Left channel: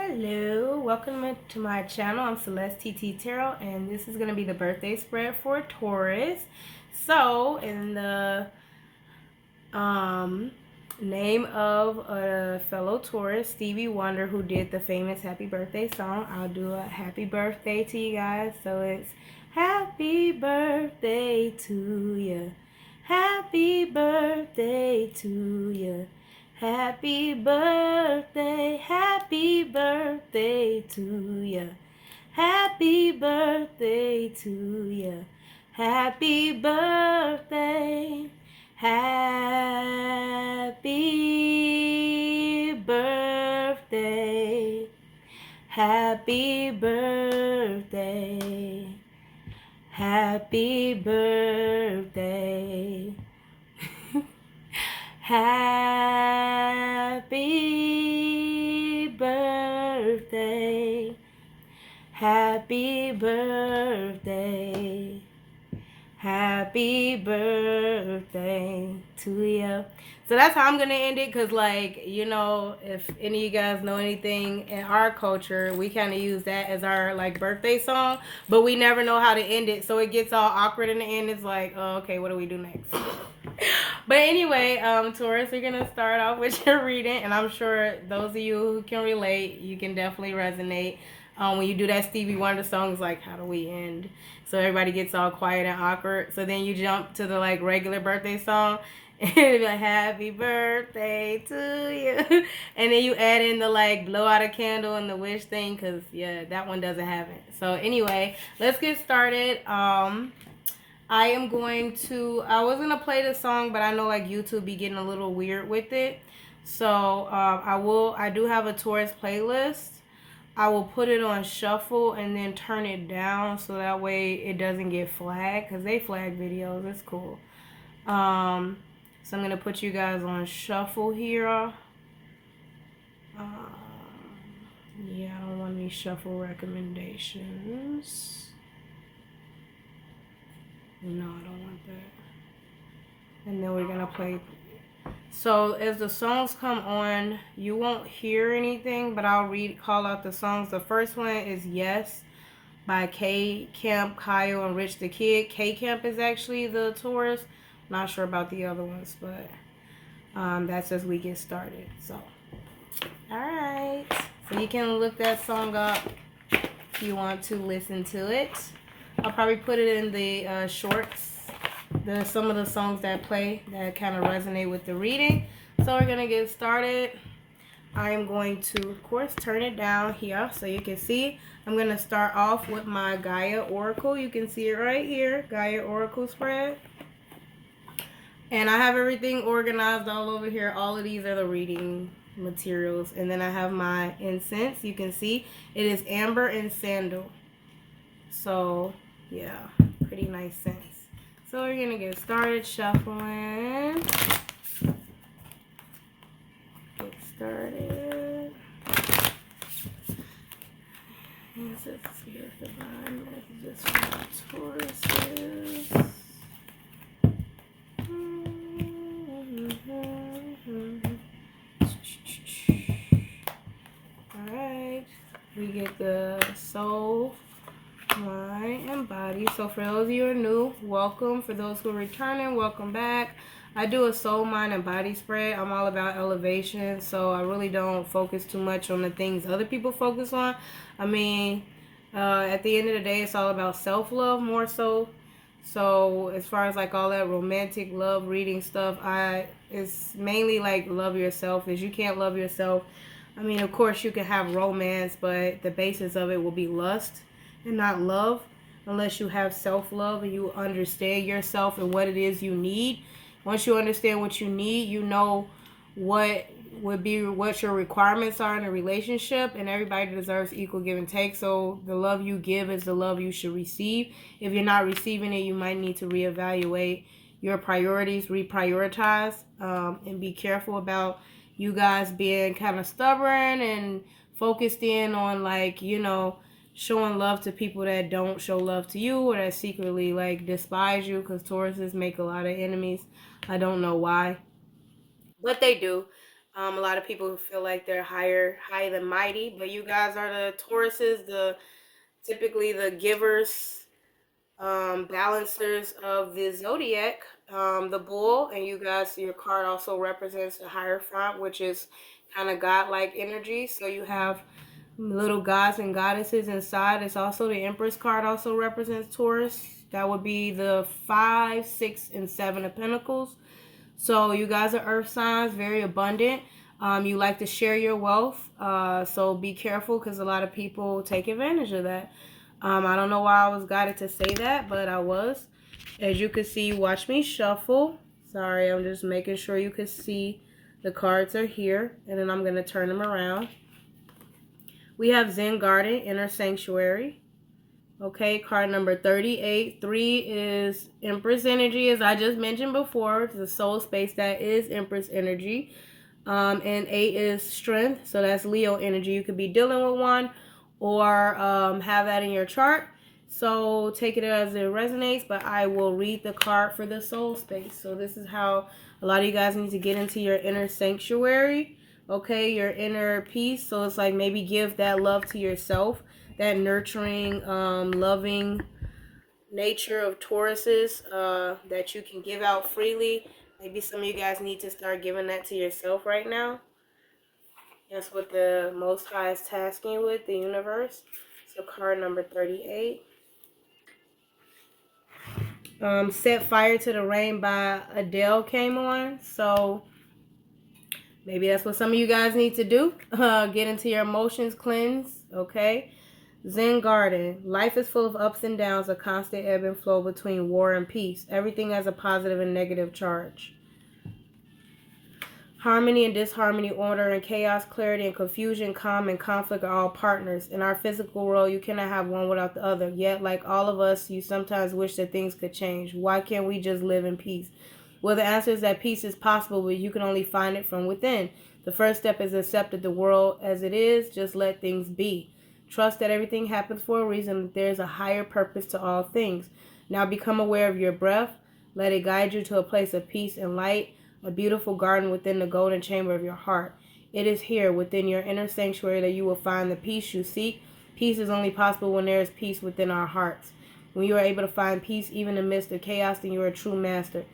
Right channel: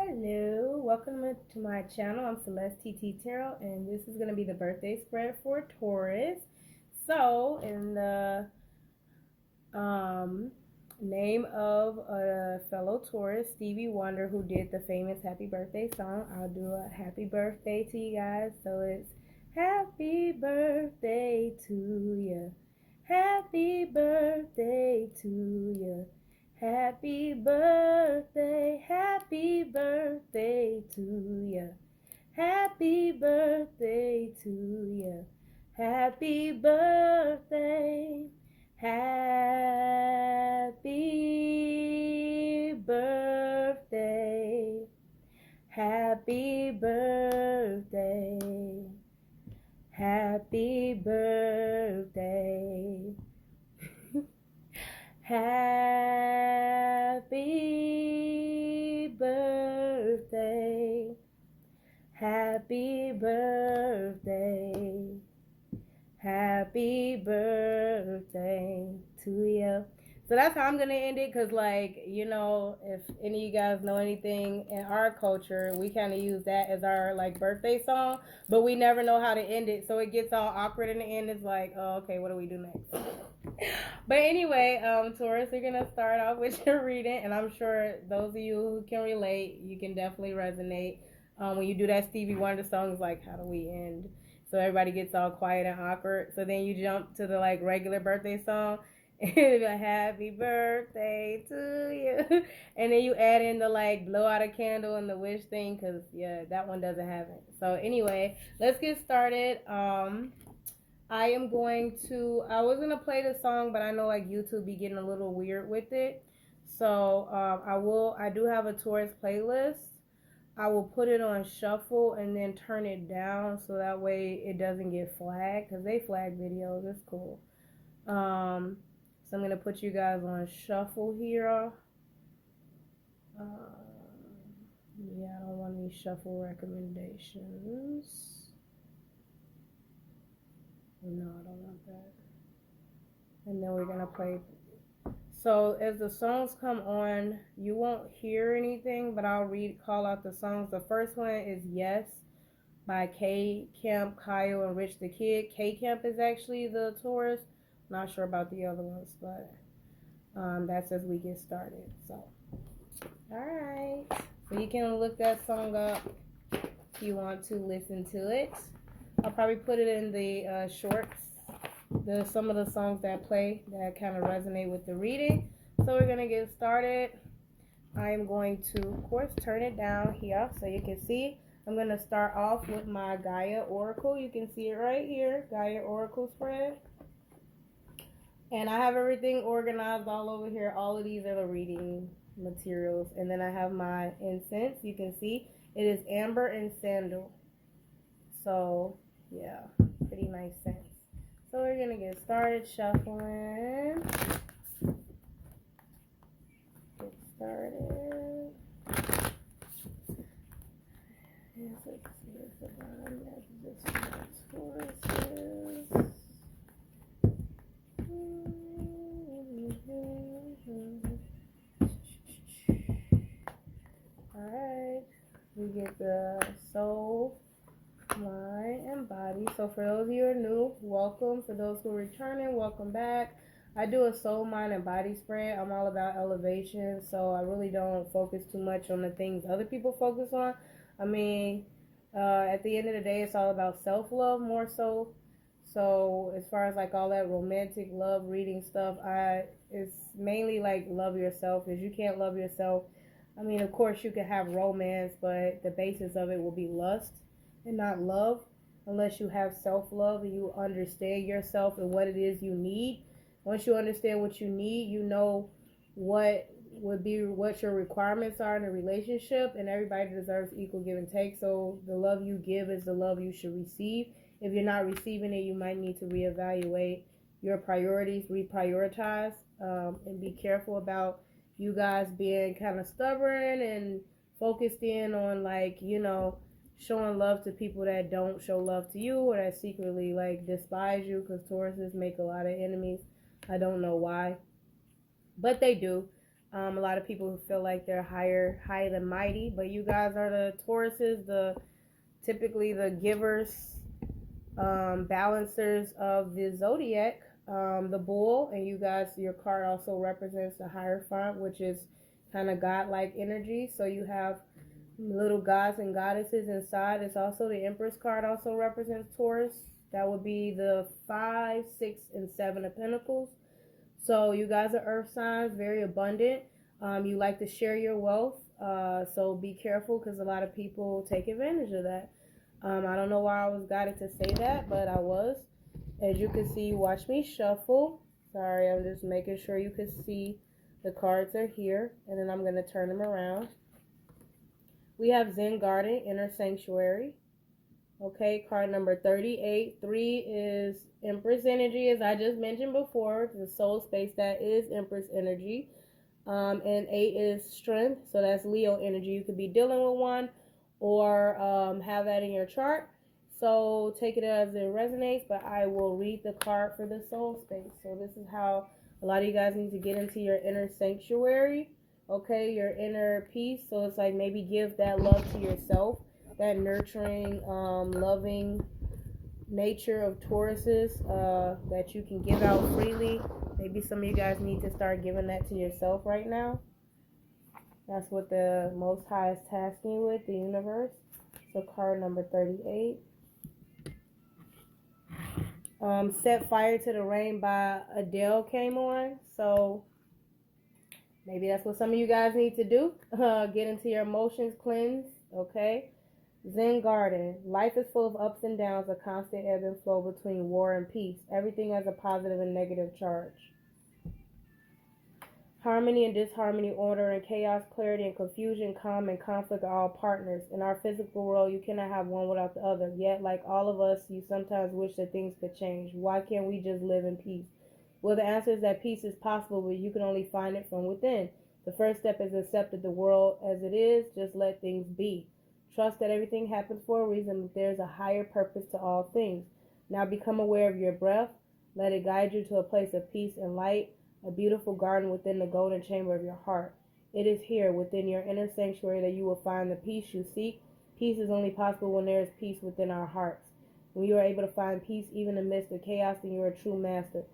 Hello, welcome to my channel. I'm Celeste TT Tarot, and this is going to be the birthday spread for Taurus. So, in the name of a fellow Taurus, Stevie Wonder, who did the famous Happy Birthday song, I'll do a happy birthday to you guys. So it's happy birthday to you. Happy birthday to you. Happy birthday to ya. Happy birthday to ya. Happy birthday. Happy birthday. Happy birthday. Happy birthday. Happy birthday. Happy birthday. Happy birthday to you. So that's how I'm going to end it because, like, you know, if any of you guys know anything in our culture, we kind of use that as our, like, birthday song, but we never know how to end it. So it gets all awkward in the end. It's like, oh, okay, what do we do next? But anyway, Taurus, we're going to start off with your reading, and I'm sure those of you who can relate, you can definitely resonate. When you do that Stevie Wonder song, it's like, how do we end? So everybody gets all quiet and awkward. So then you jump to the like regular birthday song, and it'll be like, happy birthday to you. And then you add in the like blow out a candle and the wish thing, because yeah, that one doesn't have it. So anyway, let's get started. I was going to play the song, but I know like YouTube be getting a little weird with it. So I do have a Taurus playlist. I will put it on shuffle and then turn it down so that way it doesn't get flagged, because they flag videos. It's cool. So I'm going to put you guys on shuffle here. Yeah, I don't want any shuffle recommendations. No, I don't want that. And then we're going to play. So as the songs come on, you won't hear anything, but I'll call out the songs. The first one is Yes by K Camp, Kyle, and Rich the Kid. K Camp is actually the Taurus. Not sure about the other ones, but that's as we get started. So, all right. So you can look that song up if you want to listen to it. I'll probably put it in the shorts. There's some of the songs that play that kind of resonate with the reading. So we're going to get started. I am going to, of course, turn it down here so you can see. I'm going to start off with my Gaia Oracle. You can see it right here, Gaia Oracle spread. And I have everything organized all over here. All of these are the reading materials. And then I have my incense. You can see it is amber and sandal. So, yeah, pretty nice scent. So we're going to get started shuffling. Get started. Insert Spirit Divine messages for Tauruses. Alright. We get the soul, mind, and body. So for those of you who are new, welcome. For those who are returning, welcome back. I do a soul, mind, and body spread. I'm all about elevation, so I really don't focus too much on the things other people focus on. I mean, at the end of the day, it's all about self-love more so. So as far as like all that romantic love reading stuff, it's mainly like love yourself. If you can't love yourself, I mean, of course you can have romance, but the basis of it will be lust and not love, unless you have self-love and you understand yourself and what it is you need. Once you understand what you need, you know what your requirements are in a relationship, and everybody deserves equal give and take. So the love you give is the love you should receive. If you're not receiving it, you might need to reevaluate your priorities, reprioritize, and be careful about you guys being kind of stubborn and focused in on, like, you know, showing love to people that don't show love to you or that secretly like despise you, because Tauruses make a lot of enemies. I don't know why, but they do. A lot of people feel like they're higher than mighty, but you guys are the Tauruses, typically the givers, balancers of the zodiac, the bull, and you guys, your card also represents the Hierophant, which is kind of godlike energy. So you have little gods and goddesses inside. It's also the Empress card also represents Taurus. That would be the 5, 6, and 7 of Pentacles. So you guys are earth signs, very abundant. You like to share your wealth. So be careful because a lot of people take advantage of that. I don't know why I was guided to say that, but I was. As you can see, watch me shuffle. Sorry, I'm just making sure you can see the cards are here. And then I'm going to turn them around. We have Zen Garden, Inner Sanctuary. Okay, card number 38. 3 is Empress energy, as I just mentioned before. It's the soul space that is Empress energy. And 8 is strength, so that's Leo energy. You could be dealing with one or have that in your chart. So take it as it resonates, but I will read the card for the soul space. So this is how a lot of you guys need to get into your inner sanctuary, okay, your inner peace. So it's like maybe give that love to yourself, that nurturing, loving nature of Tauruses that you can give out freely. Maybe some of you guys need to start giving that to yourself right now. That's what the Most High is tasking you with, the universe. So card number 38. Set Fire to the Rain by Adele came on. So maybe that's what some of you guys need to do. Get into your emotions, cleanse, okay? Zen Garden. Life is full of ups and downs, a constant ebb and flow between war and peace. Everything has a positive and negative charge. Harmony and disharmony, order and chaos, clarity and confusion, calm and conflict are all partners. In our physical world, you cannot have one without the other. Yet, like all of us, you sometimes wish that things could change. Why can't we just live in peace? Well, the answer is that peace is possible, but you can only find it from within. The first step is accept the world as it is. Just let things be. Trust that everything happens for a reason, that there is a higher purpose to all things. Now become aware of your breath. Let it guide you to a place of peace and light, a beautiful garden within the golden chamber of your heart. It is here, within your inner sanctuary, that you will find the peace you seek. Peace is only possible when there is peace within our hearts. When you are able to find peace even in the midst of chaos, then you are a true master.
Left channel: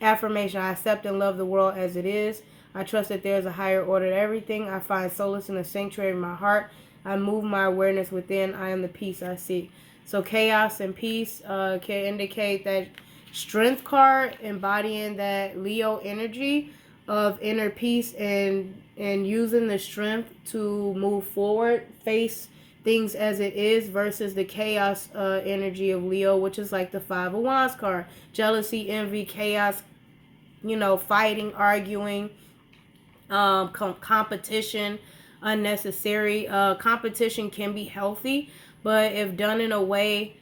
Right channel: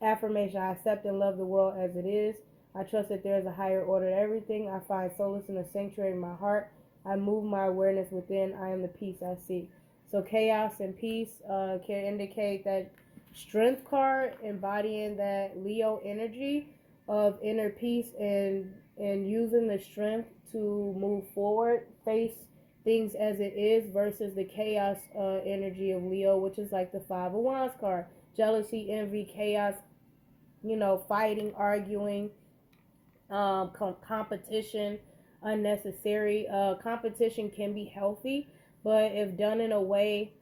Affirmation: I accept and love the world as it is. I trust that there is a higher order to everything. I find solace in the sanctuary of my heart. I move my awareness within. I am the peace I seek. So chaos and peace can indicate that Strength card, embodying that Leo energy of inner peace and using the strength to move forward, face things as it is, versus the chaos energy of Leo, which is like the 5 of Wands card. Jealousy, envy, chaos, fighting, arguing, competition, unnecessary. Competition can be healthy, but if done in a way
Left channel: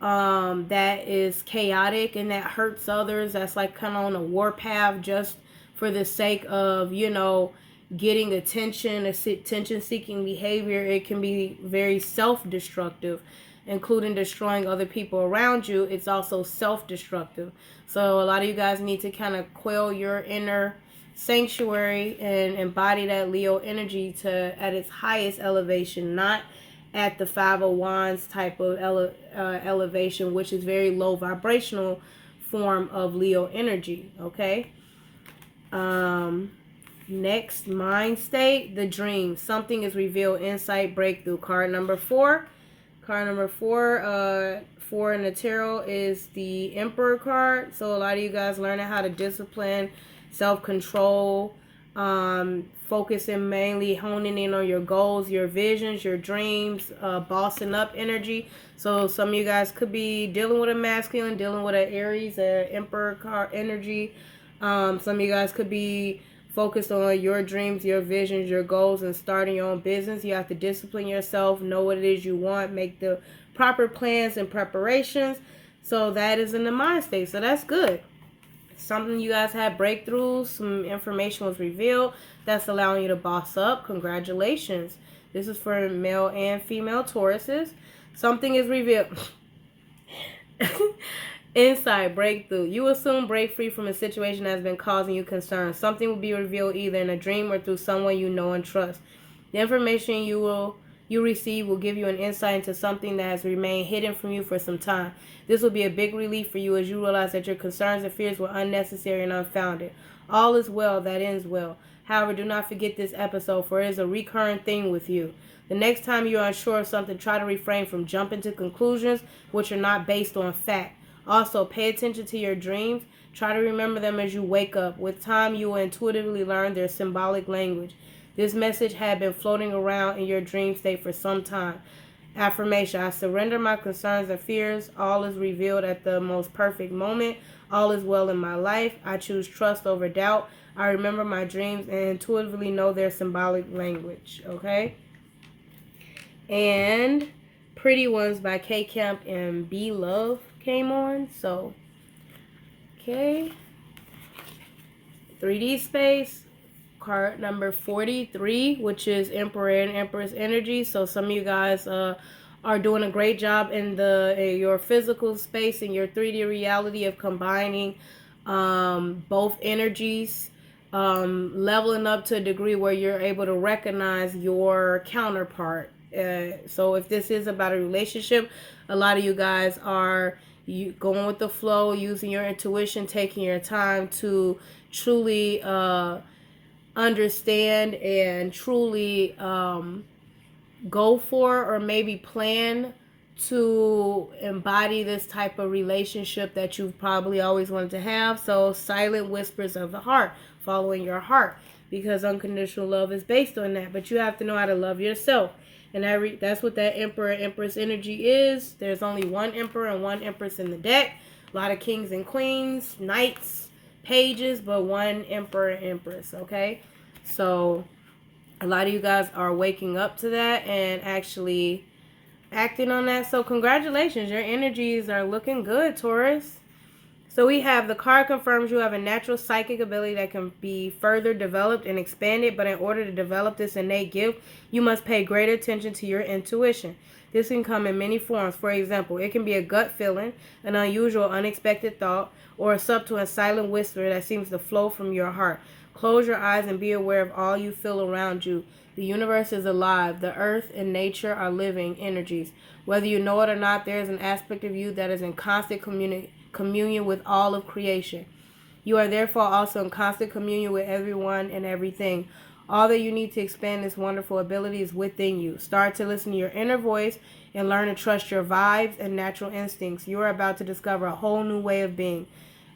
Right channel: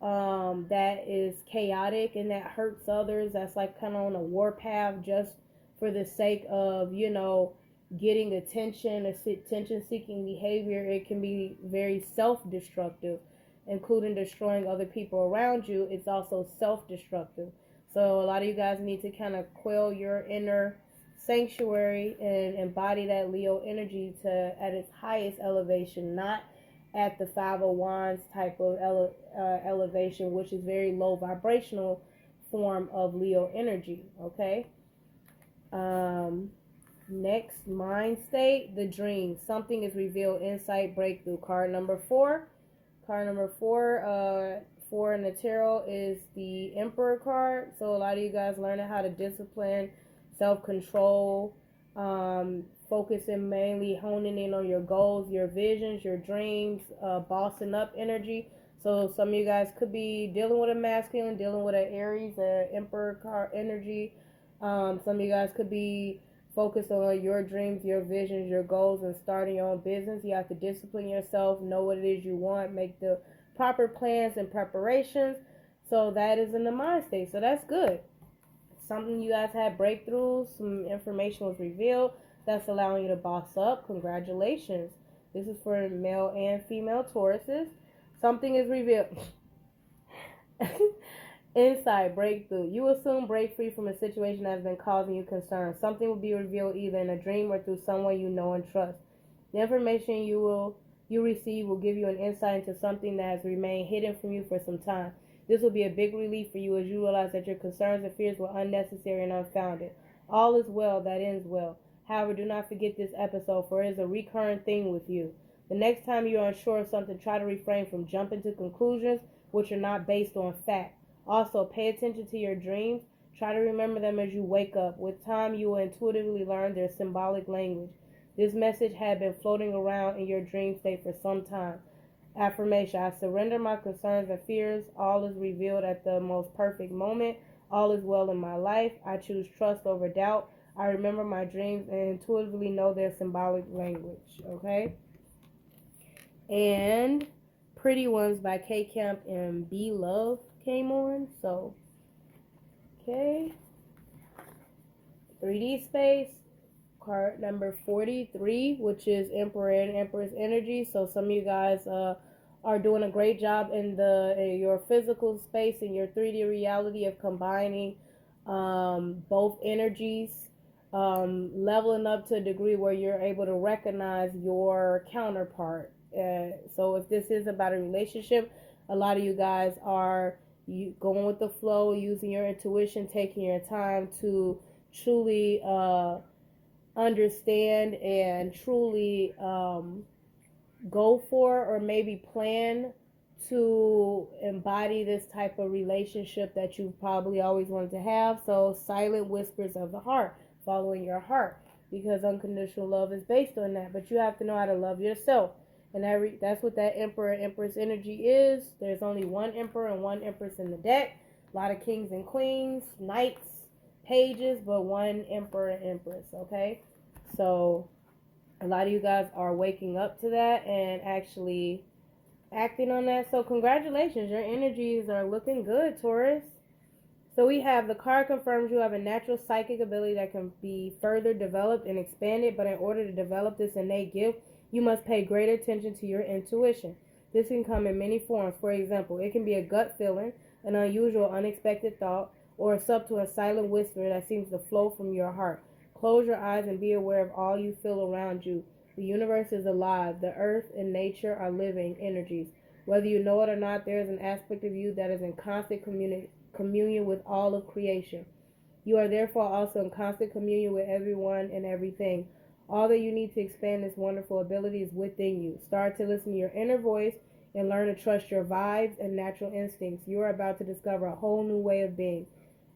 that is chaotic and that hurts others, that's like kind of on a warpath just for the sake of, getting attention seeking behavior, it can be very self-destructive, including destroying other people around you. It's also self-destructive. So a lot of you guys need to kind of quell your inner sanctuary and embody that Leo energy at its highest elevation, not at the 5 of Wands type of elevation, which is very low vibrational form of Leo energy. Okay. Next, mind state, the dream. Something is revealed, insight, breakthrough. Card number 4. Card number 4, 4 in the tarot is the Emperor card. So a lot of you guys learning how to discipline, self-control, focusing mainly, honing in on your goals, your visions, your dreams, bossing up energy. So some of you guys could be dealing with a masculine, dealing with an Aries, Emperor card energy. Some of you guys could be focused on your dreams, your visions, your goals, and starting your own business. You have to discipline yourself, know what it is you want, make the proper plans and preparations. So that is in the mind state. So that's good. Something you guys had breakthroughs, some information was revealed that's allowing you to boss up. Congratulations. This is for male and female Tauruses. Something is revealed. Insight breakthrough. You will soon break free from a situation that has been causing you concern. Something will be revealed either in a dream or through someone you know and trust. The information you receive will give you an insight into something that has remained hidden from you for some time. This will be a big relief for you as you realize that your concerns and fears were unnecessary and unfounded. All is well that ends well. However, do not forget this episode, for it is a recurring thing with you. The next time you are unsure of something, try to refrain from jumping to conclusions which are not based on fact. Also, pay attention to your dreams. Try to remember them as you wake up. With time, you will intuitively learn their symbolic language. This message had been floating around in your dream state for some time. Affirmation: I surrender my concerns and fears. All is revealed at the most perfect moment. All is well in my life. I choose trust over doubt. I remember my dreams and intuitively know their symbolic language. Okay? And Pretty Ones by K Camp and B Love came on. So, okay. 3D space. Card number 43, which is Emperor and Empress energy. So some of you guys are doing a great job in your physical space and your 3D reality of combining both energies, leveling up to a degree where you're able to recognize your counterpart. So if this is about a relationship, a lot of you guys are going with the flow, using your intuition, taking your time to truly understand and truly go for or maybe plan to embody this type of relationship that you've probably always wanted to have. So silent whispers of the heart, following your heart, because unconditional love is based on that. But you have to know how to love yourself. And that's what that Emperor Empress energy is. There's only one Emperor and one Empress in the deck. A lot of kings and queens, knights, pages, but one Emperor and Empress, okay? So a lot of you guys are waking up to that and actually acting on that. So congratulations, your energies are looking good, Taurus. So we have the card confirms you have a natural psychic ability that can be further developed and expanded, but in order to develop this innate gift, you must pay greater attention to your intuition. This can come in many forms. For example, it can be a gut feeling, an unusual, unexpected thought, or a subtle and silent whisper that seems to flow from your heart. Close your eyes and be aware of all you feel around you. The universe is alive. The earth and nature are living energies. Whether you know it or not, there is an aspect of you that is in constant communion with all of creation. You are therefore also in constant communion with everyone and everything. All that you need to expand this wonderful ability is within you. Start to listen to your inner voice and learn to trust your vibes and natural instincts. You are about to discover a whole new way of being.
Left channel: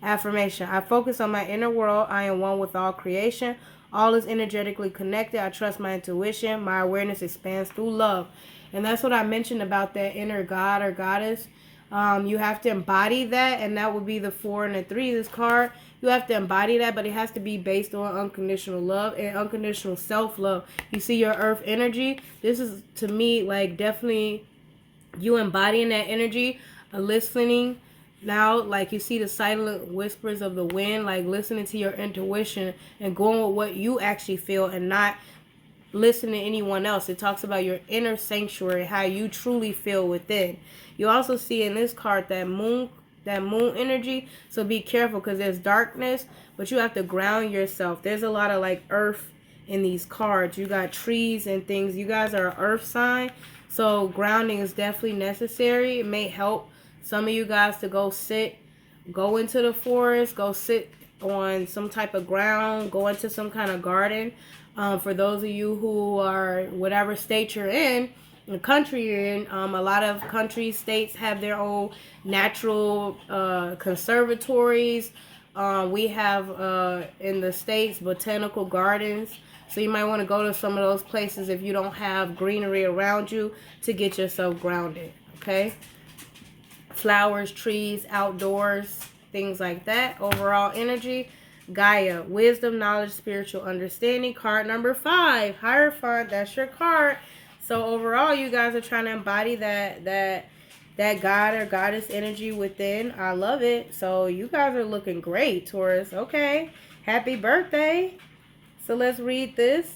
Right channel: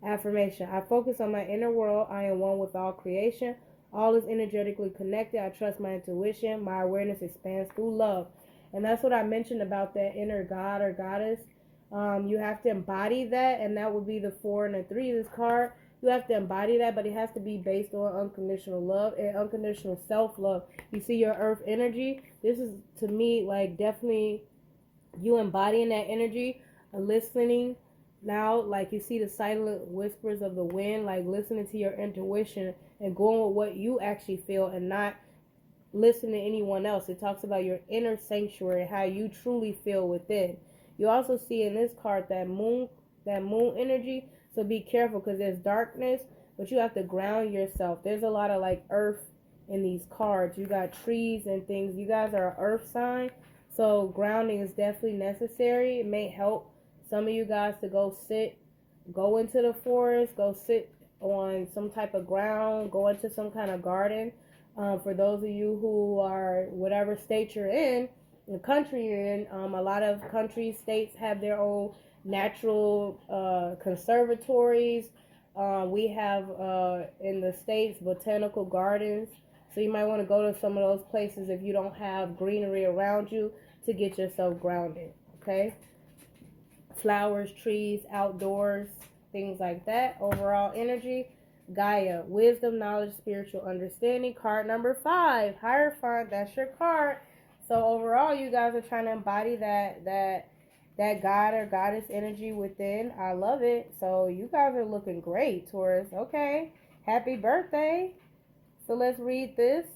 Affirmation: I focus on my inner world. I am one with all creation. All is energetically connected. I trust my intuition. My awareness expands through love. And that's what I mentioned about that inner god or goddess. You have to embody that, and that would be the 4 and the 3, this card. You have to embody that, but it has to be based on unconditional love and unconditional self-love. You see your earth energy? This is, to me, like definitely you embodying that energy, listening. Now, like you see the silent whispers of the wind, like listening to your intuition and going with what you actually feel and not listening to anyone else. It talks about your inner sanctuary, how you truly feel within. You also see in this card that moon energy. So be careful because there's darkness, but you have to ground yourself. There's a lot of like earth in these cards. You got trees and things. You guys are an earth sign. So grounding is definitely necessary. It may help some of you guys to go into the forest, go sit on some type of ground, go into some kind of garden. For those of you who are whatever state you're in, the country you're in, a lot of countries, states have their own natural conservatories. We have in the States botanical gardens. So you might want to go to some of those places if you don't have greenery around you to get yourself grounded. Okay? Flowers, trees, outdoors, things like that. Overall energy. Gaia, wisdom, knowledge, spiritual understanding. Card number 5, Hierophant. That's your card. So overall, you guys are trying to embody that god or goddess energy within. I love it. So you guys are looking great, Taurus. Okay. Happy birthday. So let's read this.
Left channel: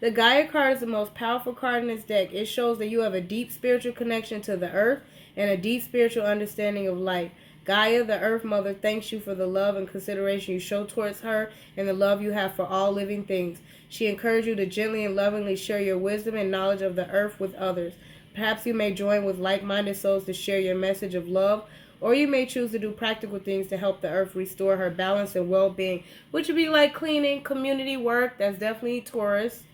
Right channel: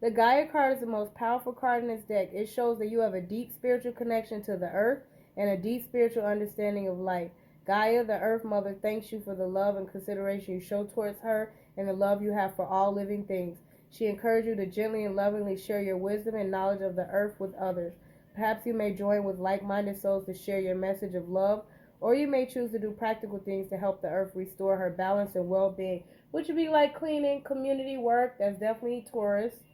The Gaia card is the most powerful card in this deck. It shows that you have a deep spiritual connection to the earth and a deep spiritual understanding of life. Gaia, the Earth Mother, thanks you for the love and consideration you show towards her and the love you have for all living things. She encourages you to gently and lovingly share your wisdom and knowledge of the earth with others. Perhaps you may join with like-minded souls to share your message of love, or you may choose to do practical things to help the earth restore her balance and well-being, which would be like cleaning, community work. That's definitely Taurus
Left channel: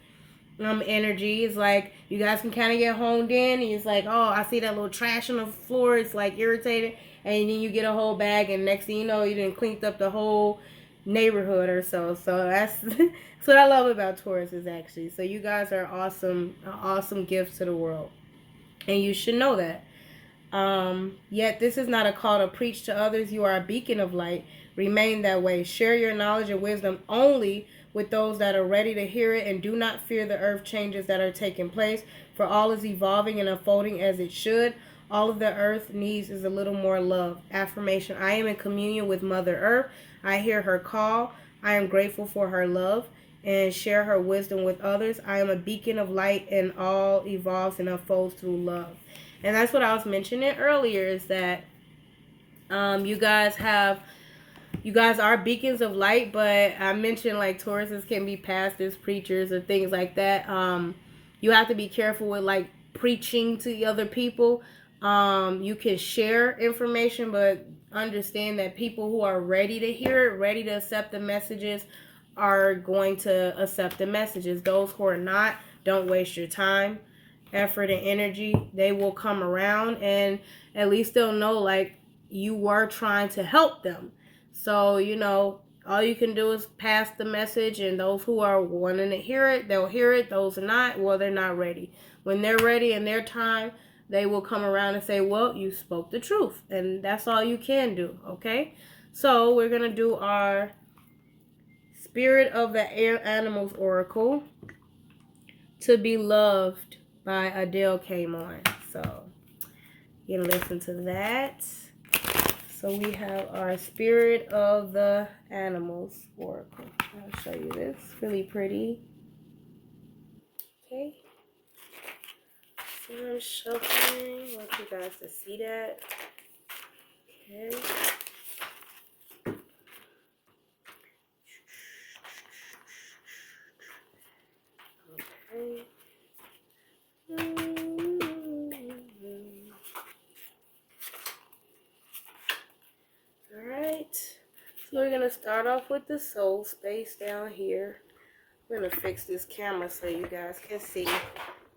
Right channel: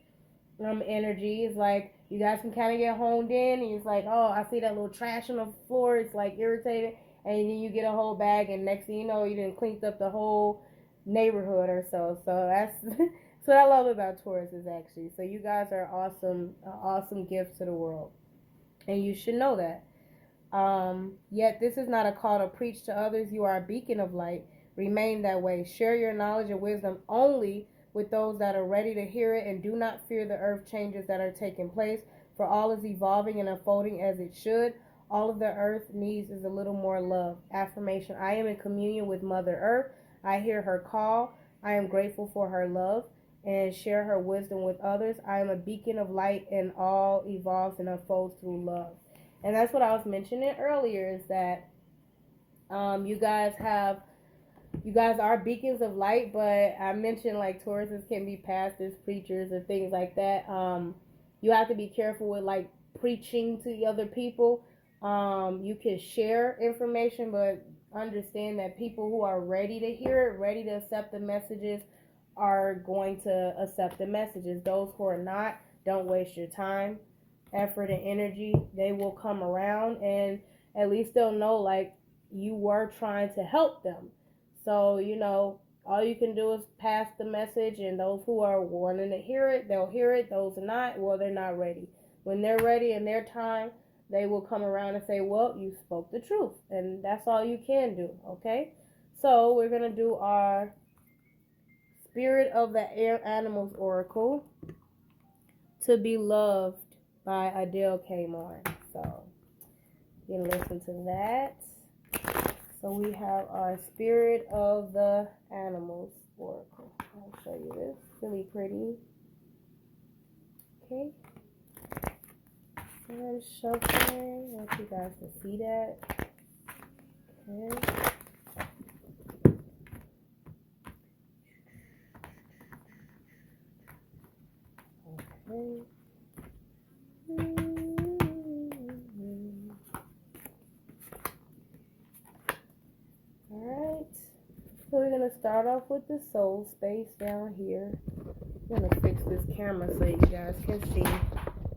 energy. Is like you guys can kind of get honed in, and it's like, oh, I see that little trash on the floor. It's like irritating, and then you get a whole bag, and next thing you know, you done cleaned up the whole neighborhood or so. So that's that's what I love about Taurus is actually. So you guys are awesome, awesome gifts to the world, and you should know that. Yet this is not a call to preach to others. You are a beacon of light. Remain that way. Share your knowledge and wisdom only with those that are ready to hear it, and do not fear the earth changes that are taking place, for all is evolving and unfolding as it should. All of the earth needs is a little more love. Affirmation: I am in communion with Mother Earth. I hear her call. I am grateful for her love and share her wisdom with others. I am a beacon of light, and all evolves and unfolds through love. And that's what I was mentioning earlier, is that you guys are beacons of light, but I mentioned like Tauruses can be pastors, preachers, or things like that. You have to be careful with like preaching to other people. You can share information, but understand that people who are ready to hear it, ready to accept the messages, are going to accept the messages. Those who are not, don't waste your time, effort, and energy. They will come around, and at least they'll know like you were trying to help them. So, all you can do is pass the message, and those who are wanting to hear it, they'll hear it. Those are not, well, they're not ready. When they're ready in their time, they will come around and say, well, you spoke the truth. And that's all you can do, okay? So we're going to do our Spirit of the Air Animals Oracle. To Be Loved by Adele came on. So you can listen to that. So we have our Spirit of the Animals Oracle. I'll show you this. Really pretty. Okay. So I'm shuffling. I want you guys to see that. Okay. Okay. Alright, so we're going to start off with the soul space down here. I'm going to fix this camera so you guys can see,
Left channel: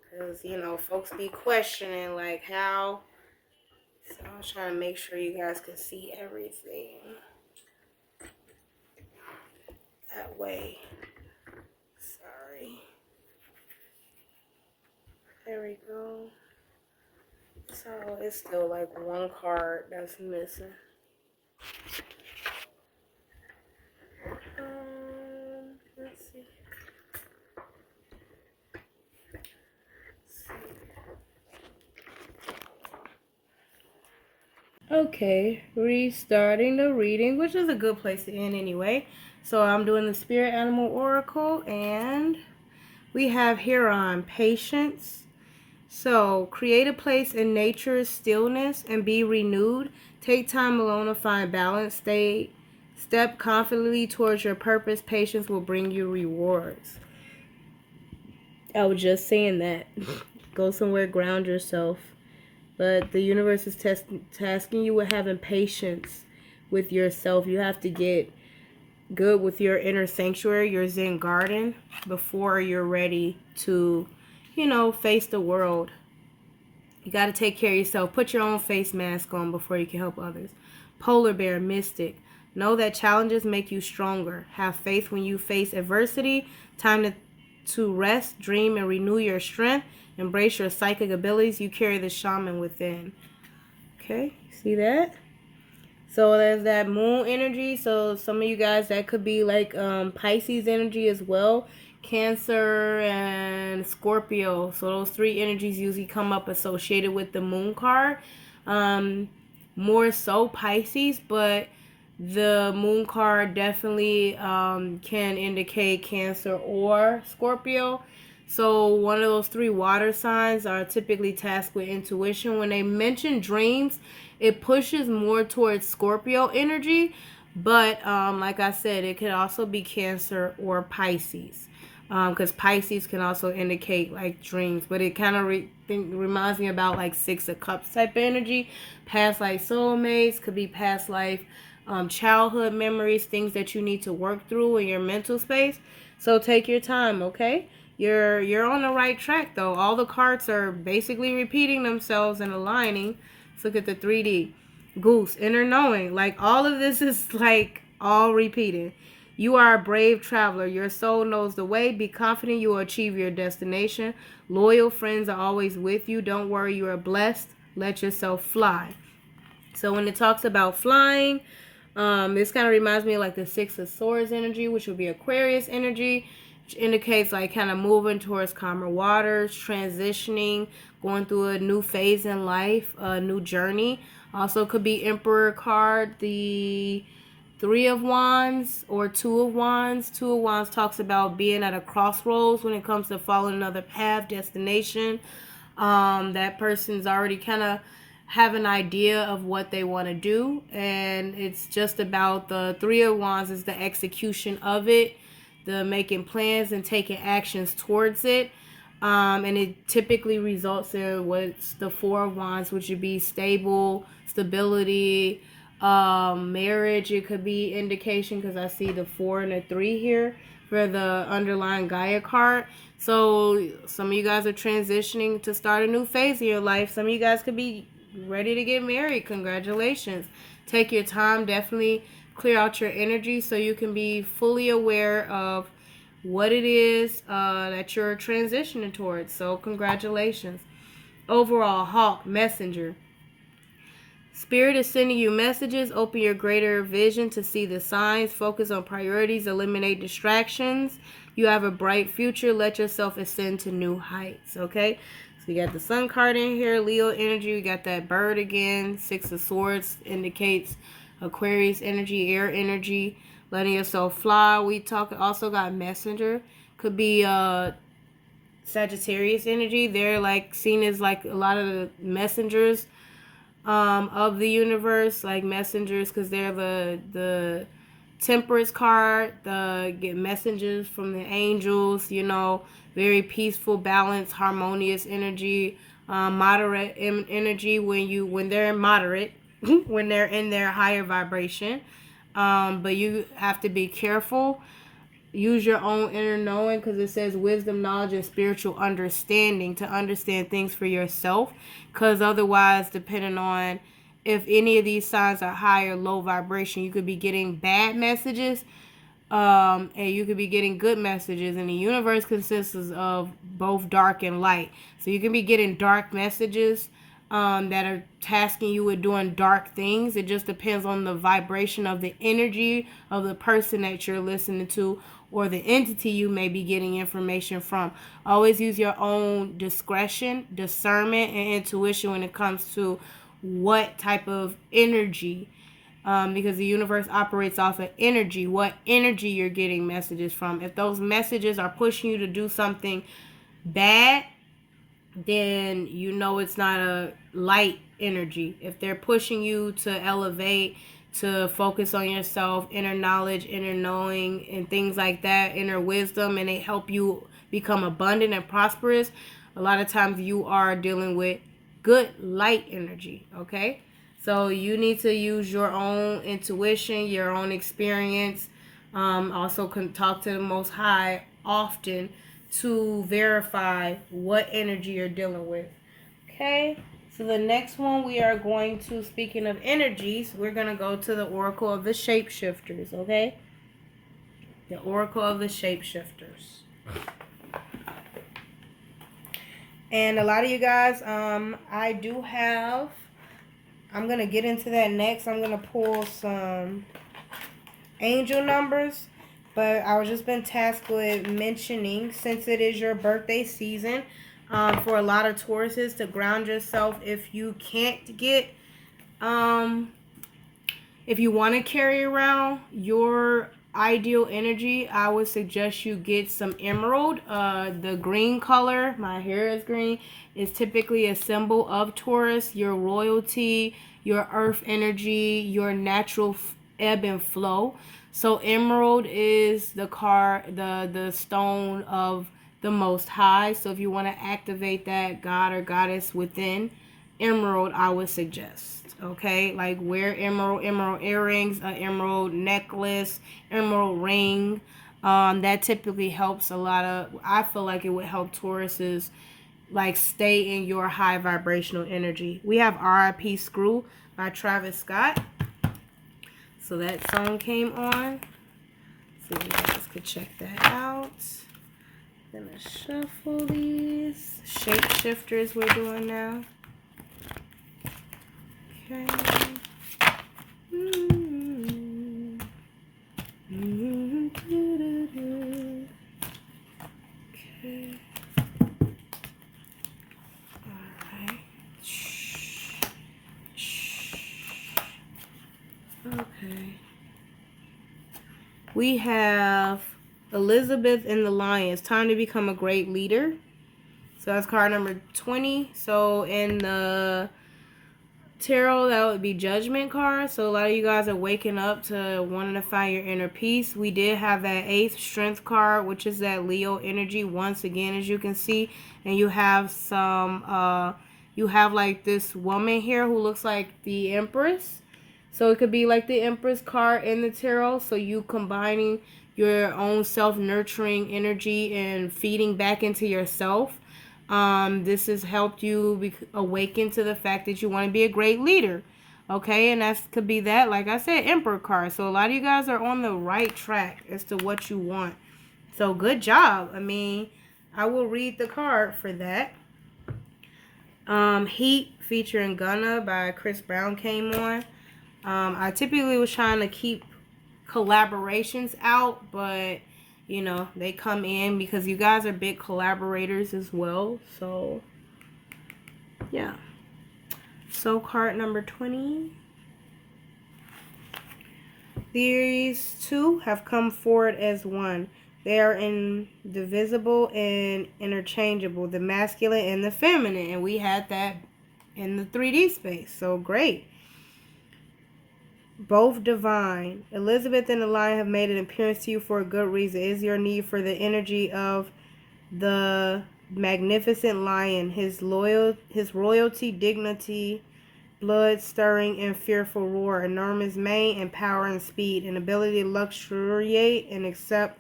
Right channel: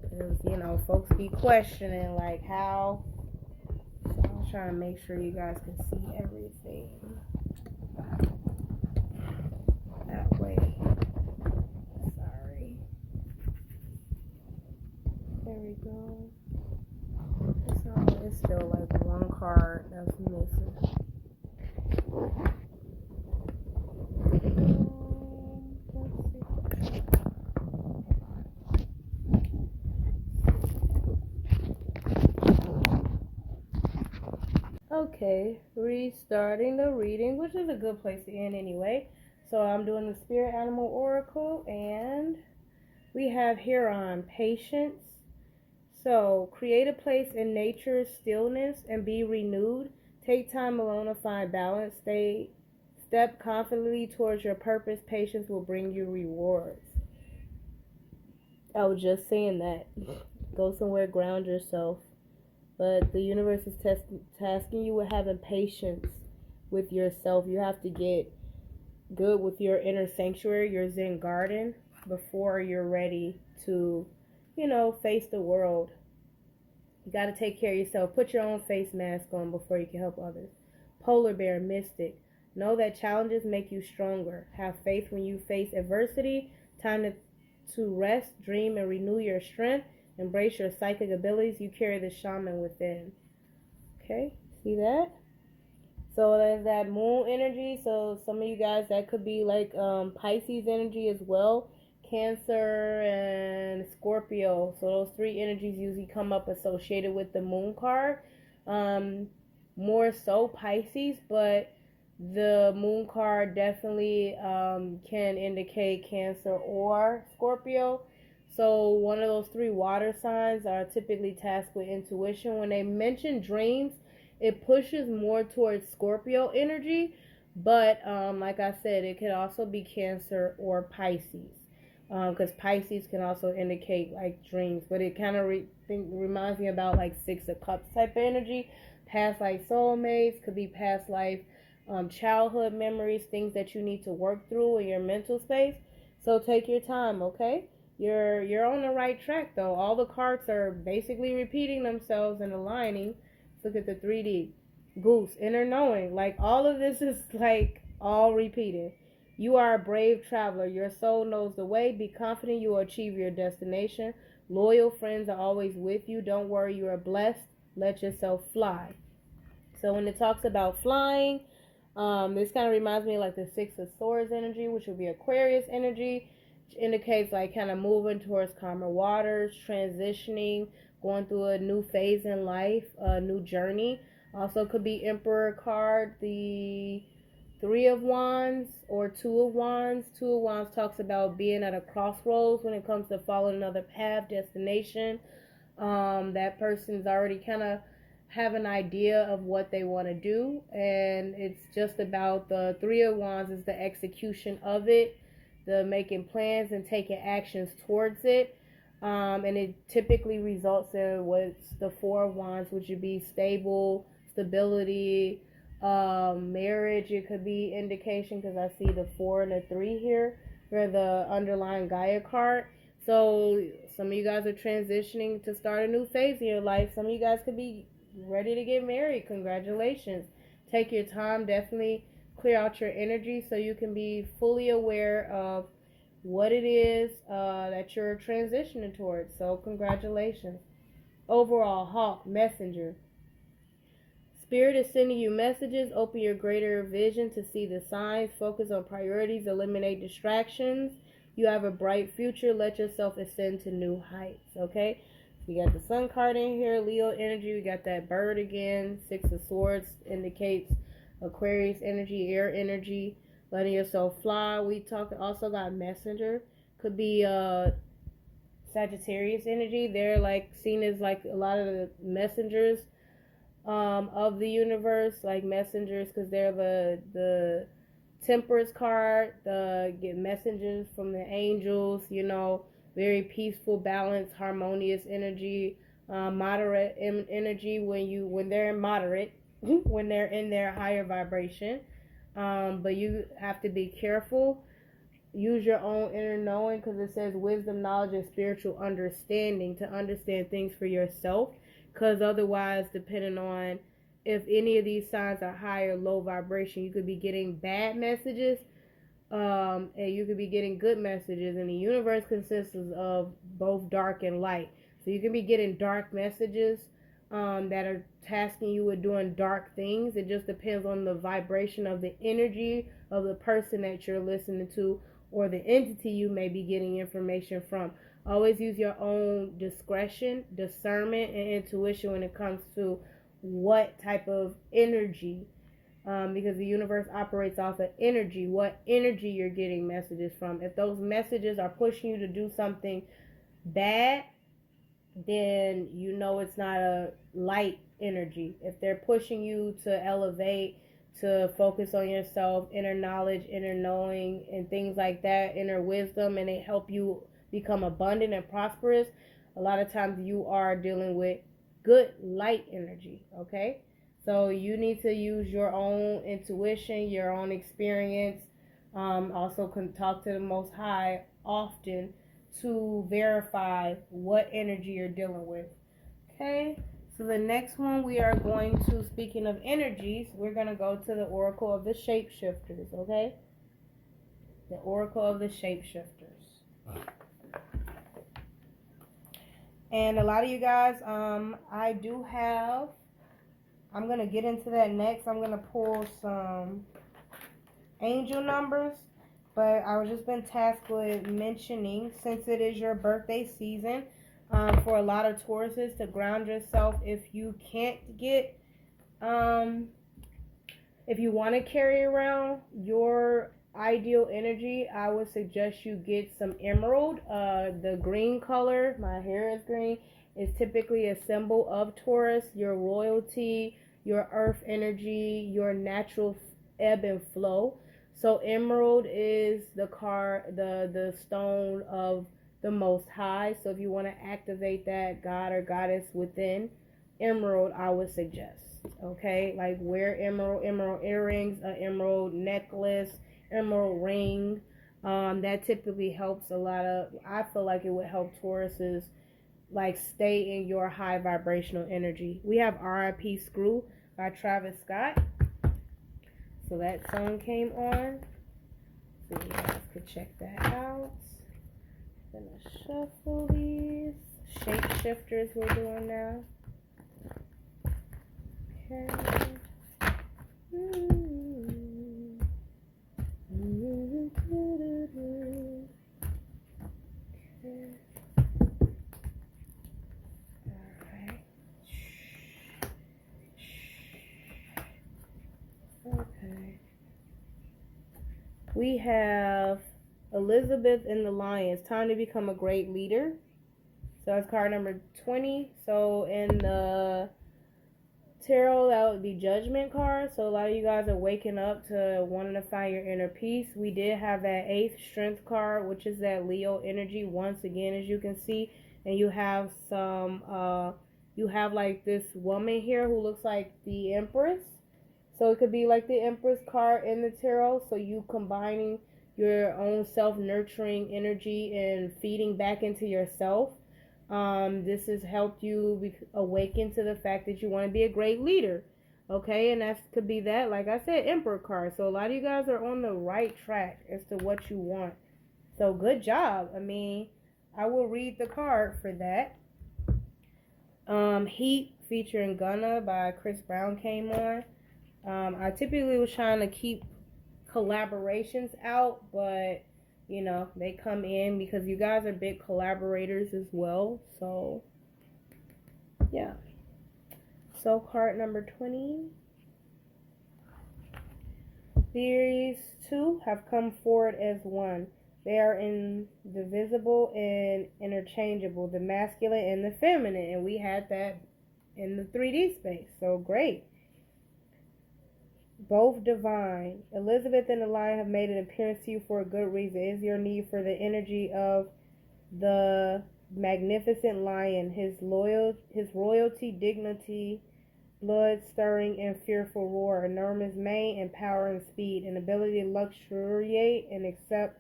because, folks be questioning, like, how. So I'm trying to make sure you guys can see everything that way. Sorry. There we go. So it's still like one card that's missing. Let's see. Okay, restarting the reading, which is a good place to end anyway. So I'm doing the Spirit Animal Oracle, and we have here on patience. So create a place in nature's stillness and be renewed. Take time alone to find balance. Step confidently towards your purpose. Patience will bring you rewards. I was just saying that. Go somewhere, ground yourself. But the universe is tasking you with having patience with yourself. You have to get good with your inner sanctuary, your Zen garden, before you're ready to, face the world. You got to take care of yourself. Put your own face mask on before you can help others. Polar bear, mystic. Know that challenges make you stronger. Have faith when you face adversity. Time to rest, dream, and renew your strength. Embrace your psychic abilities. You carry the shaman within. Okay, see that? So there's that moon energy. So some of you guys, that could be like Pisces energy as well. Cancer and Scorpio. So those three energies usually come up associated with the moon card. More so Pisces, but the moon card definitely can indicate Cancer or Scorpio. So one of those 3 water signs are typically tasked with intuition. When they mention dreams, it pushes more towards Scorpio energy, but like I said, it could also be Cancer or Pisces, because Pisces can also indicate like dreams, but it kind of reminds me about like 6 of Cups type of energy. Past life soulmates, could be past life childhood memories, things that you need to work through in your mental space. So take your time, okay? You're on the right track though. All the cards are basically repeating themselves and aligning. Let's look at the 3D. Goose, inner knowing. Like all of this is like all repeating. You are a brave traveler. Your soul knows the way. Be confident you will achieve your destination. Loyal friends are always with you. Don't worry, you are blessed. Let yourself fly. So when it talks about flying, this kind of reminds me of like the 6 of Swords energy, which would be Aquarius energy, which indicates like kind of moving towards calmer waters, transitioning, going through a new phase in life, a new journey. Also could be Emperor card, the 3 of Wands or 2 of Wands. 2 of Wands talks about being at a crossroads when it comes to following another path, destination. That person's already kind of have an idea of what they want to do, and it's just about the 3 of Wands is the execution of it, the making plans and taking actions towards it. And it typically results in what's the 4 of Wands, which would be stability, marriage. It could be indication because I see the 4 and the 3 here for the underlying Gaia card. So some of you guys are transitioning to start a new phase in your life. Some of you guys could be ready to get married. Congratulations. Take your time. Definitely clear out your energy so you can be fully aware of what it is that you're transitioning towards. So congratulations. Overall, Hawk, Messenger. Spirit is sending you messages. Open your greater vision to see the signs. Focus on priorities. Eliminate distractions. You have a bright future. Let yourself ascend to new heights. Okay? So you got the Sun card in here. Leo energy. We got that bird again. 6 of Swords indicates Aquarius energy, air energy. Letting yourself fly. We also got Messenger. Could be Sagittarius energy. They're like seen as like a lot of the messengers of the universe, like messengers, because they're the Temperance card, get messages from the angels, very peaceful, balanced, harmonious energy, moderate energy when they're moderate, when they're in their higher vibration. But you have to be careful. Use your own inner knowing, because it says wisdom, knowledge, and spiritual understanding to understand things for yourself. Because otherwise, depending on if any of these signs are high or low vibration, you could be getting bad messages, and you could be getting good messages. And the universe consists of both dark and light. So you can be getting dark messages that are tasking you with doing dark things. It just depends on the vibration of the energy of the person that you're listening to, or the entity you may be getting information from. Always use your own discretion, discernment, and intuition when it comes to what type of energy, because the universe operates off of energy, what energy you're getting messages from. If those messages are pushing you to do something bad, then it's not a light energy. If they're pushing you to elevate, to focus on yourself, inner knowledge, inner knowing, and things like that, inner wisdom, and they help you become abundant and prosperous, a lot of times you are dealing with good light energy, okay? So you need to use your own intuition, your own experience. Also can talk to the Most High often to verify what energy you're dealing with. Okay, so the next one we are going to, speaking of energies, we're going to go to the Oracle of the Shapeshifters, okay? The Oracle of the Shapeshifters. And a lot of you guys, I'm going to get into that next. I'm going to pull some angel numbers. But I was just been tasked with mentioning, since it is your birthday season, for a lot of Tauruses, to ground yourself. If you can't if you want to carry around your ideal energy, I would suggest you get some emerald. The green color, my hair is green, is typically a symbol of Taurus, your royalty, your earth energy, your natural ebb and flow. So emerald is the stone of the most high. So if you want to activate that god or goddess within, emerald I would suggest. Okay, like wear emerald earrings, an emerald necklace, emerald ring. That typically helps a lot of, I feel like it would help Tauruses like stay in your high vibrational energy. We have R.I.P. Screw by Travis Scott. So that song came on. So you guys could check that out. Gonna shuffle these shapeshifters we're doing now. Okay. Okay. Alright. Okay. We have Elizabeth and the Lion. It's time to become a great leader. So that's card number 20. So in the tarot, that would be Judgment card. So a lot of you guys are waking up to wanting to find your inner peace. We did have that 8th Strength card, which is that Leo energy once again, as you can see. And you have some, you have like this woman here who looks like the Empress. So it could be like the Empress card in the tarot. So you combining your own self-nurturing energy and feeding back into yourself. This has helped you awaken to the fact that you want to be a great leader. Okay, and that could be that, like I said, Emperor card. So a lot of you guys are on the right track as to what you want. So good job. I mean, I will read the card for that. Heat featuring Gunna by Chris Brown came on. I typically was trying to keep collaborations out, but you know, they come in because you guys are big collaborators as well. So yeah. So card number 20. These two have come forward as one. They are indivisible and interchangeable, the masculine and the feminine, and we had that in the 3D space. So great. Both divine. Elizabeth and the Lion have made an appearance to you for a good reason. It is your need for the energy of the magnificent lion, his royalty, dignity, blood stirring and fearful roar, enormous mane and power and speed, an ability to luxuriate and accept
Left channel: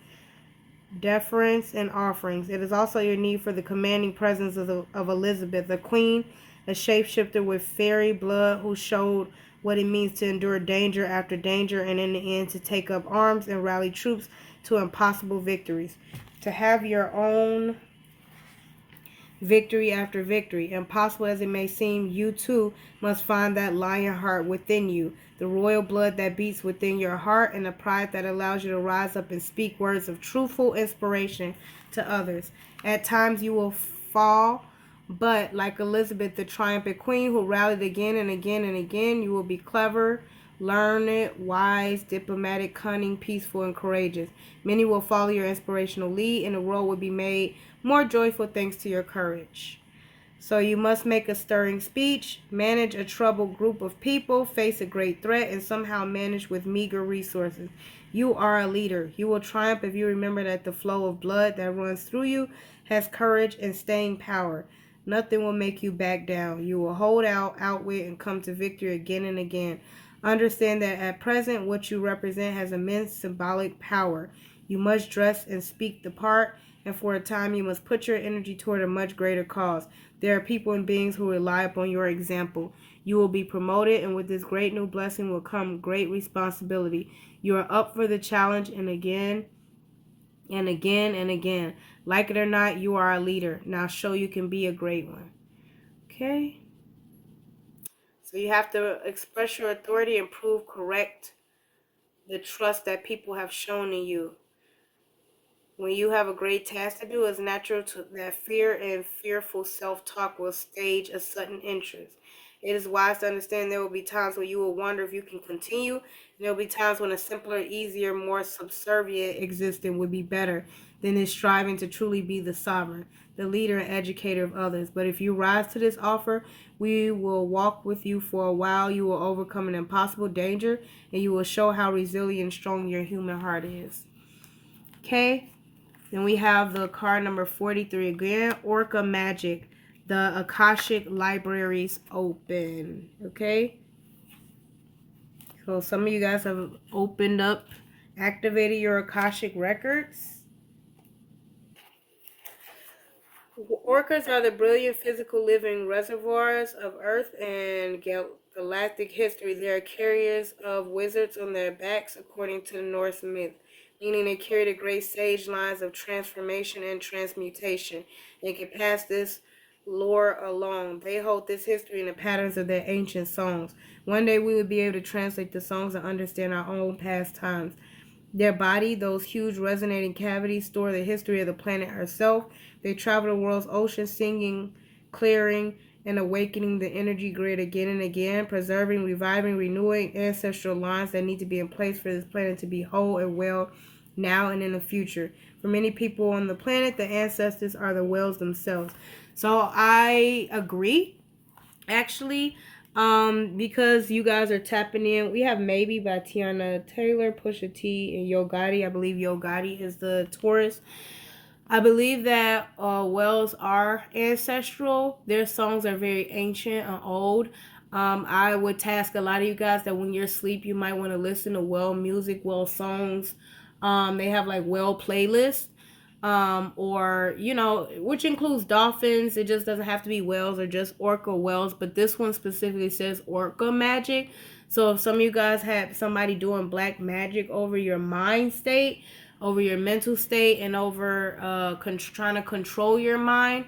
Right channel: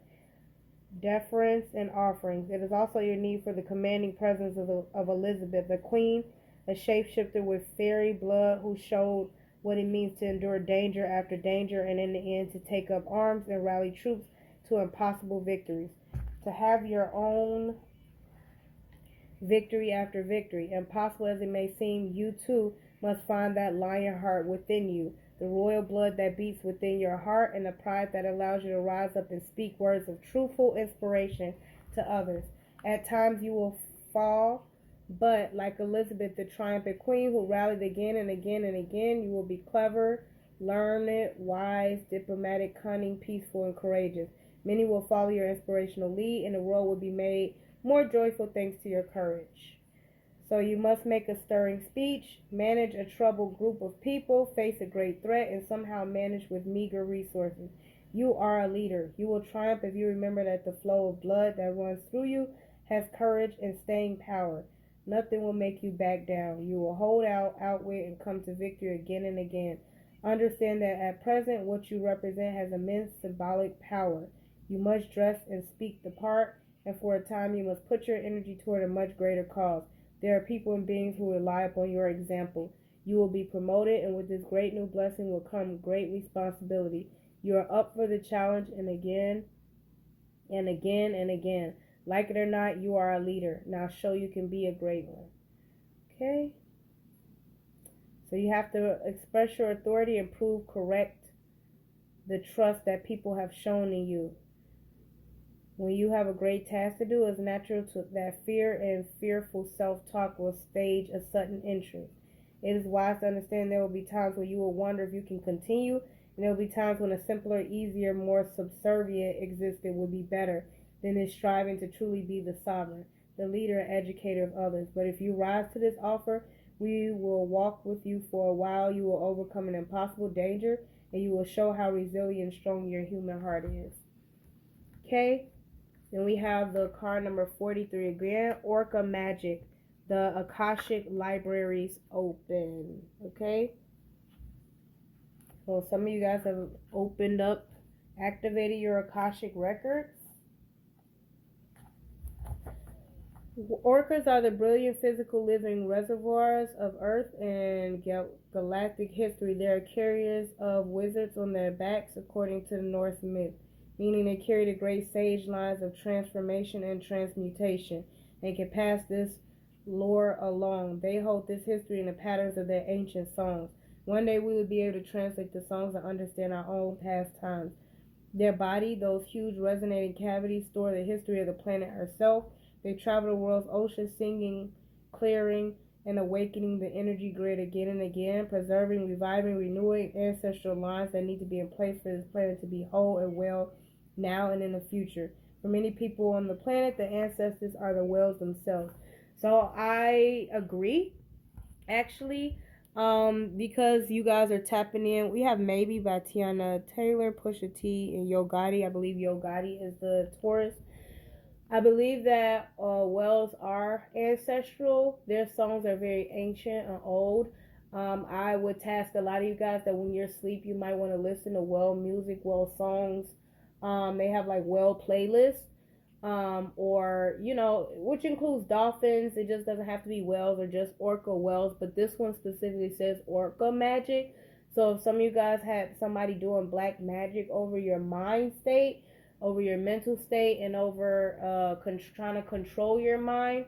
deference and offerings. It is also your need for the commanding presence of Elizabeth, the queen, a shapeshifter with fairy blood who showed what it means to endure danger after danger and in the end to take up arms and rally troops to impossible victories. To have your own victory after victory, impossible as it may seem, you too must find that lion heart within you, the royal blood that beats within your heart, and the pride that allows you to rise up and speak words of truthful inspiration to others. At times you will fall, but like Elizabeth, the triumphant queen who rallied again and again and again, you will be clever, learned, wise, diplomatic, cunning, peaceful, and courageous. Many will follow your inspirational lead, and the world will be made more joyful thanks to your courage. So you must make a stirring speech, manage a troubled group of people, face a great threat, and somehow manage with meager resources. You are a leader. You will triumph if you remember that the flow of blood that runs through you has courage and staying power. Nothing will make you back down. You will hold out, outwit, and come to victory again and again. Understand that at present, what you represent has immense symbolic power. You must dress and speak the part, and for a time you must put your energy toward a much greater cause. There are people and beings who rely upon your example. You will be promoted, and with this great new blessing will come great responsibility. You are up for the challenge, and again and again and again. Like it or not, you are a leader. Now show you can be a great one. Okay? So you have to express your authority and prove correct the trust that people have shown in you. When you have a great task to do, it's natural that fear and fearful self-talk will stage a sudden interest. It is wise to understand there will be times when you will wonder if you can continue, and there will be times when a simpler, easier, more subservient existence would be better than is striving to truly be the sovereign, the leader and educator of others. But if you rise to this offer, we will walk with you for a while. You will overcome an impossible danger, and you will show how resilient and strong your human heart is. Okay? Then we have the card number 43 again, Orca Magic. The Akashic Libraries open. Okay? So some of you guys have opened up, activated your Akashic records. Orcas are the brilliant physical living reservoirs of Earth and galactic history. They are carriers of wizards on their backs, according to the Norse myth, meaning they carry the great sage lines of transformation and transmutation. They can pass this lore along. They hold this history in the patterns of their ancient songs. One day we will be able to translate the songs and understand our own past times. Their body, those huge resonating cavities, store the history of the planet herself. They travel the world's oceans, singing, clearing, and awakening the energy grid again and again, preserving, reviving, renewing ancestral lines that need to be in place for this planet to be whole and well now and in the future. For many people on the planet, the ancestors are the whales themselves. So I agree, actually, because you guys are tapping in. We have Maybe by Tiana Taylor, Pusha T, and Yo Gotti. I believe Yo Gotti is the Taurus. I believe that whales are ancestral. Their songs are very ancient and old. I would task a lot of you guys that when you're asleep, you might want to listen to whale music, whale songs. They have like whale playlists, or, you know, which includes dolphins. It just doesn't have to be whales or just orca whales, but this one specifically says orca magic. So if some of you guys have somebody doing black magic over your mind state, over your mental state, and over trying to control your mind,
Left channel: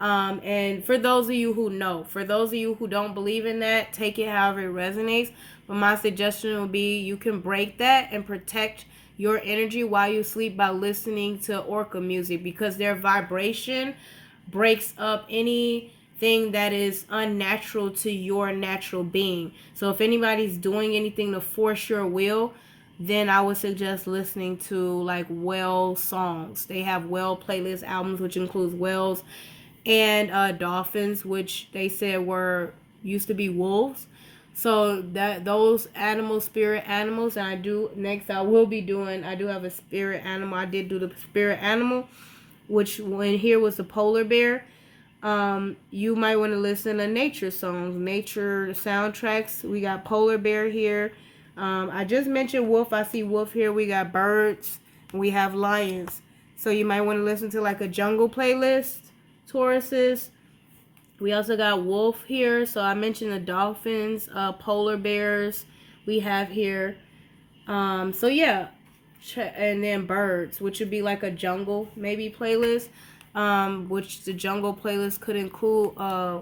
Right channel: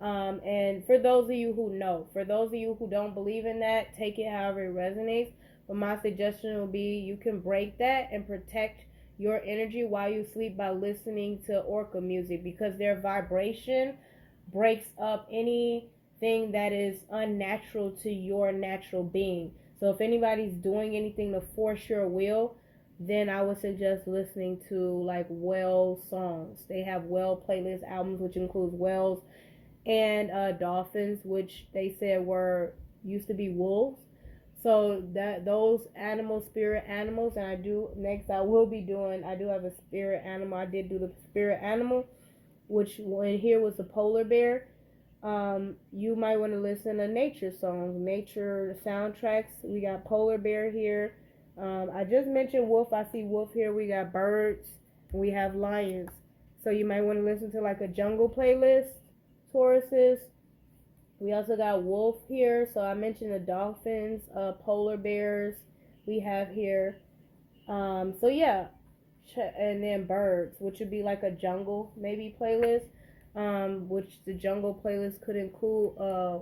and for those of you who know, for those of you who don't believe in that, take it however it resonates. But my suggestion would be you can break that and protect your energy while you sleep by listening to orca music, because their vibration breaks up anything that is unnatural to your natural being. So if anybody's doing anything to force your will, then I would suggest listening to like whale songs. They have whale playlist albums, which includes whales and dolphins, which they said used to be wolves. So that those animals, spirit animals, and I do have a spirit animal. I did do the spirit animal, which when here was the polar bear. You might want to listen to nature songs, nature soundtracks. We got polar bear here. I just mentioned wolf. I see wolf here. We got birds. And we have lions. So you might want to listen to like a jungle playlist, Tauruses. We also got wolf here. So I mentioned the dolphins, polar bears we have here. So yeah. And then birds, which would be like a jungle maybe playlist. Which the jungle playlist could include.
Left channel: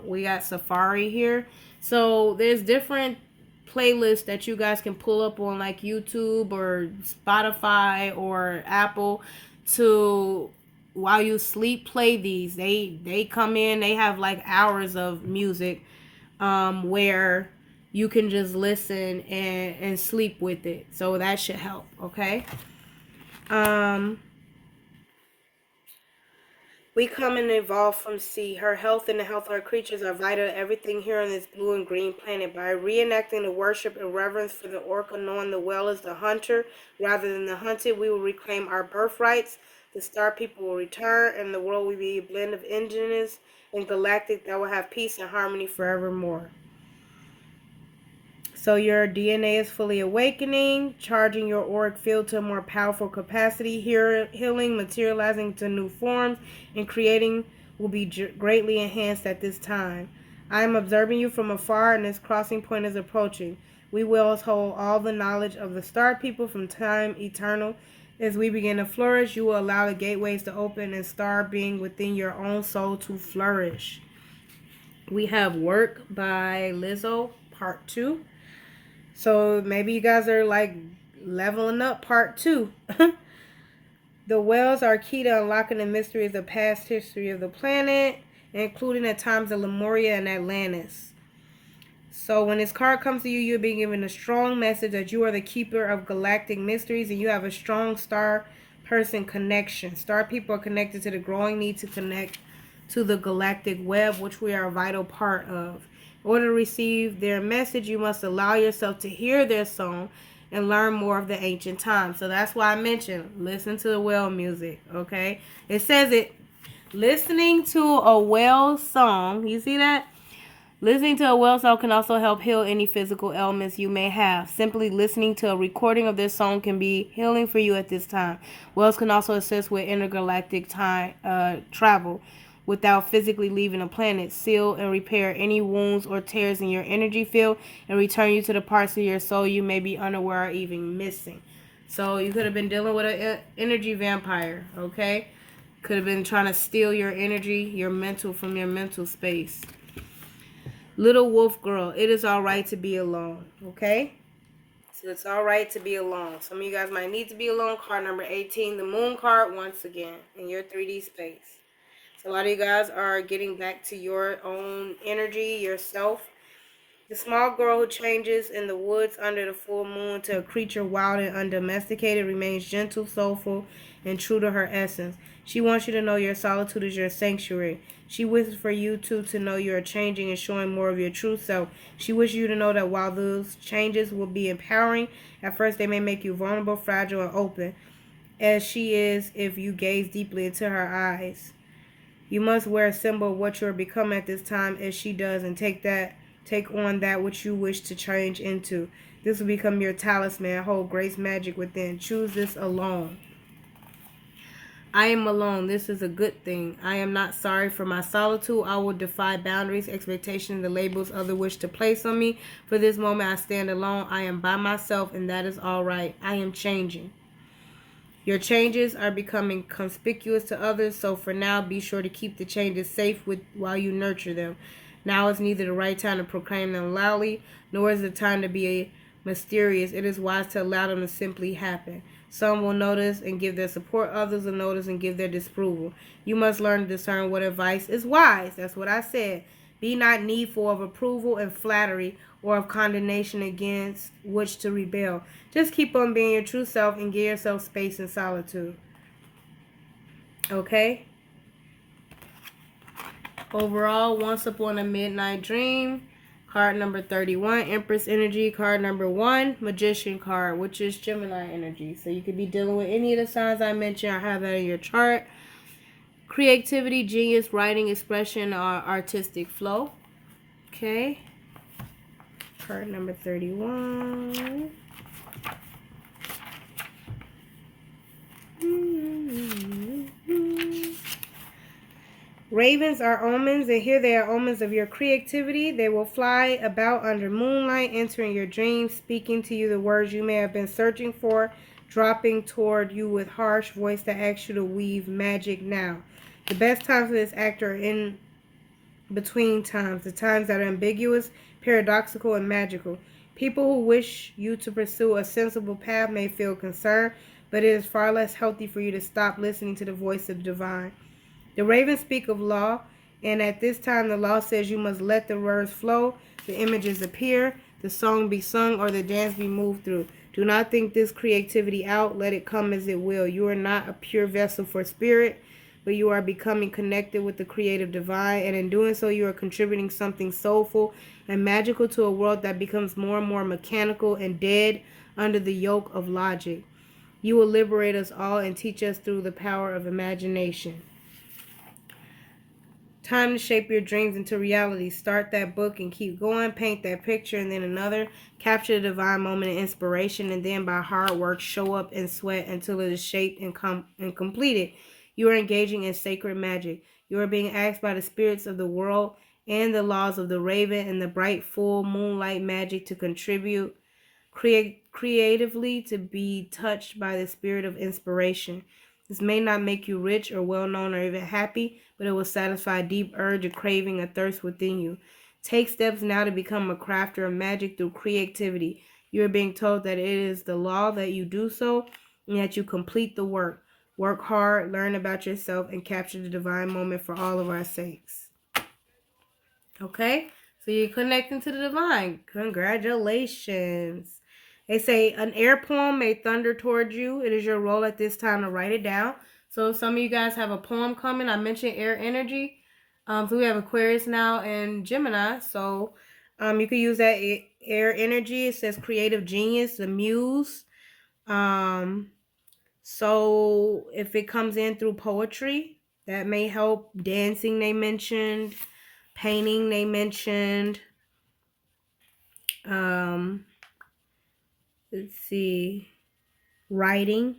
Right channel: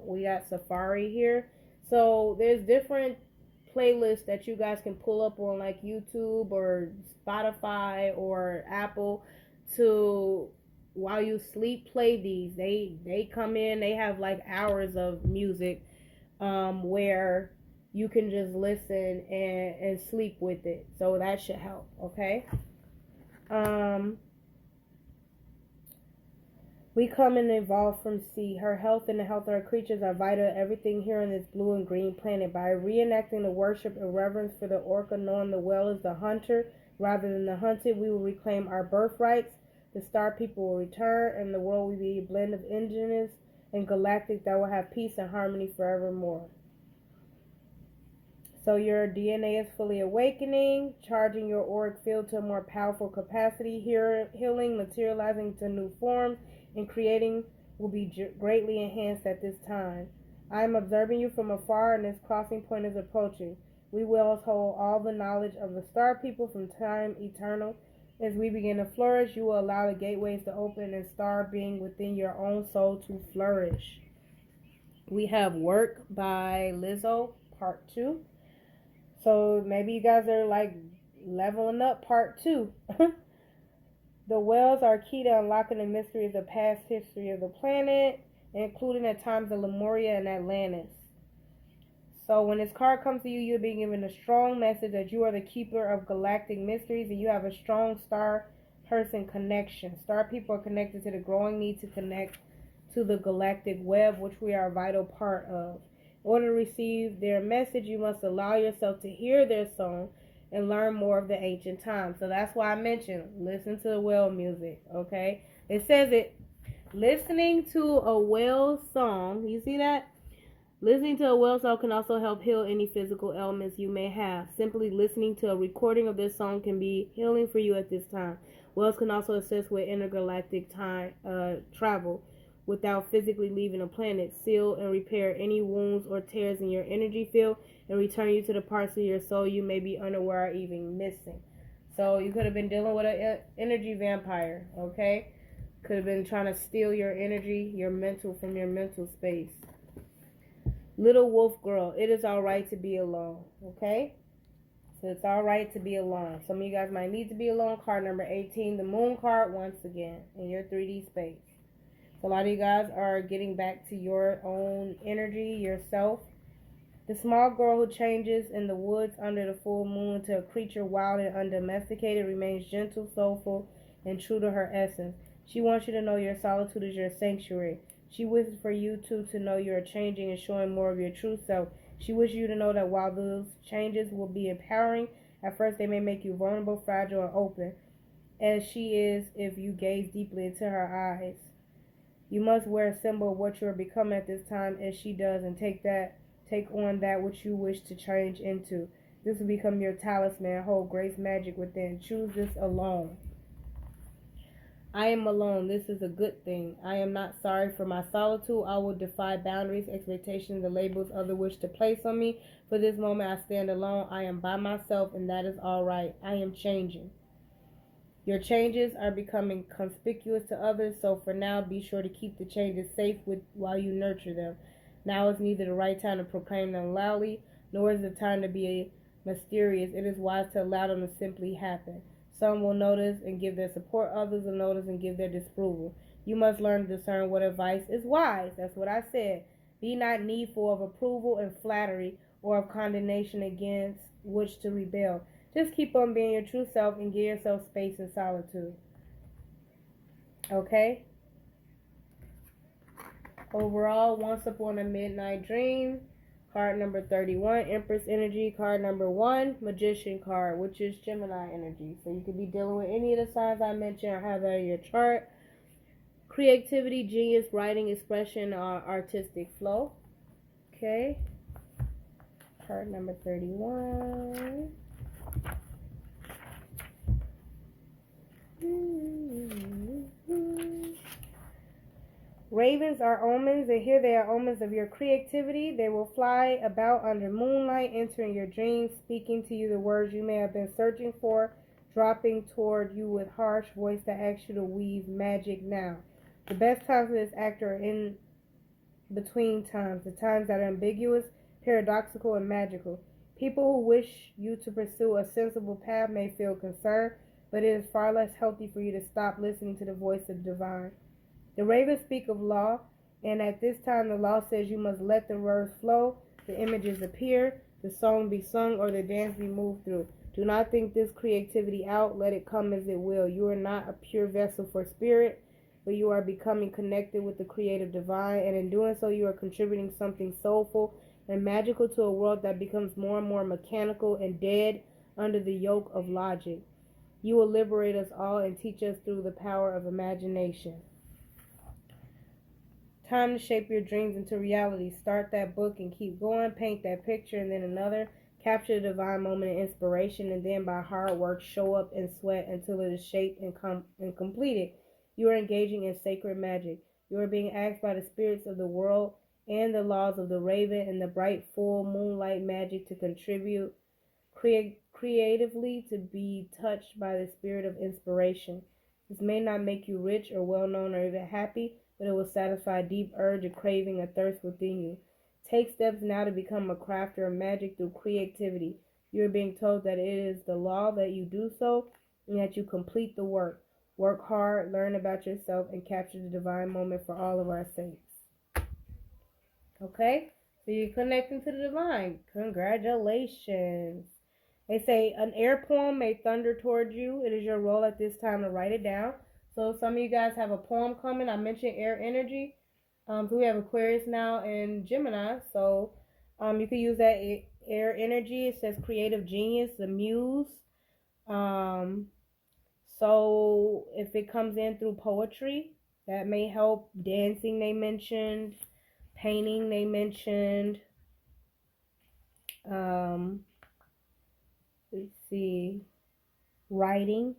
We got safari here. So there's different playlists that you guys can pull up on like YouTube or Spotify or Apple to, while you sleep, play these. They come in, they have like hours of music where you can just listen and sleep with it. So that should help, okay? We come and evolve from sea. Her health and the health of her creatures are vital to everything here on this blue and green planet. By reenacting the worship and reverence for the orca, knowing the whale is the hunter rather than the hunted, we will reclaim our birthrights. The star people will return, and the world will be a blend of indigenous and galactic that will have peace and harmony forevermore. So your DNA is fully awakening, charging your auric field to a more powerful capacity, healing, materializing to new forms, and creating will be greatly enhanced at this time. I am observing you from afar, and this crossing point is approaching. We will hold all the knowledge of the star people from time eternal. As we begin to flourish, you will allow the gateways to open and star being within your own soul to flourish. We have Work by Lizzo, part 2. So maybe you guys are like leveling up part 2. The whales are key to unlocking the mysteries of past history of the planet, including at times of Lemuria and Atlantis. So when this card comes to you, you're being given a strong message that you are the keeper of galactic mysteries and you have a strong star person connection. Star people are connected to the growing need to connect to the galactic web, which we are a vital part of. In order to receive their message, you must allow yourself to hear their song and learn more of the ancient times. So that's why I mentioned listen to the whale music, okay? It says it, listening to a whale song, you see that? Listening to a whale song can also help heal any physical ailments you may have. Simply listening to a recording of this song can be healing for you at this time. Whales can also assist with intergalactic time travel without physically leaving a planet, seal and repair any wounds or tears in your energy field, and return you to the parts of your soul you may be unaware or even missing. So you could have been dealing with an energy vampire, okay? Could have been trying to steal your energy, your mental, from your mental space. Little wolf girl, it is all right to be alone, okay? So it's all right to be alone. Some of you guys might need to be alone. Card number 18, the moon card once again in your 3D space. So a lot of you guys are getting back to your own energy, yourself. The small girl who changes in the woods under the full moon to a creature wild and undomesticated remains gentle, soulful, and true to her essence. She wants you to know your solitude is your sanctuary. She wishes for you to know you are changing and showing more of your true self. She wishes you to know that while those changes will be empowering, at first they may make you vulnerable, fragile, and open, as she is if you gaze deeply into her eyes. You must wear a symbol of what you are becoming at this time as she does, and take on that which you wish to change into. This will become your talisman. Hold grace magic within. Choose this alone. I am alone. This is a good thing. I am not sorry for my solitude. I will defy boundaries, expectations, and the labels others wish to place on me. For this moment, I stand alone. I am by myself, and that is all right. I am changing. Your changes are becoming conspicuous to others, so for now, be sure to keep the changes safe while you nurture them. Now is neither the right time to proclaim them loudly, nor is the time to be mysterious. It is wise to allow them to simply happen. Some will notice and give their support, others will notice and give their disapproval. You must learn to discern what advice is wise. That's what I said. Be not needful of approval and flattery or of condemnation against which to rebel. Just keep on being your true self and give yourself space and solitude. Okay? Overall, Once Upon a Midnight Dream. Card number 31, Empress Energy. Card number 1, Magician card, which is Gemini energy. So you could be dealing with any of the signs I mentioned or have that in your chart. Creativity, genius, writing, expression, or artistic flow. Okay. Card number 31. Ravens are omens, and here they are omens of your creativity. They will fly about under moonlight, entering your dreams, speaking to you the words you may have been searching for, dropping toward you with harsh voice that asks you to weave magic now. The best times for this act are in between times, the times that are ambiguous, paradoxical, and magical. People who wish you to pursue a sensible path may feel concerned, but it is far less healthy for you to stop listening to the voice of the divine. The ravens speak of law, and at this time the law says you must let the words flow, the images appear, the song be sung, or the dance be moved through. Do not think this creativity out. Let it come as it will. You are not a pure vessel for spirit, but you are becoming connected with the creative divine, and in doing so you are contributing something soulful and magical to a world that becomes more and more mechanical and dead under the yoke of logic. You will liberate us all and teach us through the power of imagination. Time to shape your dreams into reality. Start that book and keep going. Paint that picture and then another. Capture the divine moment of inspiration, and then by hard work show up and sweat until it is shaped and completed. You are engaging in sacred magic. You are being asked by the spirits of the world and the laws of the raven and the bright full moonlight magic to contribute creatively, to be touched by the spirit of inspiration. This may not make you rich or well known or even happy, but it will satisfy a deep urge, a craving, a thirst within you. Take steps now to become a crafter of magic through creativity. You are being told that it is the law that you do so and that you complete the work. Work hard, learn about yourself, and capture the divine moment for all of our sakes. Okay? So you're connecting to the divine. Congratulations. They say an air poem may thunder towards you. It is your role at this time to write it down. So some of you guys have a poem coming. I mentioned air energy. So we have Aquarius now and Gemini. So you can use that air energy. It says creative genius, the muse. So if it comes in through poetry, that may help. Dancing, they mentioned. Painting, they mentioned. Let's see. Writing,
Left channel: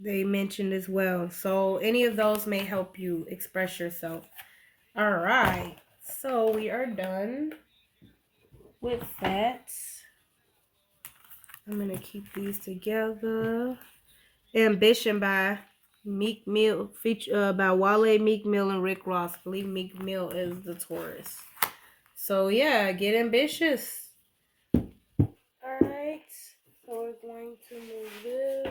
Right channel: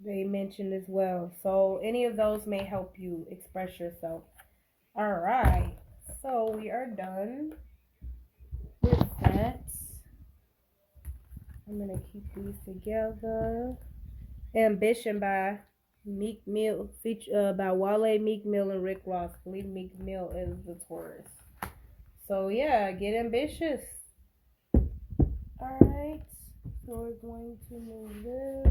they mentioned as well. So any of those may help you express yourself. All right. So we are done with that. I'm going to keep these together. Ambition by Meek Mill, by Wale, Meek Mill, and Rick Ross. I believe Meek Mill is the Taurus. So yeah, get ambitious. All right. So we're going to move this.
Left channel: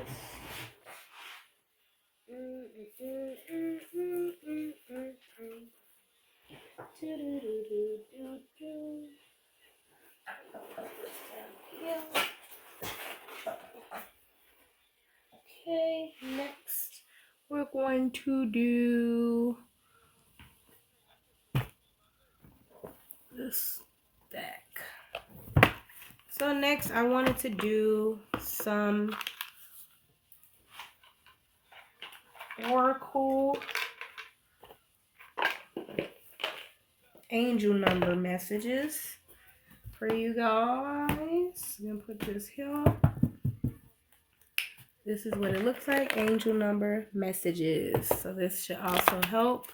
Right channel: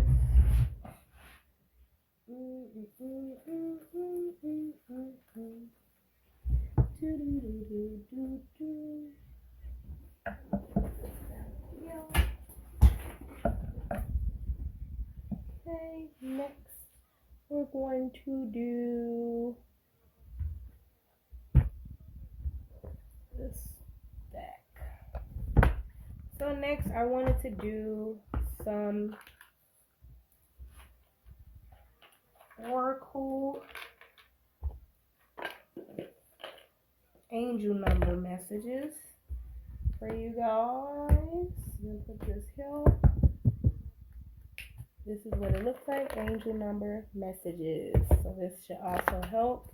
Okay, next we're going to do this deck. So next I wanted to do some oracle angel number messages for you guys. I'm gonna put this here. This is what it looks like, angel number messages. So this should also help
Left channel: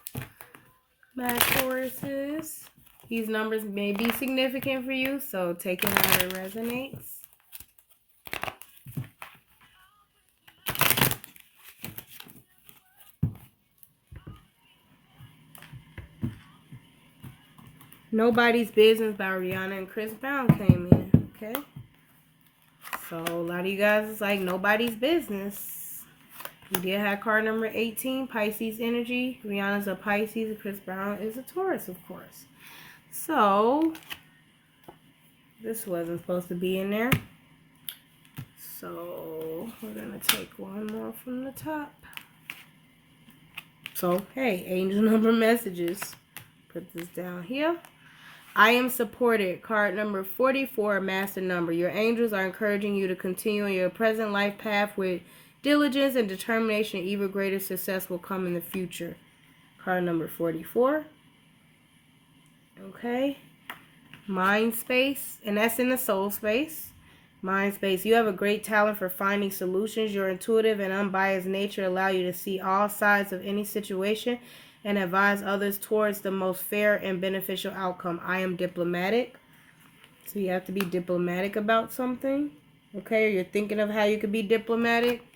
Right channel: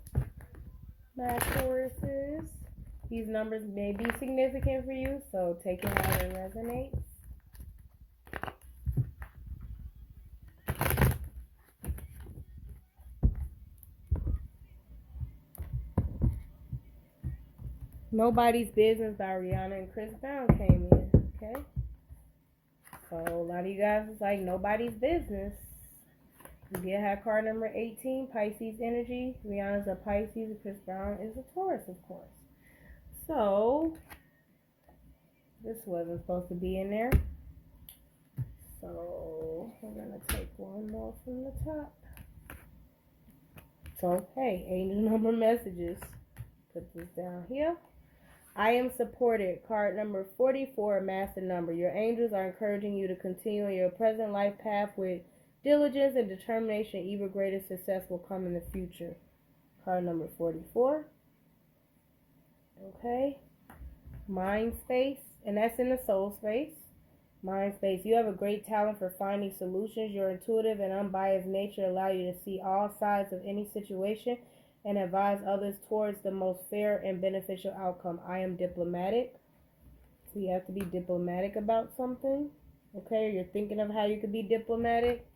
my Tauruses. These numbers may be significant for you, so take it how it resonates. Nobody's Business by Rihanna and Chris Brown came in, okay? So a lot of you guys is like nobody's business. We did have card number 18, Pisces energy. Rihanna's a Pisces and Chris Brown is a Taurus, of course. So this wasn't supposed to be in there. So we're going to take one more from the top. So, hey, angel number messages. Put this down here. I am supported. Card number 44, master number. Your angels are encouraging you to continue in your present life path with diligence and determination. Even greater success will come in the future. Card number 44. Okay. Mind space. And that's in the soul space. Mind space. You have a great talent for finding solutions. Your intuitive and unbiased nature allow you to see all sides of any situation and advise others towards the most fair and beneficial outcome. I am diplomatic. So you have to be diplomatic about something. Okay, or you're thinking of how you could be diplomatic.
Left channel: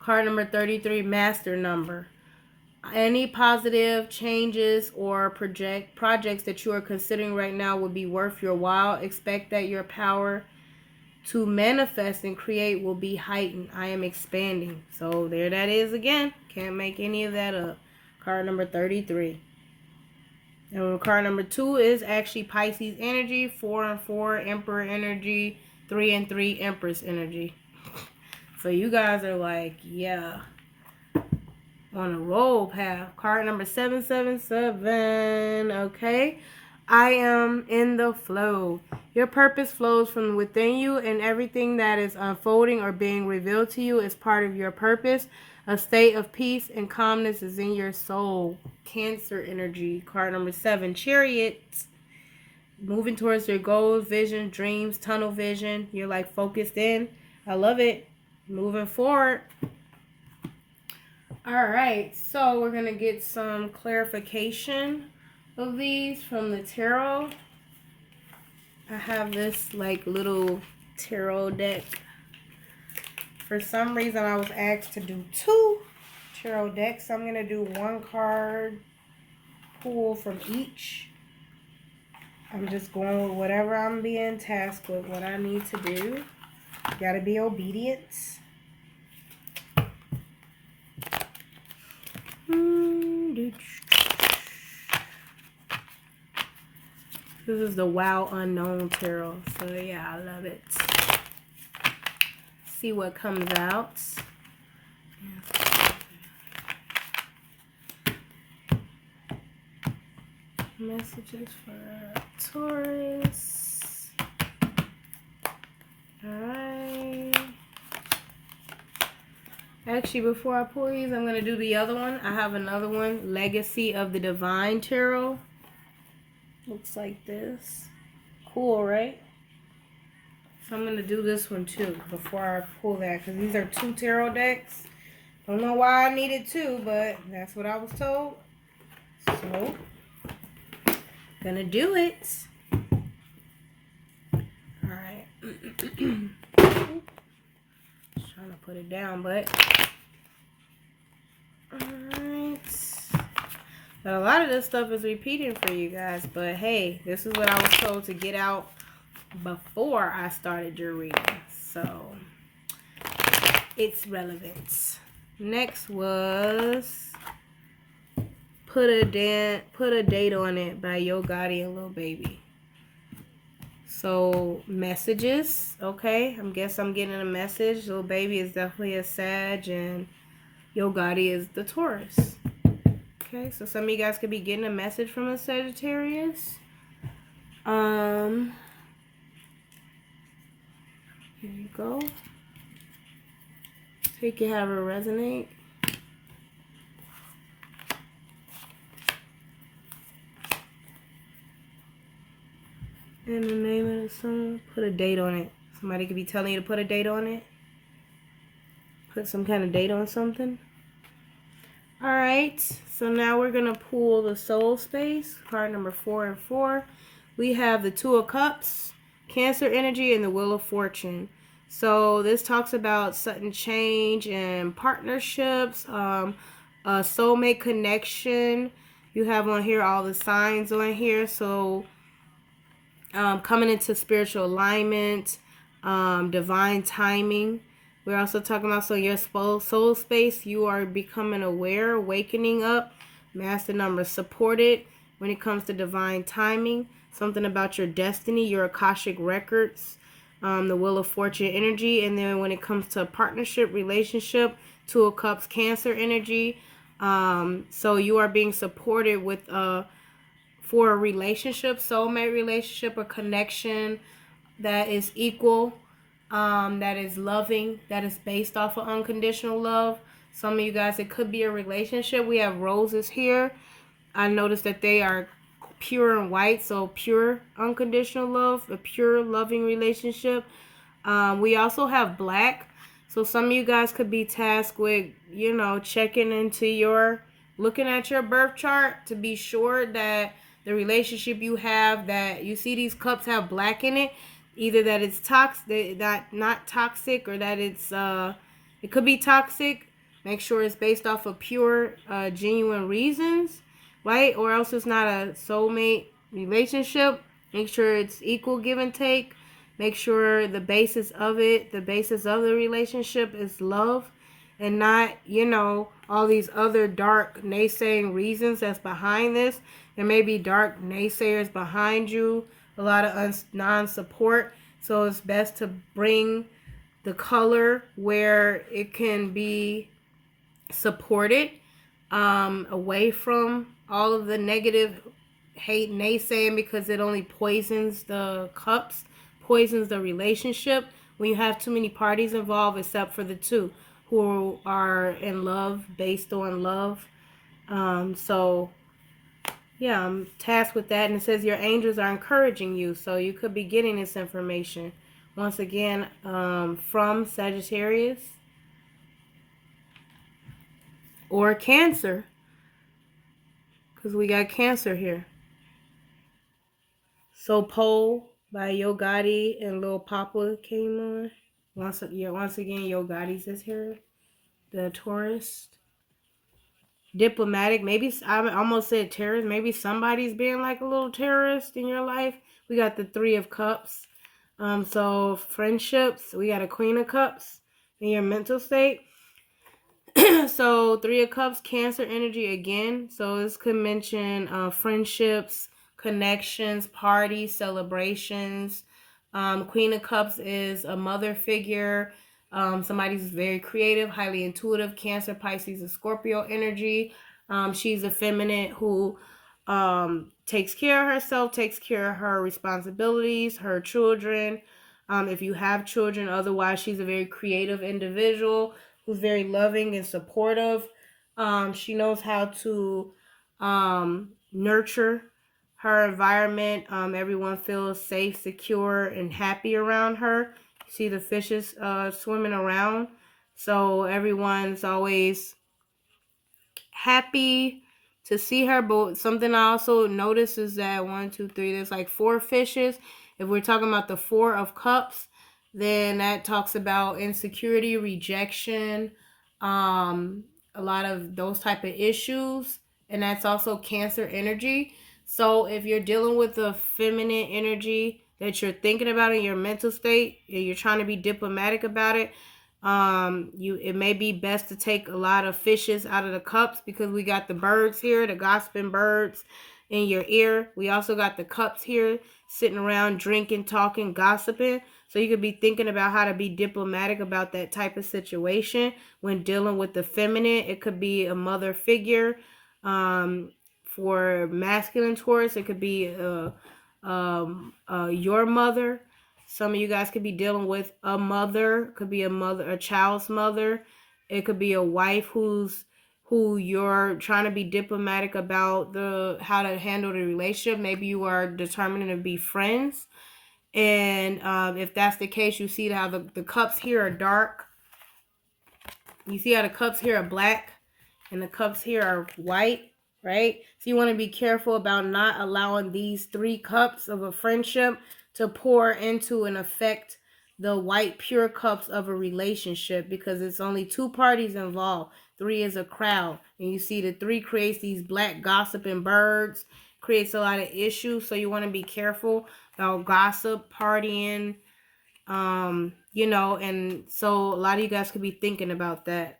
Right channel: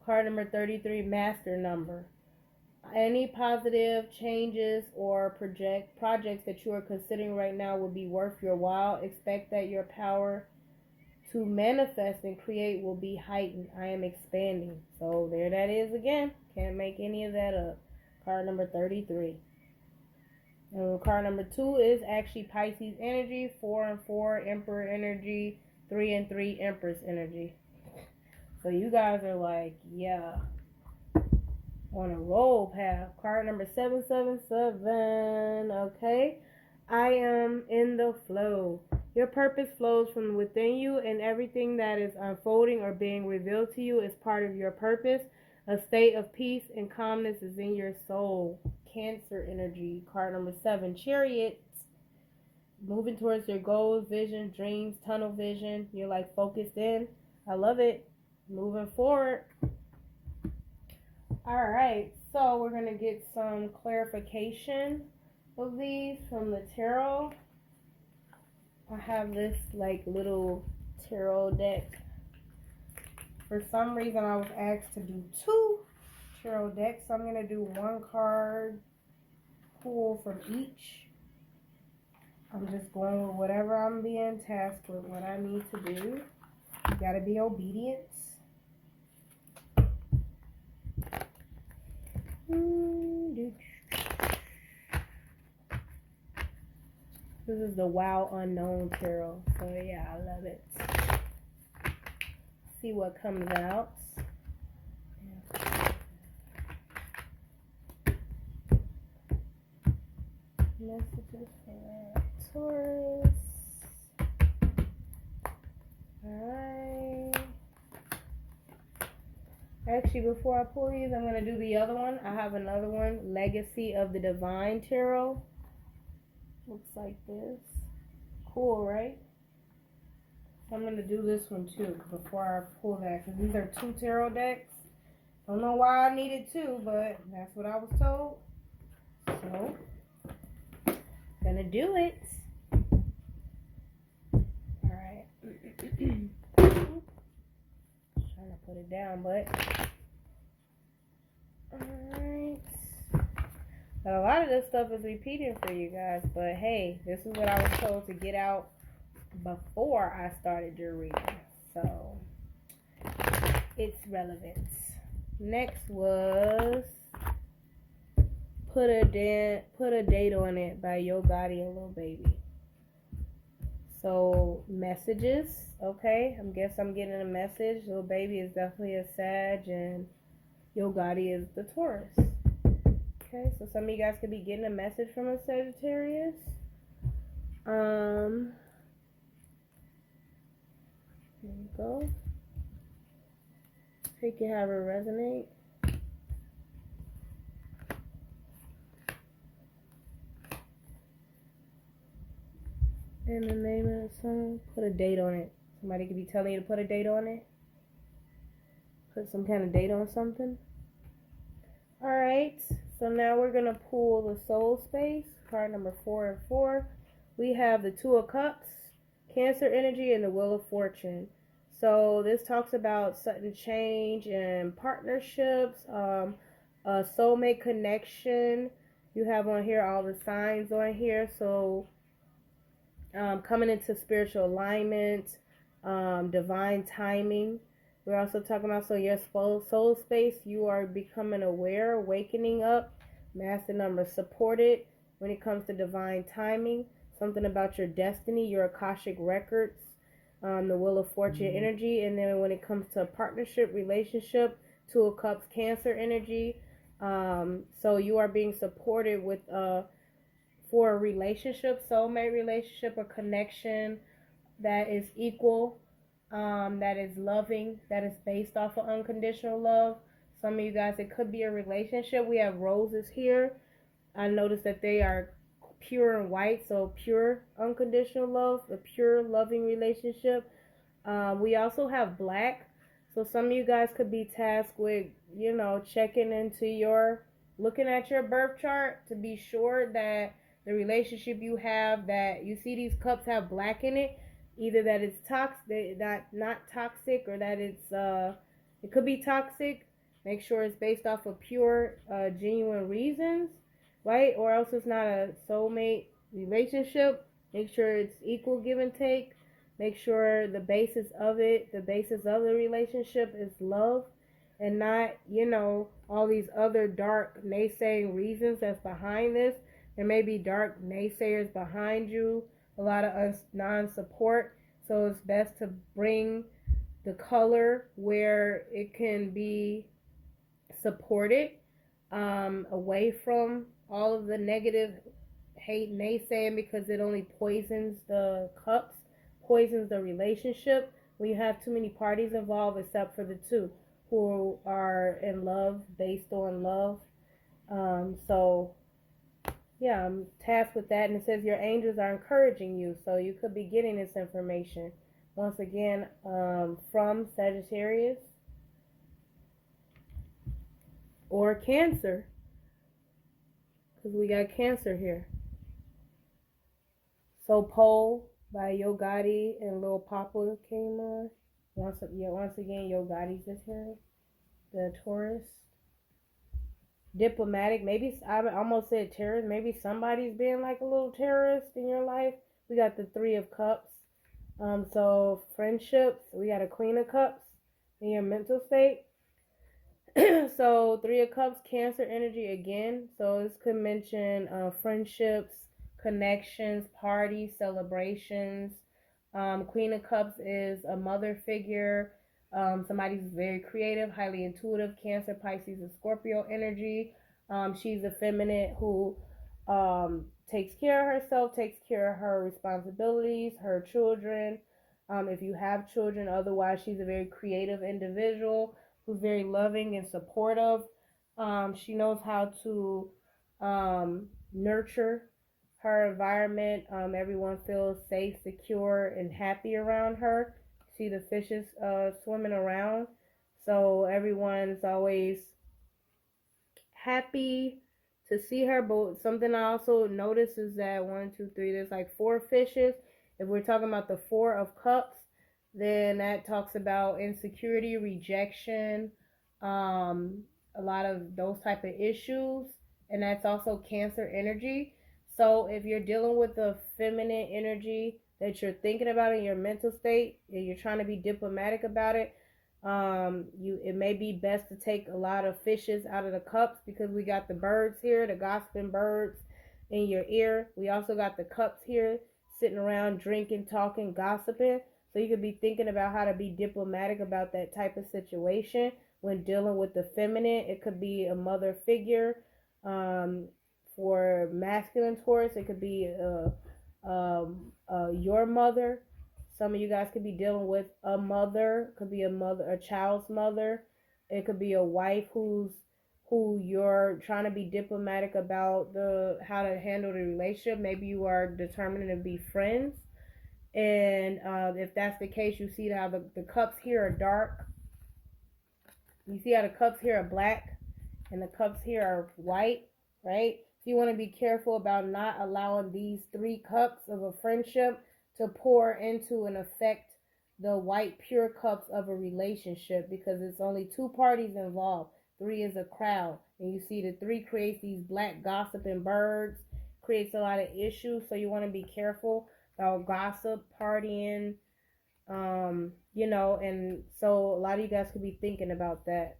Card number 33, master number. Any positive changes or projects that you are considering right now would be worth your while. Expect that your power to manifest and create will be heightened. I am expanding. So there that is again. Can't make any of that up. Card number 33. And card number 2 is actually Pisces energy. 4 and 4, Emperor energy. 3 and 3, Empress energy. So you guys are like, yeah, on a roll path. Card number 777. Okay. I am in the flow. Your purpose flows from within you, and everything that is unfolding or being revealed to you is part of your purpose. A state of peace and calmness is in your soul. Cancer energy. Card number 7, Chariot. Moving towards your goals, vision, dreams, tunnel vision. You're like focused in. I love it. Moving forward. All right. So we're going to get some clarification of these from the tarot. I have this like little tarot deck. For some reason I was asked to do 2 tarot decks. So I'm going to do 1 card pull from each. I'm just going with whatever I'm being tasked with, what I need to do. You got to be obedient. This is the Wow Unknown Tarot. So yeah, I love it. See what comes out. Messages for Taurus. Alright. Actually, before I pull these, I'm going to do the other one. I have another one. Legacy of the Divine Tarot. Looks like this. Cool, right? So I'm going to do this one too before I pull that. Because these are 2 tarot decks. Don't know why I needed 2, but that's what I was told. So, gonna do it. Alright. Just trying to put it down, but alright. But a lot of this stuff is repeating for you guys. But hey, this is what I was told to get out before I started your reading. So it's relevant. Next was Put a Date on It by Yo Gotti and Lil Baby. So messages, okay. I guess I'm getting a message. Lil Baby is definitely a Sag and Yo Gotti is the Taurus. Okay, so some of you guys could be getting a message from a Sagittarius. Here you go. Take it however resonate. And the name of the song, put a date on it. Somebody could be telling you to put a date on it. Put some kind of date on something. Alright, so now we're going to pull the Soul Space, card number 4 and 4. We have the Two of Cups, Cancer energy, and the Wheel of Fortune. So this talks about sudden change and partnerships, a soulmate connection. You have on here all the signs on here. So coming into spiritual alignment, divine timing. We're also talking about, so your soul space, you are becoming aware, wakening up, master number supported when it comes to divine timing, something about your destiny, your Akashic records, the Wheel of Fortune energy, and then when it comes to partnership, relationship, Two of Cups, Cancer energy. So you are being supported with for a relationship, soulmate relationship, or connection that is equal, that is loving, that is based off of unconditional love. Some of you guys, it could be a relationship. We have roses here. I noticed that they are pure and white, so pure unconditional love, a pure loving relationship. We also have black. So some of you guys could be tasked with, checking into looking at your birth chart to be sure that the relationship you have, that you see these cups have black in it, either that it's toxic, that not toxic, or that it could be toxic. Make sure it's based off of pure, genuine reasons, right? Or else it's not a soulmate relationship. Make sure it's equal give and take. Make sure the basis of the relationship is love, and not, all these other dark naysaying reasons that's behind this. There may be dark naysayers behind you, a lot of non-support. So it's best to bring the color where it can be supported, away from all of the negative hate naysaying, because it only poisons the cups, poisons the relationship when you have too many parties involved, except for the two who are in love, based on love. So yeah, I'm tasked with that, and it says your angels are encouraging you, so you could be getting this information once again from Sagittarius or Cancer, because we got Cancer here. So Pole by Yo Gotti and Lil Papa came on. Once again, Yo Gotti's is here. The Taurus. Diplomatic. Maybe I almost said terrorist. Maybe somebody's being like a little terrorist in your life. We got the Three of Cups. So friendships. We got a Queen of Cups in your mental state. So Three of Cups, Cancer energy again. So this could mention friendships, connections, parties, celebrations. Queen of Cups is a mother figure. Somebody's very creative, highly intuitive. Cancer, Pisces, and Scorpio energy. She's a feminine who takes care of herself, takes care of her responsibilities, her children. If you have children, otherwise, she's a very creative individual who's very loving and supportive. She knows how to nurture her environment. Everyone feels safe, secure, and happy around her. See the fishes swimming around. So everyone's always happy to see her. But something I also noticed is that 1, 2, 3, there's like 4 fishes. If we're talking about the 4 of cups, then that talks about insecurity, rejection, a lot of those type of issues. And that's also Cancer energy. So if you're dealing with the feminine energy that you're thinking about in your mental state, and you're trying to be diplomatic about it, it may be best to take a lot of fishes out of the cups, because we got the birds here, the gossiping birds in your ear. We also got the cups here sitting around drinking, talking, gossiping. So you could be thinking about how to be diplomatic about that type of situation when dealing with the feminine. It could be a mother figure. For masculine Taurus, it could be your mother. Some of you guys could be dealing with a mother. Could be a mother, a child's mother. It could be a wife who you're trying to be diplomatic about how to handle the relationship. Maybe you are determining to be friends. And if that's the case, you see how the cups here are dark. You see how the cups here are black and the cups here are white, right? So you want to be careful about not allowing these 3 cups of a friendship to pour into and affect the white pure cups of a relationship, because it's only 2 parties involved. 3 is a crowd. And you see the 3 creates these black gossiping birds, creates a lot of issues. So you want to be careful about gossip, partying, and so a lot of you guys could be thinking about that,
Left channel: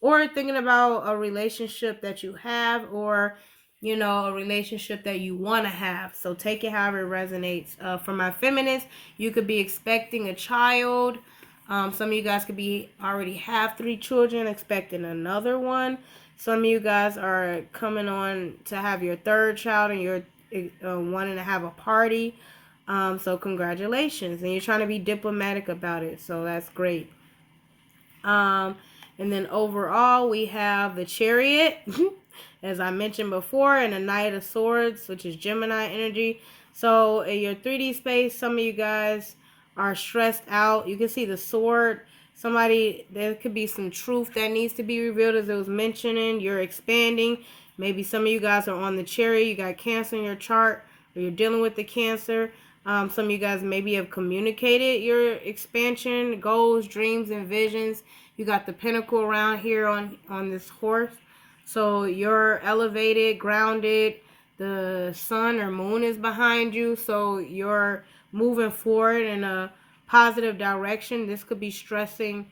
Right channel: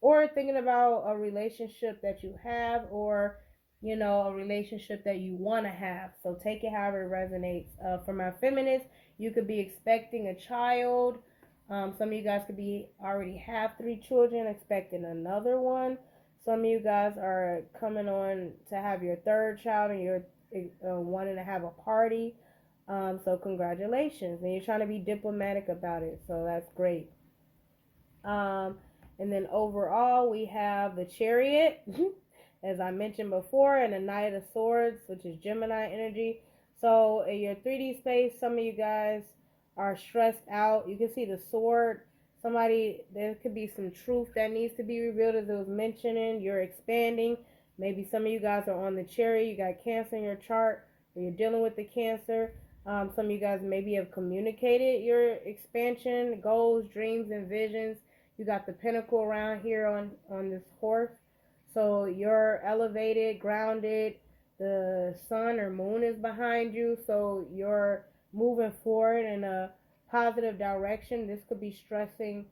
or thinking about a relationship that you have, or a relationship that you want to have. So take it however it resonates. For my feminists, you could be expecting a child. Some of you guys could be already have 3 children, expecting another one. Some of you guys are coming on to have your 3rd child, and you're wanting to have a party. So congratulations. And you're trying to be diplomatic about it. So that's great. And then overall, we have the Chariot, as I mentioned before, and the Knight of Swords, which is Gemini energy. So in your 3D space, some of you guys are stressed out. You can see the sword. There could be some truth that needs to be revealed, as it was mentioning. You're expanding. Maybe some of you guys are on the Chariot. You got Cancer in your chart, or you're dealing with the Cancer. Some of you guys maybe have communicated your expansion, goals, dreams, and visions. You got the Pentacle around here on this horse. So you're elevated, grounded. The sun or moon is behind you. So you're moving forward in a positive direction. This could be stressing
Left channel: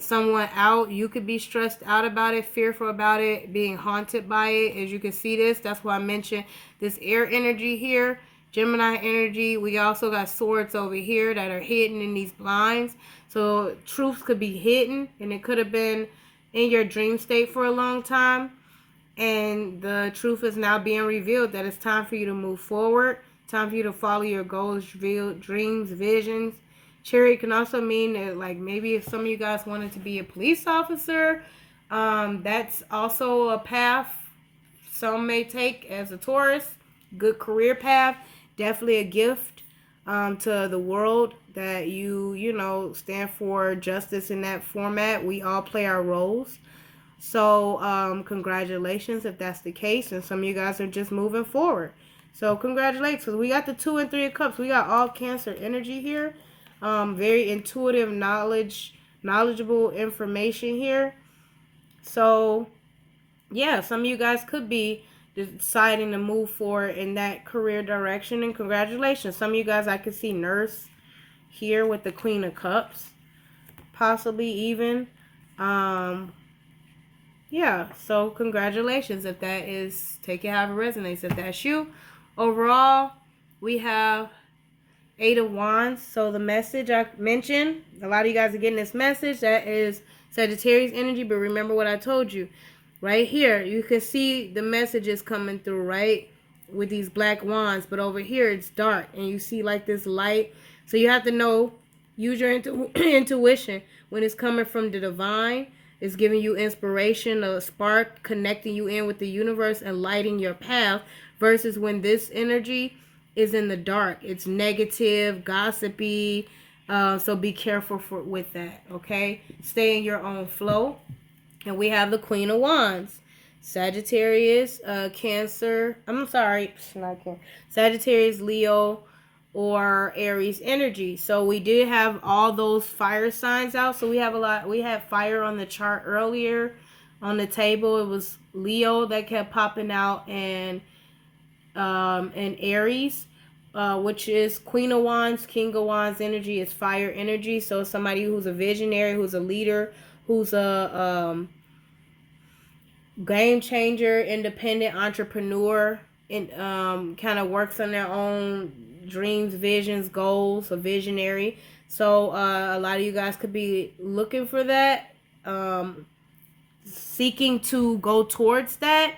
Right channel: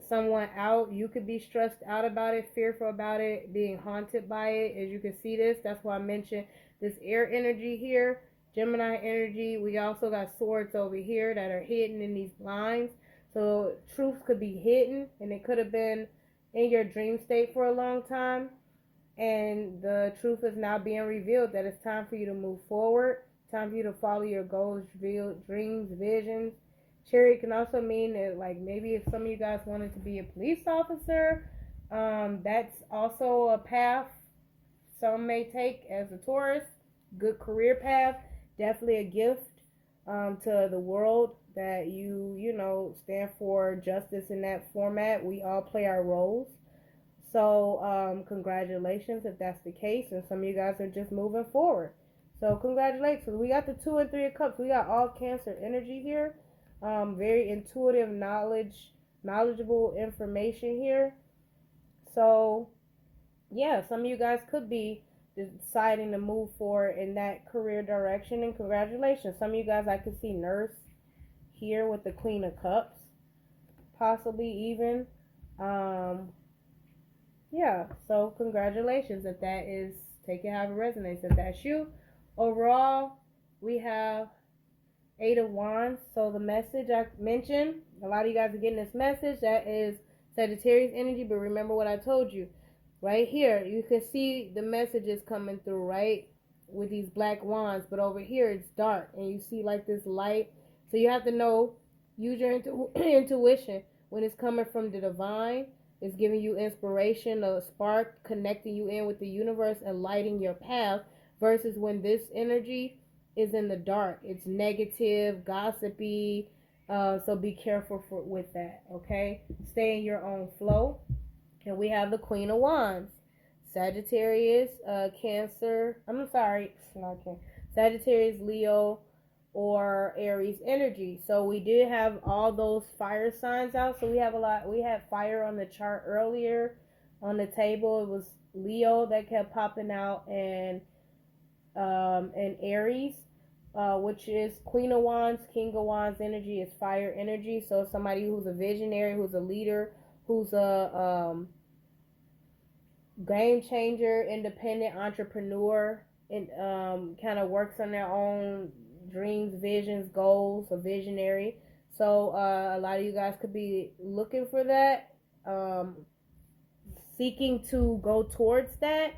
someone out. You could be stressed out about it, fearful about it, being haunted by it. As you can see that's why I mentioned this air energy here, Gemini energy. We also got swords over here that are hidden in these blinds. So truths could be hidden, and it could have been in your dream state for a long time. And the truth is now being revealed, that it's time for you to move forward. Time for you to follow your goals, dreams, visions. Chariot can also mean that, like, maybe if some of you guys wanted to be a police officer, that's also a path some may take as a Taurus. Good career path. Definitely a gift to the world that you stand for justice in that format. We all play our roles. So congratulations if that's the case, and some of you guys are just moving forward. So congratulations. We got the 2 and 3 of Cups. We got all Cancer energy here. Very intuitive, knowledgeable information here. So yeah, some of you guys could be deciding to move forward in that career direction, and congratulations. Some of you guys, I could see nurse here with the Queen of Cups, possibly even. Yeah, so congratulations if that is, take it however it resonates. If that's you, overall, we have 8 of Wands. So the message I mentioned, a lot of you guys are getting this message. That is Sagittarius energy. But remember what I told you. Right here, you can see the messages coming through, right? With these black wands. But over here, it's dark. And you see like this light. So you have to know, use your intuition. When it's coming from the divine, it's giving you inspiration, a spark, connecting you in with the universe and lighting your path. Versus when this energy is in the dark, it's negative, gossipy. So be careful with that, okay? Stay in your own flow. And we have the Queen of Wands. Sagittarius, Cancer. I'm sorry, not Cancer. Sagittarius, Leo, or Aries energy. So we did have all those fire signs out. So we have a lot. We had fire on the chart earlier on the table. It was Leo that kept popping out, and Aries, which is Queen of Wands, King of Wands energy is fire energy. So somebody who's a visionary, who's a leader, who's a game changer, independent entrepreneur, and kind of works on their own dreams, visions, goals, a visionary. So a lot of you guys could be looking for that, seeking to go towards that,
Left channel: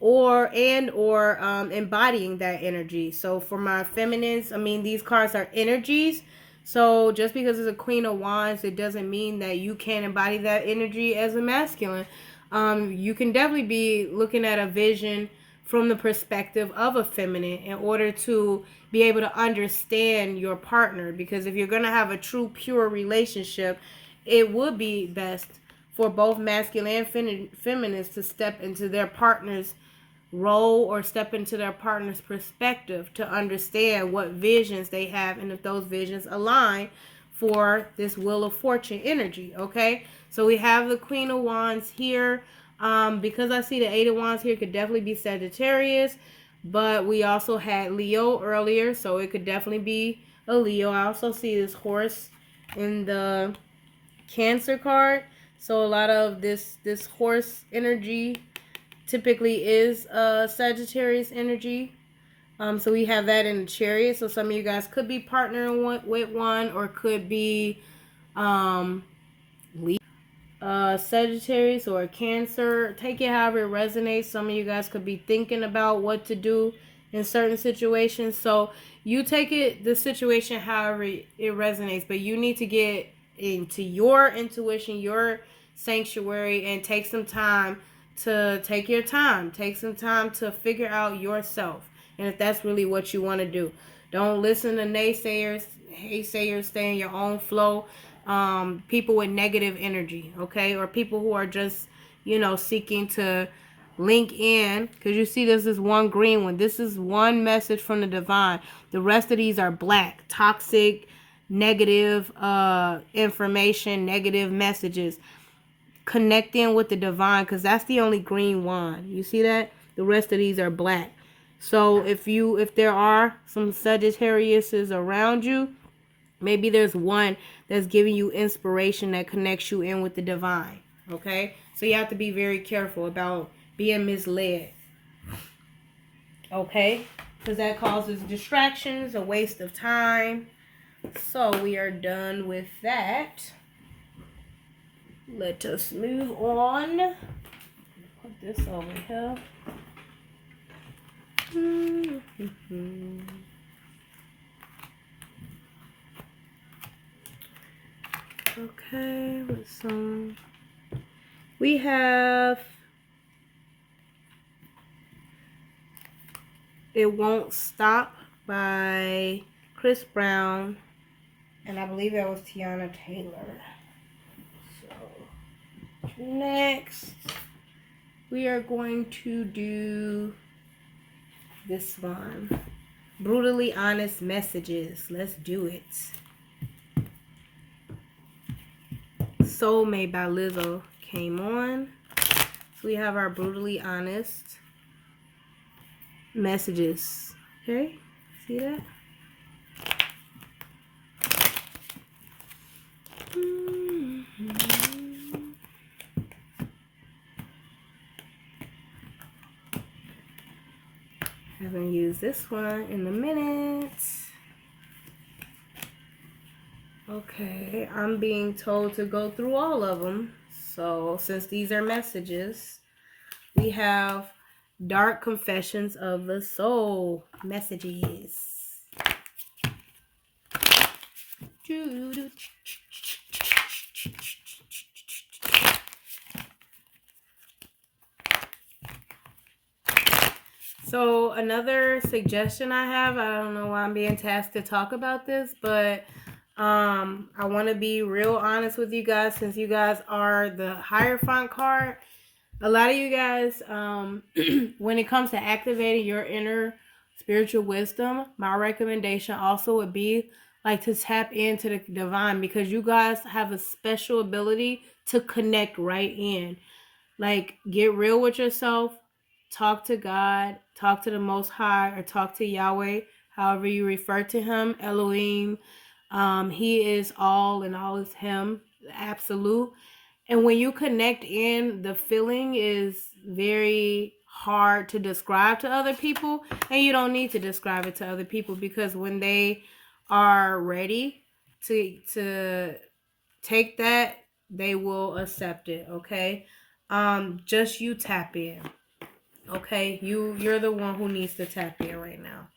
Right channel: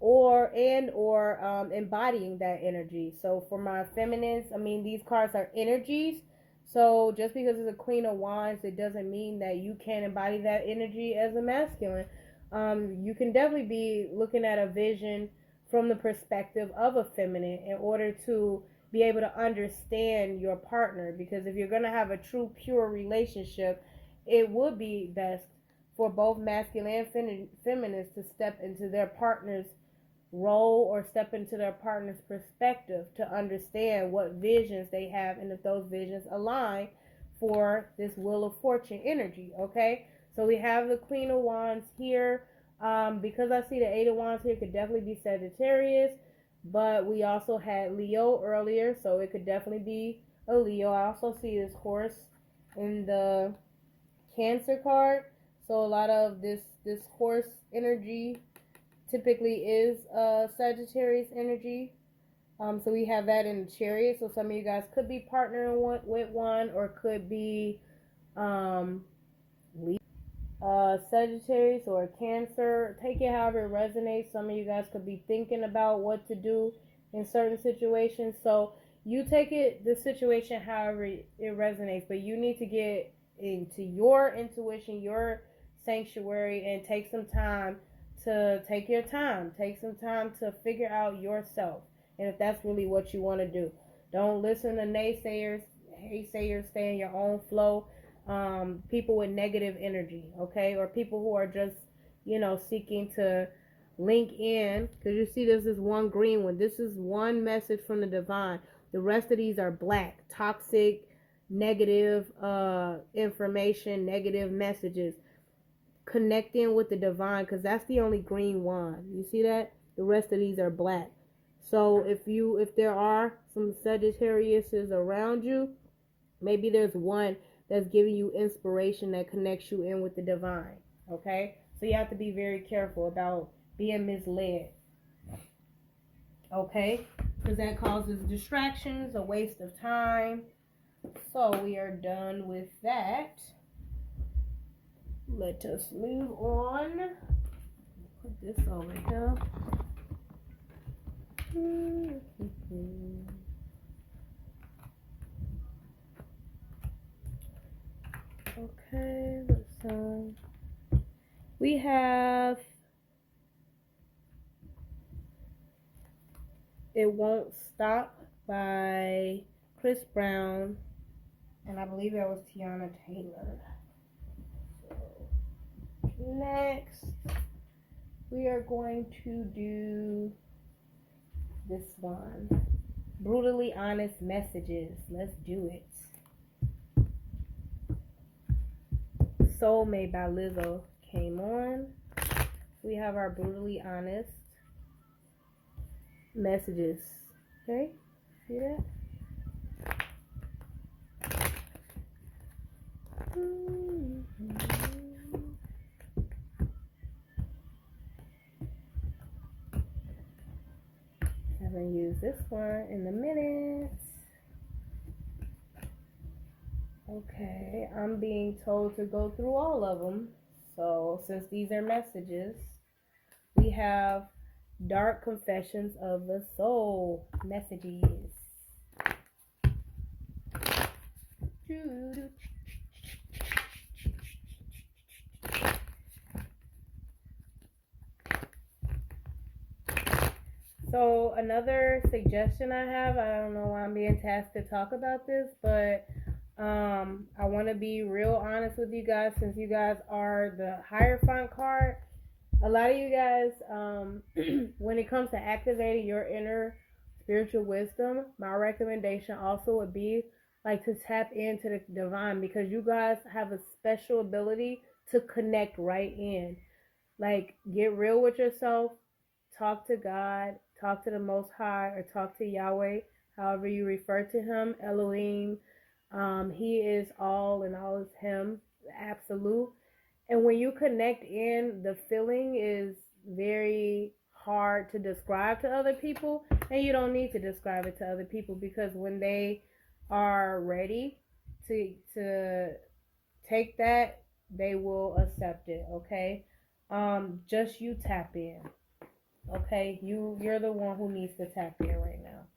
or embodying that energy. So for my feminines, I mean, these cards are energies. So just because it's a Queen of Wands, it doesn't mean that you can't embody that energy as a masculine. You can definitely be looking at a vision from the perspective of a feminine in order to be able to understand your partner. Because if you're going to have a true, pure relationship, it would be best for both masculine and feminines to step into their partner's role or step into their partner's perspective to understand what visions they have and if those visions align for this Wheel of Fortune energy, okay? So we have the Queen of Wands here. Because I see the 8 of Wands here, it could definitely be Sagittarius, but we also had Leo earlier, so it could definitely be a Leo. I also see this horse in the Cancer card. So a lot of this horse energy typically is Sagittarius energy. So we have that in the Chariot. So some of you guys could be partnering with one, or could be Sagittarius or a Cancer. Take it however it resonates. Some of you guys could be thinking about what to do in certain situations. So you take the situation however it resonates, but you need to get into your intuition, your sanctuary, and take some time to take your time. Take some time to figure out yourself, and if that's really what you want to do. Don't listen to naysayers, stay in your own flow. People with negative energy, okay, or people who are just, seeking to link in, because you see this is one green one. This is one message from the divine. The rest of these are black, toxic, negative information, negative messages. Connecting with the divine, because that's the only green wand. You see that? The rest of these are black. So if there are some Sagittariuses around you, maybe there's one that's giving you inspiration that connects you in with the divine. Okay? So you have to be very careful about being misled. Okay? Because that causes distractions, a waste of time. So we are done with that. Let us move on. Put this over here. Okay, what's on? We have It Won't Stop by Chris Brown, and I believe that was Tiana Taylor. So next we are going to do this one, Brutally Honest Messages. Let's do it. Soulmate by Lizzo came on. So we have our Brutally Honest Messages. Okay, see that? Have going to use this one in a minute. Okay, I'm being told to go through all of them. So since these are messages, we have Dark Confessions of the Soul messages. So another suggestion I have, I don't know why I'm being tasked to talk about this, but I want to be real honest with you guys, since you guys are the Hierophant card. A lot of you guys, when it comes to activating your inner spiritual wisdom, my recommendation also would be like to tap into the divine, because you guys have a special ability to connect right in. Like, get real with yourself, talk to God, talk to the Most High, or talk to Yahweh, however you refer to him, Elohim. He is all and all is him, absolute. And when you connect in, the feeling is very hard to describe to other people, and you don't need to describe it to other people, because when they are ready to take that, they will accept it. Okay, just you tap in. Okay, you're the one who needs to tap in right now.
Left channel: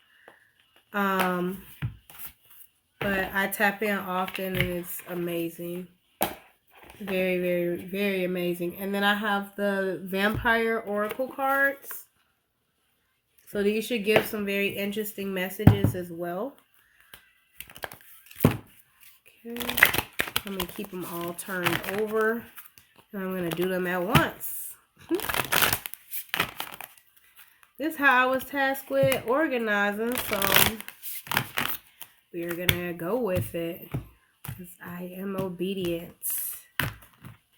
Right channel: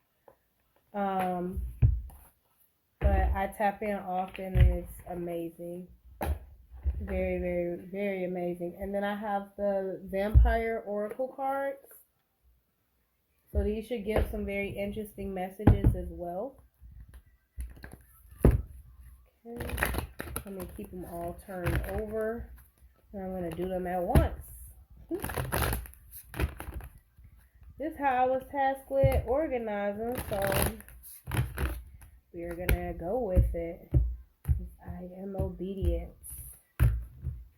But I tap in often, and it's amazing. Very, very, very amazing. And then I have the Vampire Oracle cards. So these should give some very interesting messages as well. Okay. Let me keep them all turned over. And I'm going to do them at once. This is how I was tasked with organizing. So we're going to go with it, because I am obedient.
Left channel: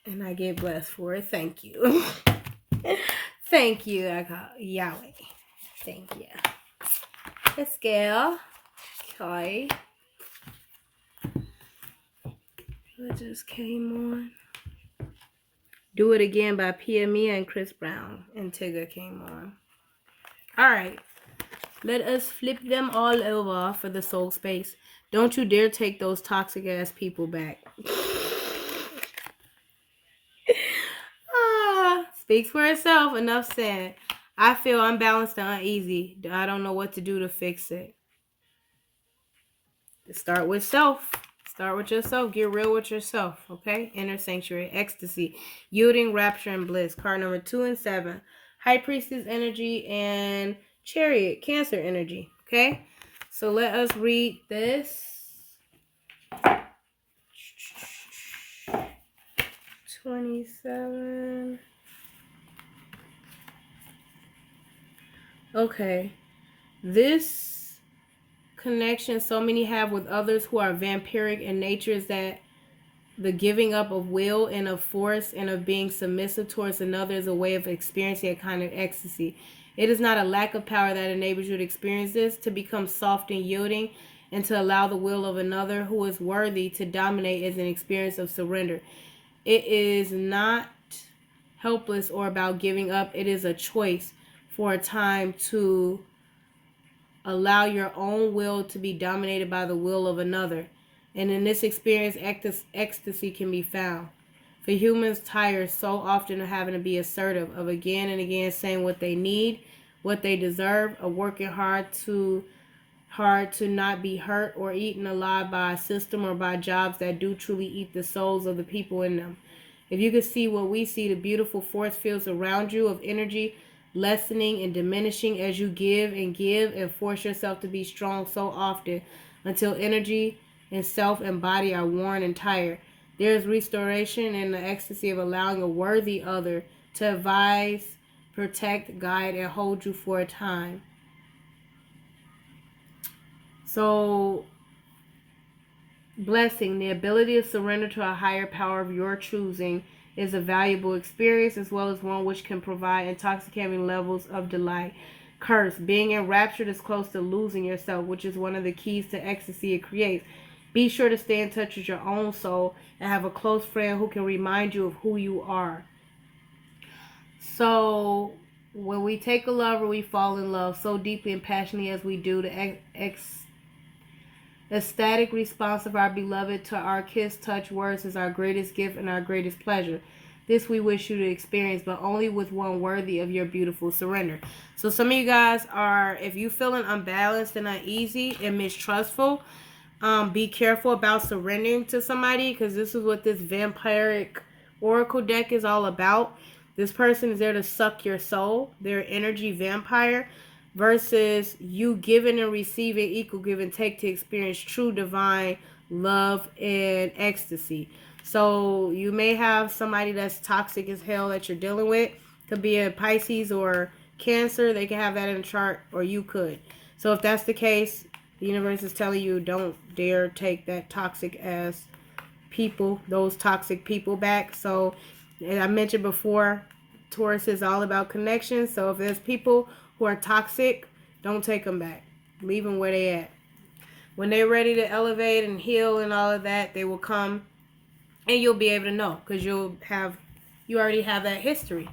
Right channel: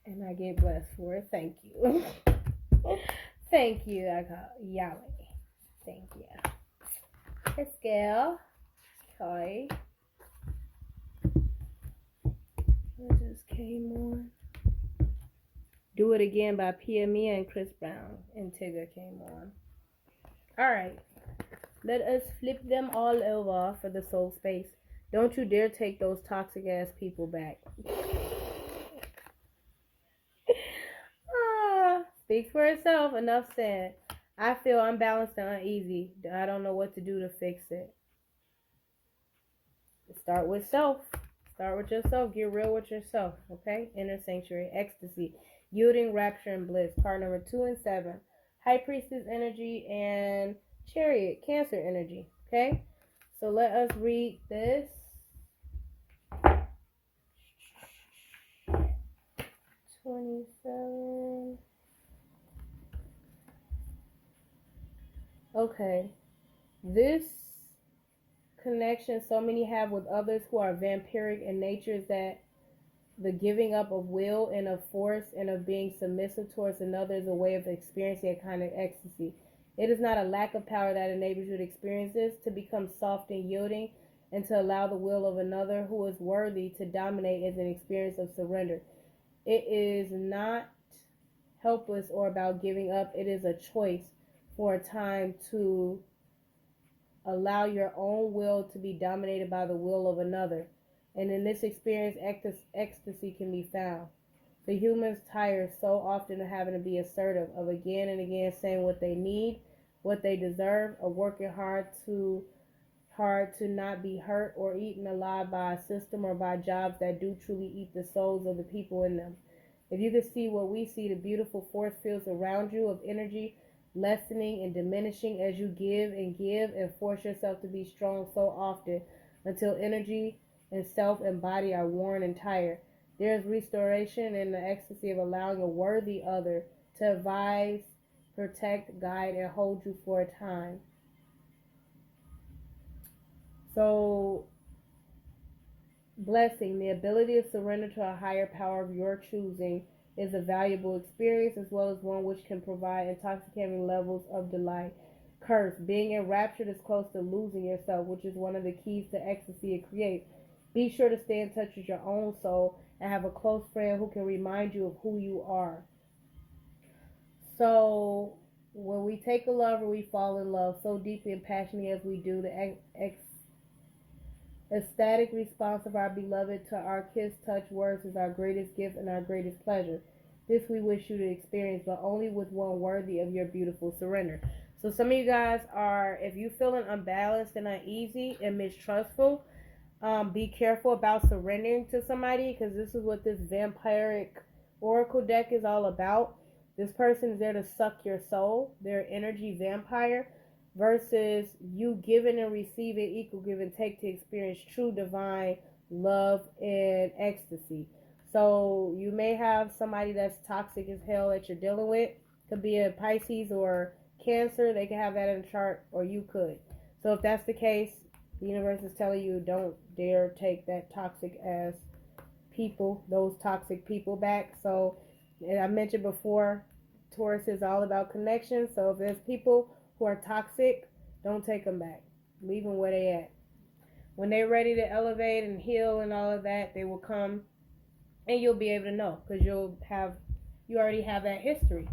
And I get blessed for it. Thank you. Thank you. I call Yahweh. Thank you. Let's go. Okay. What just came on? Do It Again by Pia Mia and Chris Brown. And Tigger came on. Alright. Let us flip them all over for the soul space. Don't you dare take those toxic ass people back. Speaks for itself. Enough said. I feel unbalanced and uneasy. I don't know what to do to fix it. Start with self. Start with yourself. Get real with yourself. Okay? Inner sanctuary. Ecstasy. Yielding, rapture, and bliss. Card number 2 and 7. High Priestess energy and Chariot. Cancer energy. Okay? So let us read this. 27. Okay. This connection so many have with others who are vampiric in nature is that the giving up of will and of force and of being submissive towards another is a way of experiencing a kind of ecstasy. It is not a lack of power that enables you to experience this, to become soft and yielding, and to allow the will of another who is worthy to dominate as an experience of surrender. It is not helpless or about giving up. It is a choice for a time to allow your own will to be dominated by the will of another. And in this experience, ecstasy can be found. For humans tired so often of having to be assertive, of again and again saying what they need, what they deserve, of working hard to not be hurt or eaten alive by a system or by jobs that do truly eat the souls of the people in them. If you could see what we see, the beautiful force fields around you of energy lessening and diminishing as you give and force yourself to be strong so often until energy and self and body are worn and tired. There is restoration in the ecstasy of allowing a worthy other to advise, protect, guide, and hold you for a time. So, blessing, the ability to surrender to a higher power of your choosing, is a valuable experience as well as one which can provide intoxicating levels of delight. Curse, being enraptured is close to losing yourself, which is one of the keys to ecstasy it creates. Be sure to stay in touch with your own soul and have a close friend who can remind you of who you are. So, When we take a lover, we fall in love so deeply and passionately as we do. The ecstatic response of our beloved to our kiss, touch, words is our greatest gift and our greatest pleasure. This we wish you to experience, but only with one worthy of your beautiful surrender. So some of you guys are, if you feeling unbalanced and uneasy and mistrustful, be careful about surrendering to somebody, because this is what this vampiric oracle deck is all about. This person is there to suck your soul. They're energy vampire, versus you giving and receiving equal give and take to experience true divine love and ecstasy. So you may have somebody that's toxic as hell that you're dealing with. Could be a Pisces or Cancer. They can have that in the chart, or you could. So if that's the case, the universe is telling you, don't dare take that toxic ass people, those toxic people back. So I mentioned before, Taurus is all about connection. So if there's people who are toxic, don't take them back. Leave them where they at. When they're ready to elevate and heal and all of that, they will come, and you'll be able to know, because you already have that history.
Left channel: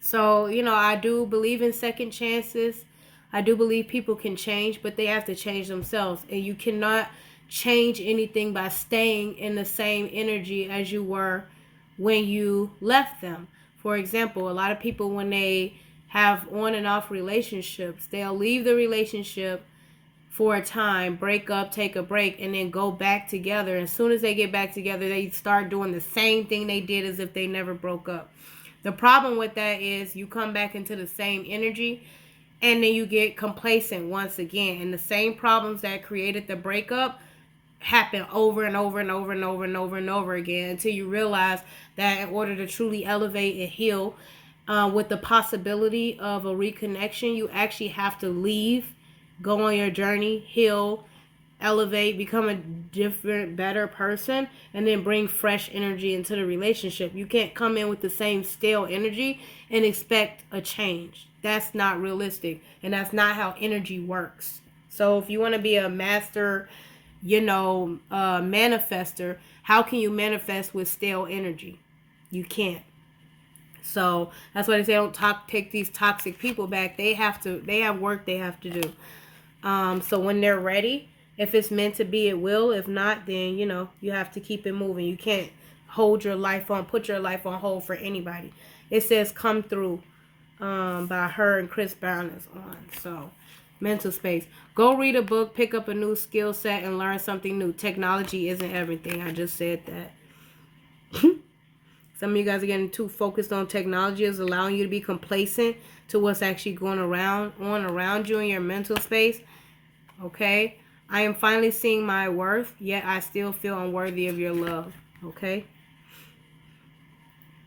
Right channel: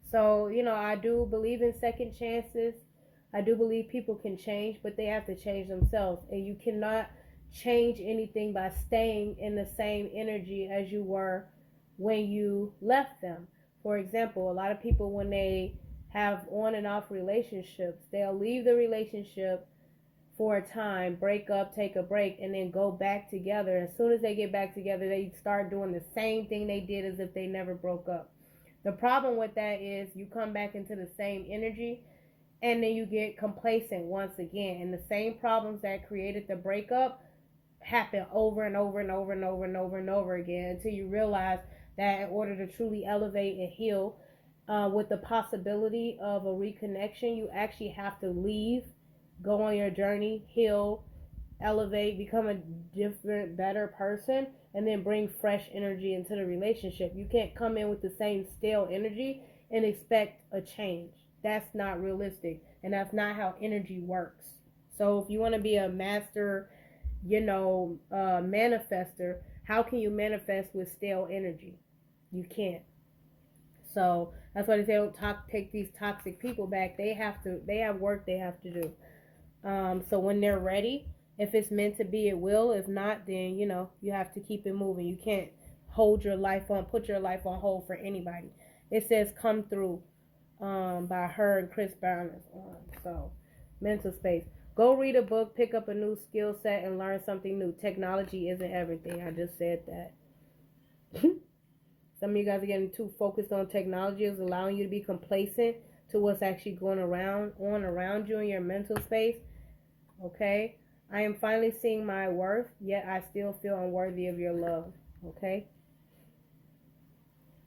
So, I do believe in second chances. I do believe people can change, but they have to change themselves. And you cannot change anything by staying in the same energy as you were when you left them. For example, a lot of people, when they have on and off relationships, they'll leave the relationship for a time, break up, take a break, and then go back together. As soon as they get back together, they start doing the same thing they did as if they never broke up. The problem with that is you come back into the same energy, and then you get complacent once again. And the same problems that created the breakup happen over and over and over and over and over and over again, until you realize that in order to truly elevate and heal, with the possibility of a reconnection, you actually have to leave, go on your journey, heal, elevate, become a different, better person, and then bring fresh energy into the relationship. You can't come in with the same stale energy and expect a change. That's not realistic, and that's not how energy works. So if you want to be a master, manifester, how can you manifest with stale energy? You can't. So that's why they say don't take these toxic people back. They have work they have to do. So when they're ready, if it's meant to be, it will. If not, then you have to keep it moving. You can't put your life on hold for anybody. It says "Come Through" by her and Chris Brown is on. So mental space. Go read a book, pick up a new skill set, and learn something new. Technology isn't everything. I just said that. Some of you guys are getting too focused on technology. Is allowing you to be complacent to what's actually going around you in your mental space. Okay? I am finally seeing my worth, yet I still feel unworthy of your love. Okay?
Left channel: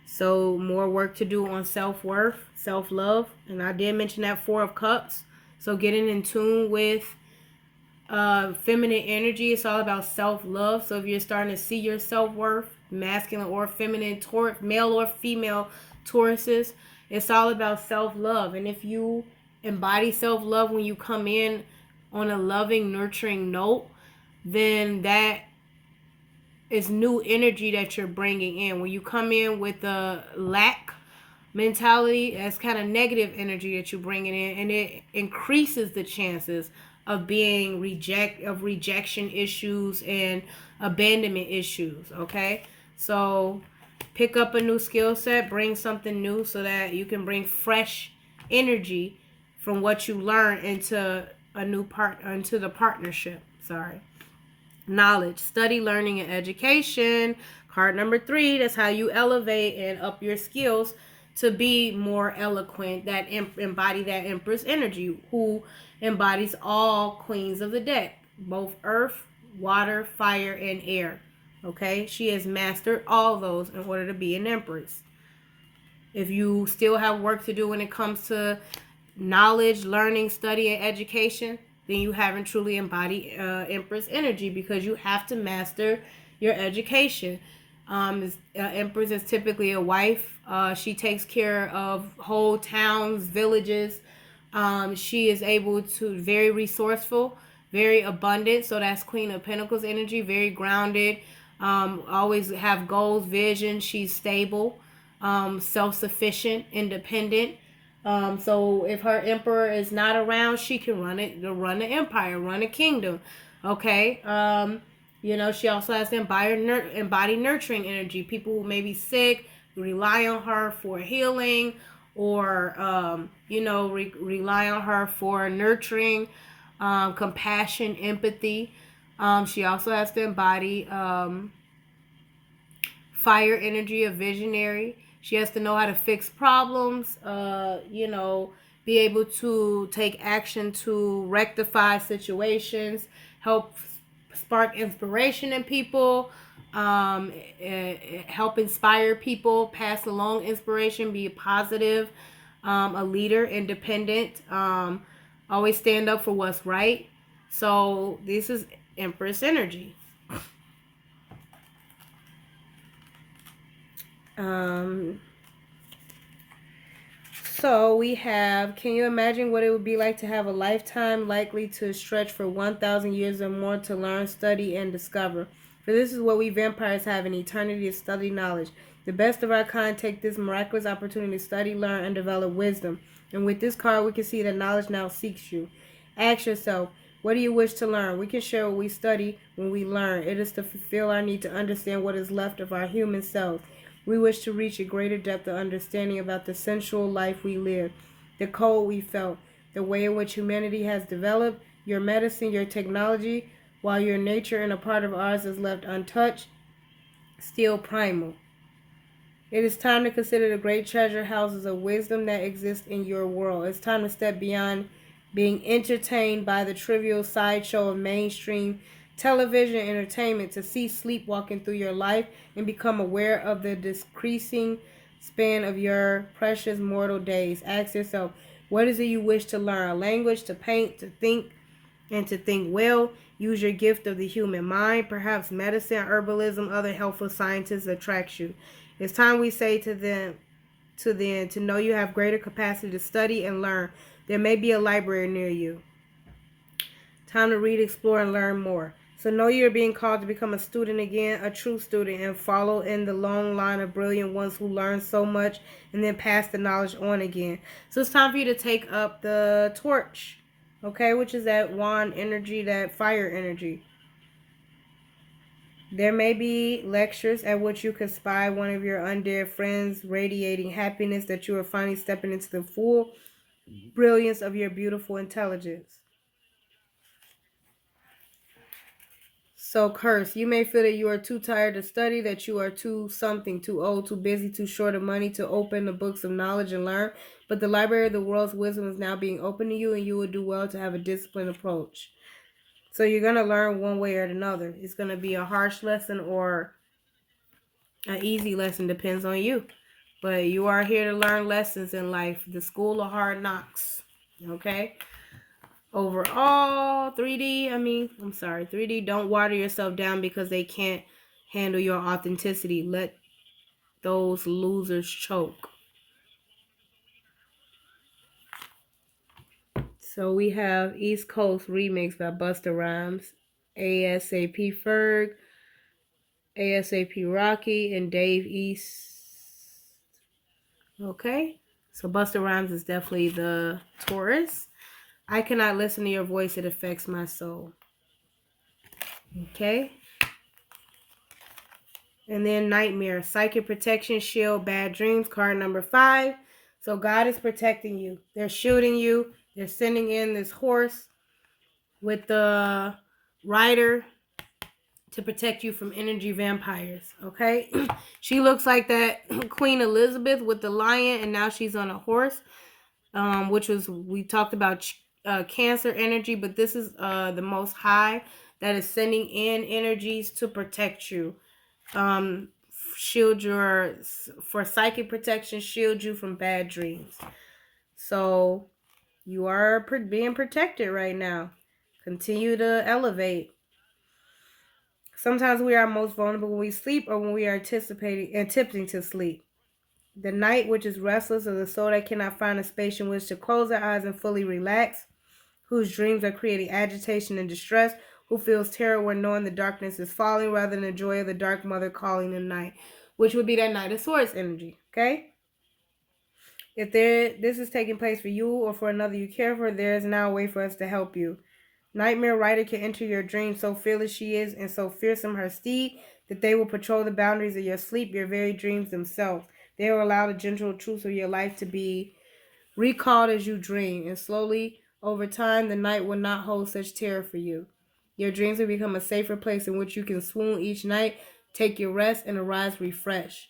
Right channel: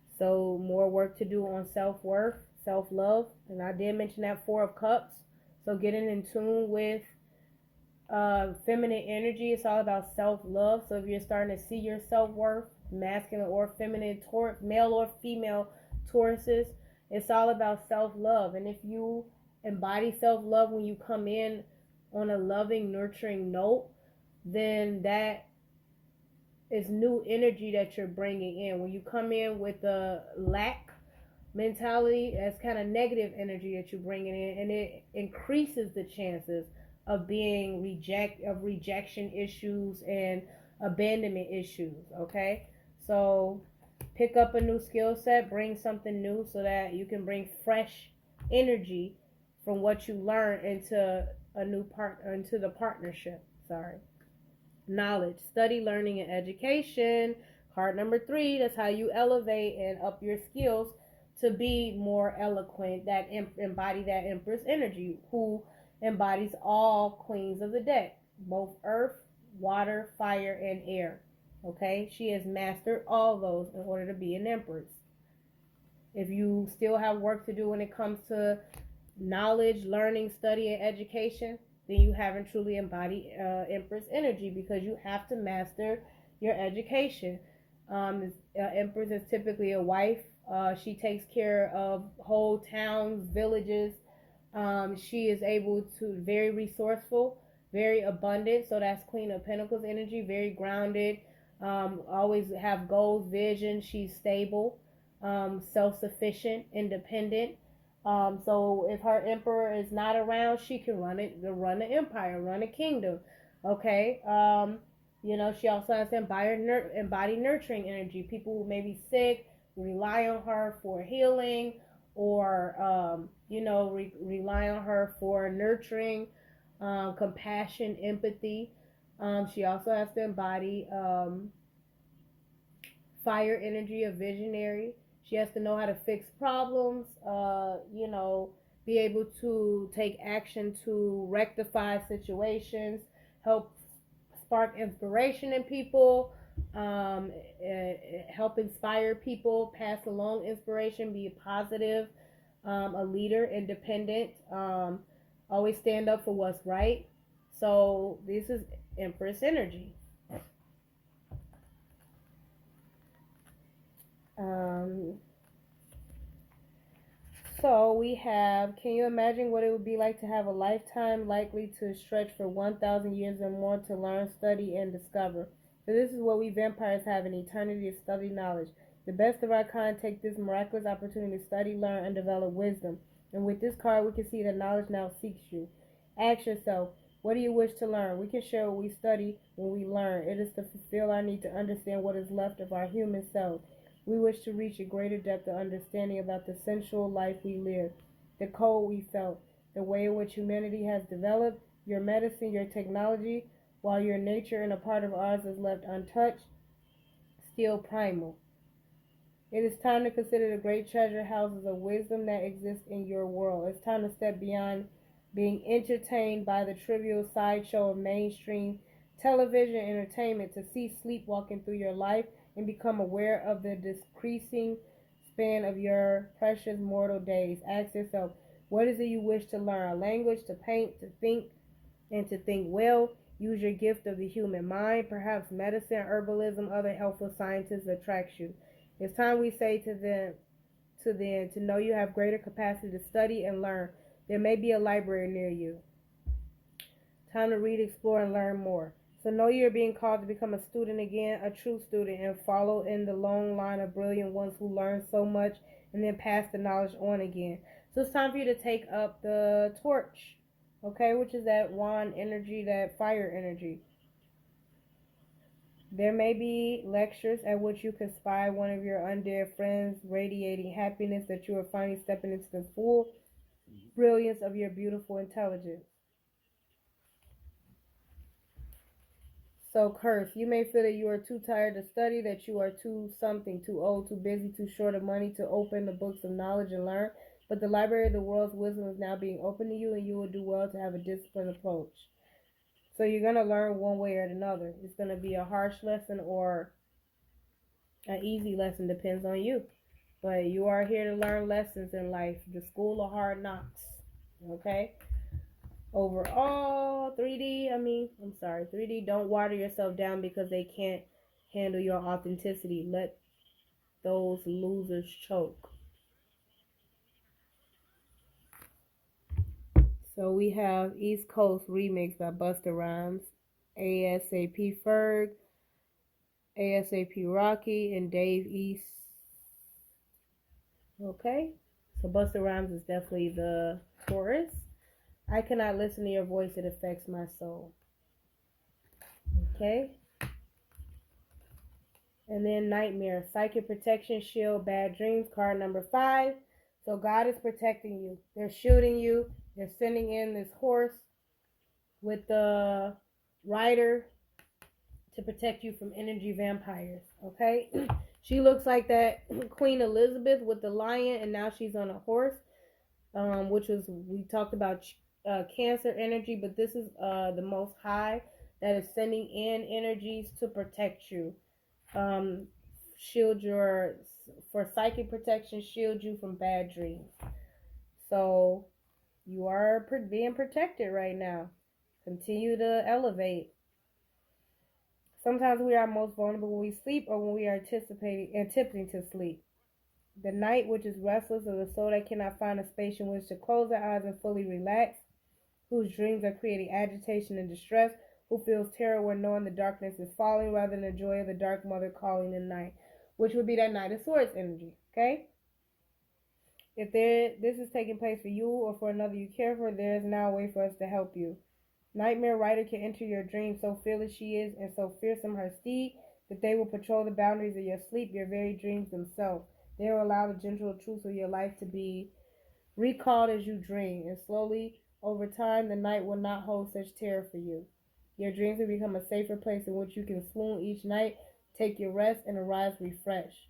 So more work to do on self-worth, self-love. And I did mention that Four of Cups. So getting in tune with feminine energy. It's all about self-love. So if you're starting to see your self-worth, masculine or feminine, male or female Tauruses, it's all about self-love. And if you embody self-love when you come in on a loving, nurturing note, then that is new energy that you're bringing in. When you come in with a lack mentality, that's kind of negative energy that you're bringing in, and it increases the chances of being rejection issues and abandonment issues. Okay, so pick up a new skill set, bring something new, so that you can bring fresh energy from what you learn into the partnership. Knowledge, study, learning, and education. Card number 3. That's how you elevate and up your skills to be more eloquent. That embody that Empress energy, who embodies all queens of the deck, both earth, water, fire, and air. Okay, she has mastered all those in order to be an Empress. If you still have work to do when it comes to knowledge, learning, study, and education, then you haven't truly embodied Empress energy, because you have to master your education. Empress is typically a wife. She takes care of whole towns, villages. She is able to very resourceful, very abundant. So that's Queen of Pentacles energy, very grounded. Always have goals, vision. She's stable, self-sufficient, independent. So if her emperor is not around, she can run the empire, run a kingdom. Okay. She also has to embody nurturing energy. People who may be sick rely on her for healing, or rely on her for nurturing, compassion, empathy. She also has to embody fire energy, a visionary. She has to know how to fix problems, be able to take action to rectify situations, help spark inspiration in people, help inspire people, pass along inspiration, be positive, a leader, independent, always stand up for what's right. So this is Empress energy. Um, So we have, can you imagine what it would be like to have a lifetime likely to stretch for 1,000 years or more to learn, study, and discover? For this is what we vampires have, an eternity to study knowledge. The best of our kind take this miraculous opportunity to study, learn, and develop wisdom. And with this card, we can see that knowledge now seeks you. Ask yourself, what do you wish to learn? We can share what we study when we learn. It is to fulfill our need to understand what is left of our human selves. We wish to reach a greater depth of understanding about the sensual life we live, the cold we felt, the way in which humanity has developed, your medicine, your technology, while your nature and a part of ours is left untouched, still primal. It is time to consider the great treasure houses of wisdom that exist in your world. It's time to step beyond being entertained by the trivial sideshow of mainstream television entertainment to cease sleepwalking through your life and become aware of the decreasing span of your precious mortal days. Ask yourself, what is it you wish to learn? A language, to paint, to think, and to think well. Use your gift of the human mind. Perhaps medicine, herbalism, other helpful sciences attracts you. It's time we say to them to know you have greater capacity to study and learn. There may be a library near you. Time to read, explore, and learn more. So know you're being called to become a student again, a true student, and follow in the long line of brilliant ones who learn so much and then pass the knowledge on again. So it's time for you to take up the torch, okay, which is that wand energy, that fire energy. There may be lectures at which you can spy one of your undead friends radiating happiness that you are finally stepping into the full brilliance of your beautiful intelligence. So, curse, you may feel that you are too tired to study, that you are too something, too old, too busy, too short of money to open the books of knowledge and learn. But the library of the world's wisdom is now being opened to you, and you will do well to have a disciplined approach. So, you're going to learn one way or another. It's going to be a harsh lesson or an easy lesson, depends on you. But you are here to learn lessons in life, the school of hard knocks. Okay? Overall, 3D, don't water yourself down because they can't handle your authenticity. Let those losers choke. So we have East Coast Remix by Busta Rhymes, ASAP Ferg, ASAP Rocky, and Dave East. Okay, so Busta Rhymes is definitely the Taurus. I cannot listen to your voice, it affects my soul. Okay. And then Nightmare, Psychic Protection Shield, Bad Dreams, card number 5. So God is protecting you. They're shooting you. They're sending in this horse with the rider to protect you from energy vampires. Okay? She looks like that Queen Elizabeth with the lion, and now she's on a horse, which was, we talked about Cancer energy, but this is the Most High that is sending in energies to protect you. Shield your, for psychic protection, shield you from bad dreams. So you are being protected right now. Continue to elevate. Sometimes we are most vulnerable when we sleep or when we are attempting to sleep. The night, which is restless, or the soul that cannot find a space in which to close their eyes and fully relax, whose dreams are creating agitation and distress, who feels terror when knowing the darkness is falling rather than the joy of the dark mother calling the night, which would be that Knight of Swords energy, okay? If this is taking place for you or for another you care for, there is now a way for us to help you. Nightmare Rider can enter your dreams, so fearless she is and so fearsome her steed that they will patrol the boundaries of your sleep, your very dreams themselves. They will allow the gentle truths of your life to be recalled as you dream, and slowly, over time, the night will not hold such terror for you. Your dreams will become a safer place in which you can swoon each night, take your rest, and arise refreshed.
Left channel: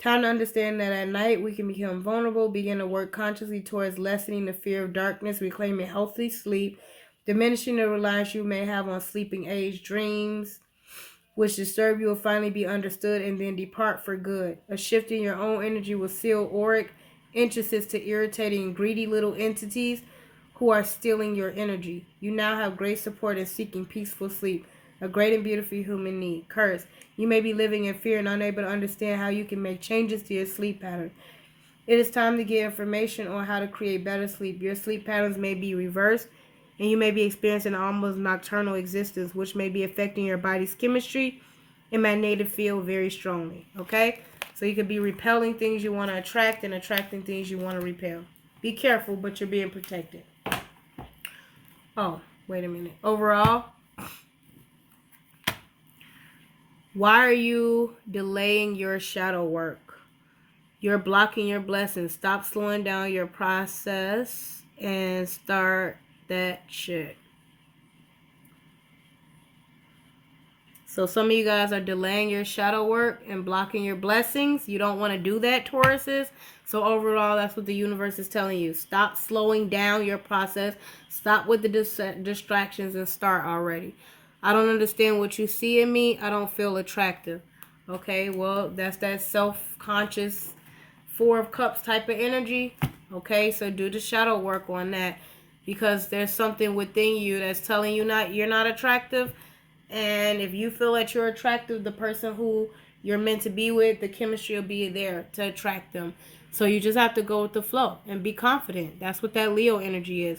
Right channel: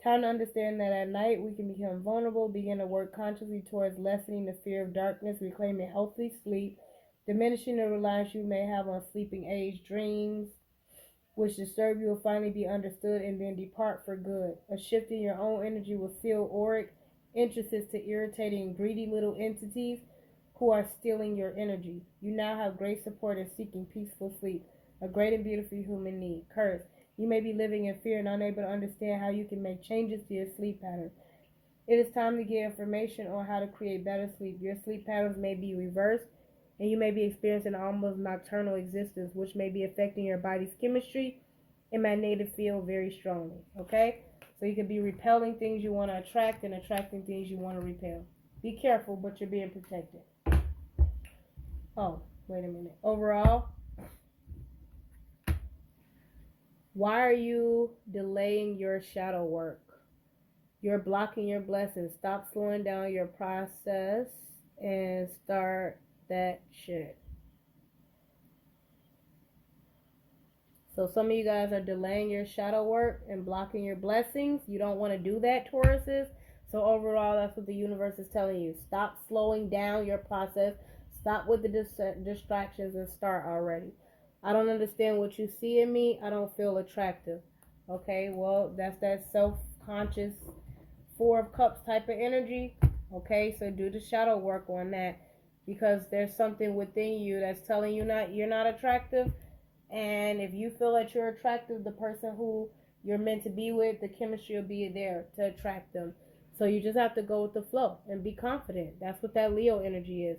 Time to understand that at night we can become vulnerable, begin to work consciously towards lessening the fear of darkness, reclaiming healthy sleep, diminishing the reliance you may have on sleeping age dreams, which disturb you will finally be understood and then depart for good. A shift in your own energy will seal auric entrances to irritating, greedy little entities who are stealing your energy. You now have great support in seeking peaceful sleep, a great and beautiful human need. Curse. You may be living in fear and unable to understand how you can make changes to your sleep pattern. It is time to get information on how to create better sleep. Your sleep patterns may be reversed, and you may be experiencing an almost nocturnal existence, which may be affecting your body's chemistry and magnetic field very strongly. Okay? So you could be repelling things you want to attract and attracting things you want to repel. Be careful, but you're being protected. Oh, wait a minute. Overall, why are you delaying your shadow work? You're blocking your blessings. Stop slowing down your process and start that shit. So some of you guys are delaying your shadow work and blocking your blessings. You don't want to do that, Tauruses. So overall, that's what the universe is telling you. Stop slowing down your process. Stop with the distractions and start already. I don't understand what you see in me. I don't feel attractive. Okay, well, that's that self-conscious Four of Cups type of energy. Okay, so do the shadow work on that, because there's something within you that's telling you you're not attractive. And if you feel that you're attractive, the person who you're meant to be with, the chemistry will be there to attract them. So you just have to go with the flow and be confident. That's what that Leo energy is.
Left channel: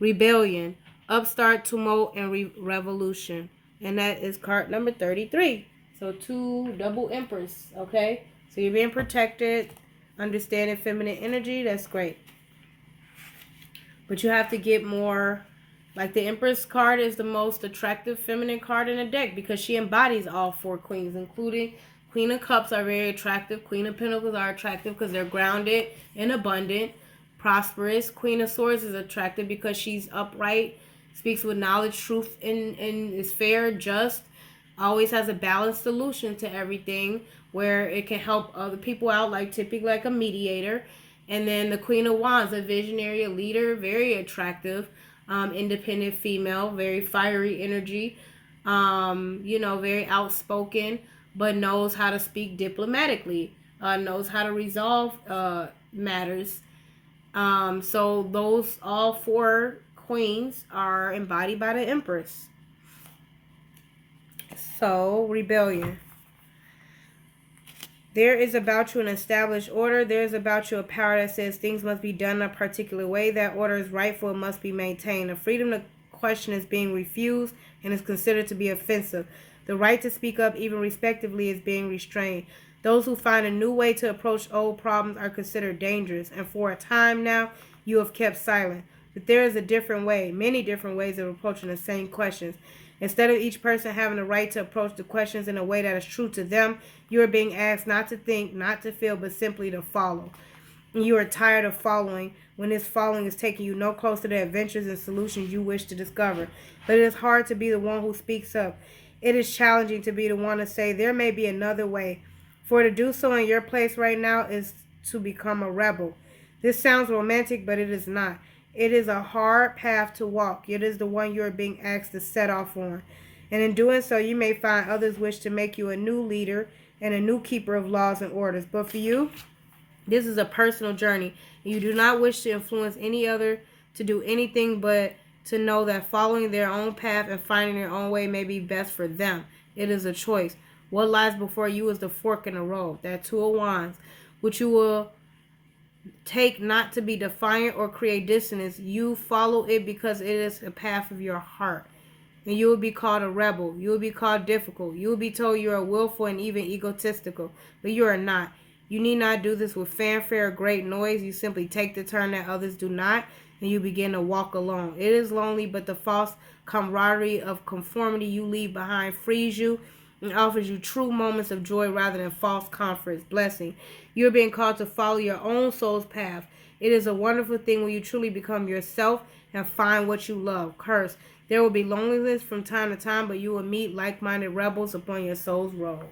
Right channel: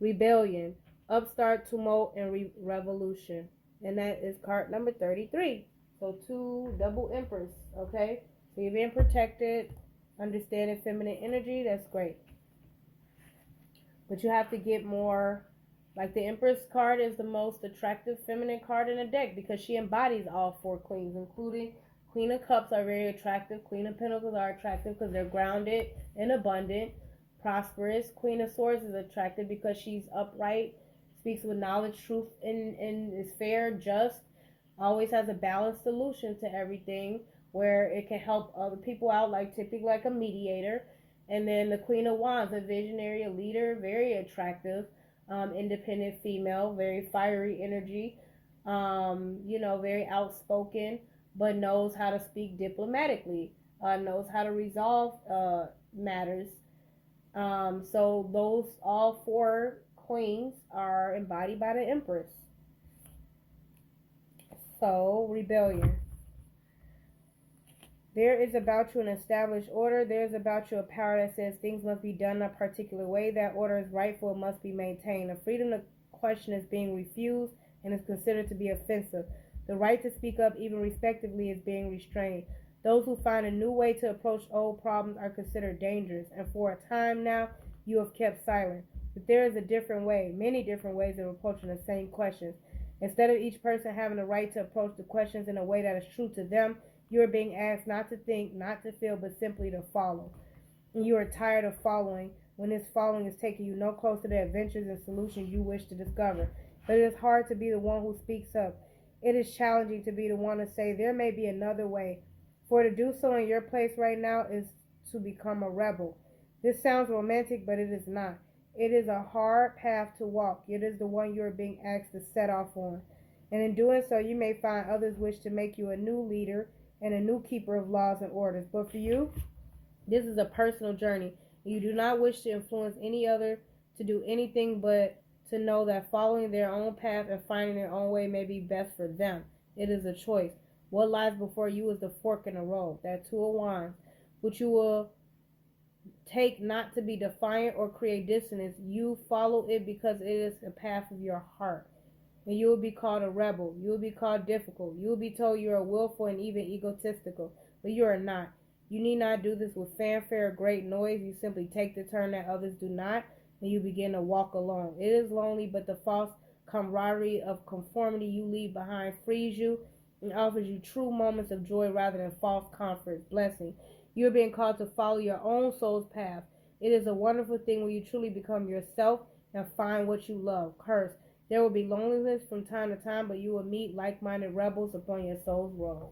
Rebellion, upstart, tumult, and revolution. And that is card number 33. So 2 double empress, okay? So you're being protected, understanding feminine energy. That's great. But you have to get more. Like the Empress card is the most attractive feminine card in the deck because she embodies all 4 queens, including Queen of Cups are very attractive. Queen of Pentacles are attractive because they're grounded and abundant, prosperous. Queen of Swords is attractive because she's upright, speaks with knowledge, truth, and is fair, just, always has a balanced solution to everything where it can help other people out, like typically like a mediator. And then the Queen of Wands, a visionary, a leader, very attractive. Independent female, very fiery energy, very outspoken, but knows how to speak diplomatically, knows how to resolve matters. So those all 4 queens are embodied by the Empress. So, rebellion. There is about you an established order. There is about you a power that says things must be done a particular way. That order is rightful and must be maintained. The freedom to question is being refused and is considered to be offensive. The right to speak up, even respectively, is being restrained. Those who find a new way to approach old problems are considered dangerous, and for a time now, you have kept silent. But there is a different way, many different ways of approaching the same questions. Instead of each person having the right to approach the questions in a way that is true to them, you are being asked not to think, not to feel, but simply to follow. And you are tired of following when this following is taking you no closer to the adventures and solutions you wish to discover. But it is hard to be the one who speaks up. It is challenging to be the one to say there may be another way. For to do so in your place right now is to become a rebel. This sounds romantic, but it is not. It is a hard path to walk. It is the one you are being asked to set off on. And in doing so, you may find others wish to make you a new leader and a new keeper of laws and orders. But for you, this is a personal journey. You do not wish to influence any other to do anything but to know that following their own path and finding their own way may be best for them. It is a choice. What lies before you is the fork in the road, that 2 of Wands, which you will take not to be defiant or create dissonance. You follow it because it is a path of your heart. And you will be called a rebel. You will be called difficult. You will be told you are willful and even egotistical. But you are not. You need not do this with fanfare or great noise. You simply take the turn that others do not, and you begin to walk alone. It is lonely, but the false camaraderie of conformity you leave behind frees you and offers you true moments of joy rather than false comforts. Blessing. You're being called to follow your own soul's path. It is a wonderful thing when you truly become yourself and find what you love. Curse. There will be loneliness from time to time, but you will meet like-minded rebels upon your soul's road.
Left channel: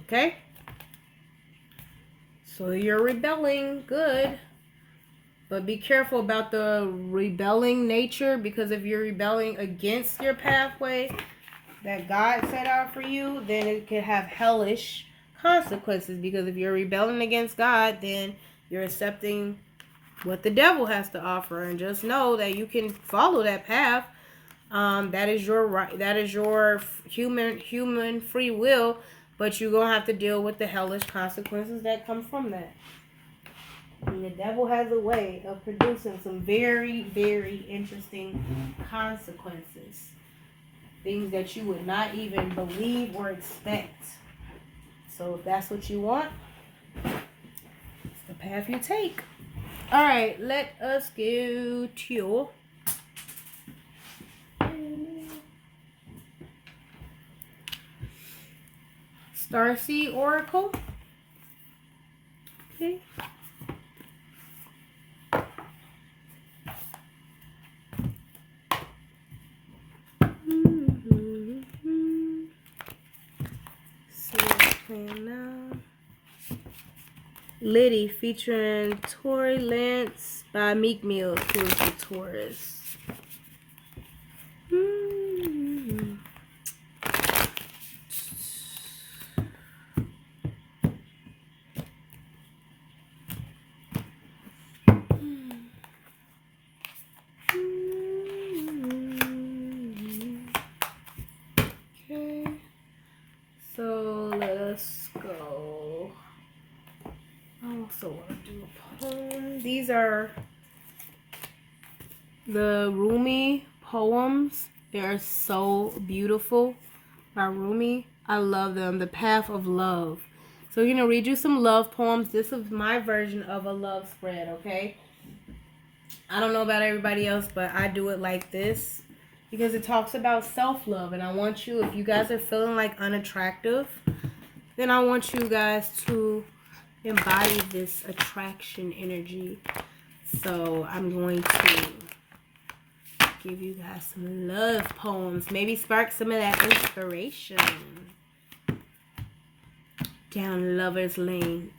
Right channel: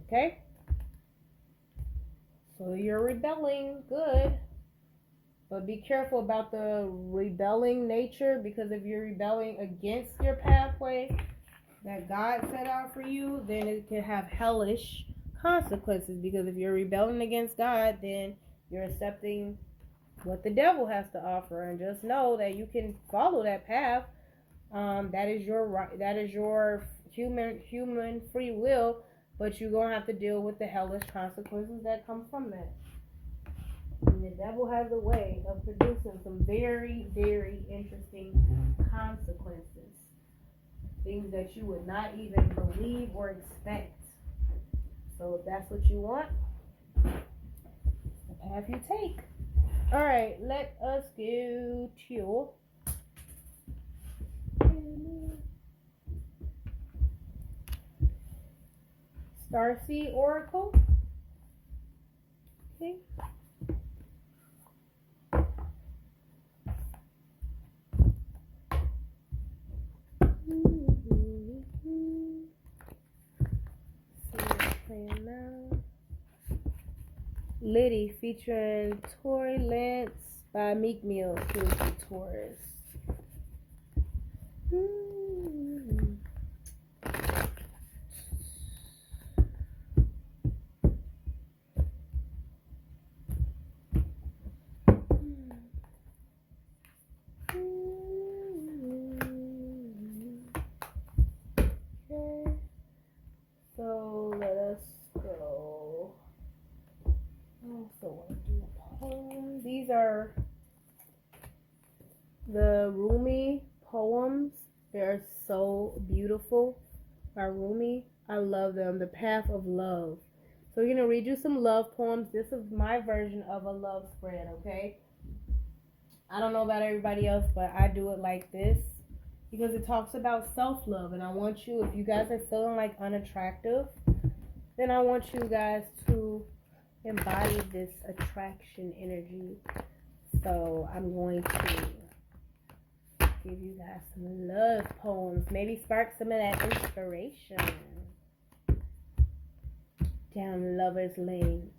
Okay? So you're rebelling. Good. But be careful about the rebelling nature, because if you're rebelling against your pathway that God set out for you, then it can have hellish consequences. Because if you're rebelling against God, then you're accepting what the devil has to offer. And just know that you can follow that path. That is your right. That is your human free will. But you're gonna have to deal with the hellish consequences that come from that. And the devil has a way of producing some very, very interesting consequences. Things that you would not even believe or expect. So if that's what you want, it's the path you take. Alright, let us go to Starseed Oracle. Okay. Liddy featuring Tory Lance by Meek Mill, who is the Taurus. Okay, so let us go. I also want to do a poem. These are the Rumi poems. They are so beautiful. By Rumi, I love them. The Path of Love. So we're gonna read you some love poems. This is my version of a love spread, okay? I don't know about everybody else, but I do it like this because it talks about self-love, and I want you, if you guys are feeling like unattractive, then I want you guys to embody this attraction energy. So I'm going to give you guys some love poems. Maybe spark some of that inspiration down lover's lane.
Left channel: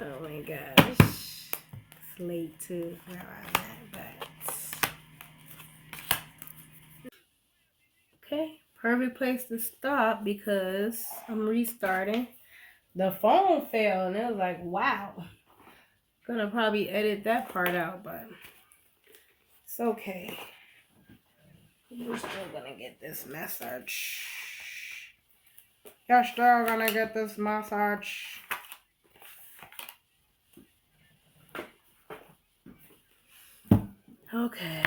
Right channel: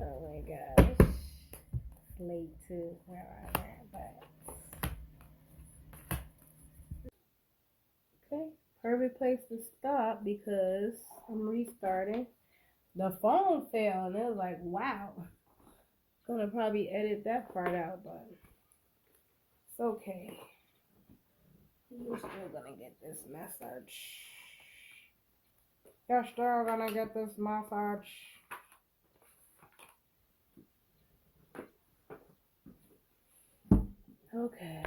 Oh my gosh. It's late too where I'm at, but okay. Perfect place to stop because I'm restarting. The phone fell and it was like, wow. Gonna probably edit that part out, but it's okay. You're still gonna get this message. You're still gonna get this message. Okay.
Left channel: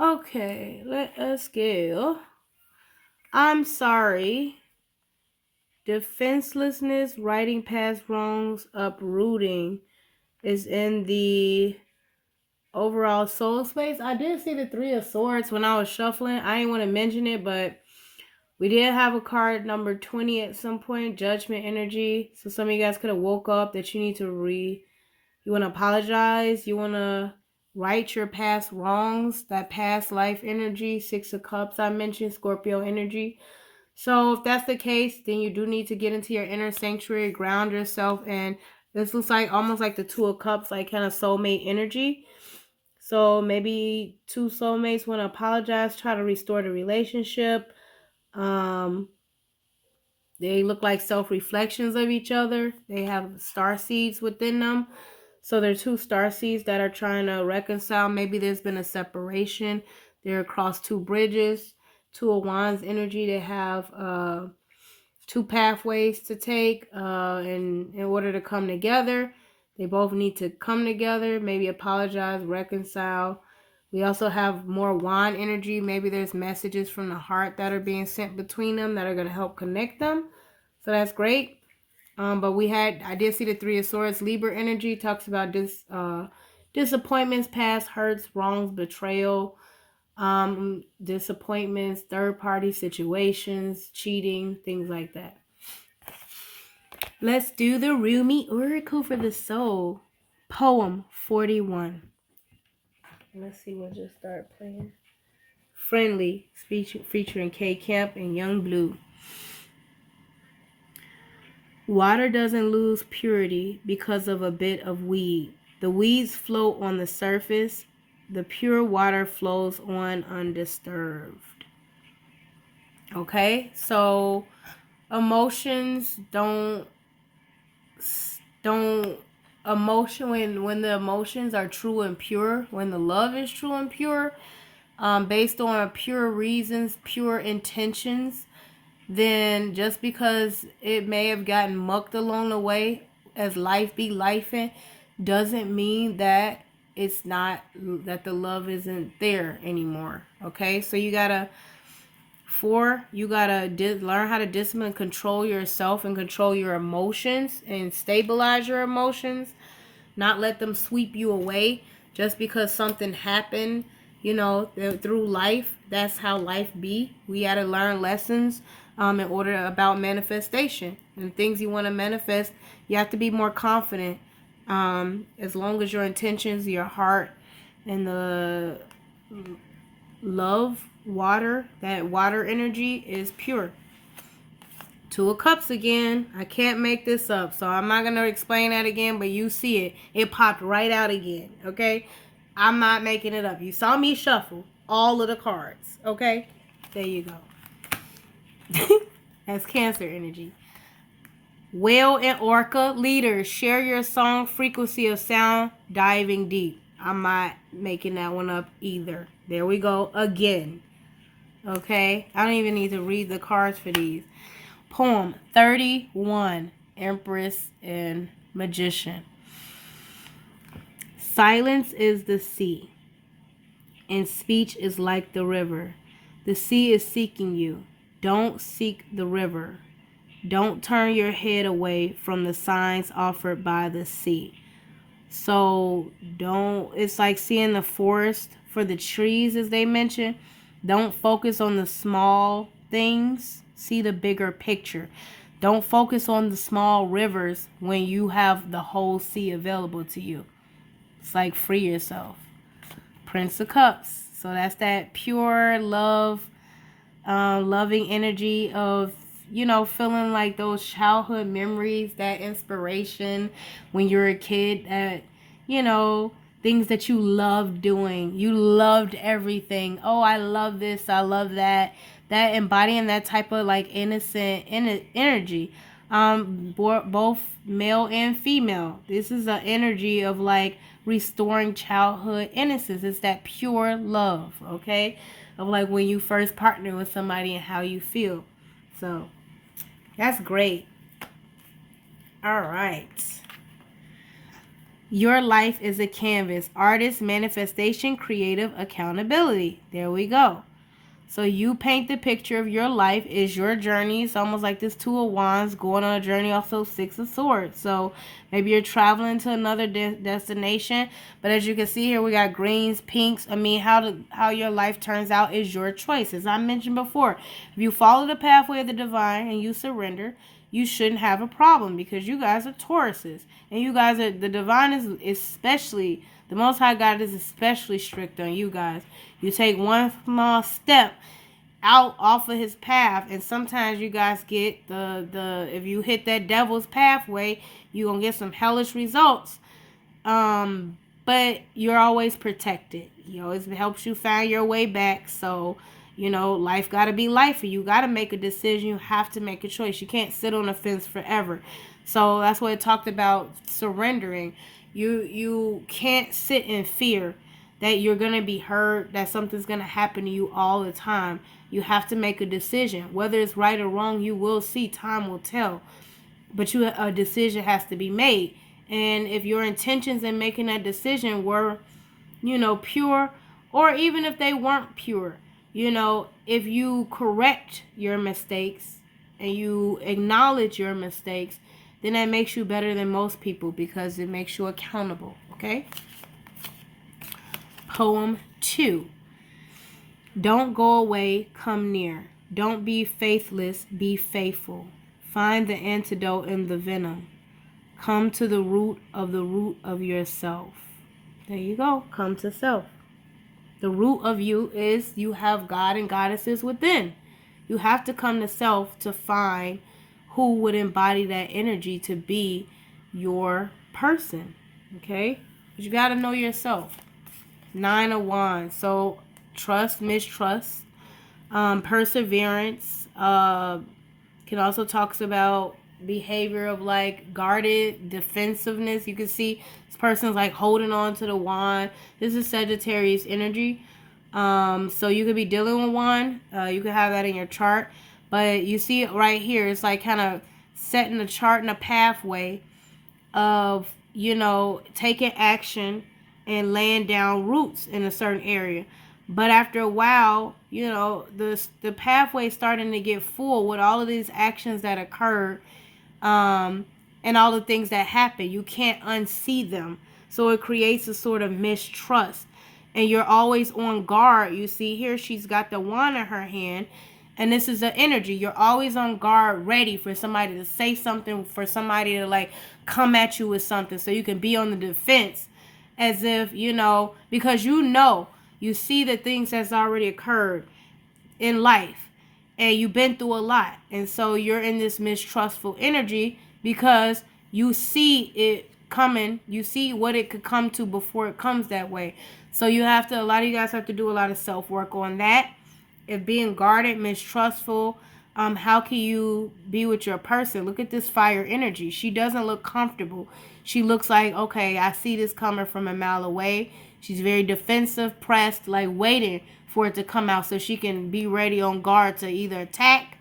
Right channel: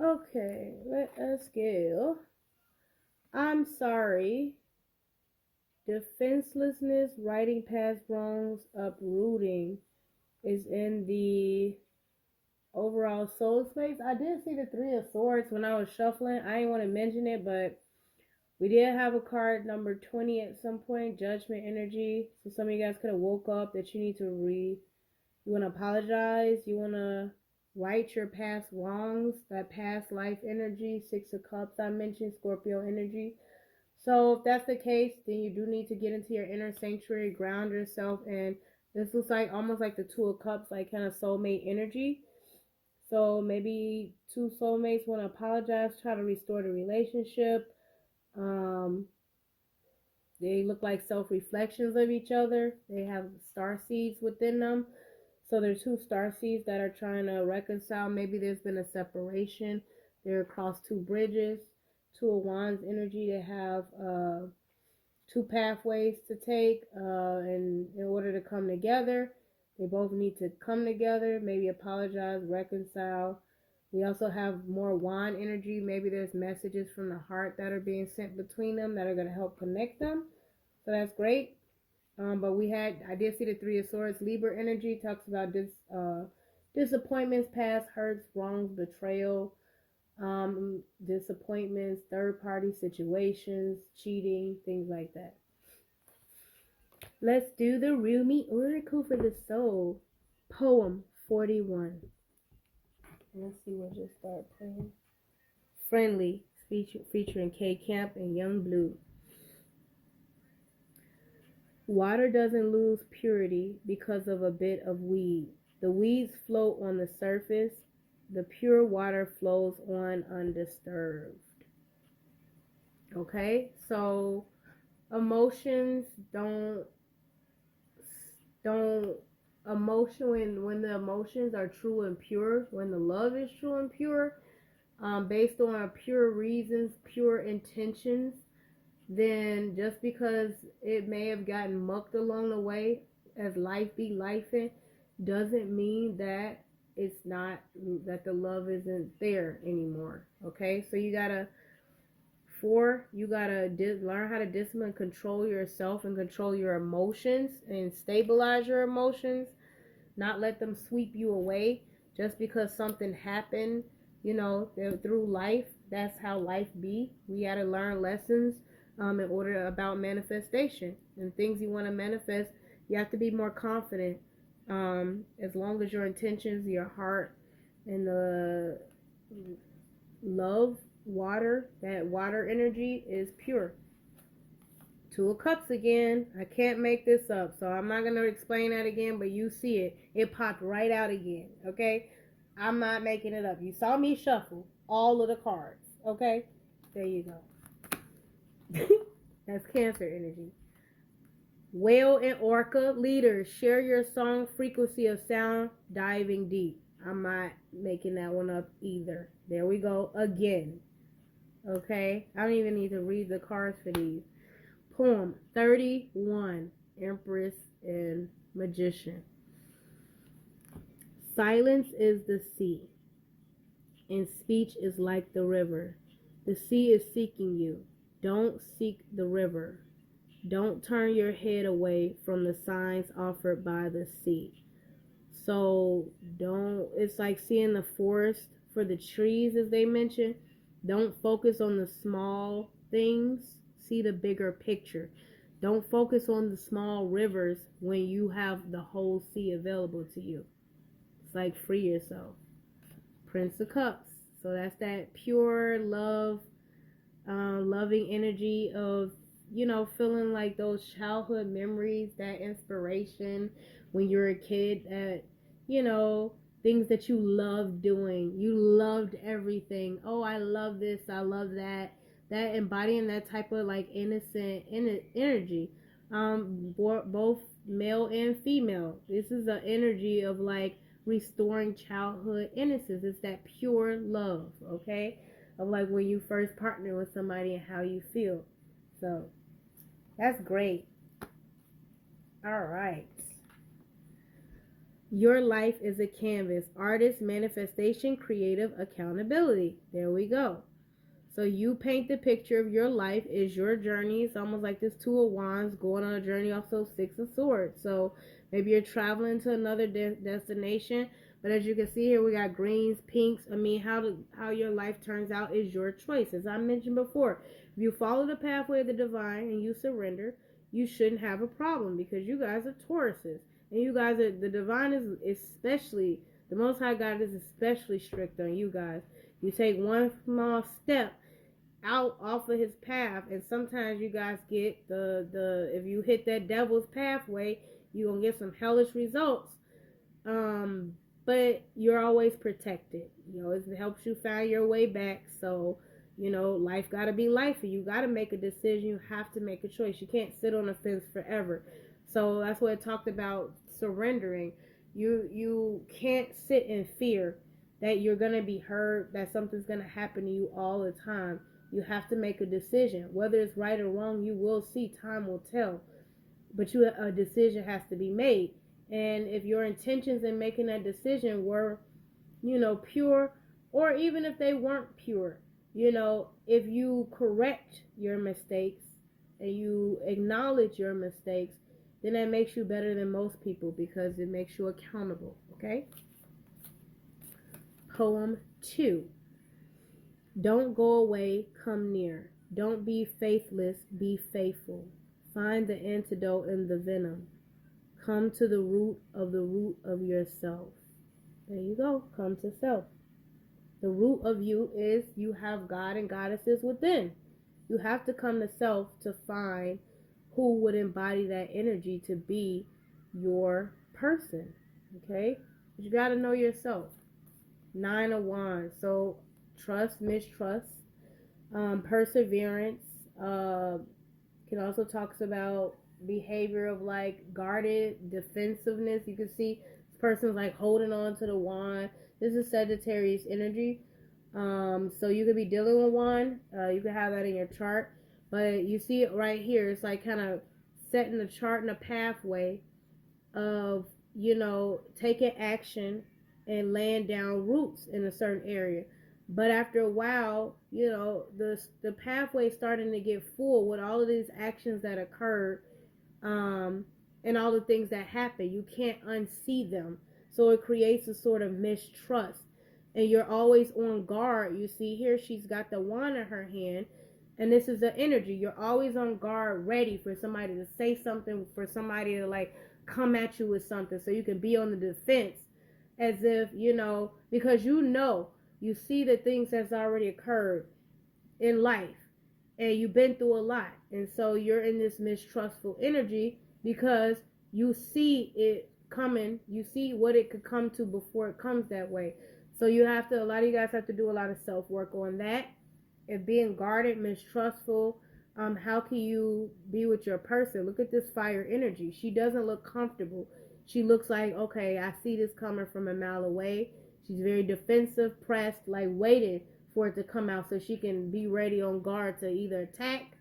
Okay, let us go. I'm sorry. Defenselessness, writing past wrongs, uprooting is in the overall soul space. I did see the Three of Swords when I was shuffling. I didn't want to mention it, but we did have a card number 20 at some point, Judgment Energy. So some of you guys could have woke up that you need to you want to apologize. You want to right your past wrongs, that past life energy, Six of Cups I mentioned, Scorpio energy. So if that's the case, then you do need to get into your inner sanctuary, ground yourself, and this looks like almost like the Two of Cups, like kind of soulmate energy. So maybe two soulmates want to apologize, try to restore the relationship. they look like self-reflections of each other. They have star seeds within them. So they're two star seeds that are trying to reconcile. Maybe there's been a separation. They're across two bridges. Two of Wands energy. They have two pathways to take in order to come together. They both need to come together, maybe apologize, reconcile. We also have more wand energy. Maybe there's messages from the heart that are being sent between them that are going to help connect them. So that's great. But I did see the Three of Swords. Libra energy talks about disappointments, past hurts, wrongs, betrayal, disappointments, third party situations, cheating, things like that. Let's do the Rumi Oracle for the soul. Poem 41. Let's see what just started playing. Friendly, featuring K Camp and Young Blue. Water doesn't lose purity because of a bit of weed. The weeds float on the surface. The pure water flows on undisturbed. Okay, so emotions don't when the emotions are true and pure, when the love is true and pure, based on pure reasons, pure intentions, then just because it may have gotten mucked along the way as life be lifing, doesn't mean that it's not, that the love isn't there anymore. Okay, so you gotta learn how to discipline and control yourself and control your emotions and stabilize your emotions, not let them sweep you away just because something happened, through life. That's how life be. We got to learn lessons in order about manifestation and things you want to manifest. You have to be more confident, as long as your intentions, your heart, and the love, that water energy is pure. Two of Cups again. I can't make this up, so I'm not going to explain that again, but you see it. It popped right out again, okay? I'm not making it up. You saw me shuffle all of the cards, okay? There you go. That's Cancer energy. Whale and Orca, leaders, share your song, frequency of sound, diving deep. I'm not making that one up either. There we go again. Okay? I don't even need to read the cards for these. Poem 31, Empress and Magician. Silence is the sea, and speech is like the river. The sea is seeking you. Don't seek the river. Don't turn your head away from the signs offered by the sea. So it's like seeing the forest for the trees, as they mentioned. Don't focus on the small things. See the bigger picture. Don't focus on the small rivers when you have the whole sea available to you. It's like free yourself. Prince of Cups. So that's that pure love, loving energy of, feeling like those childhood memories, that inspiration when you're a kid, that, things that you loved doing. You loved everything. Oh, I love this. I love that. That embodying that type of like innocent energy. Both male and female. This is an energy of like restoring childhood innocence. It's that pure love, okay? Of like when you first partner with somebody and how you feel. So that's great. All right. Your life is a canvas. Artist, manifestation, creative, accountability. There we go. So you paint the picture of your life. Is your journey. It's almost like this Two of Wands going on a journey. Also Six of Swords. So maybe you're traveling to another destination. But as you can see here, we got greens, pinks. I mean, how your life turns out is your choice. As I mentioned before, if you follow the pathway of the divine and you surrender, you shouldn't have a problem because you guys are Tauruses. And you guys are, the divine is especially, the Most High God is especially strict on you guys. You take one small step out off of his path, and sometimes you guys get if you hit that devil's pathway, you're gonna get some hellish results. But you're always protected. He always helps you find your way back. So You know, life got to be life, and you got to make a decision. You have to make a choice. You can't sit on the fence forever. So that's what it talked about, surrendering. You can't sit in fear that you're going to be hurt, that something's going to happen to you all the time. You have to make a decision. Whether it's right or wrong, you will see. Time will tell. But a decision has to be made. And if your intentions in making that decision were, pure, or even if they weren't pure, if you correct your mistakes and you acknowledge your mistakes, then that makes you better than most people because it makes you accountable, okay? Poem 2. Don't go away, come near. Don't be faithless, be faithful. Find the antidote in the venom. Come to the root of yourself. There you go. Come to self. The root of you is you have God and goddesses within. You have to come to self to find who would embody that energy to be your person. Okay? But you got to know yourself. 9 of Wands. So trust, mistrust, perseverance. Can also talks about behavior of like guarded defensiveness. You can see this person's like holding on to the wand. This is Sagittarius energy. So you could be dealing with one. You could have that in your chart. But you see it right here. It's like kind of setting a chart and a pathway of, taking action and laying down roots in a certain area. But after a while, the pathway is starting to get full with all of these actions that occurred, and all the things that happen. You can't unsee them. So it creates a sort of mistrust. And you're always on guard. You see here, she's got the wand in her hand. And this is the energy. You're always on guard, ready for somebody to say something, for somebody to like come at you with something. So you can be on the defense as if, because you see the things that's already occurred in life. And you've been through a lot. And so you're in this mistrustful energy because you see it coming. You see what it could come to before it comes that way. So a lot of you guys have to do a lot of self-work on that. If being guarded, mistrustful, how can you be with your person? Look at this fire energy. She doesn't look comfortable. She looks like, okay, I see this coming from a mile away. She's very defensive, pressed, like waiting for it to come out so she can be ready on guard to either attack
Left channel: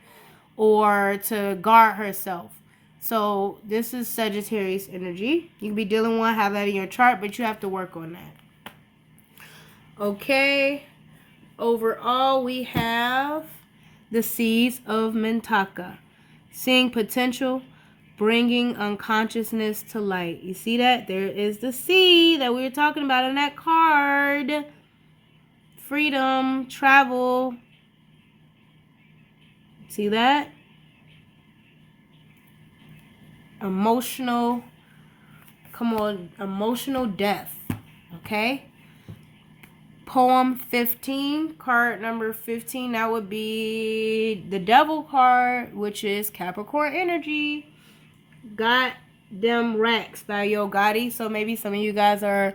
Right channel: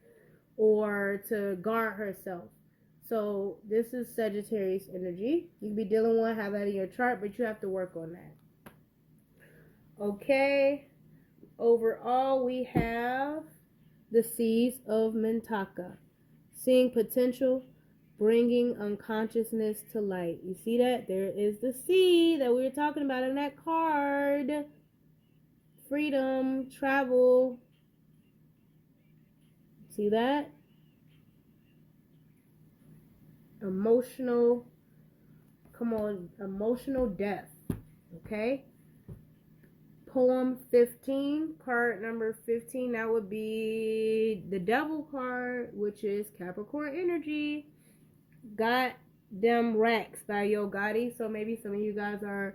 or to guard herself. So this is Sagittarius energy. You can be dealing with one, have that in your chart, but you have to work on that. Okay. Overall, we have the seeds of Mintaka. Seeing potential, bringing unconsciousness to light. You see that? There is the seed that we were talking about in that card. Freedom, travel. See that? Emotional death. Okay? Poem 15, card number 15, that would be the Devil card, which is Capricorn energy. Got Them Racks by Yo Gotti. So maybe some of you guys are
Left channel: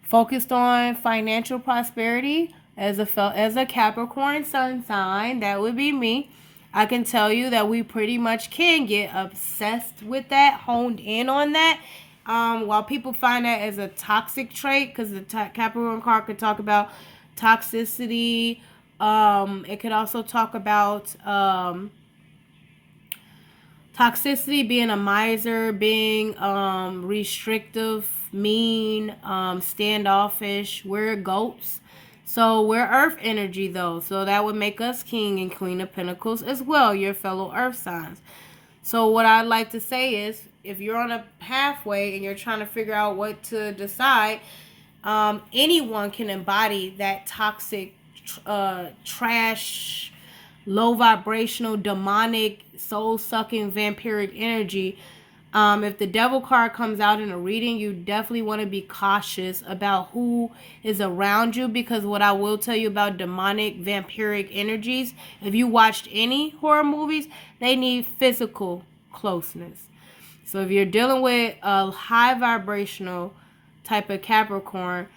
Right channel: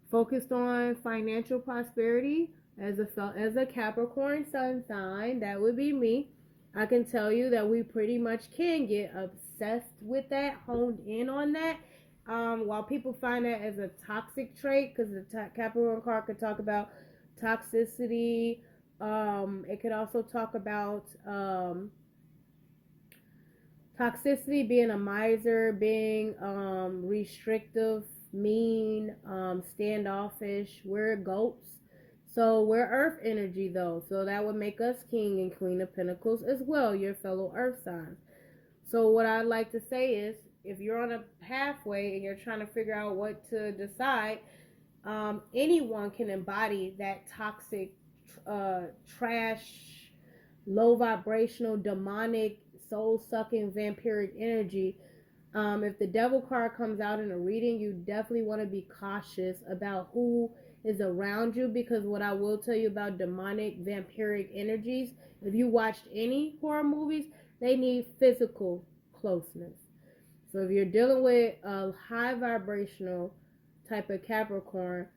focused on financial prosperity as a Capricorn sun sign. That would be me. I can tell you that we pretty much can get obsessed with that, honed in on that. While people find that as a toxic trait, because the Capricorn card could talk about toxicity. It could also talk about toxicity, being a miser, being restrictive, mean, standoffish. We're goats. So we're earth energy though. So that would make us King and Queen of Pentacles as well, your fellow earth signs. So what I'd like to say is, if you're on a pathway and you're trying to figure out what to decide, anyone can embody that toxic, trash, low vibrational, demonic, soul-sucking, vampiric energy. If the Devil card comes out in a reading, you definitely want to be cautious about who is around you, because what I will tell you about demonic, vampiric energies, if you watched any horror movies, they need physical closeness. So if you're dealing with a high vibrational type of Capricorn,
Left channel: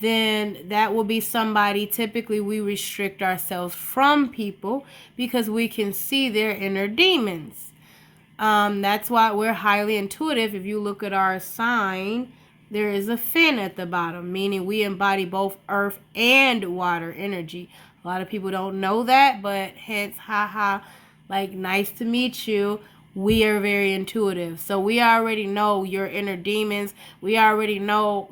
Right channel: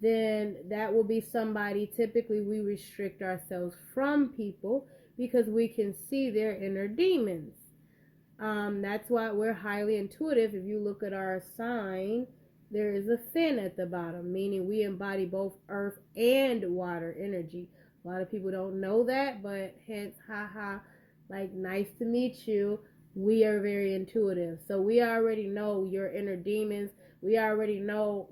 then that will be somebody. Typically, we restrict ourselves from people because we can see their inner demons. That's why we're highly intuitive. If you look at our sign, there is a fin at the bottom, meaning we embody both earth and water energy. A lot of people don't know that, but hence, haha, like, nice to meet you. We are very intuitive. So we already know your inner demons. We already know,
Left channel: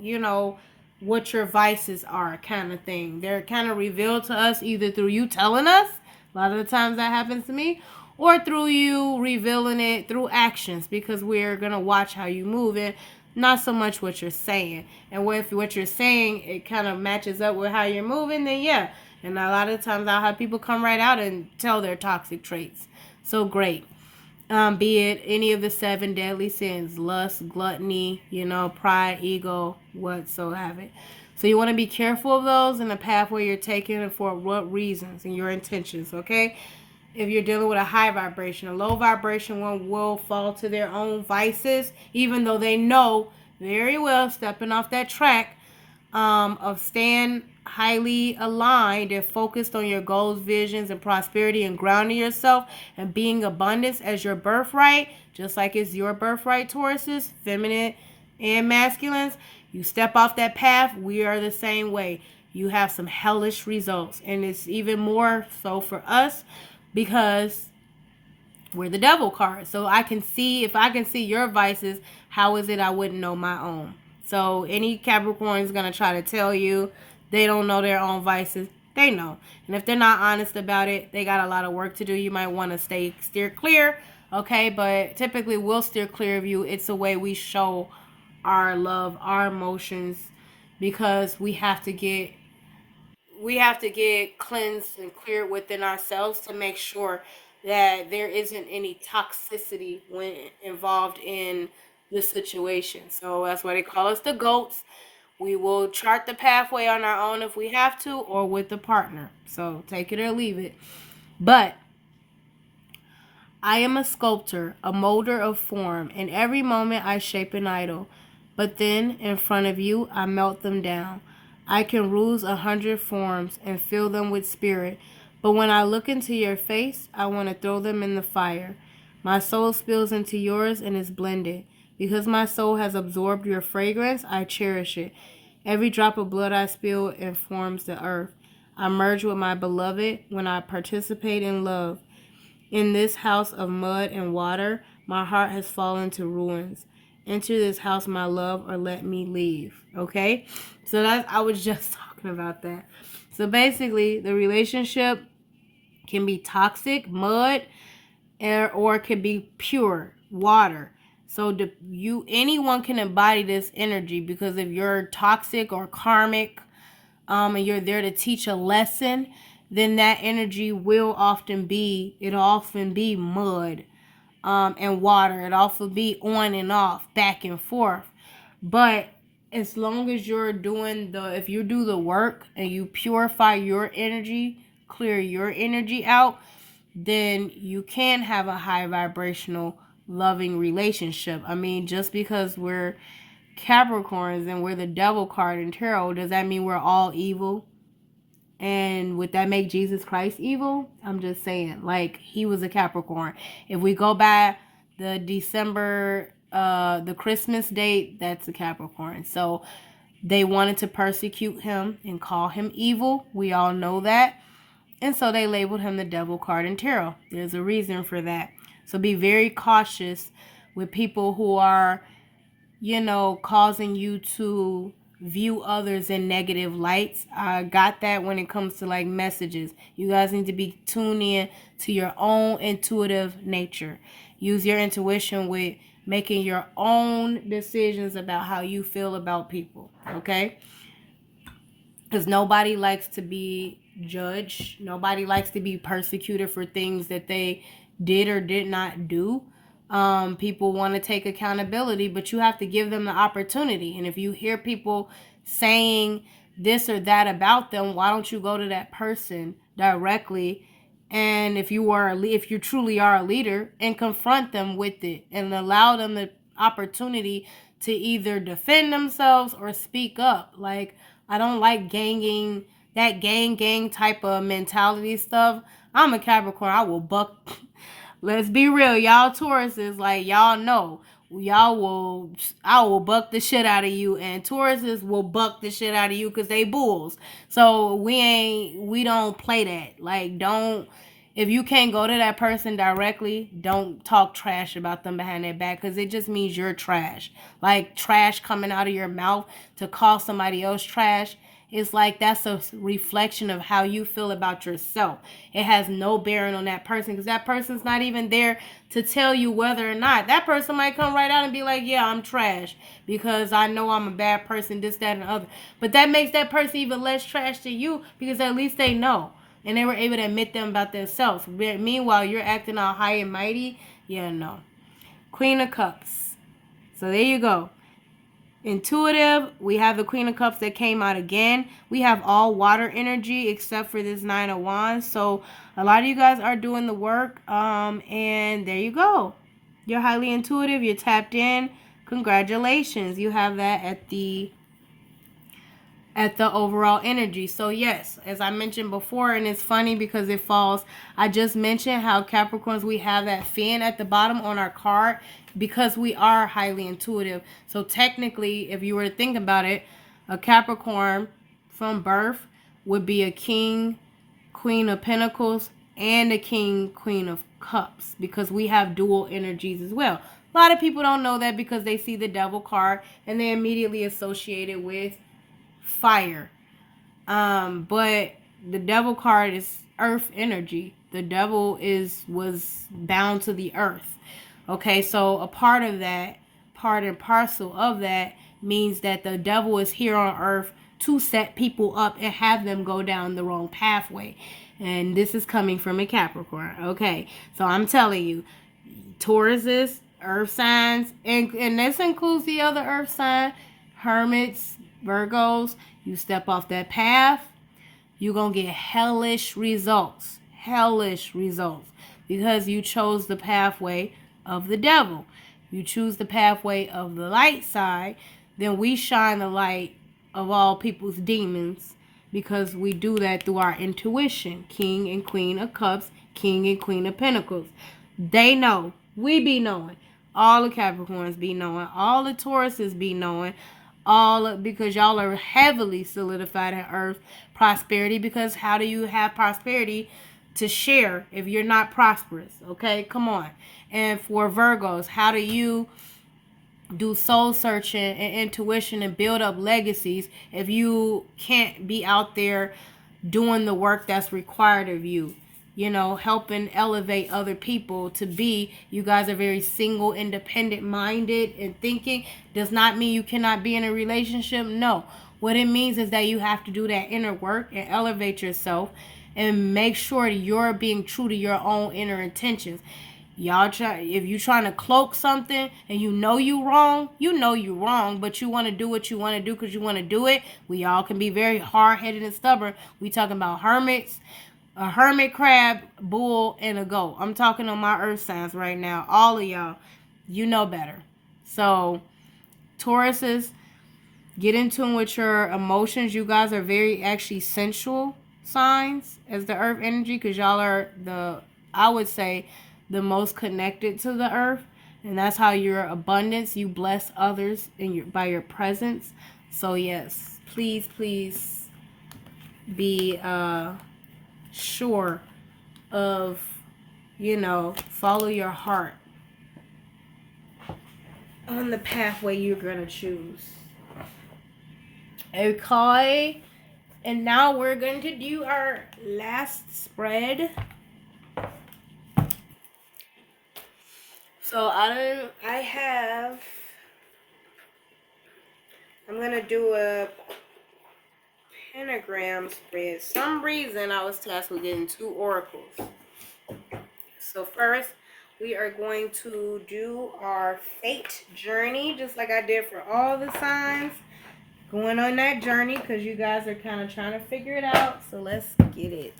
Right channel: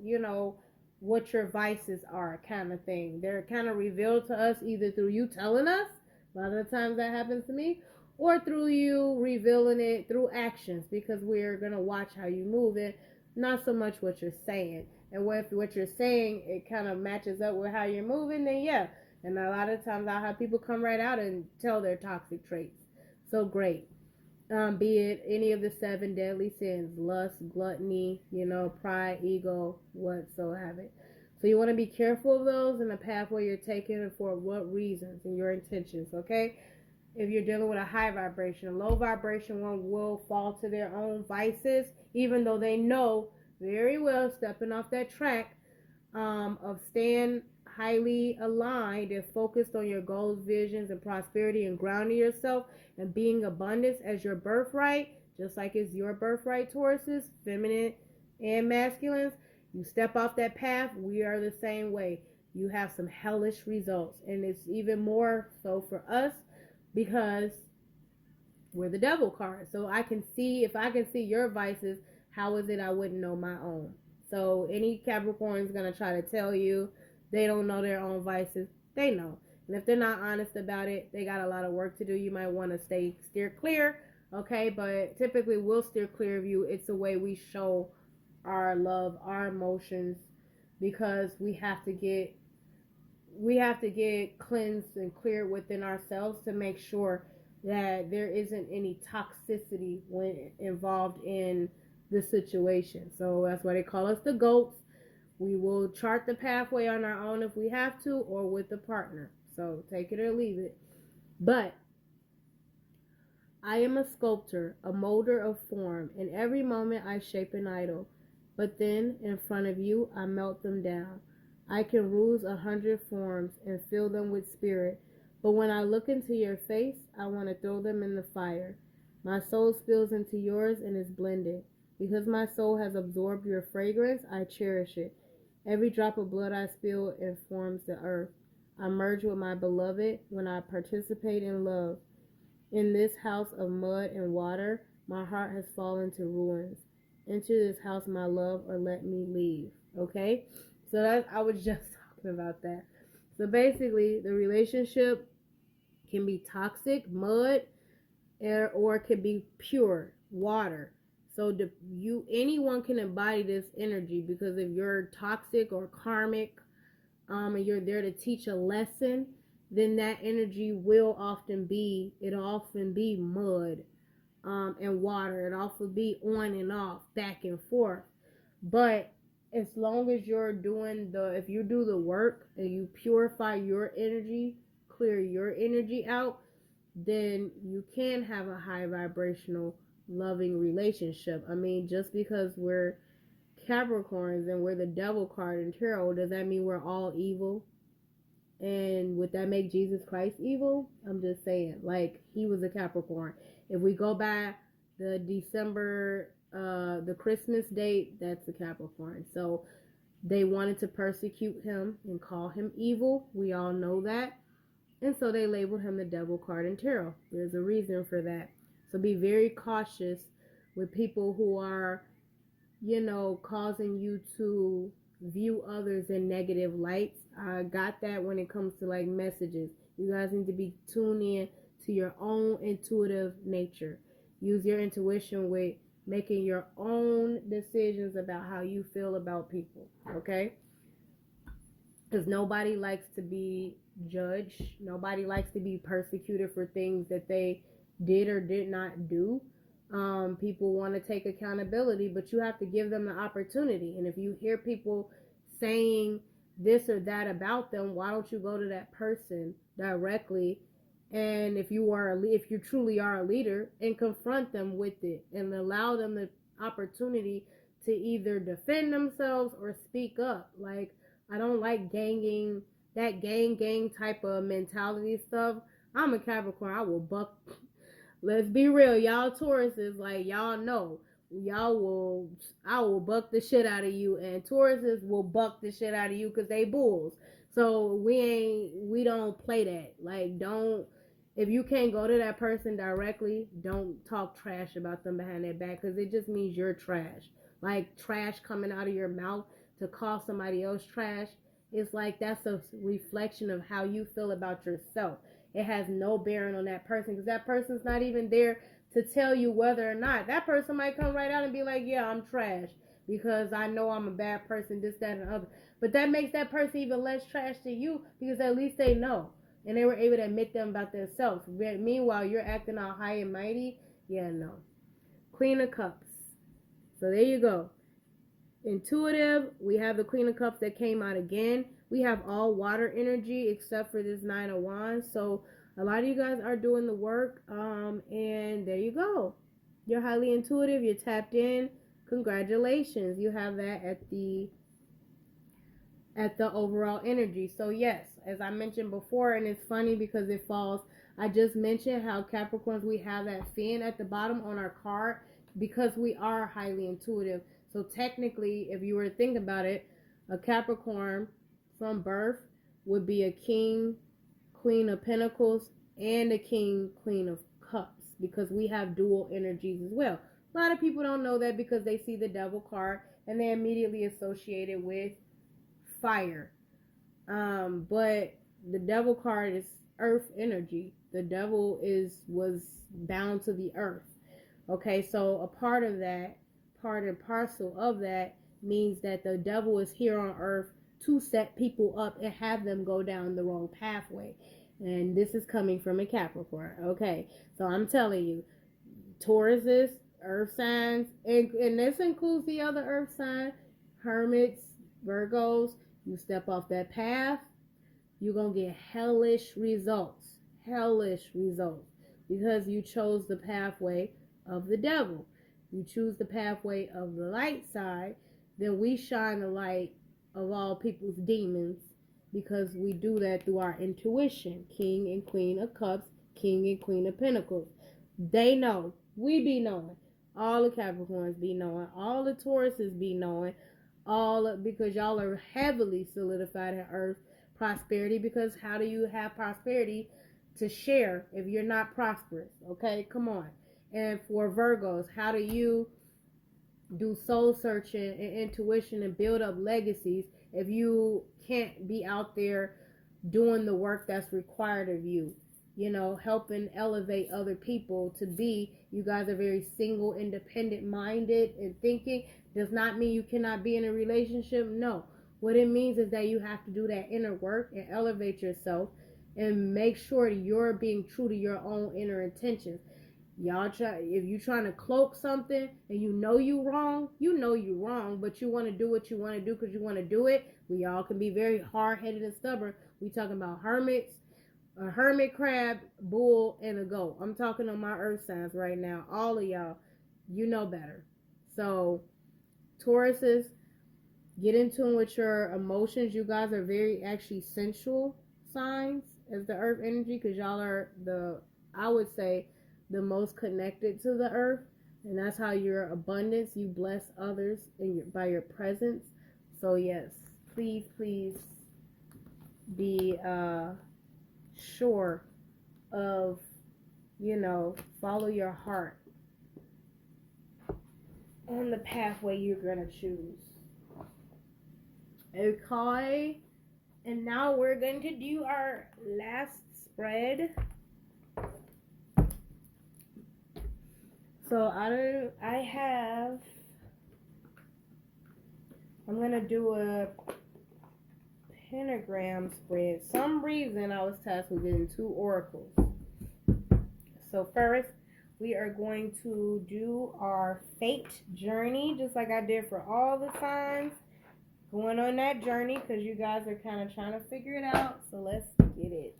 what your vices are, kind of thing. They're kind of revealed to us either through you telling us. A lot of the times that happens to me, or through you revealing it through actions, because we're going to watch how you move and not so much what you're saying. And if what you're saying, it kind of matches up with how you're moving, then yeah. And a lot of times I'll have people come right out and tell their toxic traits. So great. Be it any of the 7 deadly sins: lust, gluttony, pride, ego, whatsoever. So you want to be careful of those in the pathway you're taking and for what reasons and your intentions, okay? If you're dealing with a high vibration, a low vibration one will fall to their own vices, even though they know very well, stepping off that track of staying highly aligned and focused on your goals, visions, and prosperity, and grounding yourself and being abundance as your birthright, just like it's your birthright, Tauruses, feminine and masculines. You step off that path, we are the same way. You have some hellish results, and it's even more so for us because we're the devil card. So if I can see your vices, how is it I wouldn't know my own? So any Capricorn is going to try to tell you they don't know their own vices. They know. And if they're not honest about it, they got a lot of work to do. You might want to steer clear, okay? But typically we'll steer clear of you. It's a way we show our love, our emotions, because we have to get cleansed and cleared within ourselves to make sure that there isn't any toxicity when involved in the situation. So that's why they call us the goats. We will chart the pathway on our own if we have to, or with a partner. So take it or leave it. But I am a sculptor, a molder of form. In every moment I shape an idol. But then, in front of you, I melt them down. I can ruse 100 forms and fill them with spirit. But when I look into your face, I want to throw them in the fire. My soul spills into yours and is blended. Because my soul has absorbed your fragrance, I cherish it. Every drop of blood I spill informs the earth. I merge with my beloved when I participate in love. In this house of mud and water, my heart has fallen to ruins. Enter this house, my love, or let me leave. Okay? So I was just talking about that. So basically, the relationship can be toxic, mud, or it can be pure, water. So anyone can embody this energy, because if you're toxic or karmic, and you're there to teach a lesson, then that energy will often be mud, and water. It often be on and off, back and forth. But as long as if you do the work and you purify your energy, clear your energy out, then you can have a high vibrational, loving relationship. I mean, just because we're Capricorns and we're the devil card in tarot, does that mean we're all evil? And would that make Jesus Christ evil? I'm just saying, like, he was a Capricorn. If we go by the December, the Christmas date, that's a Capricorn. So they wanted to persecute him and call him evil. We all know that. And so they labeled him the devil card in tarot. There's a reason for that. So be very cautious with people who are, causing you to view others in negative lights. I got that when it comes to like messages. You guys need to be tuned in to your own intuitive nature. Use your intuition with making your own decisions about how you feel about people, okay? Because nobody likes to be judged. Nobody likes to be persecuted for things that they did or did not do. People want to take accountability, but you have to give them the opportunity. And if you hear people saying this or that about them, why don't you go to that person directly? And if you truly are a leader, and confront them with it and allow them the opportunity to either defend themselves or speak up. Like, I don't like that gang type of mentality stuff. I'm a Capricorn. I will buck. Let's be real, y'all Tauruses, like y'all know, I will buck the shit out of you, and Tauruses will buck the shit out of you because they bulls. So we don't play that. Like, don't, if you can't go to that person directly, don't talk trash about them behind their back, because it just means you're trash. Like, trash coming out of your mouth to call somebody else trash. It's like that's a reflection of how you feel about yourself. It has no bearing on that person, because that person's not even there to tell you whether or not. That person might come right out and be like, yeah, I'm trash because I know I'm a bad person, this, that, and the other. But that makes that person even less trash to you, because at least they know. And they were able to admit them about themselves. Meanwhile, you're acting all high and mighty. Yeah, no. Queen of Cups. So there you go. Intuitive, we have the Queen of Cups that came out again. We have all water energy except for this Nine of Wands. So a lot of you guys are doing the work. And there you go. You're highly intuitive. You're tapped in. Congratulations. You have that at the overall energy. So yes, as I mentioned before, and it's funny because it falls, I just mentioned how Capricorns, we have that fin at the bottom on our card because we are highly intuitive. So technically, if you were to think about it, a Capricorn from birth would be a king, queen of pentacles, and a king, queen of cups, because we have dual energies as well. A lot of people don't know that because they see the devil card and they immediately associate it with fire. But the devil card is earth energy. The devil was bound to the earth. Okay, so a part of that, part and parcel of that, means that the devil is here on earth to set people up and have them go down the wrong pathway. And this is coming from a Capricorn. Okay, so I'm telling you, Tauruses, earth signs, and this includes the other earth sign, hermits, Virgos, you step off that path, you're going to get hellish results. Hellish results. Because you chose the pathway of the devil. You choose the pathway of the light side, then we shine the light of all people's demons, because we do that through our intuition. King and Queen of Cups, King and Queen of Pentacles. They know. We be knowing. All the Capricorns be knowing. All the Tauruses be knowing. Because y'all are heavily solidified in earth prosperity, because how do you have prosperity to share if you're not prosperous? Okay, come on. And for Virgos, how do you do soul searching and intuition and build up legacies if you can't be out there doing the work that's required of you? You know, helping elevate other people to be, you guys are very single, independent minded and thinking. Does not mean you cannot be in a relationship. No. What it means is that you have to do that inner work and elevate yourself and make sure that you're being true to your own inner intentions. If you're trying to cloak something and you know you wrong, but you want to do what you want to do because you want to do it. We all can be very hard-headed and stubborn. We talking about hermits, a hermit crab, bull, and a goat. I'm talking on my earth signs right now. All of y'all, you know better. So, Tauruses, get in tune with your emotions. You guys are very actually sensual signs as the earth energy, because y'all are I would say, the most connected to the earth. And that's how your abundance, you bless others by your presence. So yes, please be sure of, follow your heart on the pathway you're going to choose. Okay. And now we're going to do our last spread. So I'm going to do a pentagram spread. Some reason I was tasked with getting 2 oracles. So first, we are going to do our fate journey, just like I did for all the signs. Going on that journey, because you guys are kind of trying to figure it out. So let's get it.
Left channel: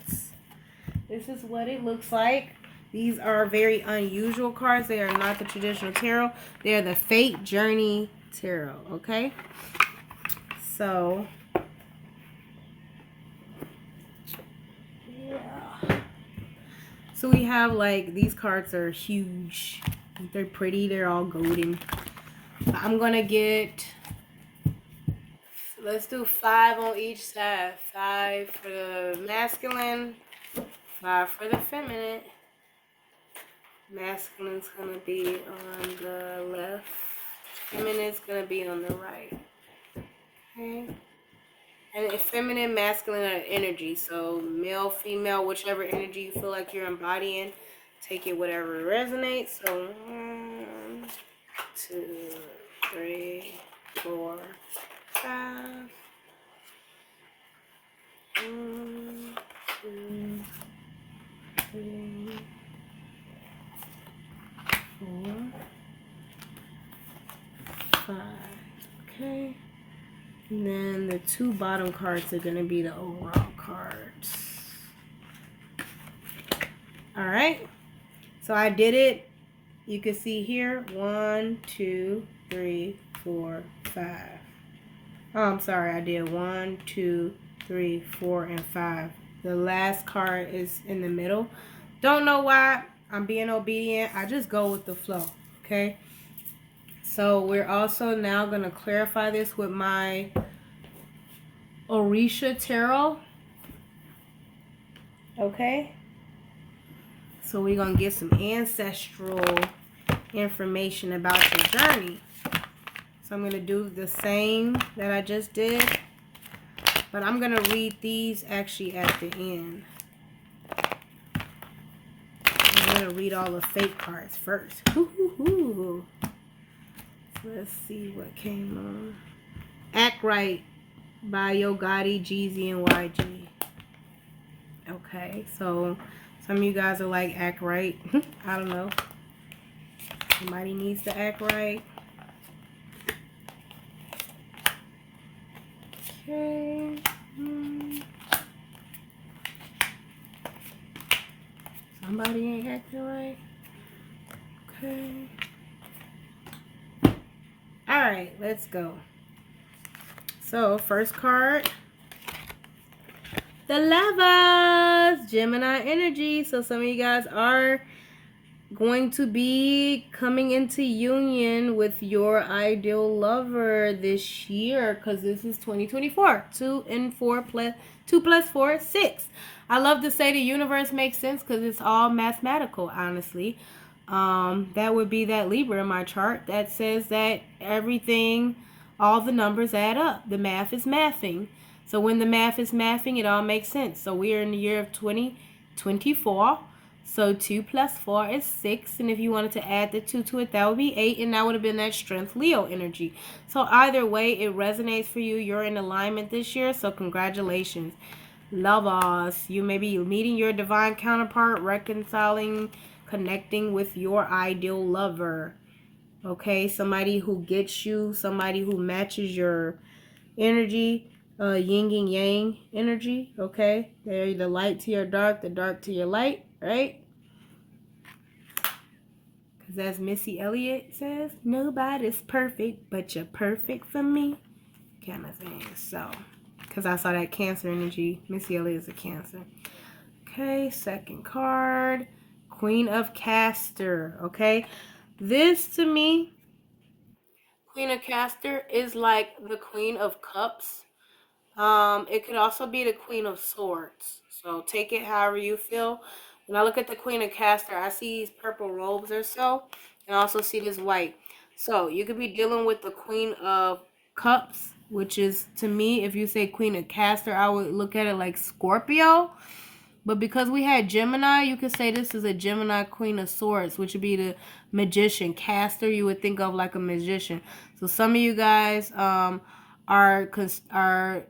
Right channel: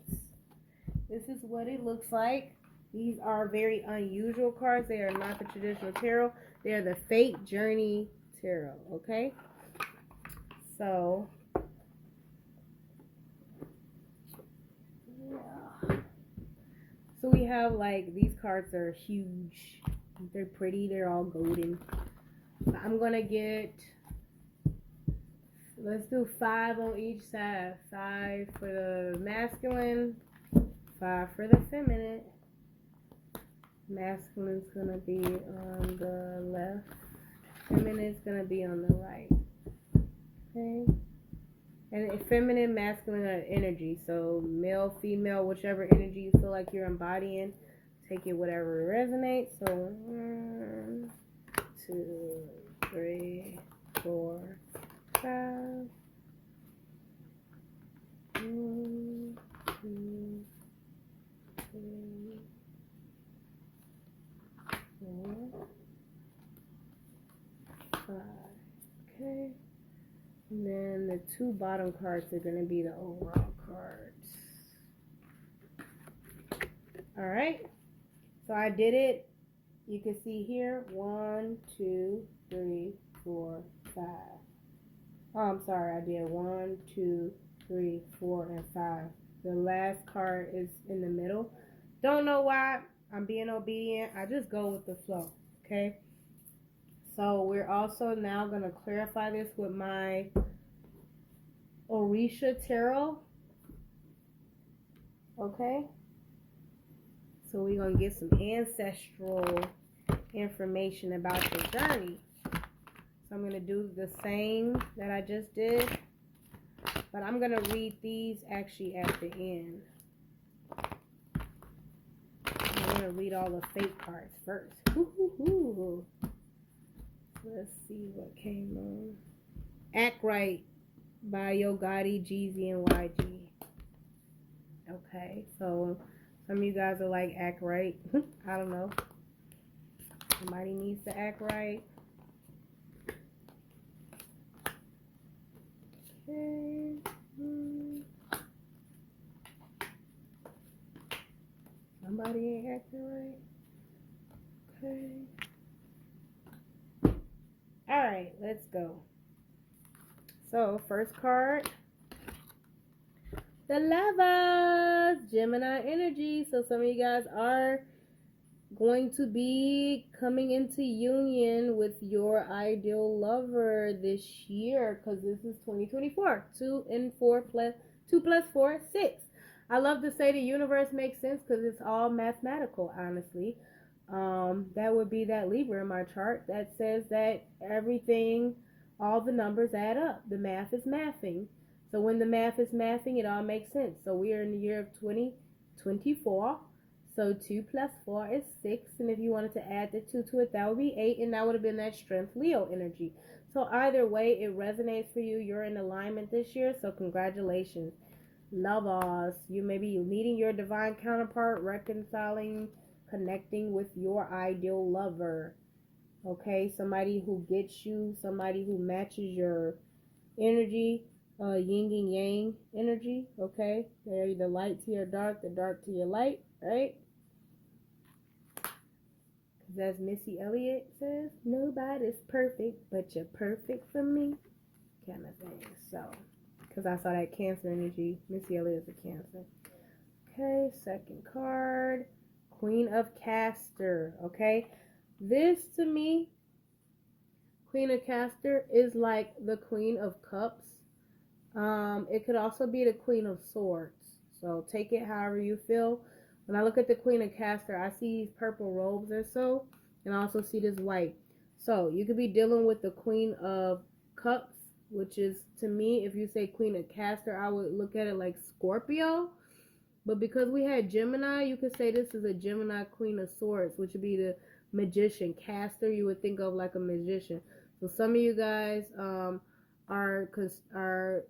This is what it looks like. These are very unusual cards. They are not the traditional tarot. They are the Fate Journey Tarot, okay? So, So we have like, these cards are huge. They're pretty. They're all golden. I'm going to get, let's do 5 on each side. 5 for the masculine, 5 for the feminine. Masculine's going to be on the left. Feminine's going to be on the right. Okay. And feminine, masculine are energy. So male, female, whichever energy you feel like you're embodying, take it whatever resonates. So 1, 2, 3, 4, 5. 1, 2, 3, 4, 5. Okay. And then the 2 bottom cards are going to be the overall cards. Alright. So I did it. You can see here. 1, 2, 3, 4, 5. Oh, I'm sorry. I did 1, 2, 3, 4, and 5. The last card is in the middle. Don't know why. I'm being obedient. I just go with the flow. Okay. So we're also now going to clarify this with my Orisha Tarot. Okay. So we're going to get some ancestral information about your journey. So I'm going to do the same that I just did. But I'm going to read these actually at the end. I'm going to read all the fake cards first. Ooh. Let's see what came on. Act Right by Yo Gotti, Jeezy, and YG. Okay, so some of you guys are like, act right. I don't know. Somebody needs to act right. Okay. Somebody ain't acting right. Okay. Alright, let's go. So, first card. The Lovers. Gemini energy. So, some of you guys are going to be coming into union with your ideal lover this year, because this is 2024. 2 and 4 plus 2 plus 4 is 6. I love to say the universe makes sense because it's all mathematical, honestly. That would be that Libra in my chart that says that everything, all the numbers add up. The math is mathing. So when the math is mathing, it all makes sense. So we are in the year of 2024. So 2 plus 4 is 6. And if you wanted to add the 2 to it, that would be 8. And that would have been that strength Leo energy. So either way, it resonates for you. You're in alignment this year. So congratulations. Lovers. You may be meeting your divine counterpart, reconciling, connecting with your ideal lover. Okay. Somebody who gets you. Somebody who matches your energy. Yin and yang energy. Okay. They're the light to your dark, the dark to your light. Right? As Missy Elliott says, nobody's perfect, but you're perfect for me, kind of thing. So, because I saw that Cancer energy. Missy Elliott is a Cancer. Okay, second card. Queen of Castor. Okay, this to me, Queen of Castor is like the Queen of Cups. It could also be the Queen of Swords. So take it however you feel. When I look at the Queen of Castor, I see these purple robes or so. And I also see this white. So you could be dealing with the Queen of Cups, which is, to me, if you say Queen of Castor, I would look at it like Scorpio. But because we had Gemini, you could say this is a Gemini Queen of Swords, which would be the Magician. Castor, you would think of like a magician. So some of you guys are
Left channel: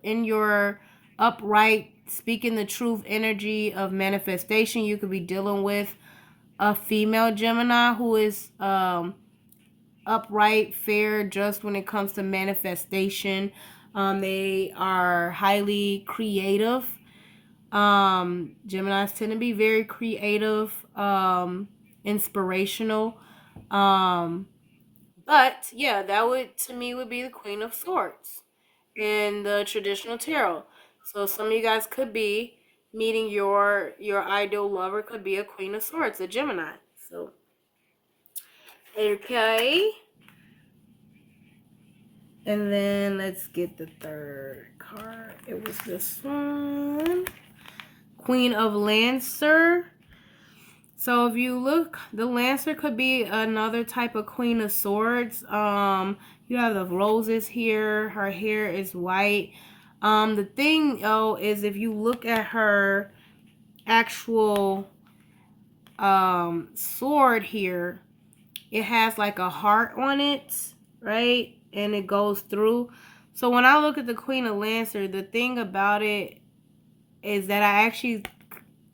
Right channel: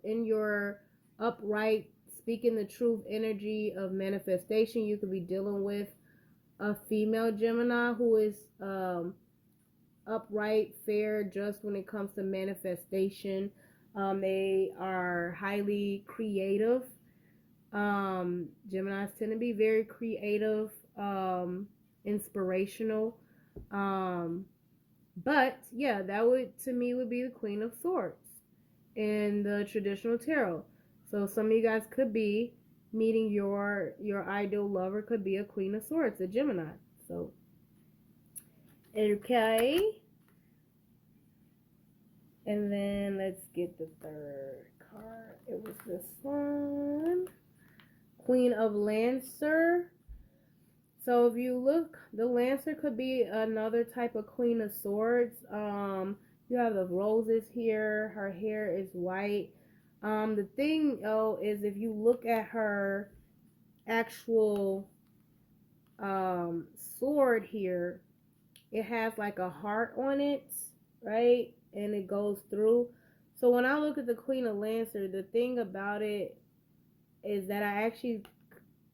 in your upright, speaking the truth energy of manifestation. You could be dealing with a female Gemini who is upright, fair, just when it comes to manifestation. They are highly creative. Geminis tend to be very creative, inspirational. But yeah, that would, to me, would be the Queen of Swords in the traditional tarot. So some of you guys could be meeting your ideal lover could be a Queen of Swords, a Gemini. So, okay. And then let's get the third card. It was this one. Queen of Lancer. So if you look, the Lancer could be another type of Queen of Swords. You have the roses here. Her hair is white. The thing, is if you look at her actual sword here, it has like a heart on it, right? And it goes through. So when I look at the Queen of Lancer, the thing about it is that I actually,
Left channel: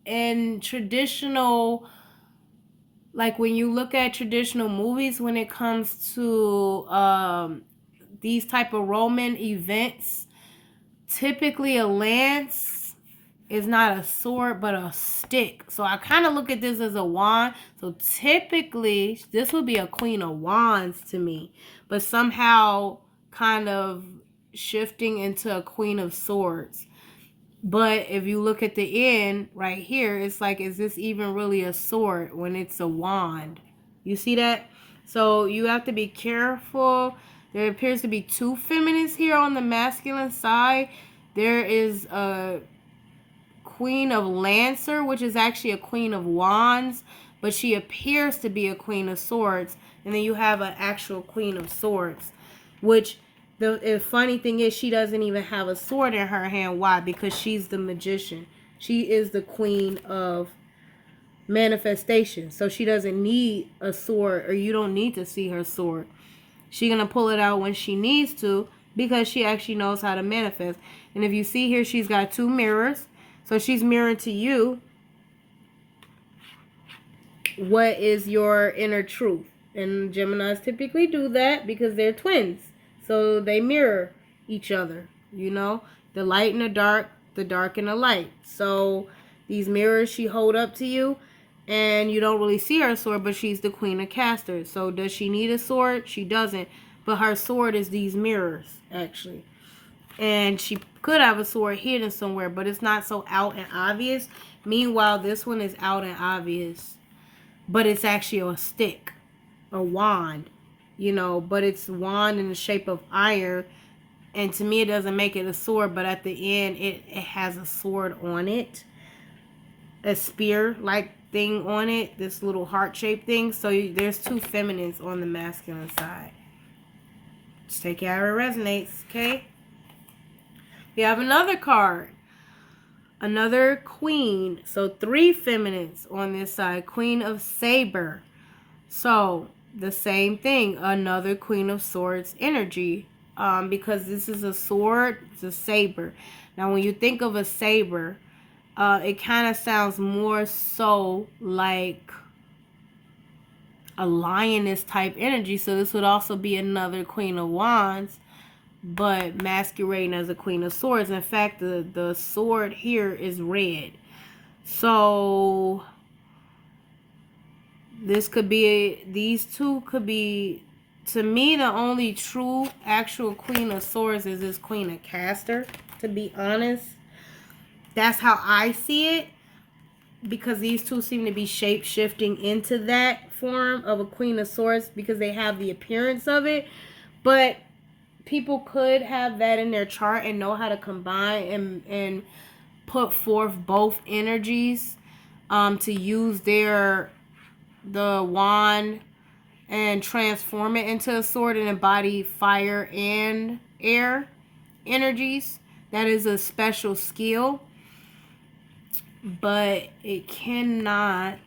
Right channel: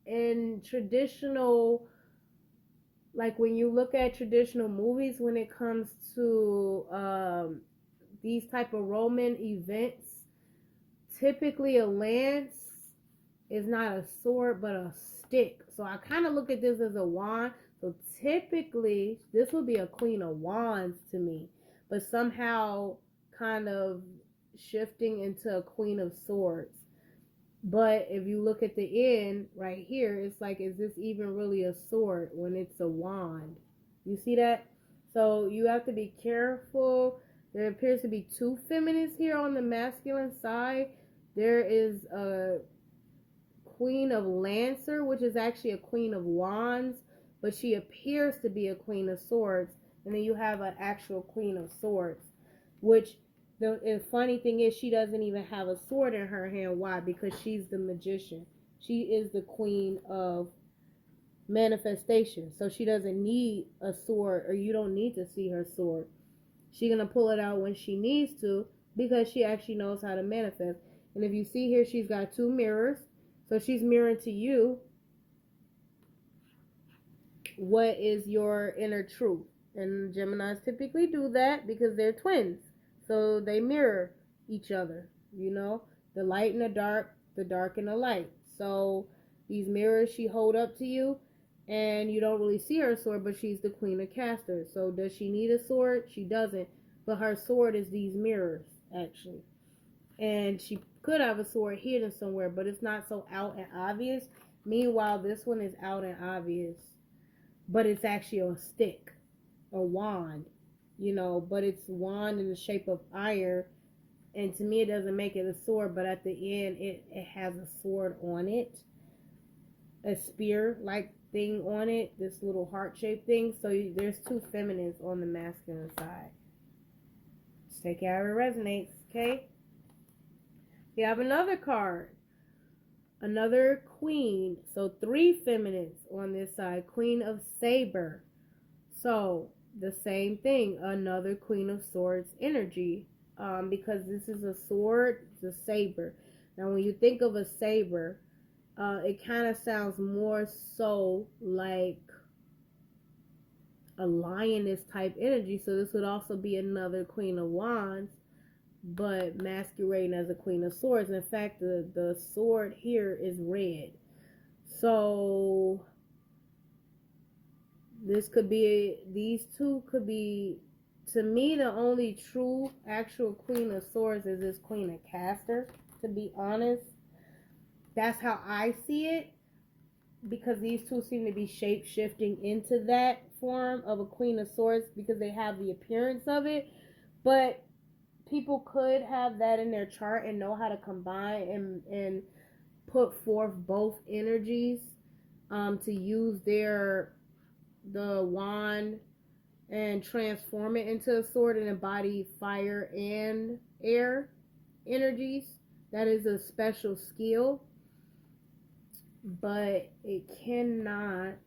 in traditional, like when you look at traditional movies, when it comes to these type of Roman events, typically a lance is not a sword but a stick. So I kind of look at this as a wand. So typically this would be a Queen of Wands to me, but somehow kind of shifting into a Queen of Swords. But if you look at the end right here, it's like, is this even really a sword when it's a wand? You see that? So you have to be careful. There appears to be two feminines here on the masculine side. There is a Queen of Lancer, which is actually a Queen of Wands, but she appears to be a Queen of Swords. And then you have an actual Queen of Swords, which the funny thing is she doesn't even have a sword in her hand. Why? Because she's the magician. She is the queen of manifestation. So she doesn't need a sword, or you don't need to see her sword. She's going to pull it out when she needs to because she actually knows how to manifest. And if you see here, she's got two mirrors. So she's mirroring to you what is your inner truth. And Geminis typically do that because they're twins. So they mirror each other, you know, the light and the dark and the light. So these mirrors she hold up to you, and you don't really see her sword, but she's the Queen of Casters. So does she need a sword? She doesn't. But her sword is these mirrors, actually. And she could have a sword hidden somewhere, but it's not so out and obvious. Meanwhile, this one is out and obvious, but it's actually a stick, a wand. You know, but it's wand in the shape of iron, and to me it doesn't make it a sword, but at the end it has a sword on it, a spear like thing on it, this little heart shaped thing. So there's two feminines on the masculine side. Just take it how it resonates. Okay, we have another card, another queen. So three feminines on this side. Queen of Saber. So the same thing, another Queen of Swords energy, because this is a sword, it's a saber. Now when you think of a saber, it kind of sounds more so like a lioness type energy. So this would also be another Queen of Wands, but masquerading as a Queen of Swords. In fact, the sword here is red. So this could be, these two could be, to me, the only true actual Queen of Swords is this Queen of Caster, to be honest. That's how I see it, because these two seem to be shape-shifting into that form of a Queen of Swords because they have the appearance of it. But people could have that in their chart and know how to combine and put forth both energies to use the wand and transform it into a sword and embody fire and air energies. That is a special skill, but it cannot,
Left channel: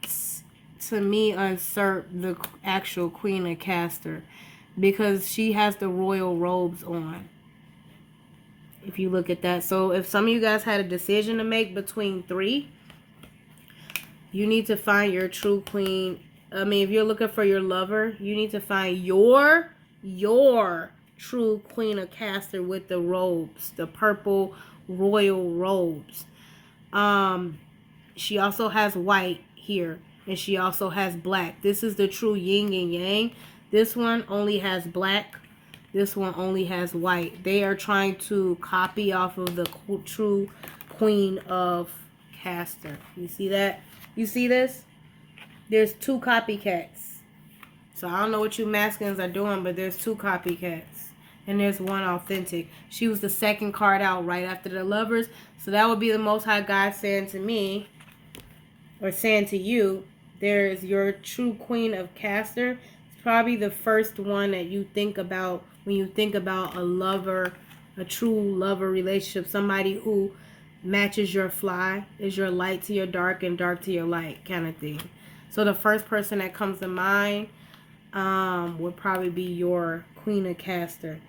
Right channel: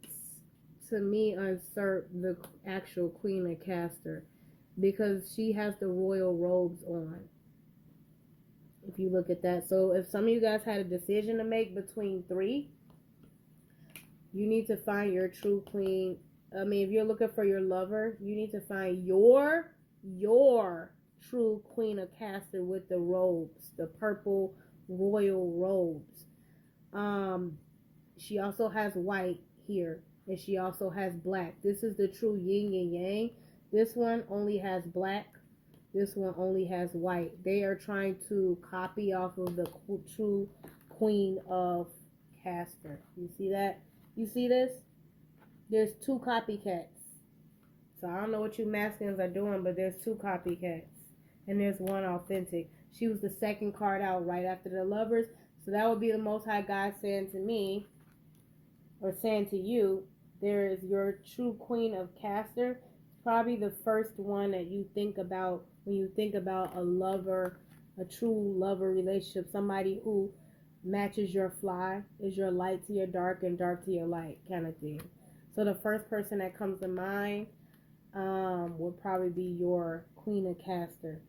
to me, usurp the actual Queen of Caster, because she has the royal robes on, if you look at that. So if some of you guys had a decision to make between three, you need to find your true queen. I mean, if you're looking for your lover, you need to find your true Queen of Caster with the robes, the purple royal robes. She also has white here, and she also has black. This is the true yin and yang. This one only has black. This one only has white. They are trying to copy off of the true Queen of copycaster. You see that? You see this? There's 2 copycats. So I don't know what you masculines are doing, but there's 2 copycats. And there's 1 authentic. She was the second card out right after the Lovers. So that would be the Most High God saying to me, or saying to you, there is your true queen of caster. It's probably the first one that you think about when you think about a lover, a true lover relationship. Somebody who matches your fly, is your light to your dark and dark to your light kind of thing. So the first person that comes to mind would probably be your queen of caster.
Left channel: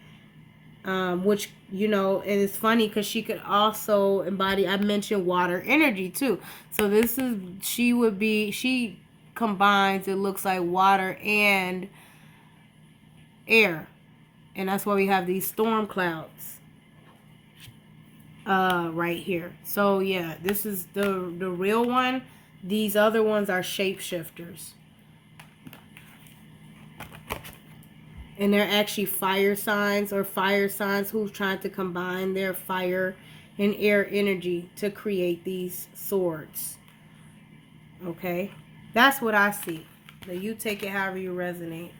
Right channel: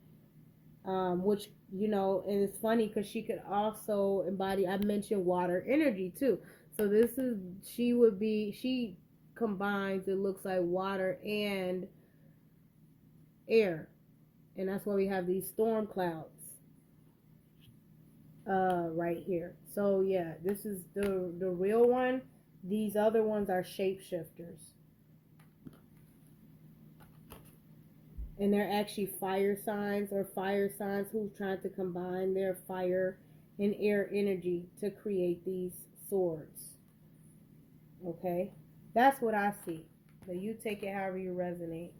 Which, you know, and it's funny because she could also embody, I mentioned water energy too. So this is, she combines, it looks like, water and air. And that's why we have these storm clouds right here. So yeah, this is the real one. These other ones are shapeshifters. And they're actually fire signs, or fire signs who's trying to combine their fire and air energy to create these swords. Okay? That's what I see. So you take it however you resonate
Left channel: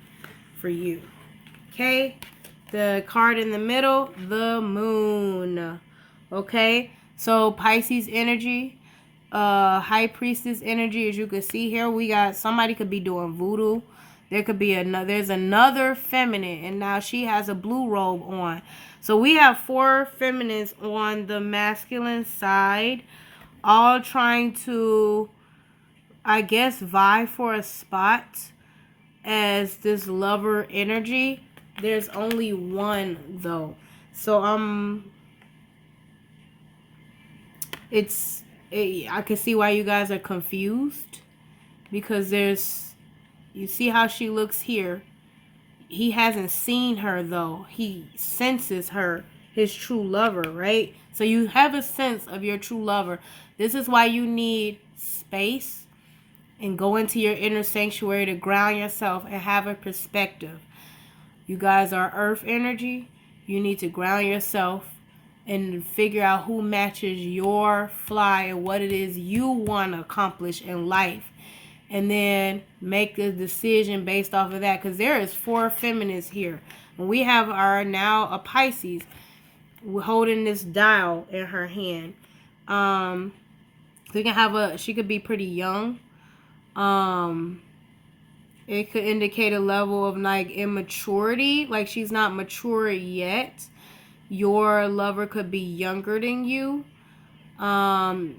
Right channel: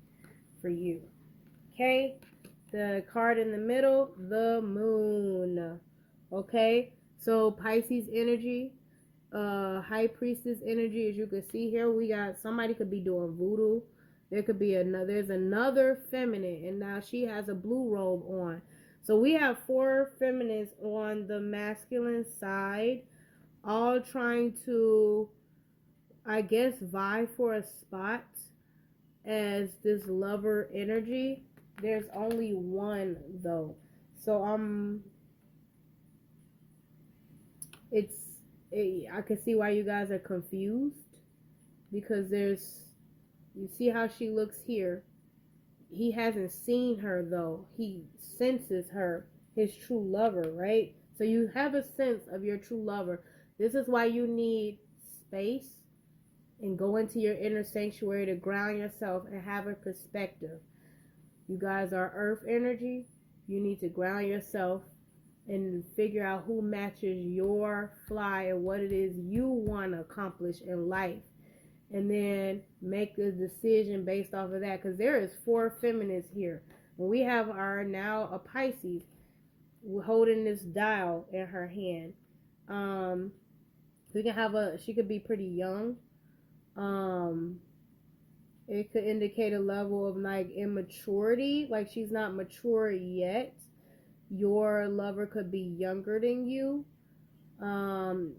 for you. Okay? The card in the middle, the moon. Okay? So Pisces energy, high priestess energy, as you can see here, we got somebody could be doing voodoo. There could be there's another feminine, and now she has a blue robe on. So we have 4 feminines on the masculine side, all trying to, I guess, vie for a spot as this lover energy. There's only 1 though. So I can see why you guys are confused, because you see how she looks here. He hasn't seen her though. He senses her, his true lover, right? So you have a sense of your true lover. This is why you need space and go into your inner sanctuary to ground yourself and have a perspective. You guys are earth energy. You need to ground yourself and figure out who matches your fly and what it is you want to accomplish in life. And then make a decision based off of that. Because there is 4 feminists here. And we have now a Pisces holding this dial in her hand. We can have she could be pretty young. It could indicate a level of like immaturity. Like she's not mature yet. Your lover could be younger than you. In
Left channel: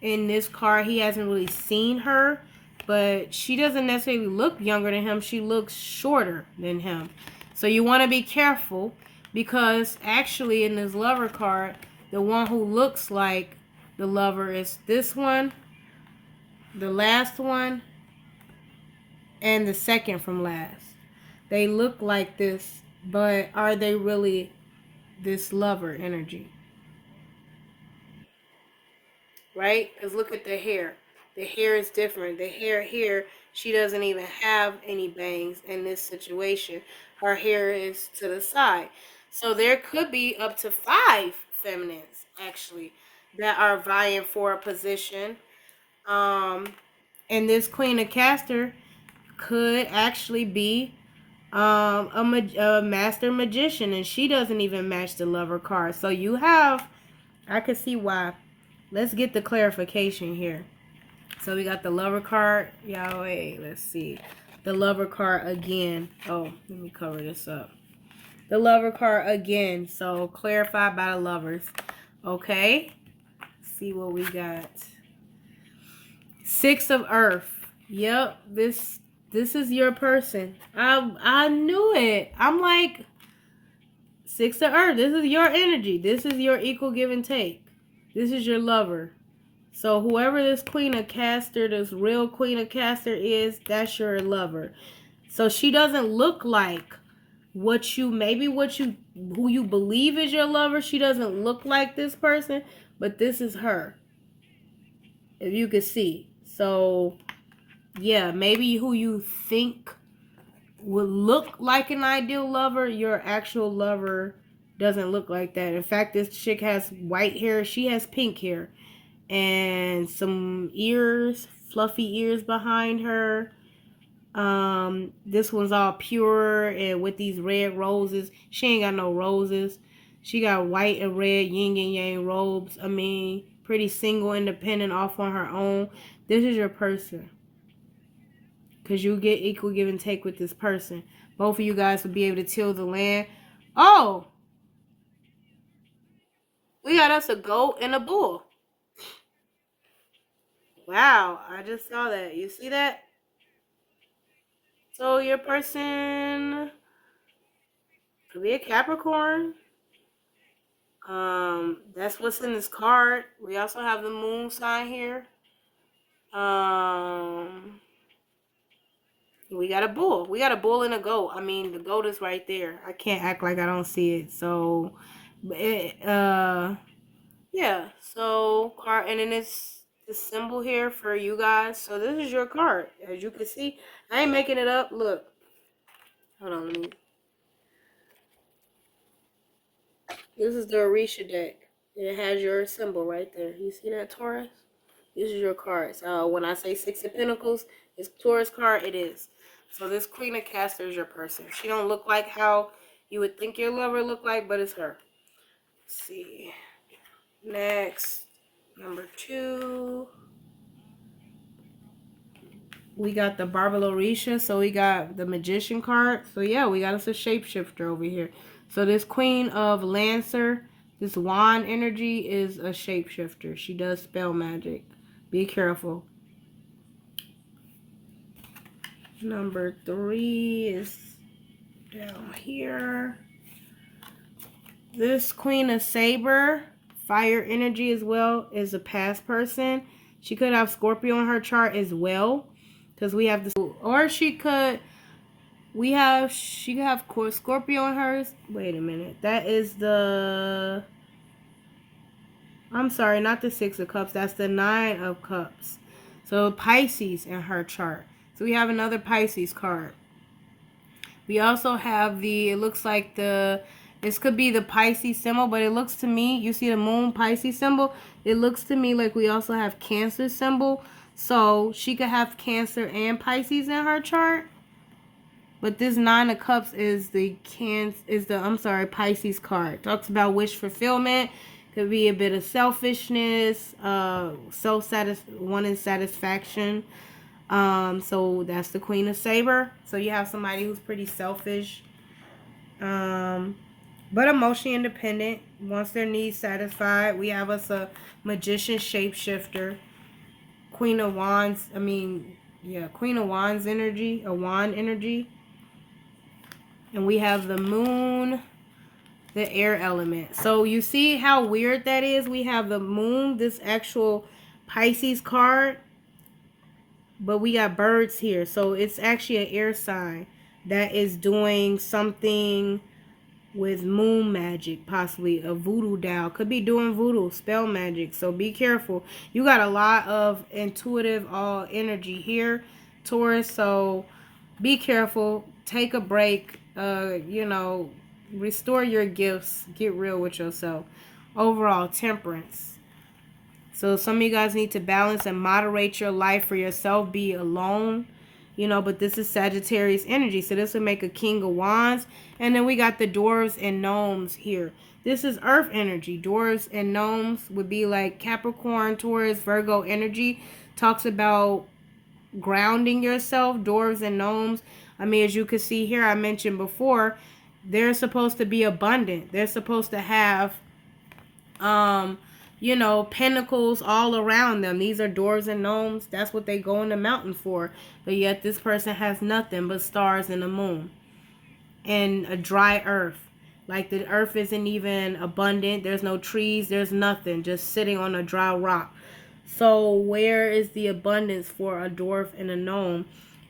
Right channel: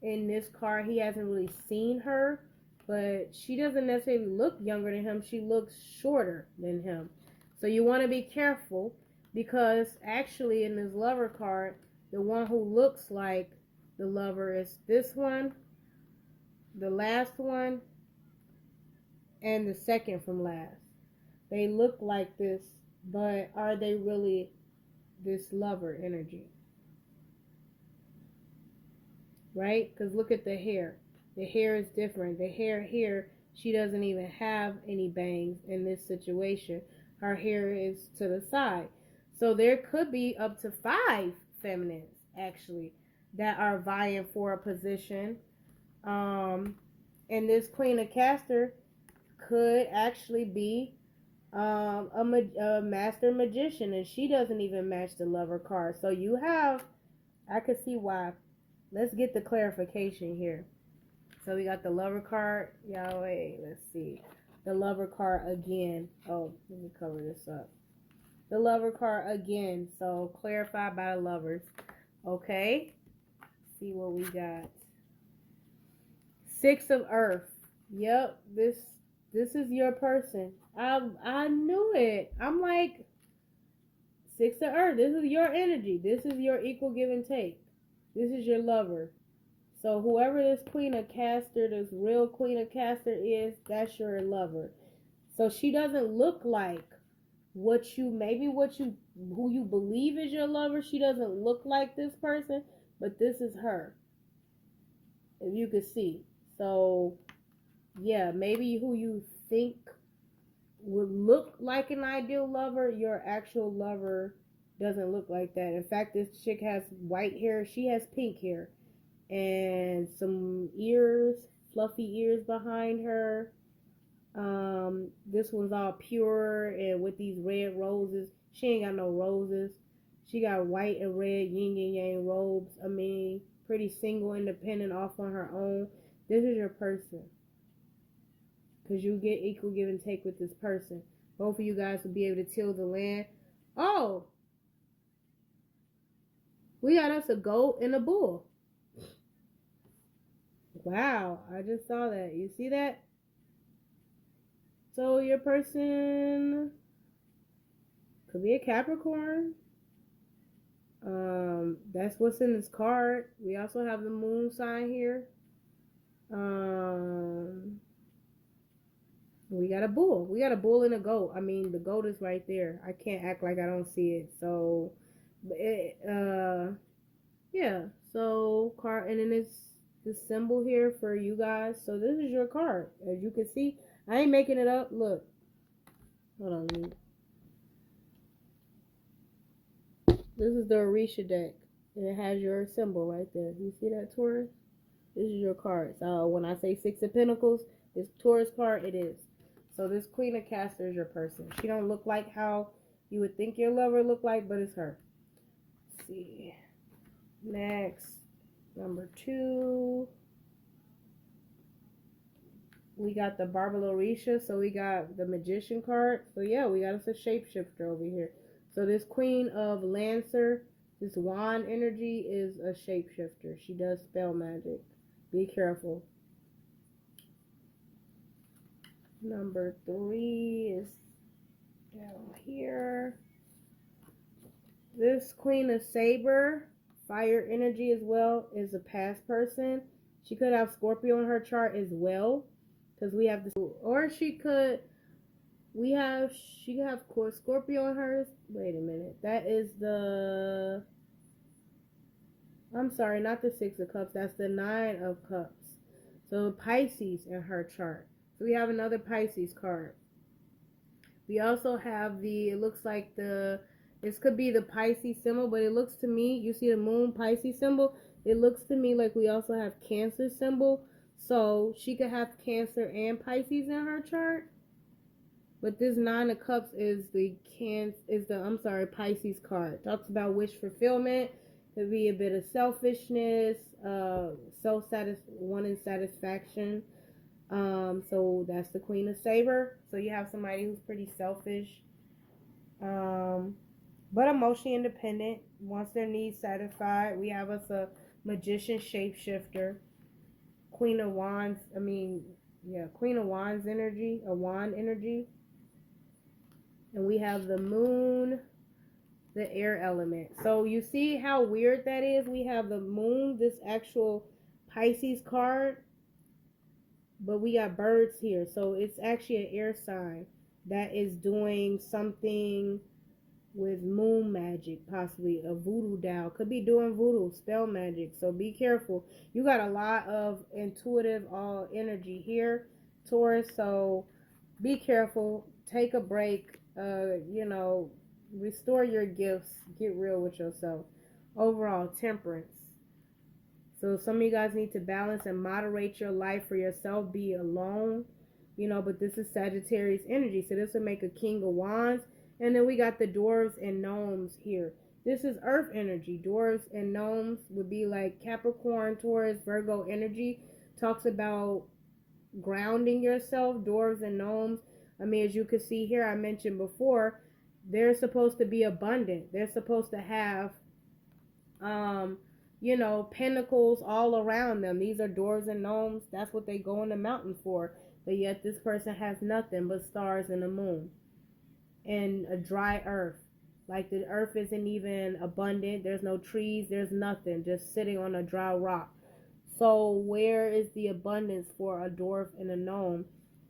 this card, he hasn't really seen her. But she doesn't necessarily look younger than him. She looks shorter than him. So you want to be careful, because actually in this lover card, the one who looks like the lover is this one, the last one, and the second from last. They look like this, but are they really this lover energy? Right? Because look at the hair. The hair is different. The hair here, she doesn't even have any bangs in this situation. Her hair is to the side. So there could be up to 5 feminines, actually, that are vying for a position. And this Queen of Caster could actually be a master magician, and she doesn't even match the lover card. So you have, I could see why. Let's get the clarification here. So we got the lover card. Yahweh, let's see. The lover card again. Oh, let me cover this up. The lover card again. So clarified by the lovers. Okay. Let's see what we got. 6 of Earth. Yep. This is your person. I knew it. I'm like, 6 of Earth. This is your energy. This is your equal give and take. This is your lover. So whoever this Queen of Caster, this real Queen of Caster is, that's your lover. So she doesn't look like who you believe is your lover. She doesn't look like this person, but this is her. If you can see. So yeah, maybe who you think would look like an ideal lover, your actual lover doesn't look like that. In fact, this chick has white hair. She has pink hair. and some ears, fluffy ears behind her. This one's all pure and with these red roses. She ain't got no roses. She got white and red yin and yang robes. I mean, pretty single, independent, off on her own. This is your person. Because you get equal give and take with this person. Both of you guys will be able to till the land. Oh! We got us a goat and a bull. Wow, I just saw that. You see that? So your person could be a Capricorn. That's what's in this card. We also have the moon sign here. We got a bull. We got a bull and a goat. I mean, the goat is right there. I can't act like I don't see it. So, yeah. So, card, and then it's this symbol here for you guys. So this is your card. As you can see, I ain't making it up. Look. Hold on, let me. This is the Orisha deck. And it has your symbol right there. You see that, Taurus? This is your card. So when I say Six of Pentacles, it's Taurus card. It is. So this Queen of Castor is your person. She don't look like how you would think your lover look like, but it's her. Let's see. Next, number 2. We got the Barbarorisha. So we got the Magician card. So yeah, we got us a shapeshifter over here. So this Queen of Lancer, this wand energy is a shapeshifter. She does spell magic. Be careful. Number 3 is down here. This Queen of Saber, fire energy as well, is a past person. She could have Scorpio in her chart as well. Because we have this. Or she could have Scorpio in hers. Wait a minute. That is the... I'm sorry, not the 6 of Cups. That's the 9 of Cups. So Pisces in her chart. So we have another Pisces card. We also have it looks like this could be the Pisces symbol, but it looks to me, you see the moon Pisces symbol? It looks to me like we also have Cancer symbol. So she could have Cancer and Pisces in her chart. But this 9 of Cups is the Pisces card. Talks about wish fulfillment. Could be a bit of selfishness, wanting satisfaction. So that's the Queen of Saber. So you have somebody who's pretty selfish, but emotionally independent, wants their needs satisfied. We have us a Magician shapeshifter, Queen of Wands. Queen of Wands energy, a wand energy. And we have the moon, the air element. So you see how weird that is? We have the moon, this actual Pisces card, but we got birds here. So it's actually an air sign that is doing something with moon magic, possibly a voodoo doll. Could be doing voodoo, spell magic. So be careful. You got a lot of intuitive energy here, Taurus. So be careful. Take a break. Restore your gifts. Get real with yourself. Overall, temperance. So some of you guys need to balance and moderate your life for yourself. Be alone. But this is Sagittarius energy. So this would make a King of Wands. And then we got the dwarves and gnomes here. This is earth energy. Dwarves and gnomes would be like Capricorn, Taurus, Virgo energy. Talks about grounding yourself. Dwarves and gnomes. As you can see here, I mentioned before, they're supposed to be abundant. They're supposed to have, pentacles all around them. These are dwarves and gnomes. That's what they go in the mountain for. But yet this person has nothing but stars and the moon. And a dry earth. Like the earth isn't even abundant. There's no trees. There's nothing. Just sitting on a dry rock. So where is the abundance for a dwarf and a gnome?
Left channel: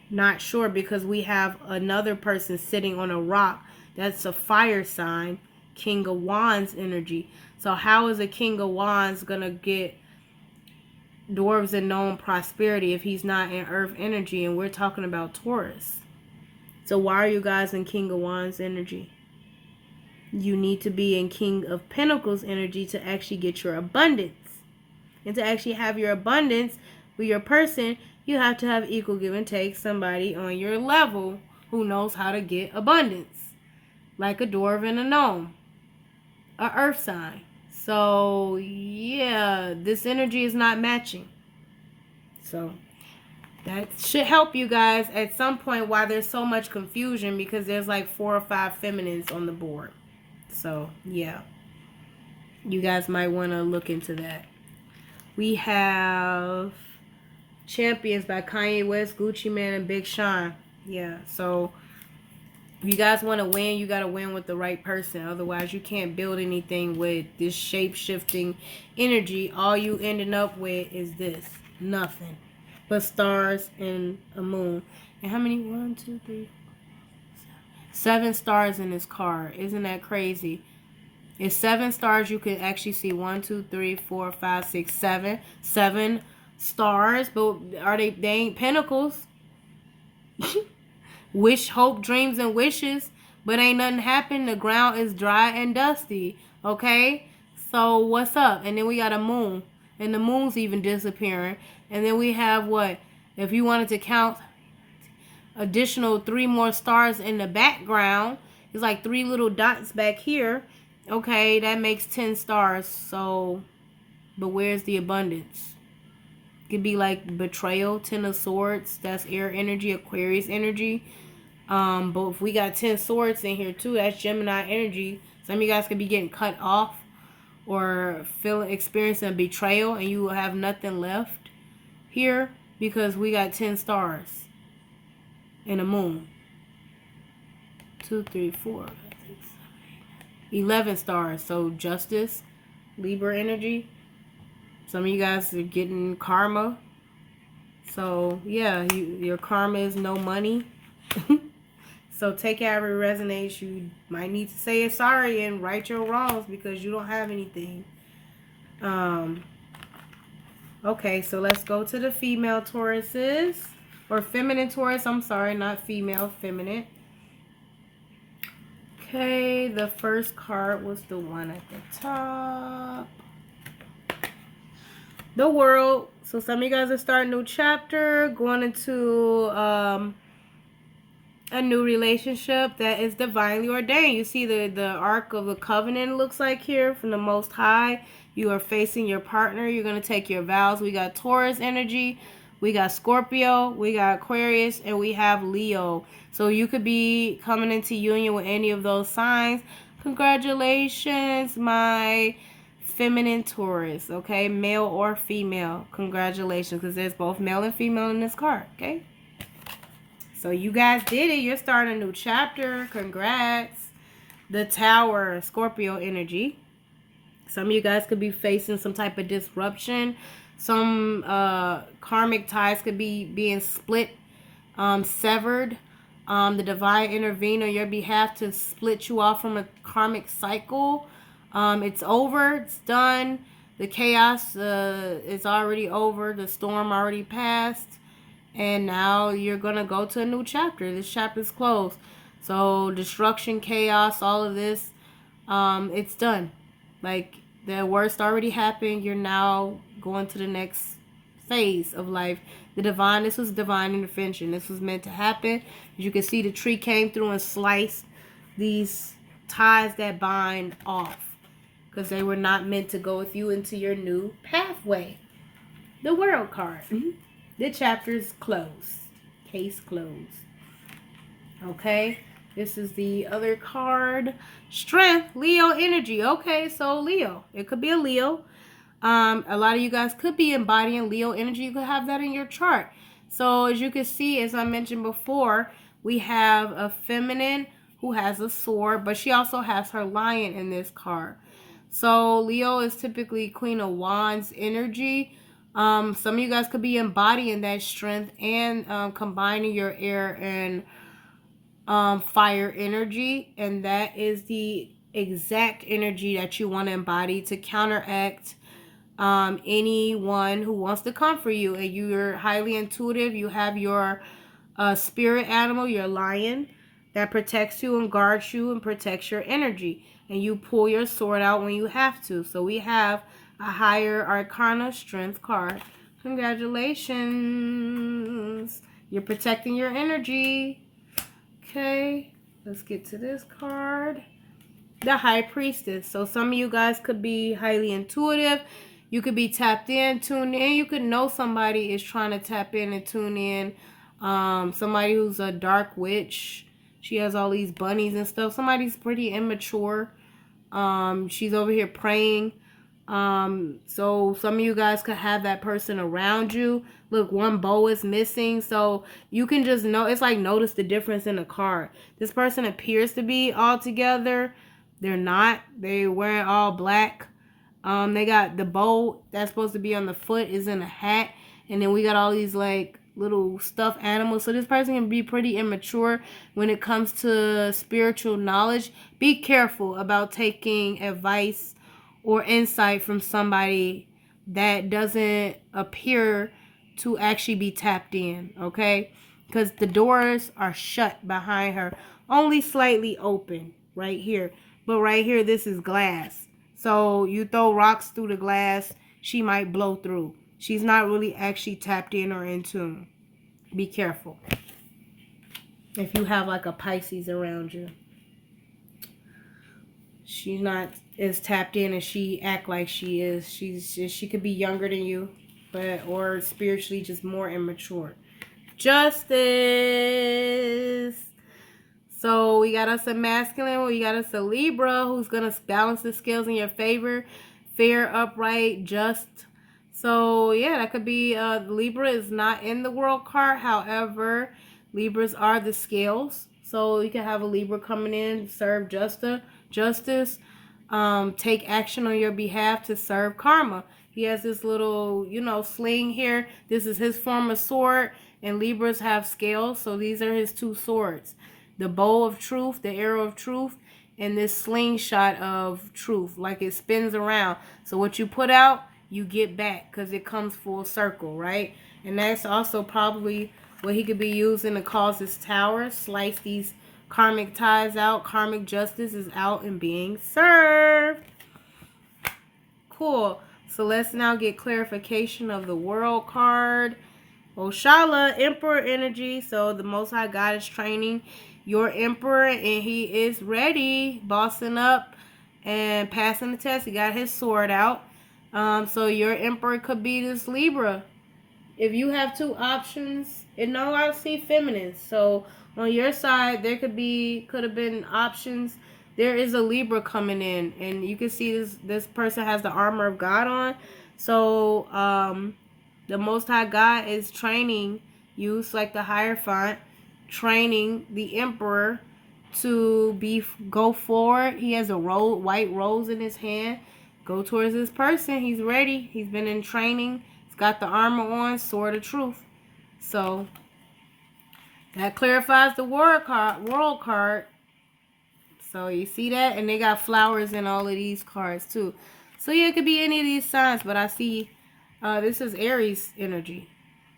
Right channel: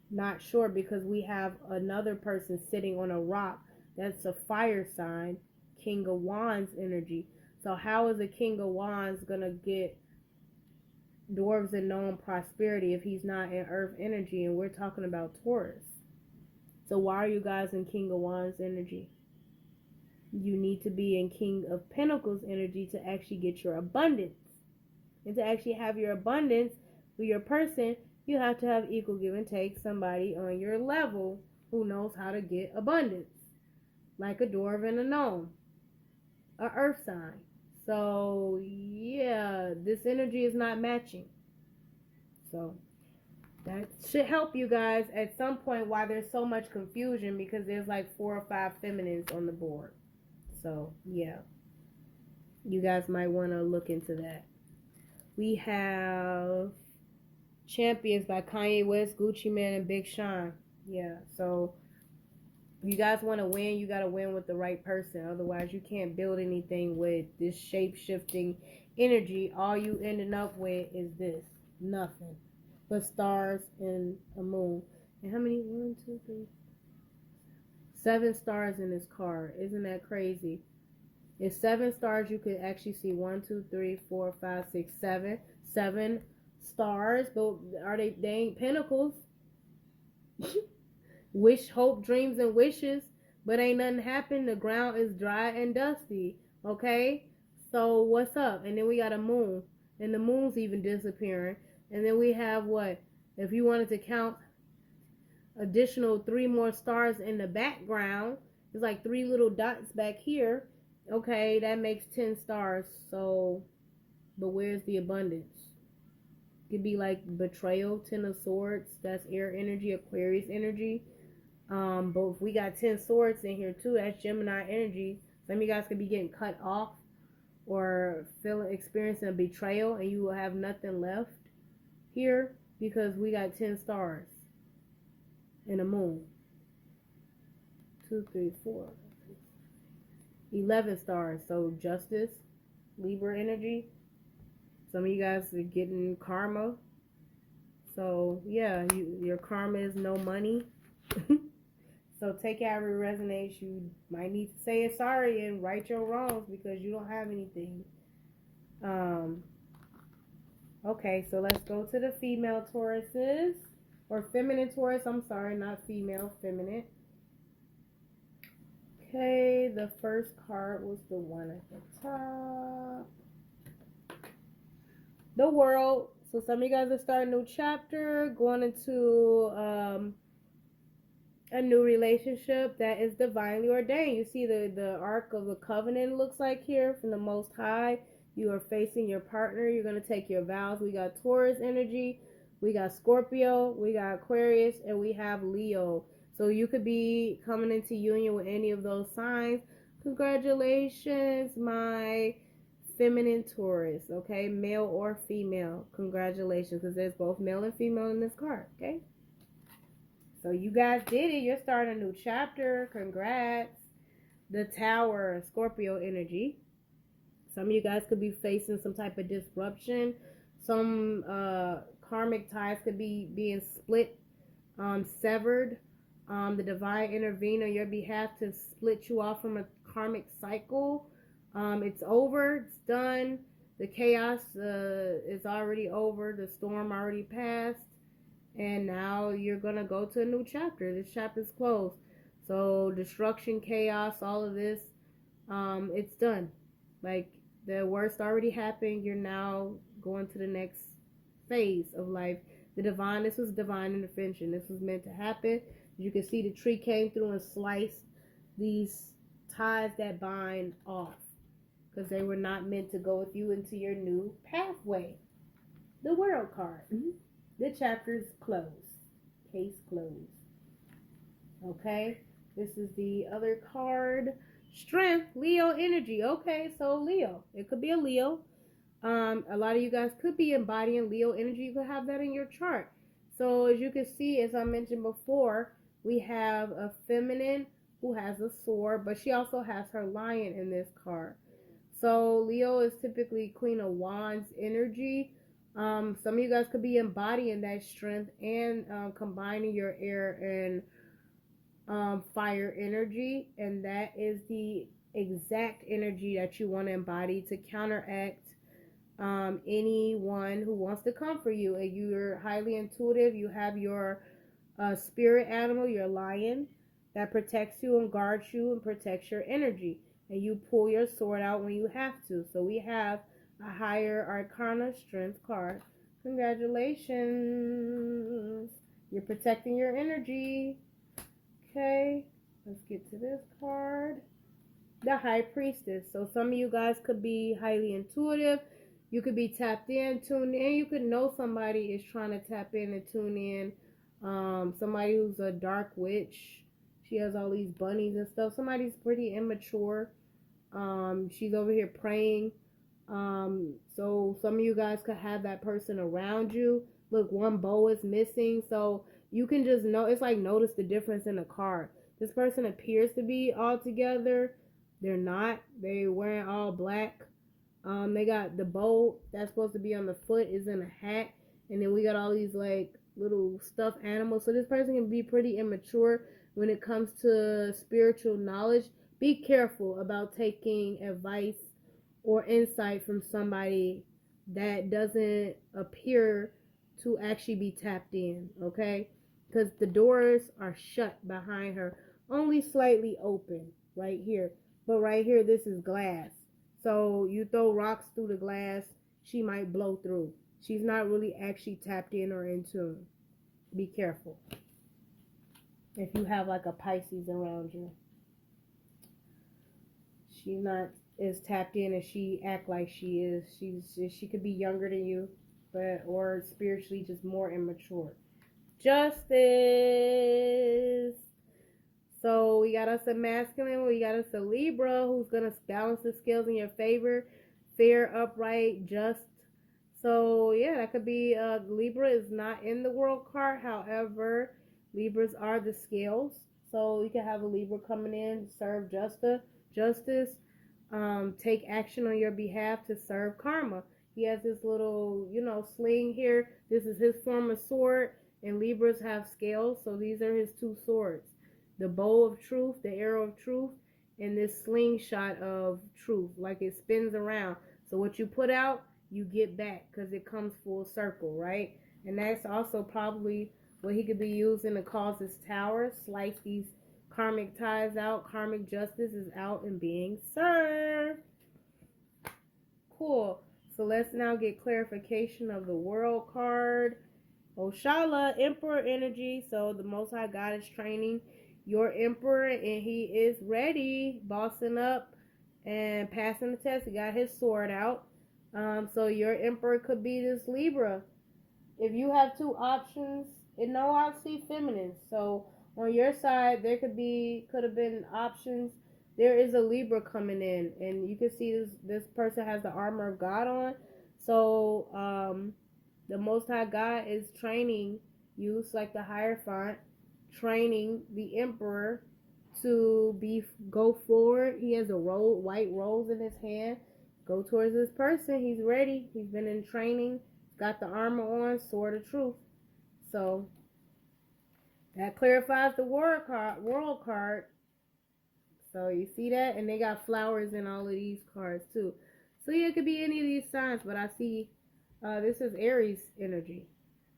Not sure, because we have another person sitting on a rock. That's a fire sign. King of Wands energy. So how is a King of Wands going to get dwarves and gnome prosperity if he's not in earth energy? And we're talking about Taurus. So why are you guys in King of Wands energy? You need to be in King of Pentacles energy to actually get your abundance. And to actually have your abundance with your person, you have to have equal give and take, somebody on your level who knows how to get abundance. Like a dwarf and a gnome. A earth sign. So yeah, this energy is not matching. So that should help you guys at some point why there's so much confusion, because there's like 4 or 5 feminines on the board. So yeah, you guys might want to look into that. We have Champions by Kanye West, Gucci Mane, and Big Sean. Yeah, so if you guys want to win, you got to win with the right person. Otherwise, you can't build anything with this shape-shifting energy. All you ending up with is this. Nothing but stars and a moon. And how many? 1, 2, 3, 7 stars in this card. Isn't that crazy? It's 7 stars. You can actually see 1, 2, 3, 4, 5, 6, 7. 7 stars. But are they ain't pentacles. Wish, hope, dreams, and wishes. But ain't nothing happened. The ground is dry and dusty. Okay? So what's up? And then we got a moon. And the moon's even disappearing. And then we have what? If you wanted to count additional 3 more stars in the background, it's like 3 little dots back here. Okay, that makes 10 stars. So, but where's the abundance? It could be like betrayal, 10 of swords. That's air energy, Aquarius energy. But if we got 10 swords in here too, that's Gemini energy. Some of you guys could be getting cut off or experiencing a betrayal, and you will have nothing left here because we got 10 stars and a moon. 2, 3, 4, 5, 6, 7, 8, 11 stars. So justice, Libra energy. Some of you guys are getting karma. So yeah, your karma is no money. So take every resonance. You might need to say sorry and right your wrongs because you don't have anything. Okay, so let's go to the female Tauruses. Or feminine Taurus. I'm sorry, not female, feminine. Okay, the first card was the one at the top. The World. So some of you guys are starting a new chapter, going into a new relationship that is divinely ordained. You see the Ark of the Covenant looks like here from the Most High. You are facing your partner. You're going to take your vows. We got Taurus energy. We got Scorpio. We got Aquarius. And we have Leo. So you could be coming into union with any of those signs. Congratulations, my feminine Taurus. Okay? Male or female. Congratulations. Because there's both male and female in this card. Okay? So you guys did it. You're starting a new chapter. Congrats. The Tower, Scorpio energy. Some of you guys could be facing some type of disruption. Some karmic ties could be being split, severed. The divine intervene on your behalf to split you off from a karmic cycle. It's over. It's done. The chaos is already over. The storm already passed. And now you're going to go to a new chapter. This chapter is closed. So destruction, chaos, all of this, it's done. Like the worst already happened. You're now going to the next phase of life. This was divine intervention. This was meant to happen. As you can see, the tree came through and sliced these ties that bind off. Because they were not meant to go with you into your new pathway. The World card. The chapter's closed. Case closed. Okay. This is the other card. Strength. Leo energy. Okay. So Leo. It could be a Leo. A lot of you guys could be embodying Leo energy. You could have that in your chart. So as you can see, as I mentioned before, we have a feminine who has a sword. But she also has her lion in this card. So Leo is typically Queen of Wands energy. Some of you guys could be embodying that strength and combining your air and fire energy. And that is the exact energy that you want to embody to counteract anyone who wants to come for you. And you're highly intuitive. You have your spirit animal, your lion, that protects you and guards you and protects your energy. And you pull your sword out when you have to. So we have a higher arcana strength card. Congratulations. You're protecting your energy. Okay, let's get to this card. The High Priestess. So some of you guys could be highly intuitive. You could be tapped in, tuned in. You could know somebody is trying to tap in and tune in. Somebody who's a dark witch. She has all these bunnies and stuff. Somebody's pretty immature. She's over here praying. So some of you guys could have that person around you. Look, one bow is missing. So you can just know, it's like notice the difference in the card. This person appears to be all together. They're not. They're wearing all black. They got the bow that's supposed to be on the foot is in a hat. And then we got all these like little stuffed animals. So this person can be pretty immature when it comes to spiritual knowledge. Be careful about taking advice or insight from somebody that doesn't appear to actually be tapped in, okay? Because the doors are shut behind her, only slightly open right here. But right here, this is glass. So you throw rocks through the glass, she might blow through. She's not really actually tapped in or in tune. Be careful. If you have like a Pisces around you. She's not as tapped in as she act like she is. She could be younger than you, but or spiritually just more immature. Justice. So we got us a masculine. We got us a Libra who's gonna balance the scales in your favor. Fair, upright, just. So yeah, that could be Libra is not in the world card. However, Libras are the scales. So you can have a Libra coming in, serve justice, take action on your behalf to serve karma. He has this little, sling here. This is his form of sword, and Libras have scales, so these are his two swords. The bow of truth, the arrow of truth, and this slingshot of truth, like it spins around. So what you put out, you get back, because it comes full circle, right? And that's also probably what he could be using to cause his Taurus, slice these karmic ties out. Karmic justice is out and being served. Cool. So let's now get clarification of the world card. Oshala, Emperor energy. So the Most High God is training your Emperor, and he is ready, bossing up and passing the test. He got his sword out. So your Emperor could be this Libra. If you have two options, and no, I see feminine. So on your side, there could have been options. There is a Libra coming in, and you can see this person has the armor of God on. So the Most High God is training you, it's like the Hierophant, training the Emperor to go forward. He has a white rose in his hand. Go towards this person. He's ready. He's been in training. He's got the armor on, sword of truth. So that clarifies the world card. So you see that? And they got flowers in all of these cards too. So yeah, it could be any of these signs, but I see this is Aries energy.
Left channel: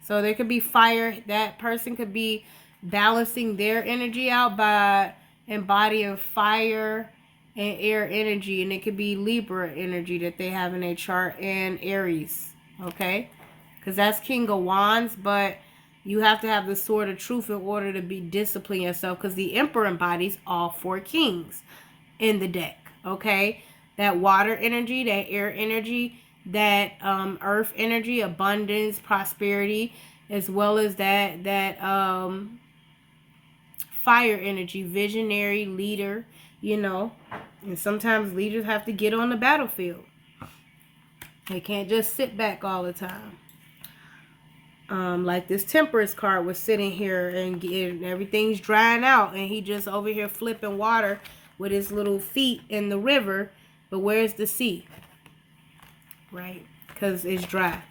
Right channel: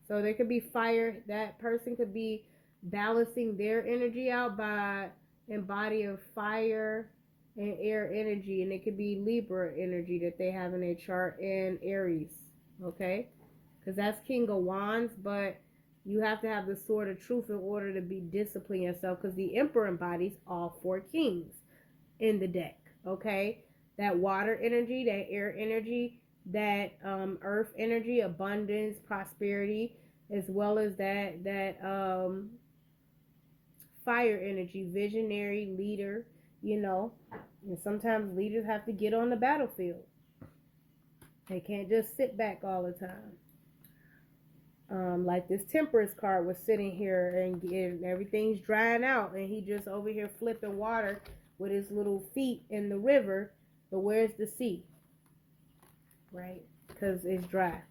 So there could be fire. That person could be balancing their energy out by embodying fire and air energy. And it could be Libra energy that they have in their chart, and Aries. Okay? Because that's King of Wands, but you have to have the sword of truth in order to be discipline yourself, because the Emperor embodies all four kings in the deck. Okay? That water energy, that air energy, that earth energy, abundance, prosperity, as well as that fire energy, visionary, leader, And sometimes leaders have to get on the battlefield. They can't just sit back all the time. Like this Temperance card was sitting here and everything's drying out, and he just over here flipping water with his little feet in the river. But where's the sea? Right? Because it's dry.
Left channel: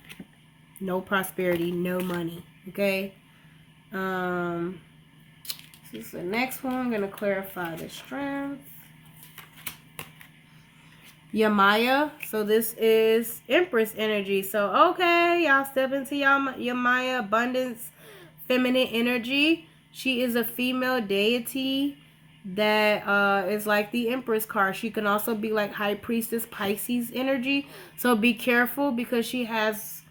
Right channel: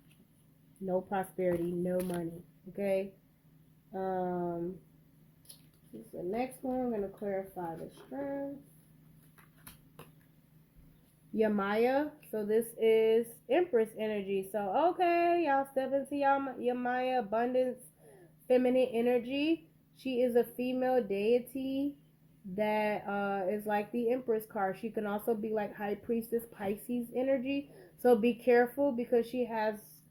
No prosperity, no money. Okay? This is the next one. I'm going to clarify the strength. Yamaya. So this is Empress energy. So, okay, y'all step into Yamaya, abundance, feminine energy. She is a female deity that is like the Empress card. She can also be like High Priestess Pisces energy. So be careful because she has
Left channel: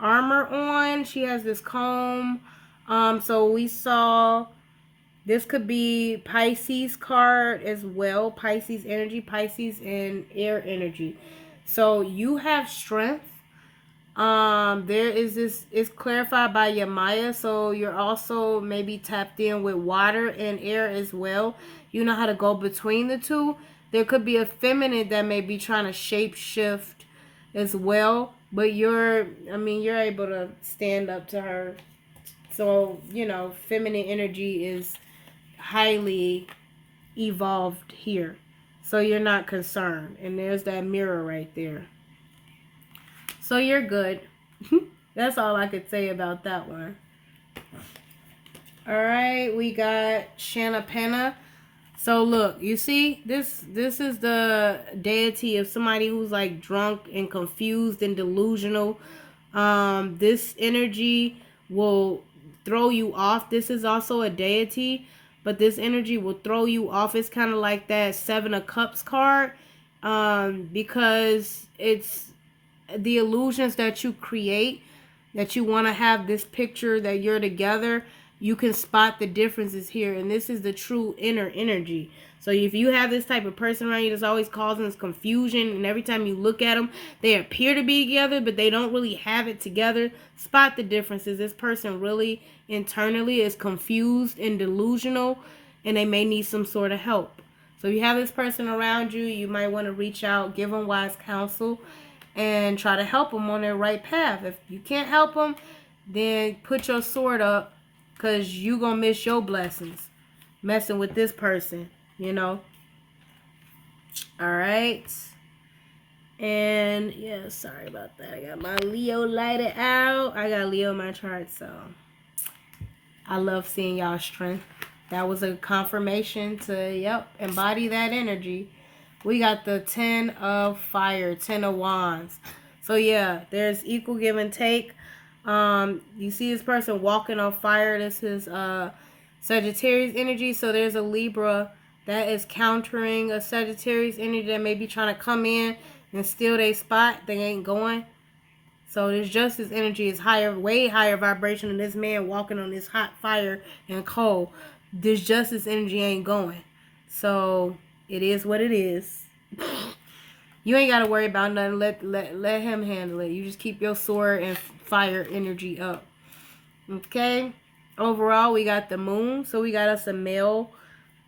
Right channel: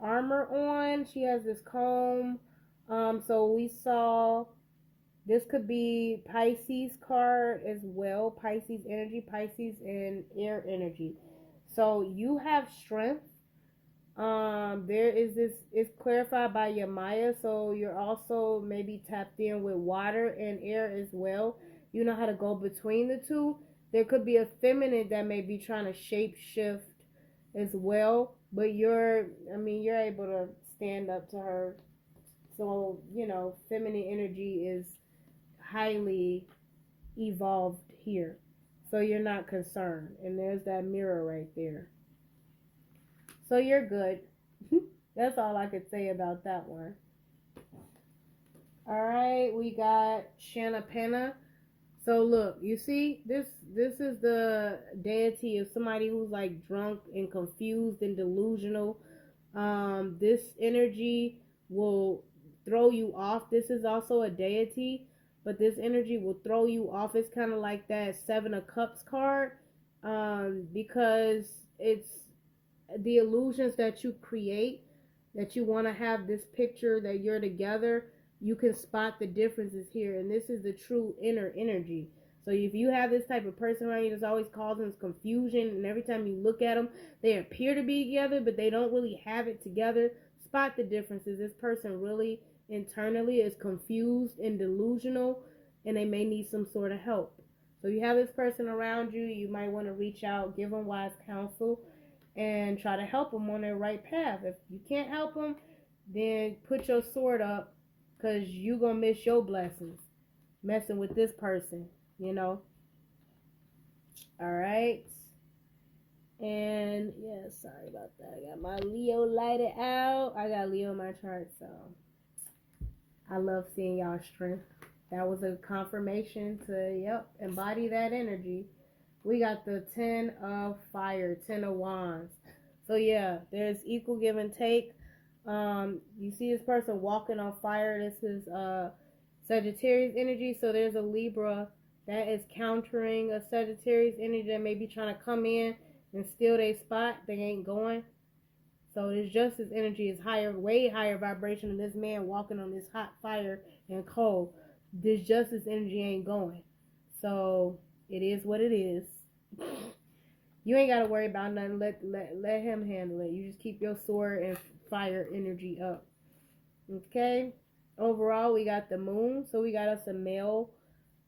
armor on. She has this comb. So we saw this could be Pisces card as well. Pisces energy, Pisces and air energy. So you have strength. There is this, it's clarified by Yamaya, so you're also maybe tapped in with water and air as well. You know how to go between the two. There could be a feminine that may be trying to shape shift as well, but you're able to stand up to her. So, feminine energy is highly evolved here. So you're not concerned. And there's that mirror right there. So you're good. That's all I could say about that one. All right, we got Shanna Penna. So look, you see, this is the deity of somebody who's like drunk and confused and delusional. This energy will throw you off. This is also a deity, but this energy will throw you off. It's kind of like that Seven of Cups card, because it's the illusions that you create, that you want to have this picture that you're together. You can spot the differences here, and this is the true inner energy. So if you have this type of person around you that's always causing this confusion, and every time you look at them, they appear to be together, but they don't really have it together, spot the differences. This person really internally is confused and delusional, and they may need some sort of help. So if you have this person around you, you might want to reach out, give them wise counsel, and try to help them on their right path. If you can't help them, then put your sword up, because you going to miss your blessings messing with this person, All right. And, yeah, sorry about that. I got my Leo lighted out. I got Leo in my chart, so I love seeing y'all's strength. That was a confirmation to, embody that energy. We got the 10 of fire, 10 of wands. So yeah, there's equal give and take. You see this person walking on fire. This is Sagittarius energy. So there's a Libra that is countering a Sagittarius energy that may be trying to come in and steal their spot. They ain't going. So this justice energy is higher, way higher vibration than this man walking on this hot fire and coal. This justice energy ain't going. So it is what it is. You ain't gotta worry about nothing. Let him handle it. You just keep your sword and fire energy up. Okay. Overall, we got the moon. So we got us a male,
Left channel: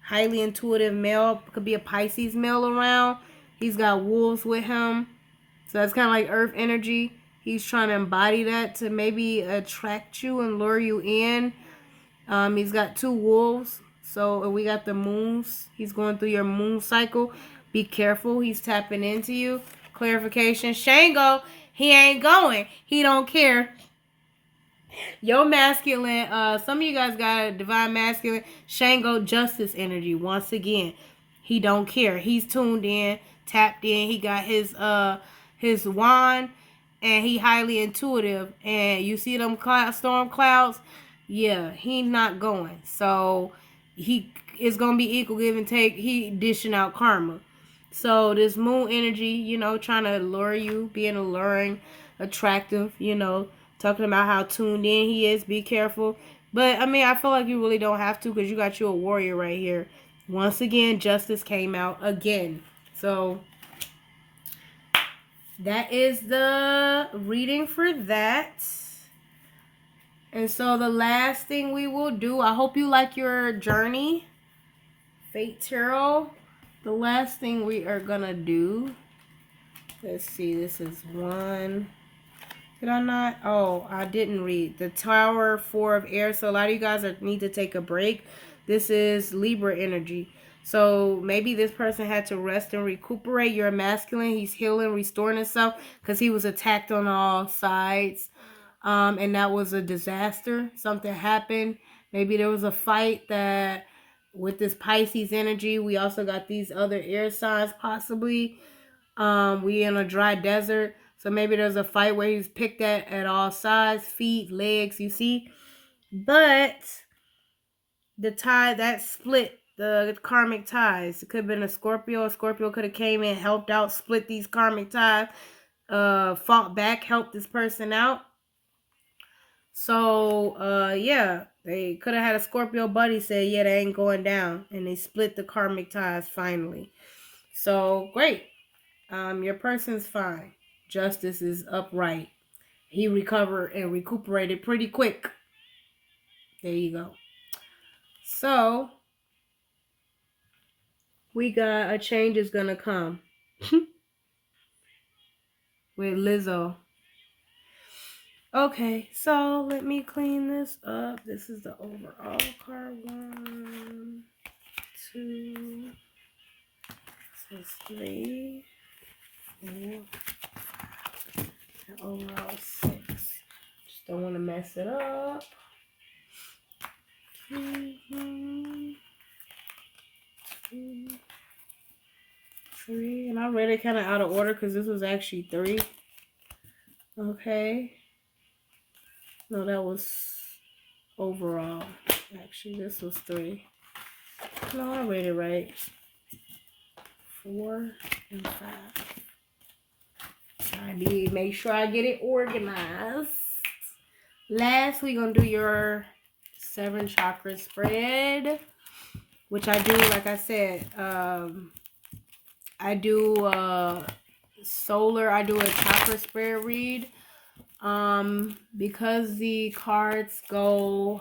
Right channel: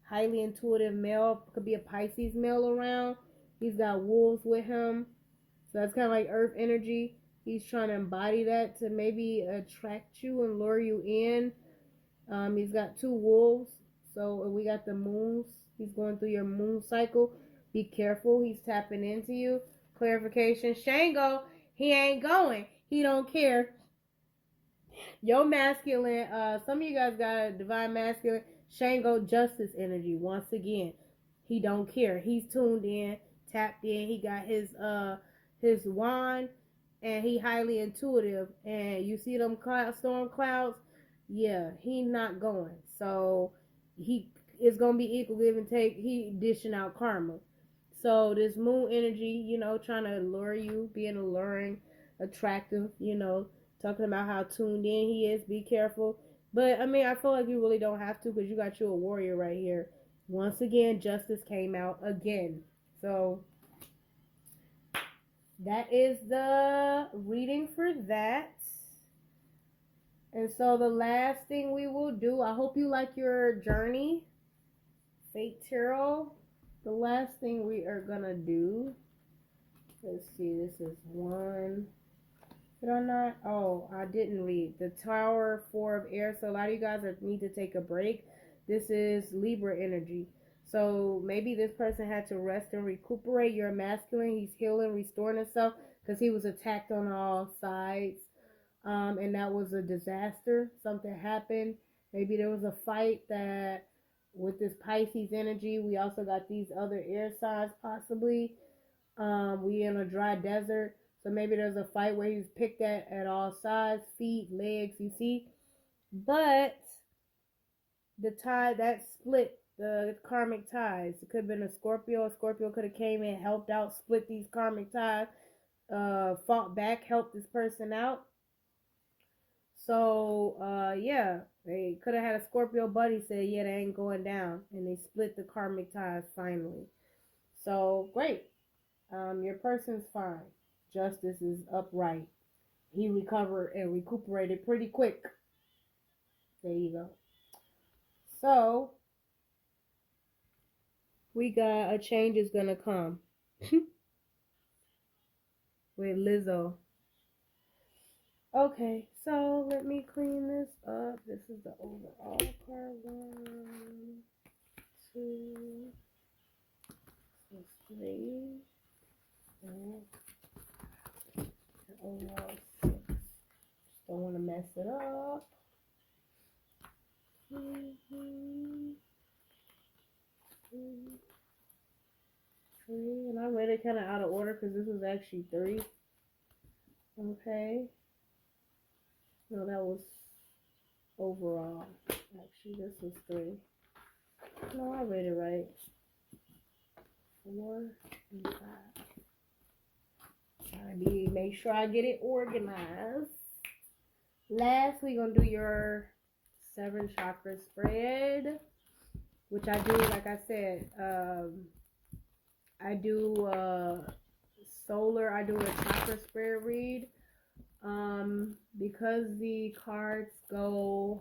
highly intuitive male. Could be a Pisces male around. He's got wolves with him. So that's kind of like earth energy. He's trying to embody that to maybe attract you and lure you in. He's got 2 wolves. So we got the moons. He's going through your moon cycle. Be careful. He's tapping into you. Clarification. Shango, he ain't going. He don't care. Your masculine, some of you guys got a divine masculine. Shango justice energy. Once again, he don't care. He's tuned in, tapped in. He got his wand, and he highly intuitive. And you see them storm clouds? Yeah, he's not going. So he is gonna be equal give and take. He dishing out karma. So this moon energy, trying to lure you, being alluring, attractive, talking about how tuned in he is. Be careful. But I feel like you really don't have to, because you got you a warrior right here. Once again, justice came out again. So that is the reading for that. And so the last thing we will do, I hope you like your journey, Fate Tarot. The last thing we are going to do, let's see, this is 1. Did I not? Oh, I didn't read. The Tower, 4 of Air. So a lot of you guys need to take a break. This is Libra energy. So maybe this person had to rest and recuperate. You're a masculine. He's healing, restoring himself, because he was attacked on all sides. And that was a disaster. Something happened. Maybe there was a fight that with this Pisces energy. We also got these other air signs possibly. We in a dry desert. So maybe there's a fight where he's picked at all sides, feet, legs, you see. But the tide that split the karmic ties. It could have been a Scorpio. A Scorpio could have came in, helped out, split these karmic ties, fought back, helped this person out. So, yeah, they could have had a Scorpio buddy say, yeah, they ain't going down. And they split the karmic ties finally. So, great. Your person's fine. Justice is upright. He recovered and recuperated pretty quick. There you go. So, we got a change is going to come with Lizzo. Okay, so let me clean this up. This is the overall card. 1, 2, this is 3, 4, and overall 6. Just don't want to mess it up. 2, 3, and I read it kind of out of order because this was actually 3. Okay. No, that was overall. Actually, this was 3. No, I read it right. 4 and 5. I need to make sure I get it organized. Last, we're going to do your 7 chakra spread, which I do, like I said, I do solar, I do a chakra spread read. Because the cards go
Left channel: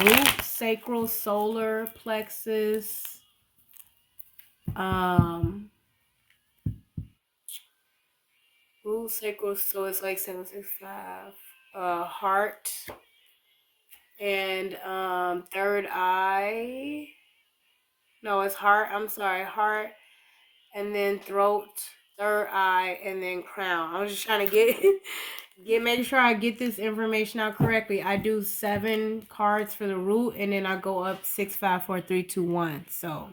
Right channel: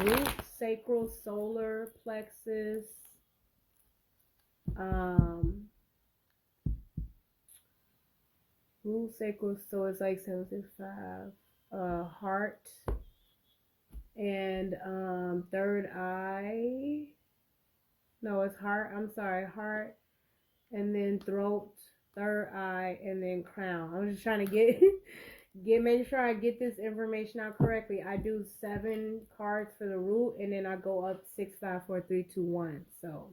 root, sacral, solar, plexus, root, sacral, so it's like 765, heart, and third eye. No, it's heart. I'm sorry, heart, and then throat, third eye, and then crown. I was just trying to make sure I get this information out correctly. I do 7 cards for the root, and then I go up 6, 5, 4, 3, 2, 1. So,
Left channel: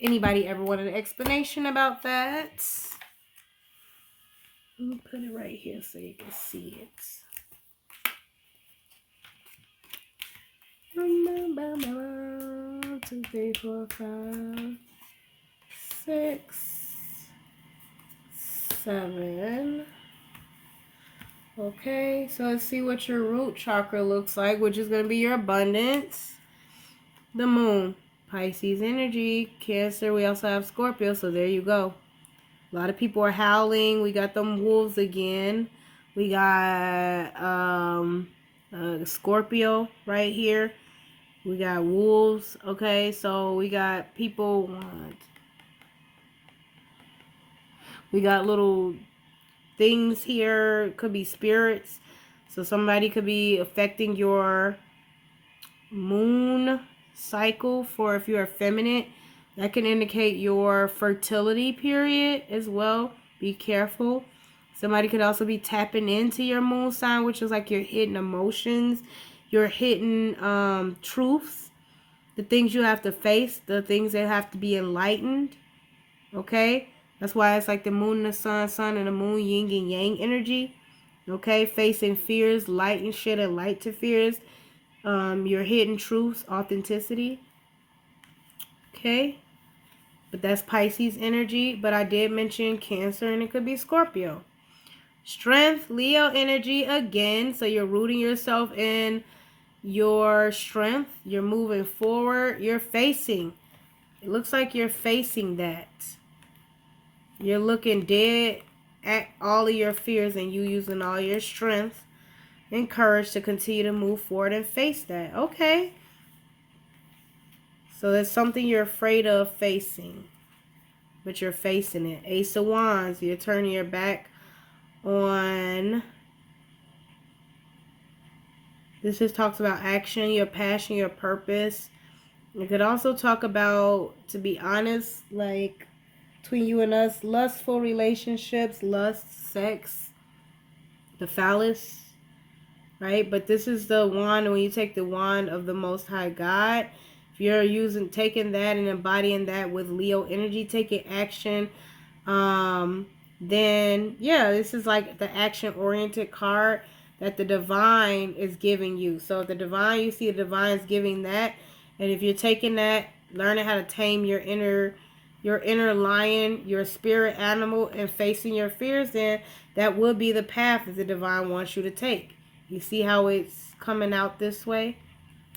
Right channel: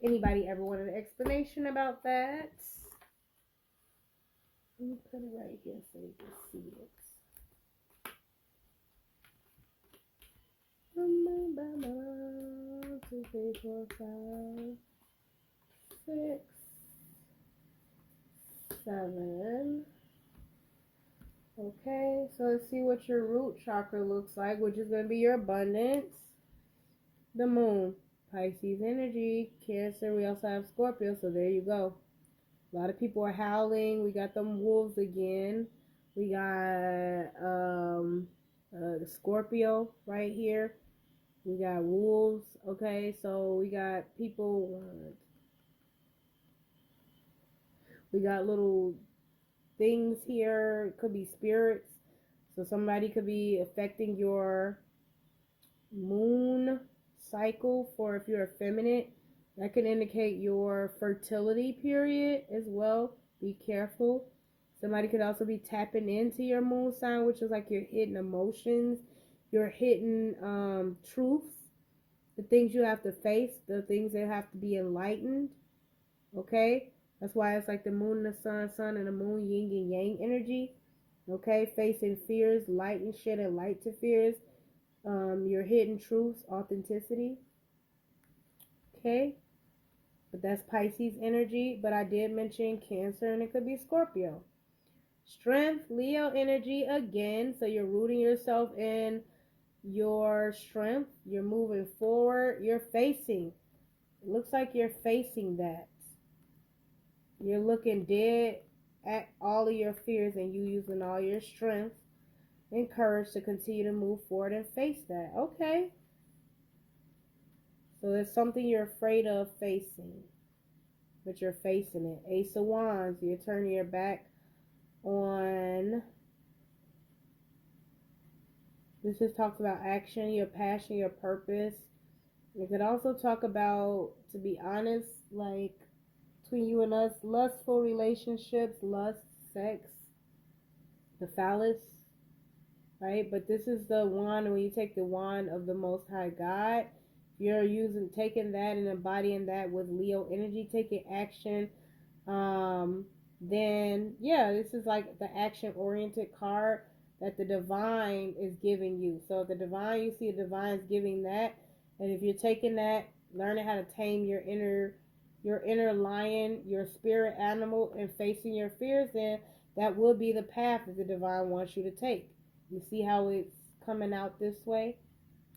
anybody ever want an explanation about that? Let me put it right here so you can see it. 1, 2, 3, 4, 5, 6, 7. Okay, so let's see what your root chakra looks like, which is going to be your abundance. The moon, Pisces energy, Cancer. We also have Scorpio, so there you go. A lot of people are howling. We got them wolves again. We got Scorpio right here. We got wolves. Okay, so we got people. We got little things here. Could be spirits. So somebody could be affecting your moon cycle. For if you're feminine, that can indicate your fertility period as well. Be careful. Somebody could also be tapping into your moon sign, which is like your hidden emotions, your hidden truths, the things you have to face, the things that have to be enlightened. Okay, that's why it's like the moon and the sun and the moon, yin and yang energy. Okay, facing fears, light and shit, and light to fears. Your hidden truths, authenticity. Okay, but that's Pisces energy. But I did mention Cancer, and it could be Scorpio. Strength, Leo energy again. So you're rooting yourself in your strength. You're moving forward. You're facing. It looks like you're facing that. You're looking dead at all of your fears, and you using all your strength and courage to continue to move forward and face that. Okay. So there's something you're afraid of facing, but you're facing it. Ace of Wands, you're turning your back on. This just talks about action, your passion, your purpose. It could also talk about, to be honest, like between you and us, lustful relationships, lust, sex, the phallus, right? But this is the wand. When you take the wand of the Most High God, if you're taking that and embodying that with Leo energy, taking action, then yeah, this is like the action-oriented card that the divine is giving you. So the divine, you see the divine's giving that, And if you're taking that, learning how to tame your inner lion, your spirit animal, and facing your fears, then that will be the path that the divine wants you to take. You see how it's coming out this way?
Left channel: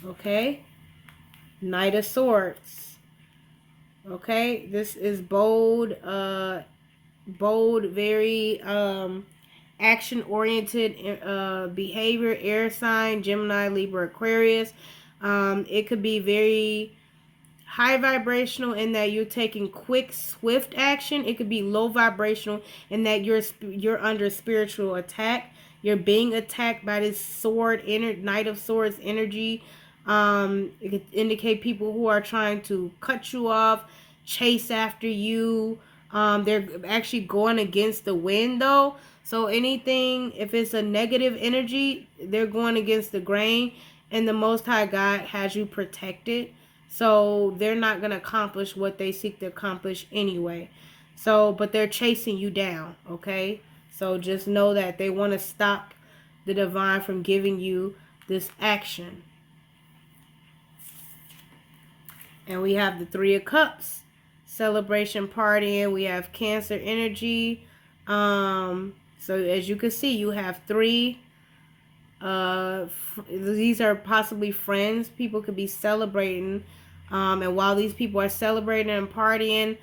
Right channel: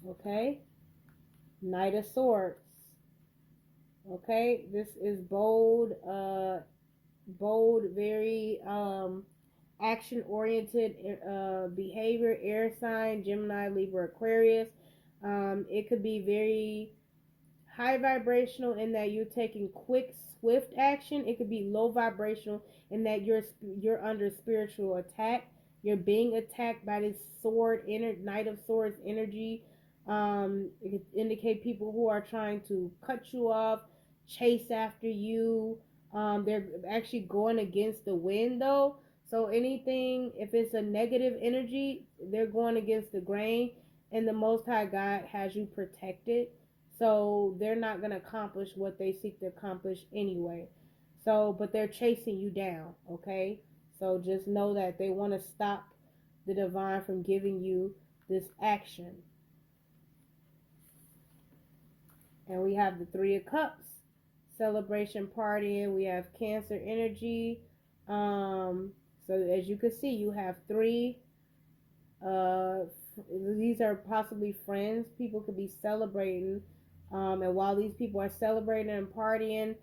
Okay? Knight of Swords. Okay? This is bold, very action-oriented behavior, air sign, Gemini, Libra, Aquarius. It could be very high vibrational in that you're taking quick, swift action. It could be low vibrational in that you're under spiritual attack. You're being attacked by this Knight of Swords energy. It could indicate people who are trying to cut you off, chase after you. They're actually going against the wind though. So anything, if it's a negative energy, they're going against the grain, and the Most High God has you protected. So they're not going to accomplish what they seek to accomplish anyway. So, but they're chasing you down, okay? So just know that they want to stop the divine from giving you this action. And we have the Three of Cups, celebration, partying. We have Cancer energy. So as you can see, you have three. These are possibly friends. People could be celebrating. And while these people are celebrating and partying,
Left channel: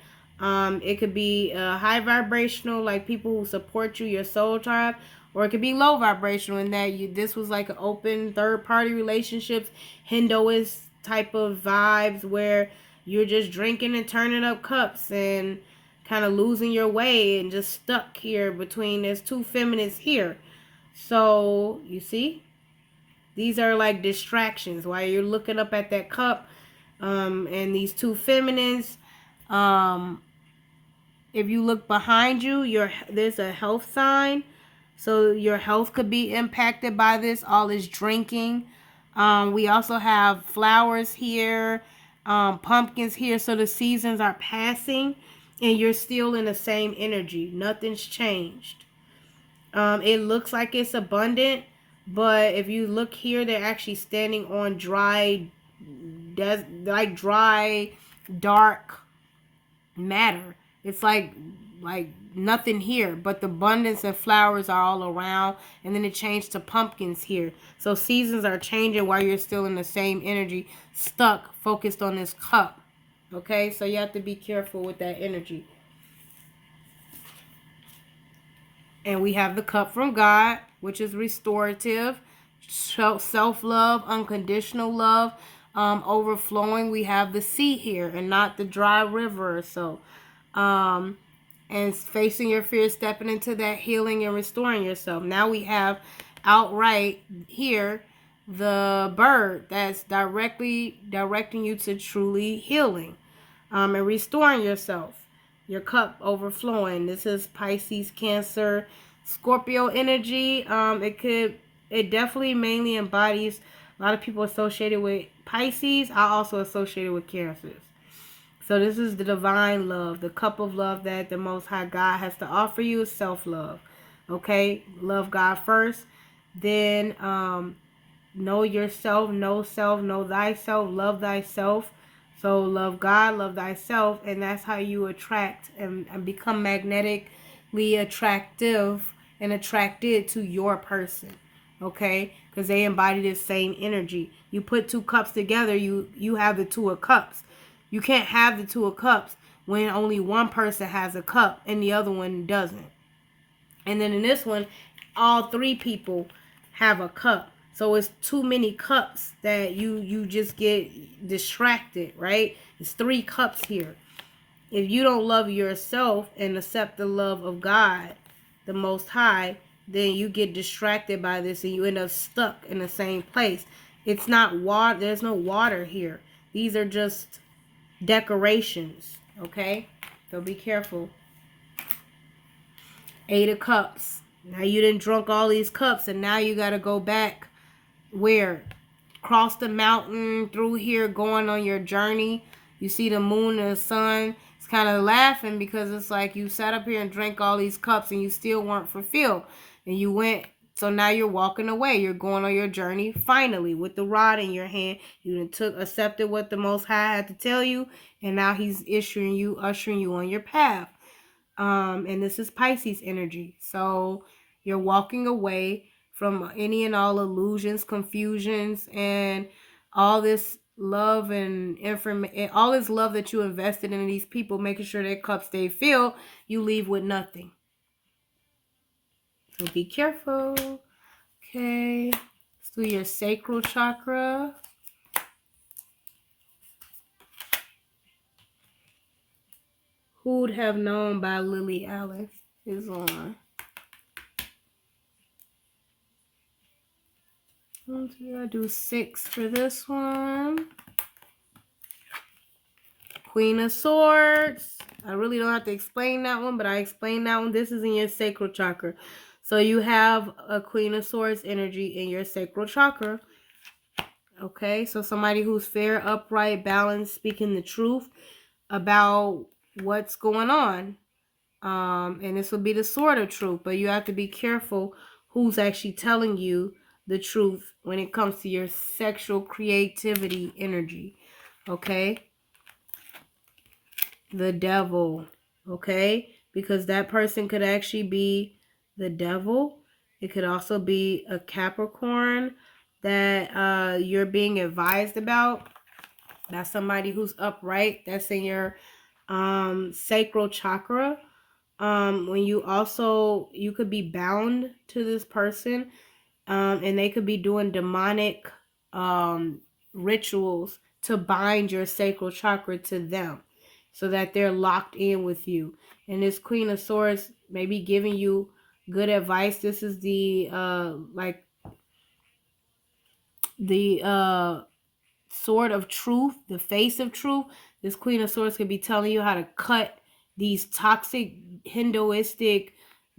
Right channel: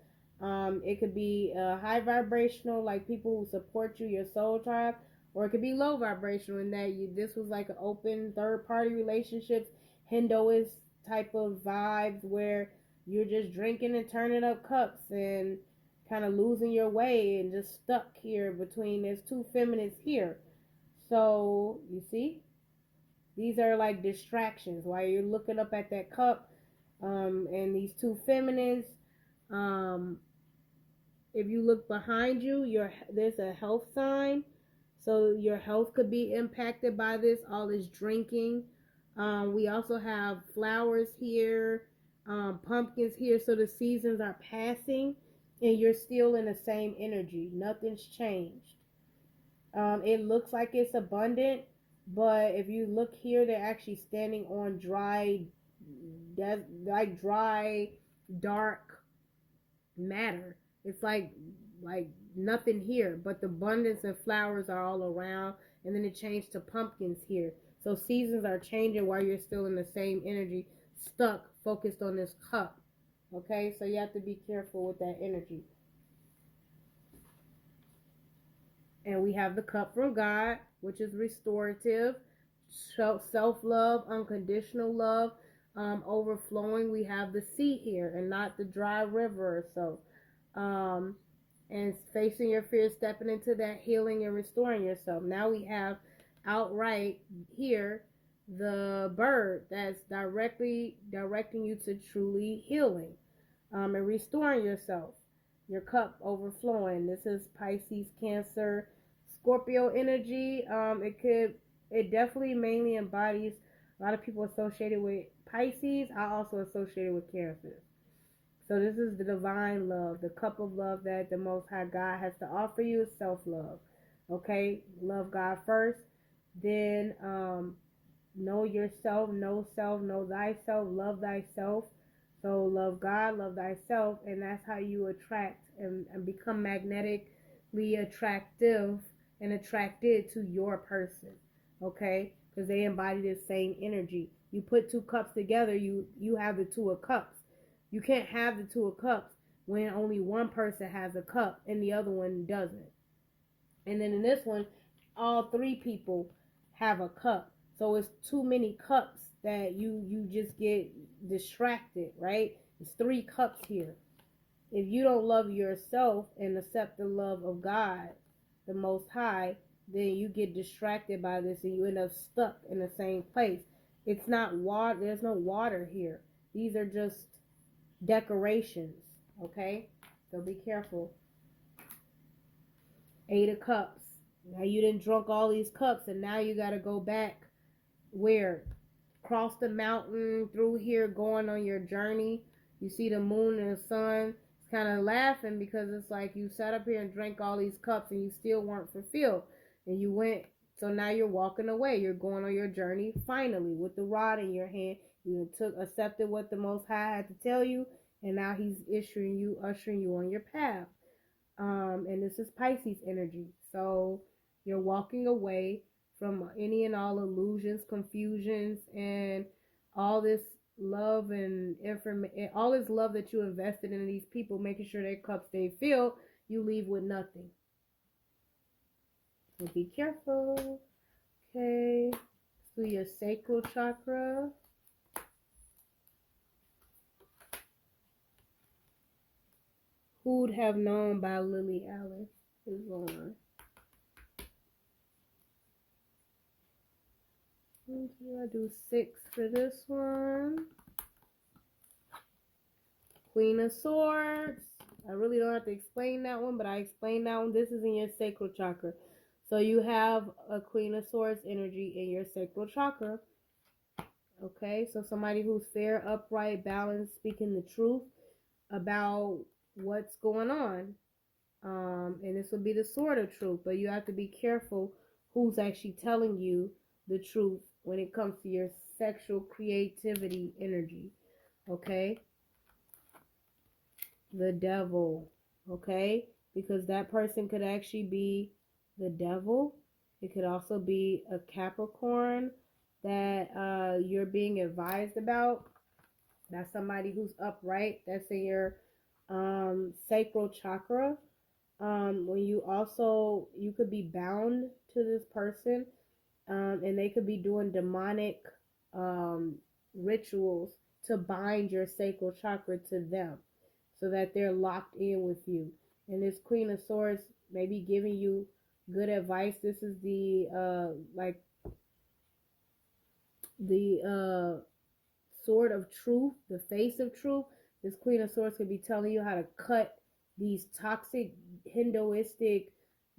it could be high vibrational, like people who support you, your soul tribe, or it could be low vibrational in that this was like an open third party relationships, Hinduist type of vibes where you're just drinking and turning up cups and kind of losing your way and just stuck here between there's two feminists here. So you see, these are like distractions while you're looking up at that cup, and these two feminines. If you look behind you, there's a health sign. So your health could be impacted by this, all this drinking. We also have flowers here, pumpkins here. So the seasons are passing and you're still in the same energy. Nothing's changed. It looks like it's abundant, but if you look here, they're actually standing on dry, dark matter. It's like nothing here, but the abundance of flowers are all around, and then it changed to pumpkins here. So seasons are changing while you're still in the same energy, stuck, focused on this cup. Okay, so you have to be careful with that energy. And we have the cup from God, which is restorative, self-love, unconditional love, overflowing. We have the sea here and not the dry river or so. And facing your fear, stepping into that healing and restoring yourself. Now we have outright here the bird that's directly directing you to truly healing and restoring yourself. Your cup overflowing. This is Pisces, Cancer, Scorpio energy. It definitely mainly embodies a lot of people associated with Pisces. I also associated with Cancers. So this is the divine love, the cup of love that the Most High God has to offer you is self-love. Okay? Love God first. Then know yourself, know self, know thyself, love thyself. So love God, love thyself, and that's how you attract and become magnetically attractive and attracted to your person. Okay? Because they embody the same energy. You put two cups together, you have the Two of Cups. You can't have the Two of Cups when only one person has a cup and the other one doesn't. And then in this one, all three people have a cup. So it's too many cups that you just get distracted, right? It's three cups here. If you don't love yourself and accept the love of God, the Most High, then you get distracted by this and you end up stuck in the same place. It's not water. There's no water here. These are just decorations, okay? So be careful. Eight of Cups. Now you done drunk all these cups and now you got to go back where? Cross the mountain through here going on your journey. You see the moon and the sun. It's kind of laughing because it's like you sat up here and drank all these cups and you still weren't fulfilled. And you went So now you're walking away. You're going on your journey finally with the rod in your hand. You accepted what the Most High had to tell you, and now He's ushering you on your path. And this is Pisces energy. So you're walking away from any and all illusions, confusions, and all this love and information, all this love that you invested in these people, making sure their cups stay filled. You leave with nothing. So be careful. Okay. Let's do your sacral chakra. Who'd Have Known by Lily Alice is on. I do 6 for this one. Queen of Swords. I really don't have to explain that one, but I explained that one. This is in your sacral chakra. So you have a Queen of Swords energy in your sacral chakra. Okay, so somebody who's fair, upright, balanced, speaking the truth about what's going on. And this will be the sword of truth, but you have to be careful who's actually telling you the truth when it comes to your sexual creativity energy. Okay, the devil. Okay, because that person could actually be the devil. It could also be a Capricorn that you're being advised about. That's somebody who's upright. That's in your sacral chakra. When you could be bound to this person, and they could be doing demonic rituals to bind your sacral chakra to them so that they're locked in with you. And this Queen of Swords may be giving you good advice. This is the sword of truth, the face of truth. This Queen of Swords could be telling you how to cut these toxic Hinduistic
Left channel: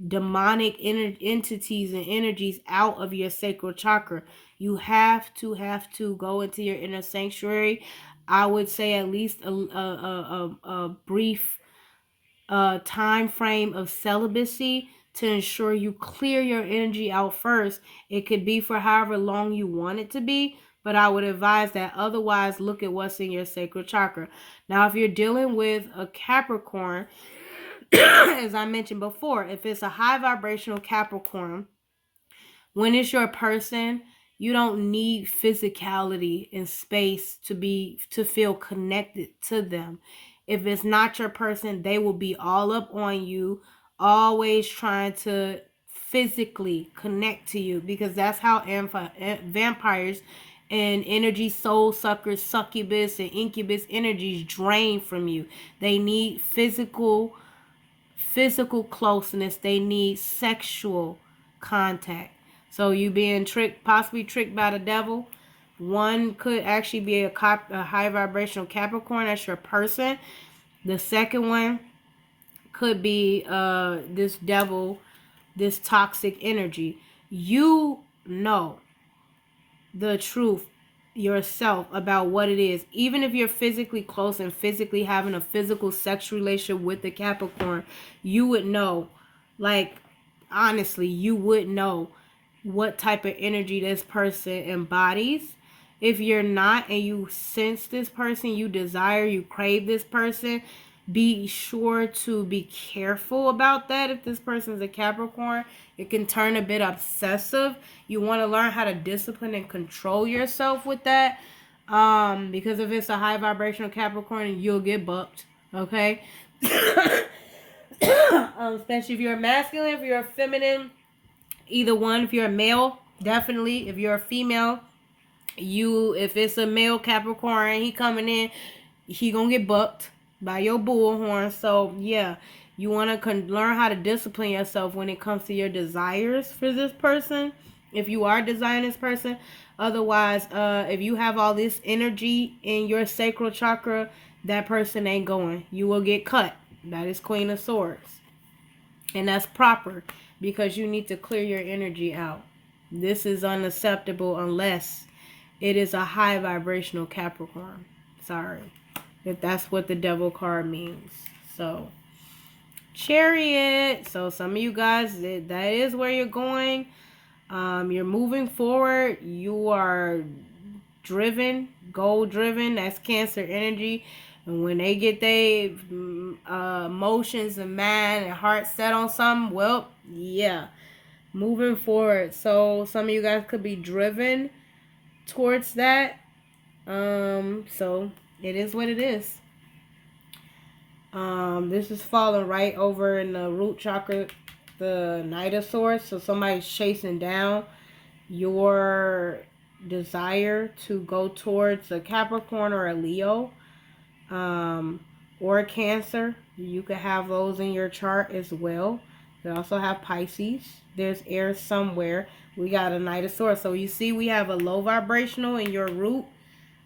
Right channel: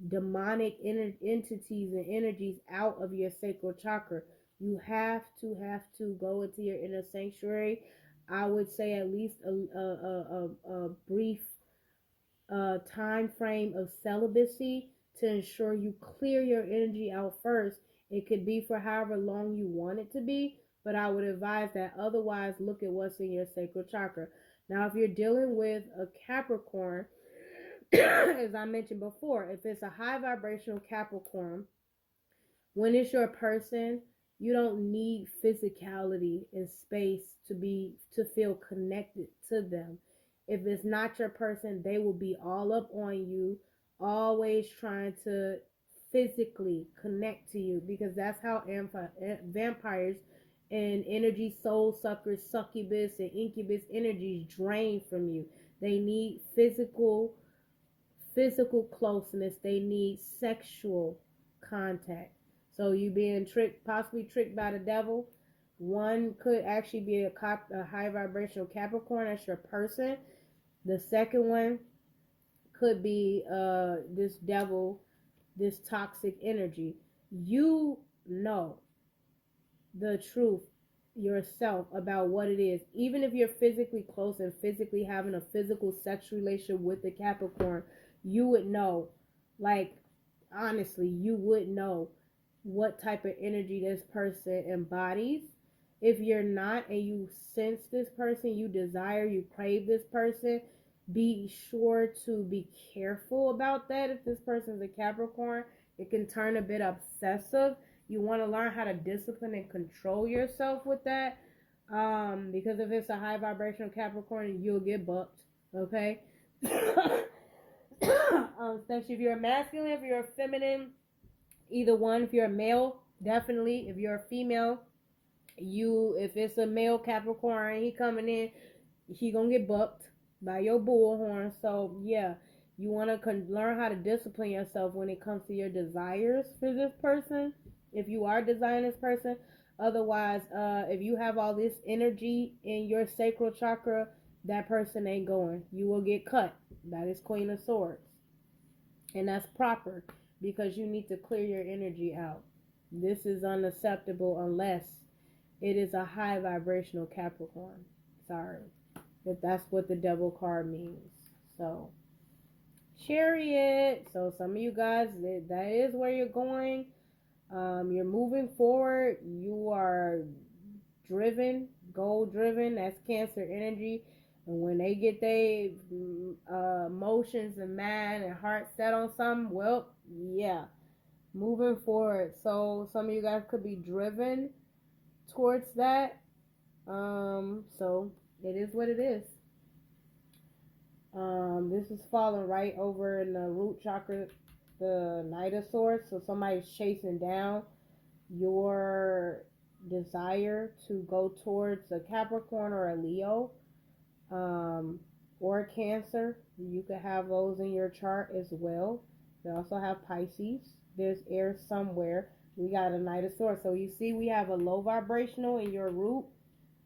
demonic entities and energies out of your sacral chakra. You have to go into your inner sanctuary. I would say at least a brief time frame of celibacy to ensure you clear your energy out first. It could be for however long you want it to be, but I would advise that otherwise look at what's in your sacral chakra. Now, if you're dealing with a Capricorn, as I mentioned before, if it's a high vibrational Capricorn, when it's your person, you don't need physicality and space to feel connected to them. If it's not your person, they will be all up on you, always trying to physically connect to you, because that's how vampires and energy soul suckers, succubus and incubus energies drain from you. They need physical closeness. They need sexual contact. So you being possibly tricked by the devil. One could actually be a high vibrational Capricorn. That's your person. The second one could be this devil, this toxic energy. You know the truth yourself about what it is. Even if you're physically close and physically having a physical sexual relationship with the Capricorn, you would know, like, honestly, you would know what type of energy this person embodies. If you're not and you sense this person, you desire, you crave this person, be sure to be careful about that. If this person's a Capricorn, it can turn a bit obsessive. You want to learn how to discipline and control yourself with that. Because if it's a high vibrational Capricorn, you'll get bucked. Okay? Especially if you're a masculine, if you're a feminine, either one. If you're a male, definitely. If you're a female, if it's a male Capricorn, he coming in, he gonna get bucked by your bullhorn. So yeah, you want to learn how to discipline yourself when it comes to your desires for this person, if you are desiring this person. Otherwise, if you have all this energy in your sacral chakra, that person ain't going. You will get cut. That is Queen of Swords, and that's proper, because you need to clear your energy out. This is unacceptable unless it is a high vibrational Capricorn. Sorry, if that's what the devil card means. So, Chariot. So some of you guys, that is where you're going. You're moving forward. You are driven, goal driven. That's Cancer energy. And when they get their emotions and mind and heart set on something, well, yeah, moving forward. So some of you guys could be driven towards that. So it is what it is. This is falling right over in the root chakra, the Knight of Swords. So somebody's chasing down your desire to go towards a Capricorn or a Leo, or a Cancer. You could have those in your chart as well. You also have Pisces. There's air somewhere. We got a Knight of Swords. So you see we have a low vibrational in your root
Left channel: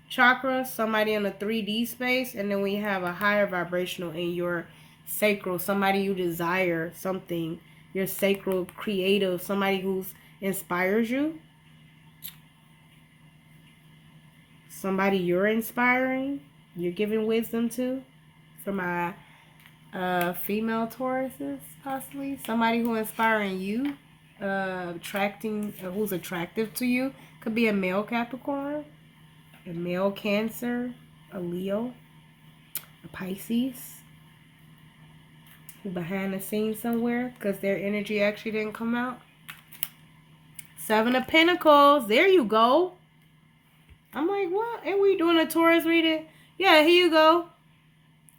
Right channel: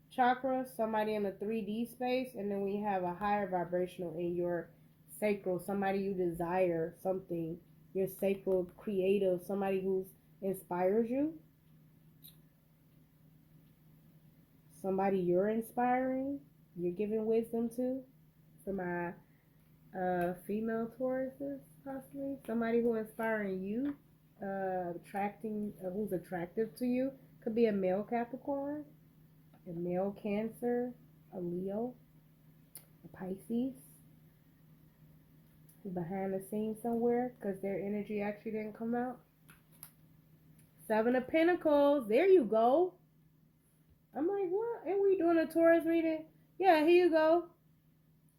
chakra, somebody in a 3D space, and then we have a higher vibrational in your sacral, somebody you desire something, your sacral creative, somebody who inspires you, somebody you're inspiring, you're giving wisdom to. For my female Tauruses, possibly somebody who inspiring you, attracting, who's attractive to you. Could be a male Capricorn, a male Cancer, a Leo, a Pisces, who behind the scenes somewhere because their energy actually didn't come out. Seven of Pentacles. There you go. I'm like, what? Ain't we doing a Taurus reading? Yeah, here you go.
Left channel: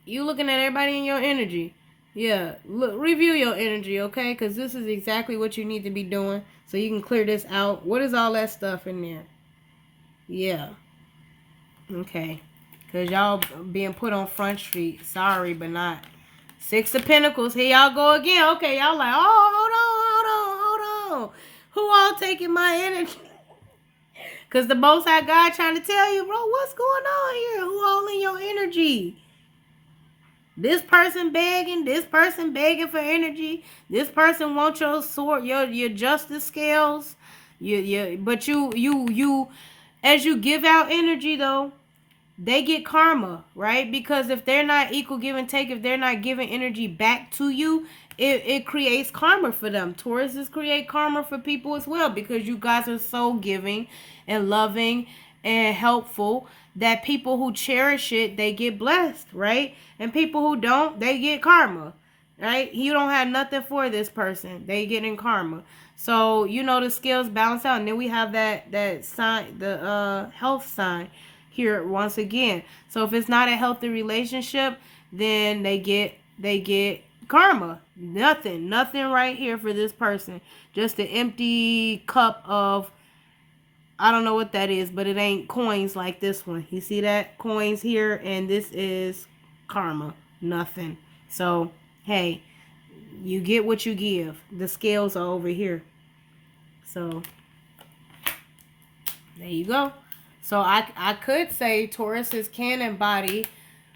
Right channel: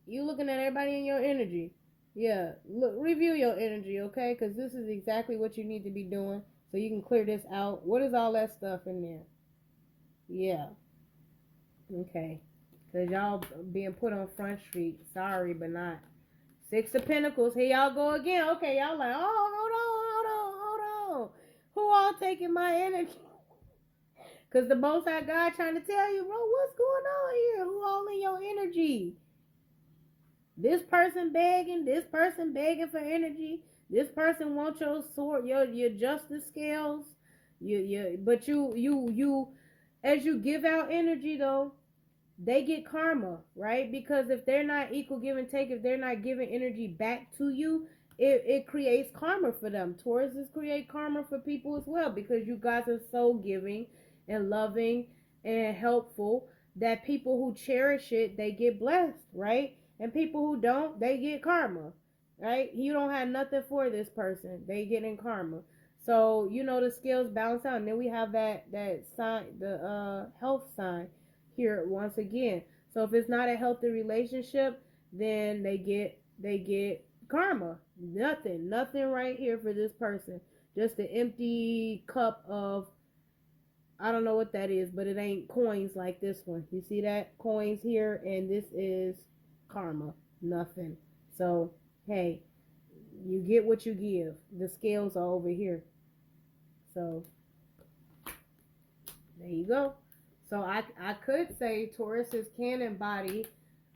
You looking at everybody in your energy. Yeah, look, review your energy, okay? Because this is exactly what you need to be doing so you can clear this out. What is all that stuff in there? Yeah. Okay. Because y'all being put on Front Street. Sorry, but not. Six of Pentacles. Here y'all go again. Okay, y'all like, oh, hold on. Who all taking my energy? Because the Most High God trying to tell you, bro, what's going on here? Who all in your energy? This person begging for energy. This person wants your sword, your justice scales. But you, as you give out energy though, they get karma, right? Because if they're not equal give and take, if they're not giving energy back to you, it creates karma for them. Tauruses create karma for people as well because you guys are so giving and loving and helpful that people who cherish it, they get blessed, right? And people who don't, they get karma, right? You don't have nothing for this person. They get in karma. So, the scales balance out. And then we have that sign, the health sign here once again. So if it's not a healthy relationship, then they get karma. Nothing right here for this person. Just an empty cup of, I don't know what that is, but it ain't coins like this one. You see that? Coins here, and this is karma. Nothing. So, hey, you get what you give. The scales are over here. So, there you go. So I could say Tauruses can embody,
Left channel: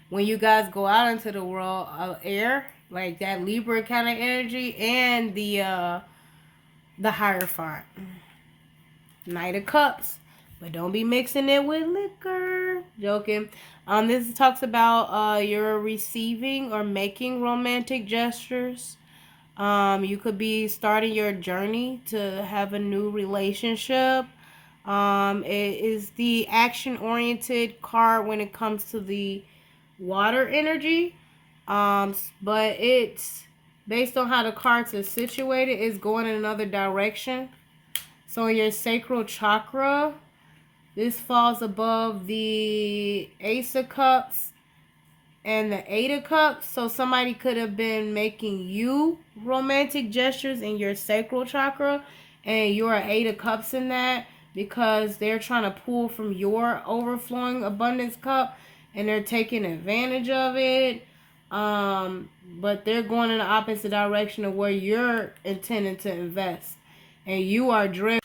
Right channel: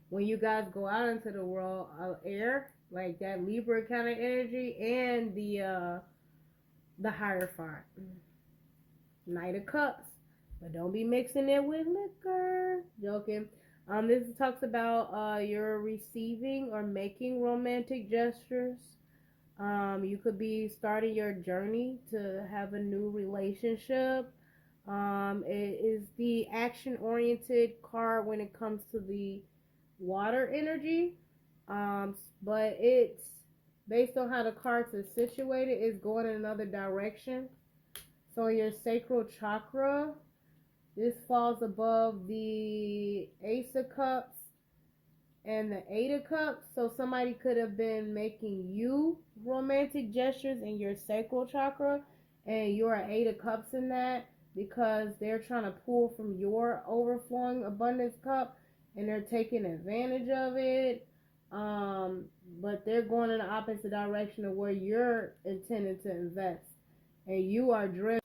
when you guys go out into the world, air, like that Libra kind of energy, and the Hierophant. Knight of Cups. But don't be mixing it with liquor. Joking. This talks about you're receiving or making romantic gestures. You could be starting your journey to have a new relationship. It is the action-oriented card when it comes to the water energy. But it's based on how the cards are situated, it's going in another direction. So in your sacral chakra, this falls above the Ace of Cups and the Eight of Cups. So somebody could have been making you romantic gestures in your sacral chakra, and you're an Eight of Cups in that, because they're trying to pull from your overflowing abundance cup and they're taking advantage of it. But they're going in the opposite direction of where you're intending to invest, and you are driven.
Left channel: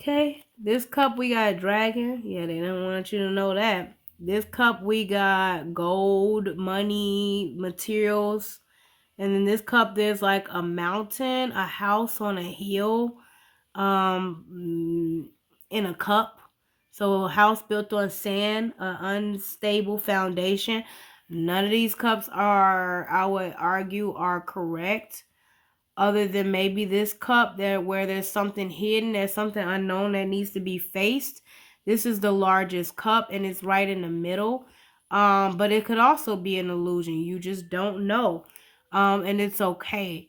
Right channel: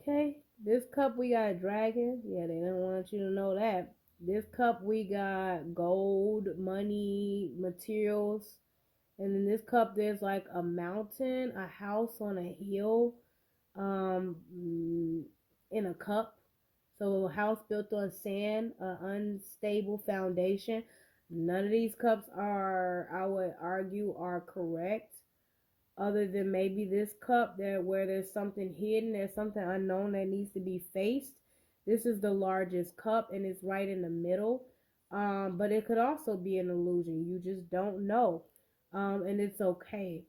Okay, this cup we got dragon. Yeah, they don't want you to know that. This cup we got gold, money, materials. And in this cup there's like a mountain, a house on a hill, in a cup. So a house built on sand, an unstable foundation. None of these cups are, I would argue, are correct. other than maybe this cup there where there's something hidden, there's something unknown that needs to be faced. This is the largest cup and it's right in the middle. But it could also be an illusion. You just don't know. And it's okay.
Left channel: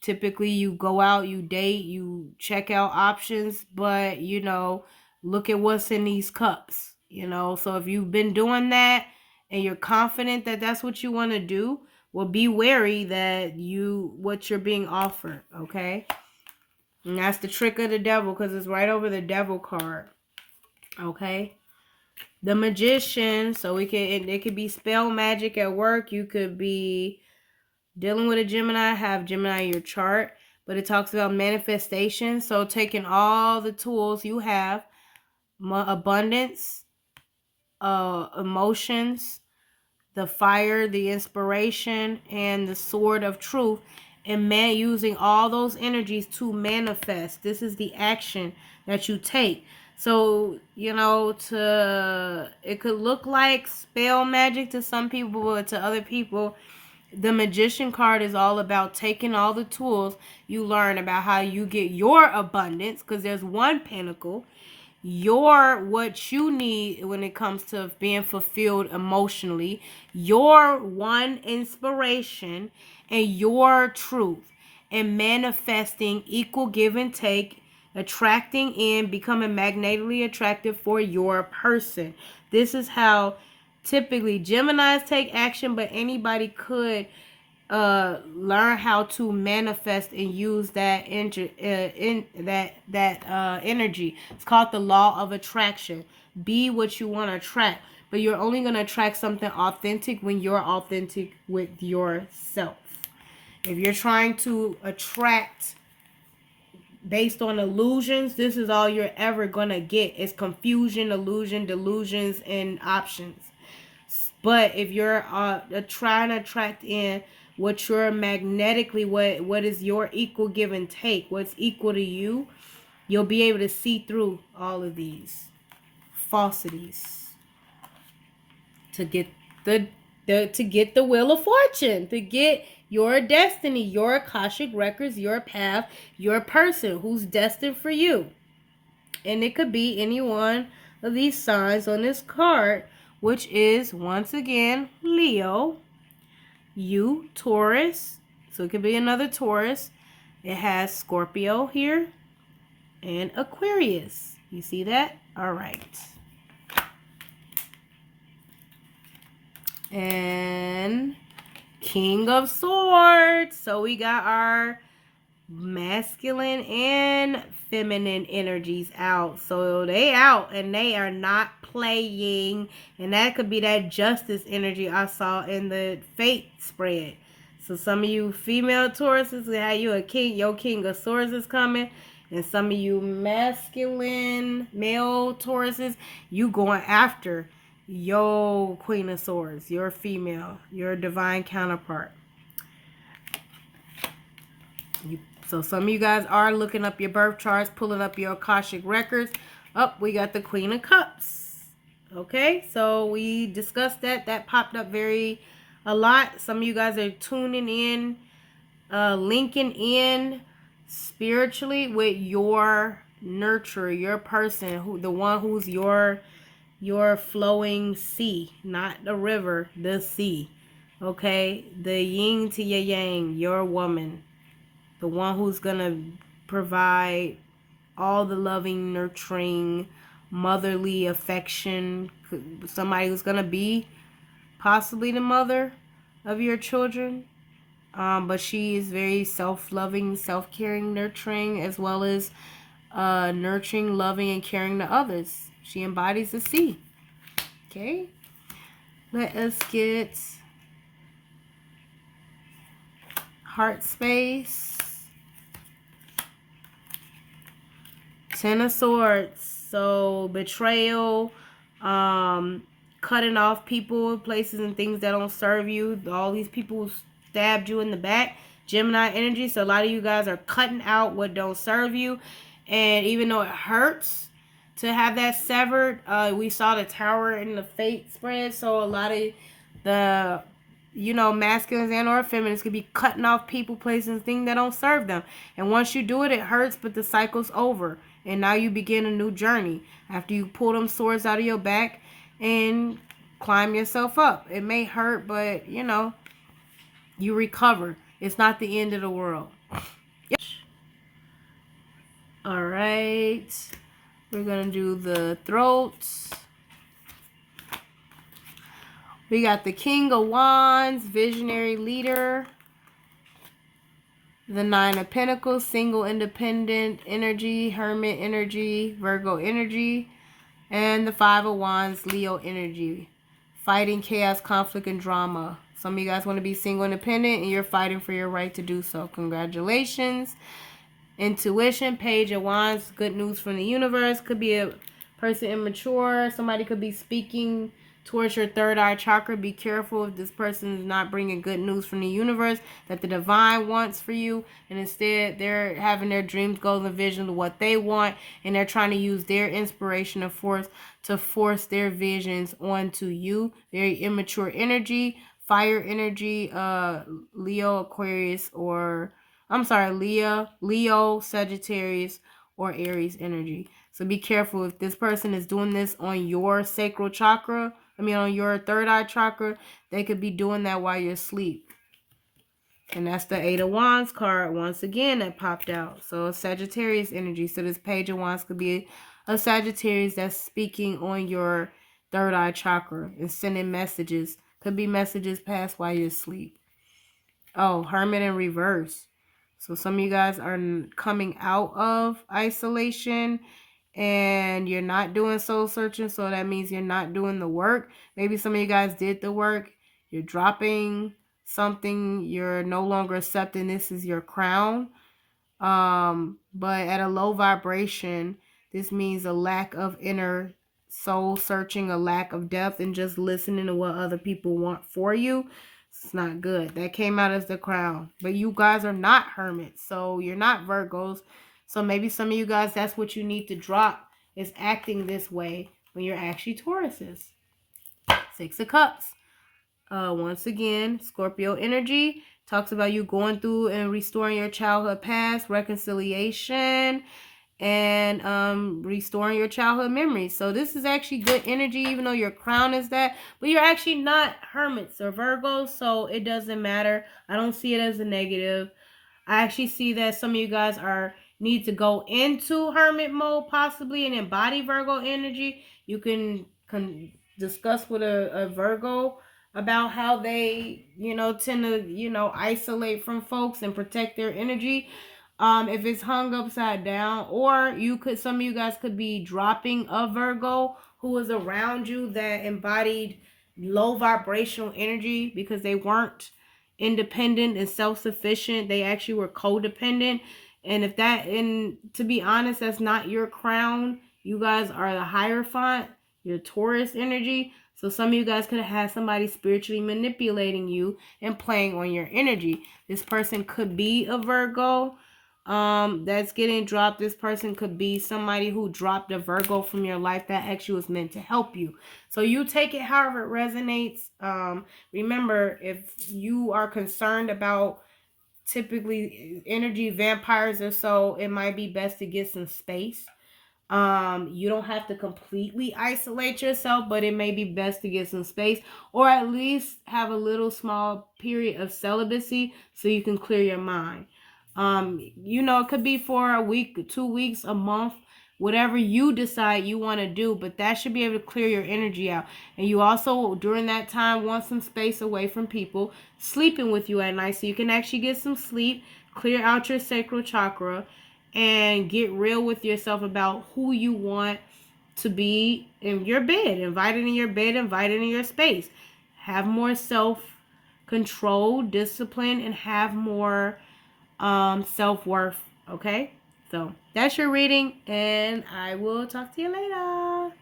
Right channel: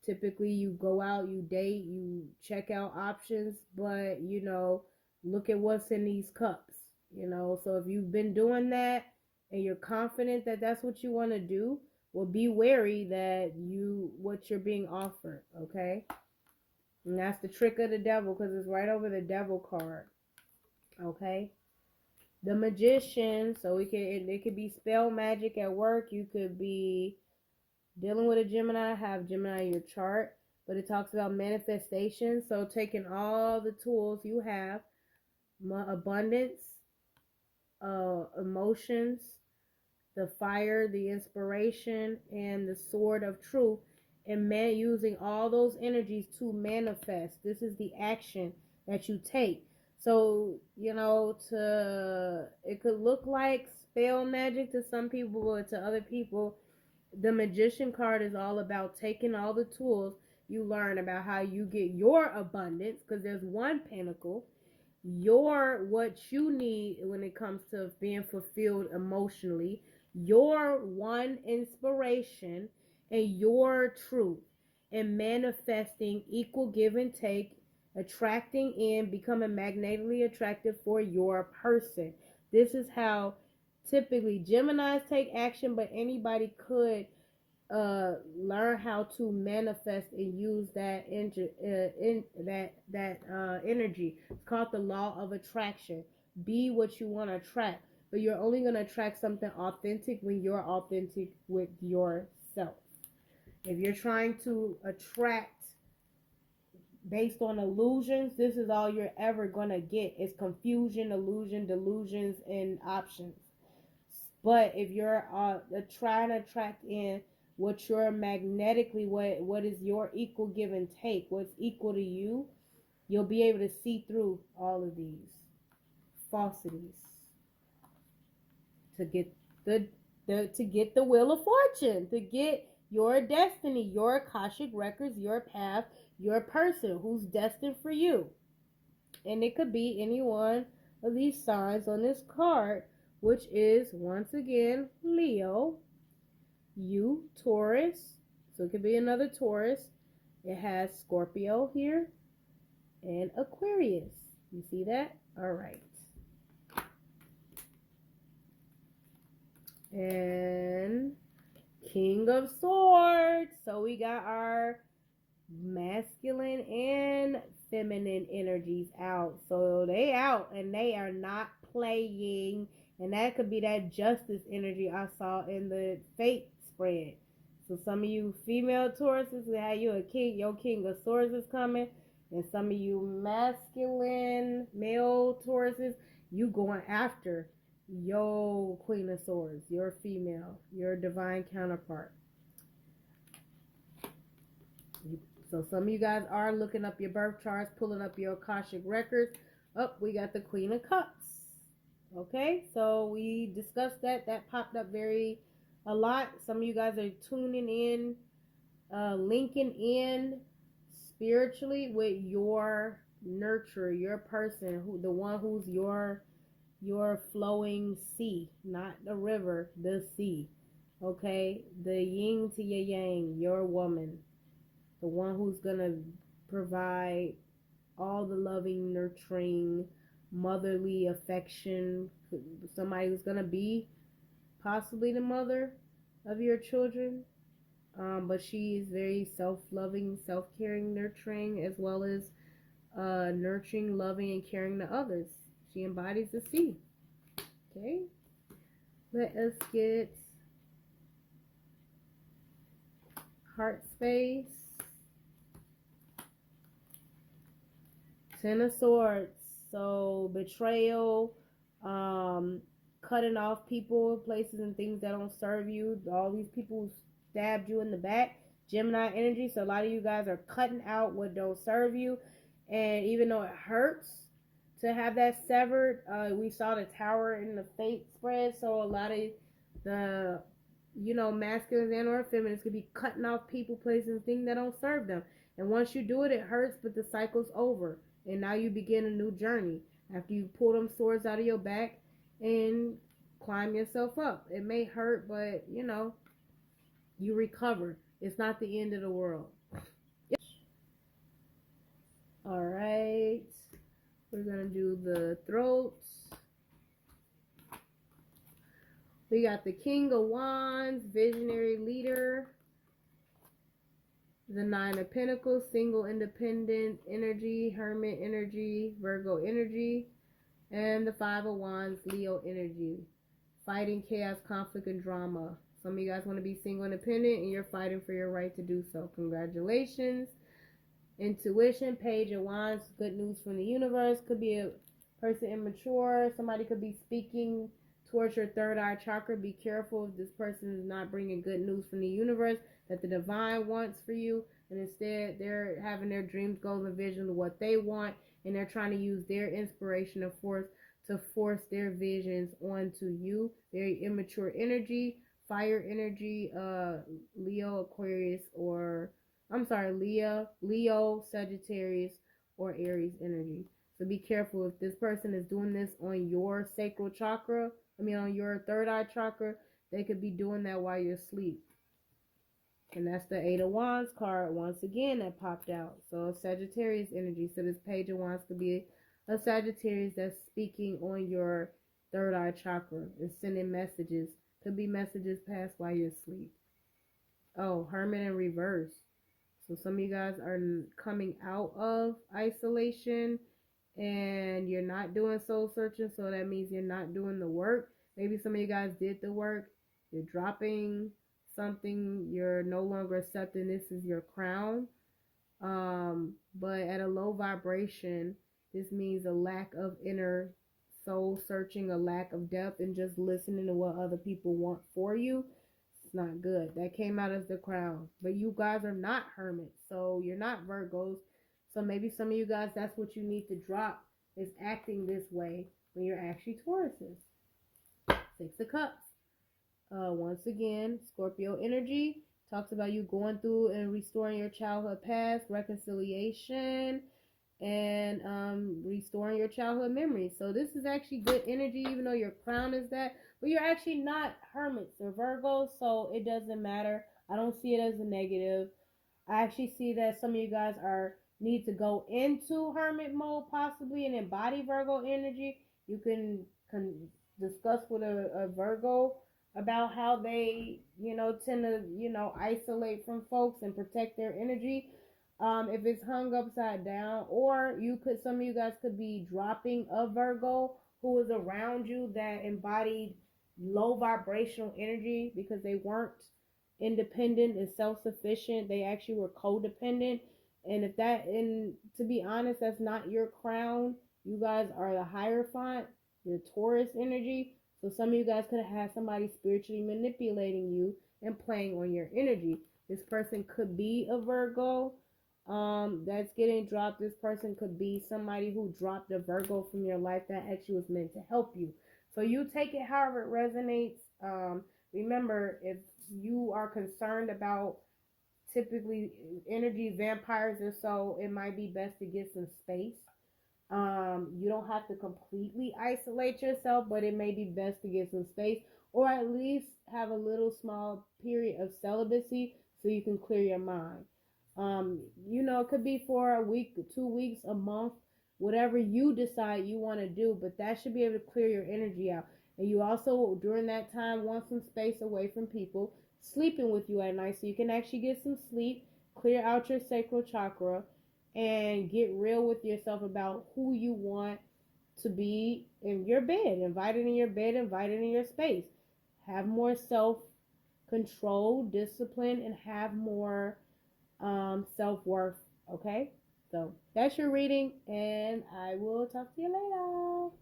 Typically you go out, you date, you check out options, but look at what's in these cups, So if you've been doing that and you're confident that that's what you want to do, well, be wary that what you're being offered, okay? And that's the trick of the devil, because it's right over the devil card, okay? The Magician, so it could be spell magic at work. You could be dealing with a Gemini, have Gemini in your chart, but it talks about manifestation. So taking all the tools you have, abundance, emotions, the fire, the inspiration, and the sword of truth, and using all those energies to manifest. This is the action that you take. So, it could look like spell magic to some people, but to other people, the Magician card is all about taking all the tools you learn about how you get your abundance, because there's one pentacle, what you need when it comes to being fulfilled emotionally, your one inspiration, and your truth, and manifesting equal give and take, attracting in, becoming magnetically attractive for your person. This is how typically Geminis take action, but anybody could learn how to manifest and use that energy. It's called the law of attraction. Be what you want to attract, but you're only going to attract something authentic when you're authentic with yourself. If you're trying to attract based on illusions, this is all you're ever going to get. It's confusion, illusion, delusions, and options. But if you're trying to attract in what you're magnetically, what is your equal give and take, what's equal to you, you'll be able to see through all of these falsities to get the wheel of fortune, to get your destiny, your Akashic records, your path, your person who's destined for you. And it could be any one of these signs on this card, which is, once again, Leo, you, Taurus. So it could be another Taurus. It has Scorpio here and Aquarius. You see that? All right. And King of Swords. So we got our masculine and feminine energies out. So they out and they are not playing. And that could be that justice energy I saw in the fate spread. So some of you female Tauruses, we have you a king, your King of Swords is coming. And some of you masculine male Tauruses, you going after your Queen of Swords, your female, your divine counterpart. So some of you guys are looking up your birth charts, pulling up your Akashic records. We got the Queen of Cups. Okay, so we discussed that. That popped up a lot. Some of you guys are tuning in, linking in spiritually with your nurturer, your person, the one who's your flowing sea, not the river, the sea. Okay, the yin to your yang, your woman. The one who's going to provide all the loving, nurturing, motherly affection. Somebody who's going to be possibly the mother of your children. But she is very self-loving, self-caring, nurturing, as well as nurturing, loving, and caring to others. She embodies the sea. Okay? Let us get heart space. Ten of Swords. So betrayal, cutting off people, places, and things that don't serve you. All these people stabbed you in the back. Gemini energy. So a lot of you guys are cutting out what don't serve you. And even though it hurts to have that severed, we saw the Tower in the fate spread. So a lot of the masculines and or feminines could be cutting off people, places, and things that don't serve them. And once you do it, it hurts, but the cycle's over. And now you begin a new journey after you pull them swords out of your back and climb yourself up. It may hurt, but you recover. It's not the end of the world. All right. We're going to do the throats. We got the King of Wands, visionary leader. The Nine of Pentacles, single independent energy, hermit energy, Virgo energy. And the Five of Wands, Leo energy. Fighting chaos, conflict, and drama. Some of you guys want to be single independent and you're fighting for your right to do so. Congratulations. Intuition, Page of Wands, good news from the universe. Could be a person immature. Somebody could be speaking towards your third eye chakra. Be careful if this person is not bringing good news from the universe that the divine wants for you, and instead they're having their dreams, goals, and visions of what they want, and they're trying to use their inspiration of force to force their visions onto you. Very immature energy, fire energy, Leo, Aquarius, or I'm sorry, Leo, Sagittarius, or Aries energy. So be careful if this person is doing this on your sacral chakra, on your third eye chakra, they could be doing that while you're asleep. And that's the Eight of Wands card once again that popped out. So Sagittarius energy. So this Page of Wands could be a Sagittarius that's speaking on your third eye chakra and sending messages. Could be messages passed while you're asleep. Oh, Hermit in reverse. So some of you guys are coming out of isolation and you're not doing soul searching. So that means you're not doing the work. Maybe some of you guys did the work. You're dropping something. You're no longer accepting this is your crown. But at a low vibration, this means a lack of inner soul searching, a lack of depth, and just listening to what other people want for you. It's not good. That came out as the crown. But you guys are not hermits, so you're not Virgos. So maybe some of you guys, that's what you need to drop, is acting this way when you're actually Tauruses. Six of Cups. Once again, Scorpio energy talks about you going through and restoring your childhood past, reconciliation, and restoring your childhood memories. So this is actually good energy, even though your crown is that, but you're actually not hermits or Virgos, so it doesn't matter. I don't see it as a negative. I actually see that some of you guys need to go into hermit mode possibly and embody Virgo energy. You can discuss with a Virgo about how they, tend to, isolate from folks and protect their energy. If it's hung upside down, or some of you guys could be dropping a Virgo who is around you that embodied low vibrational energy because they weren't independent and self-sufficient. They actually were codependent. And to be honest, that's not your crown. You guys are the Hierophant, your Taurus energy. So some of you guys could have had somebody spiritually manipulating you and playing on your energy. This person could be a Virgo that's getting dropped. This person could be somebody who dropped a Virgo from your life that actually was meant to help you. So you take it however it resonates. Remember, if you are concerned about typically energy vampires or so, it might be best to get some space. You don't have to completely isolate yourself, but it may be best to get some space, or at least have a little small period of celibacy so you can clear your mind. It could be for a week, 2 weeks, a month, whatever you decide you want to do, but that should be able to clear your energy out. And you also, during that time, want some space away from people sleeping with you at night so you can actually get some sleep, clear out your sacral chakra, and get real with yourself about who you want to be in your bed, invited in your bed, invited in your space. Have more self-control, discipline, and have more self-worth. Okay, so that's your reading, and I will talk to you later.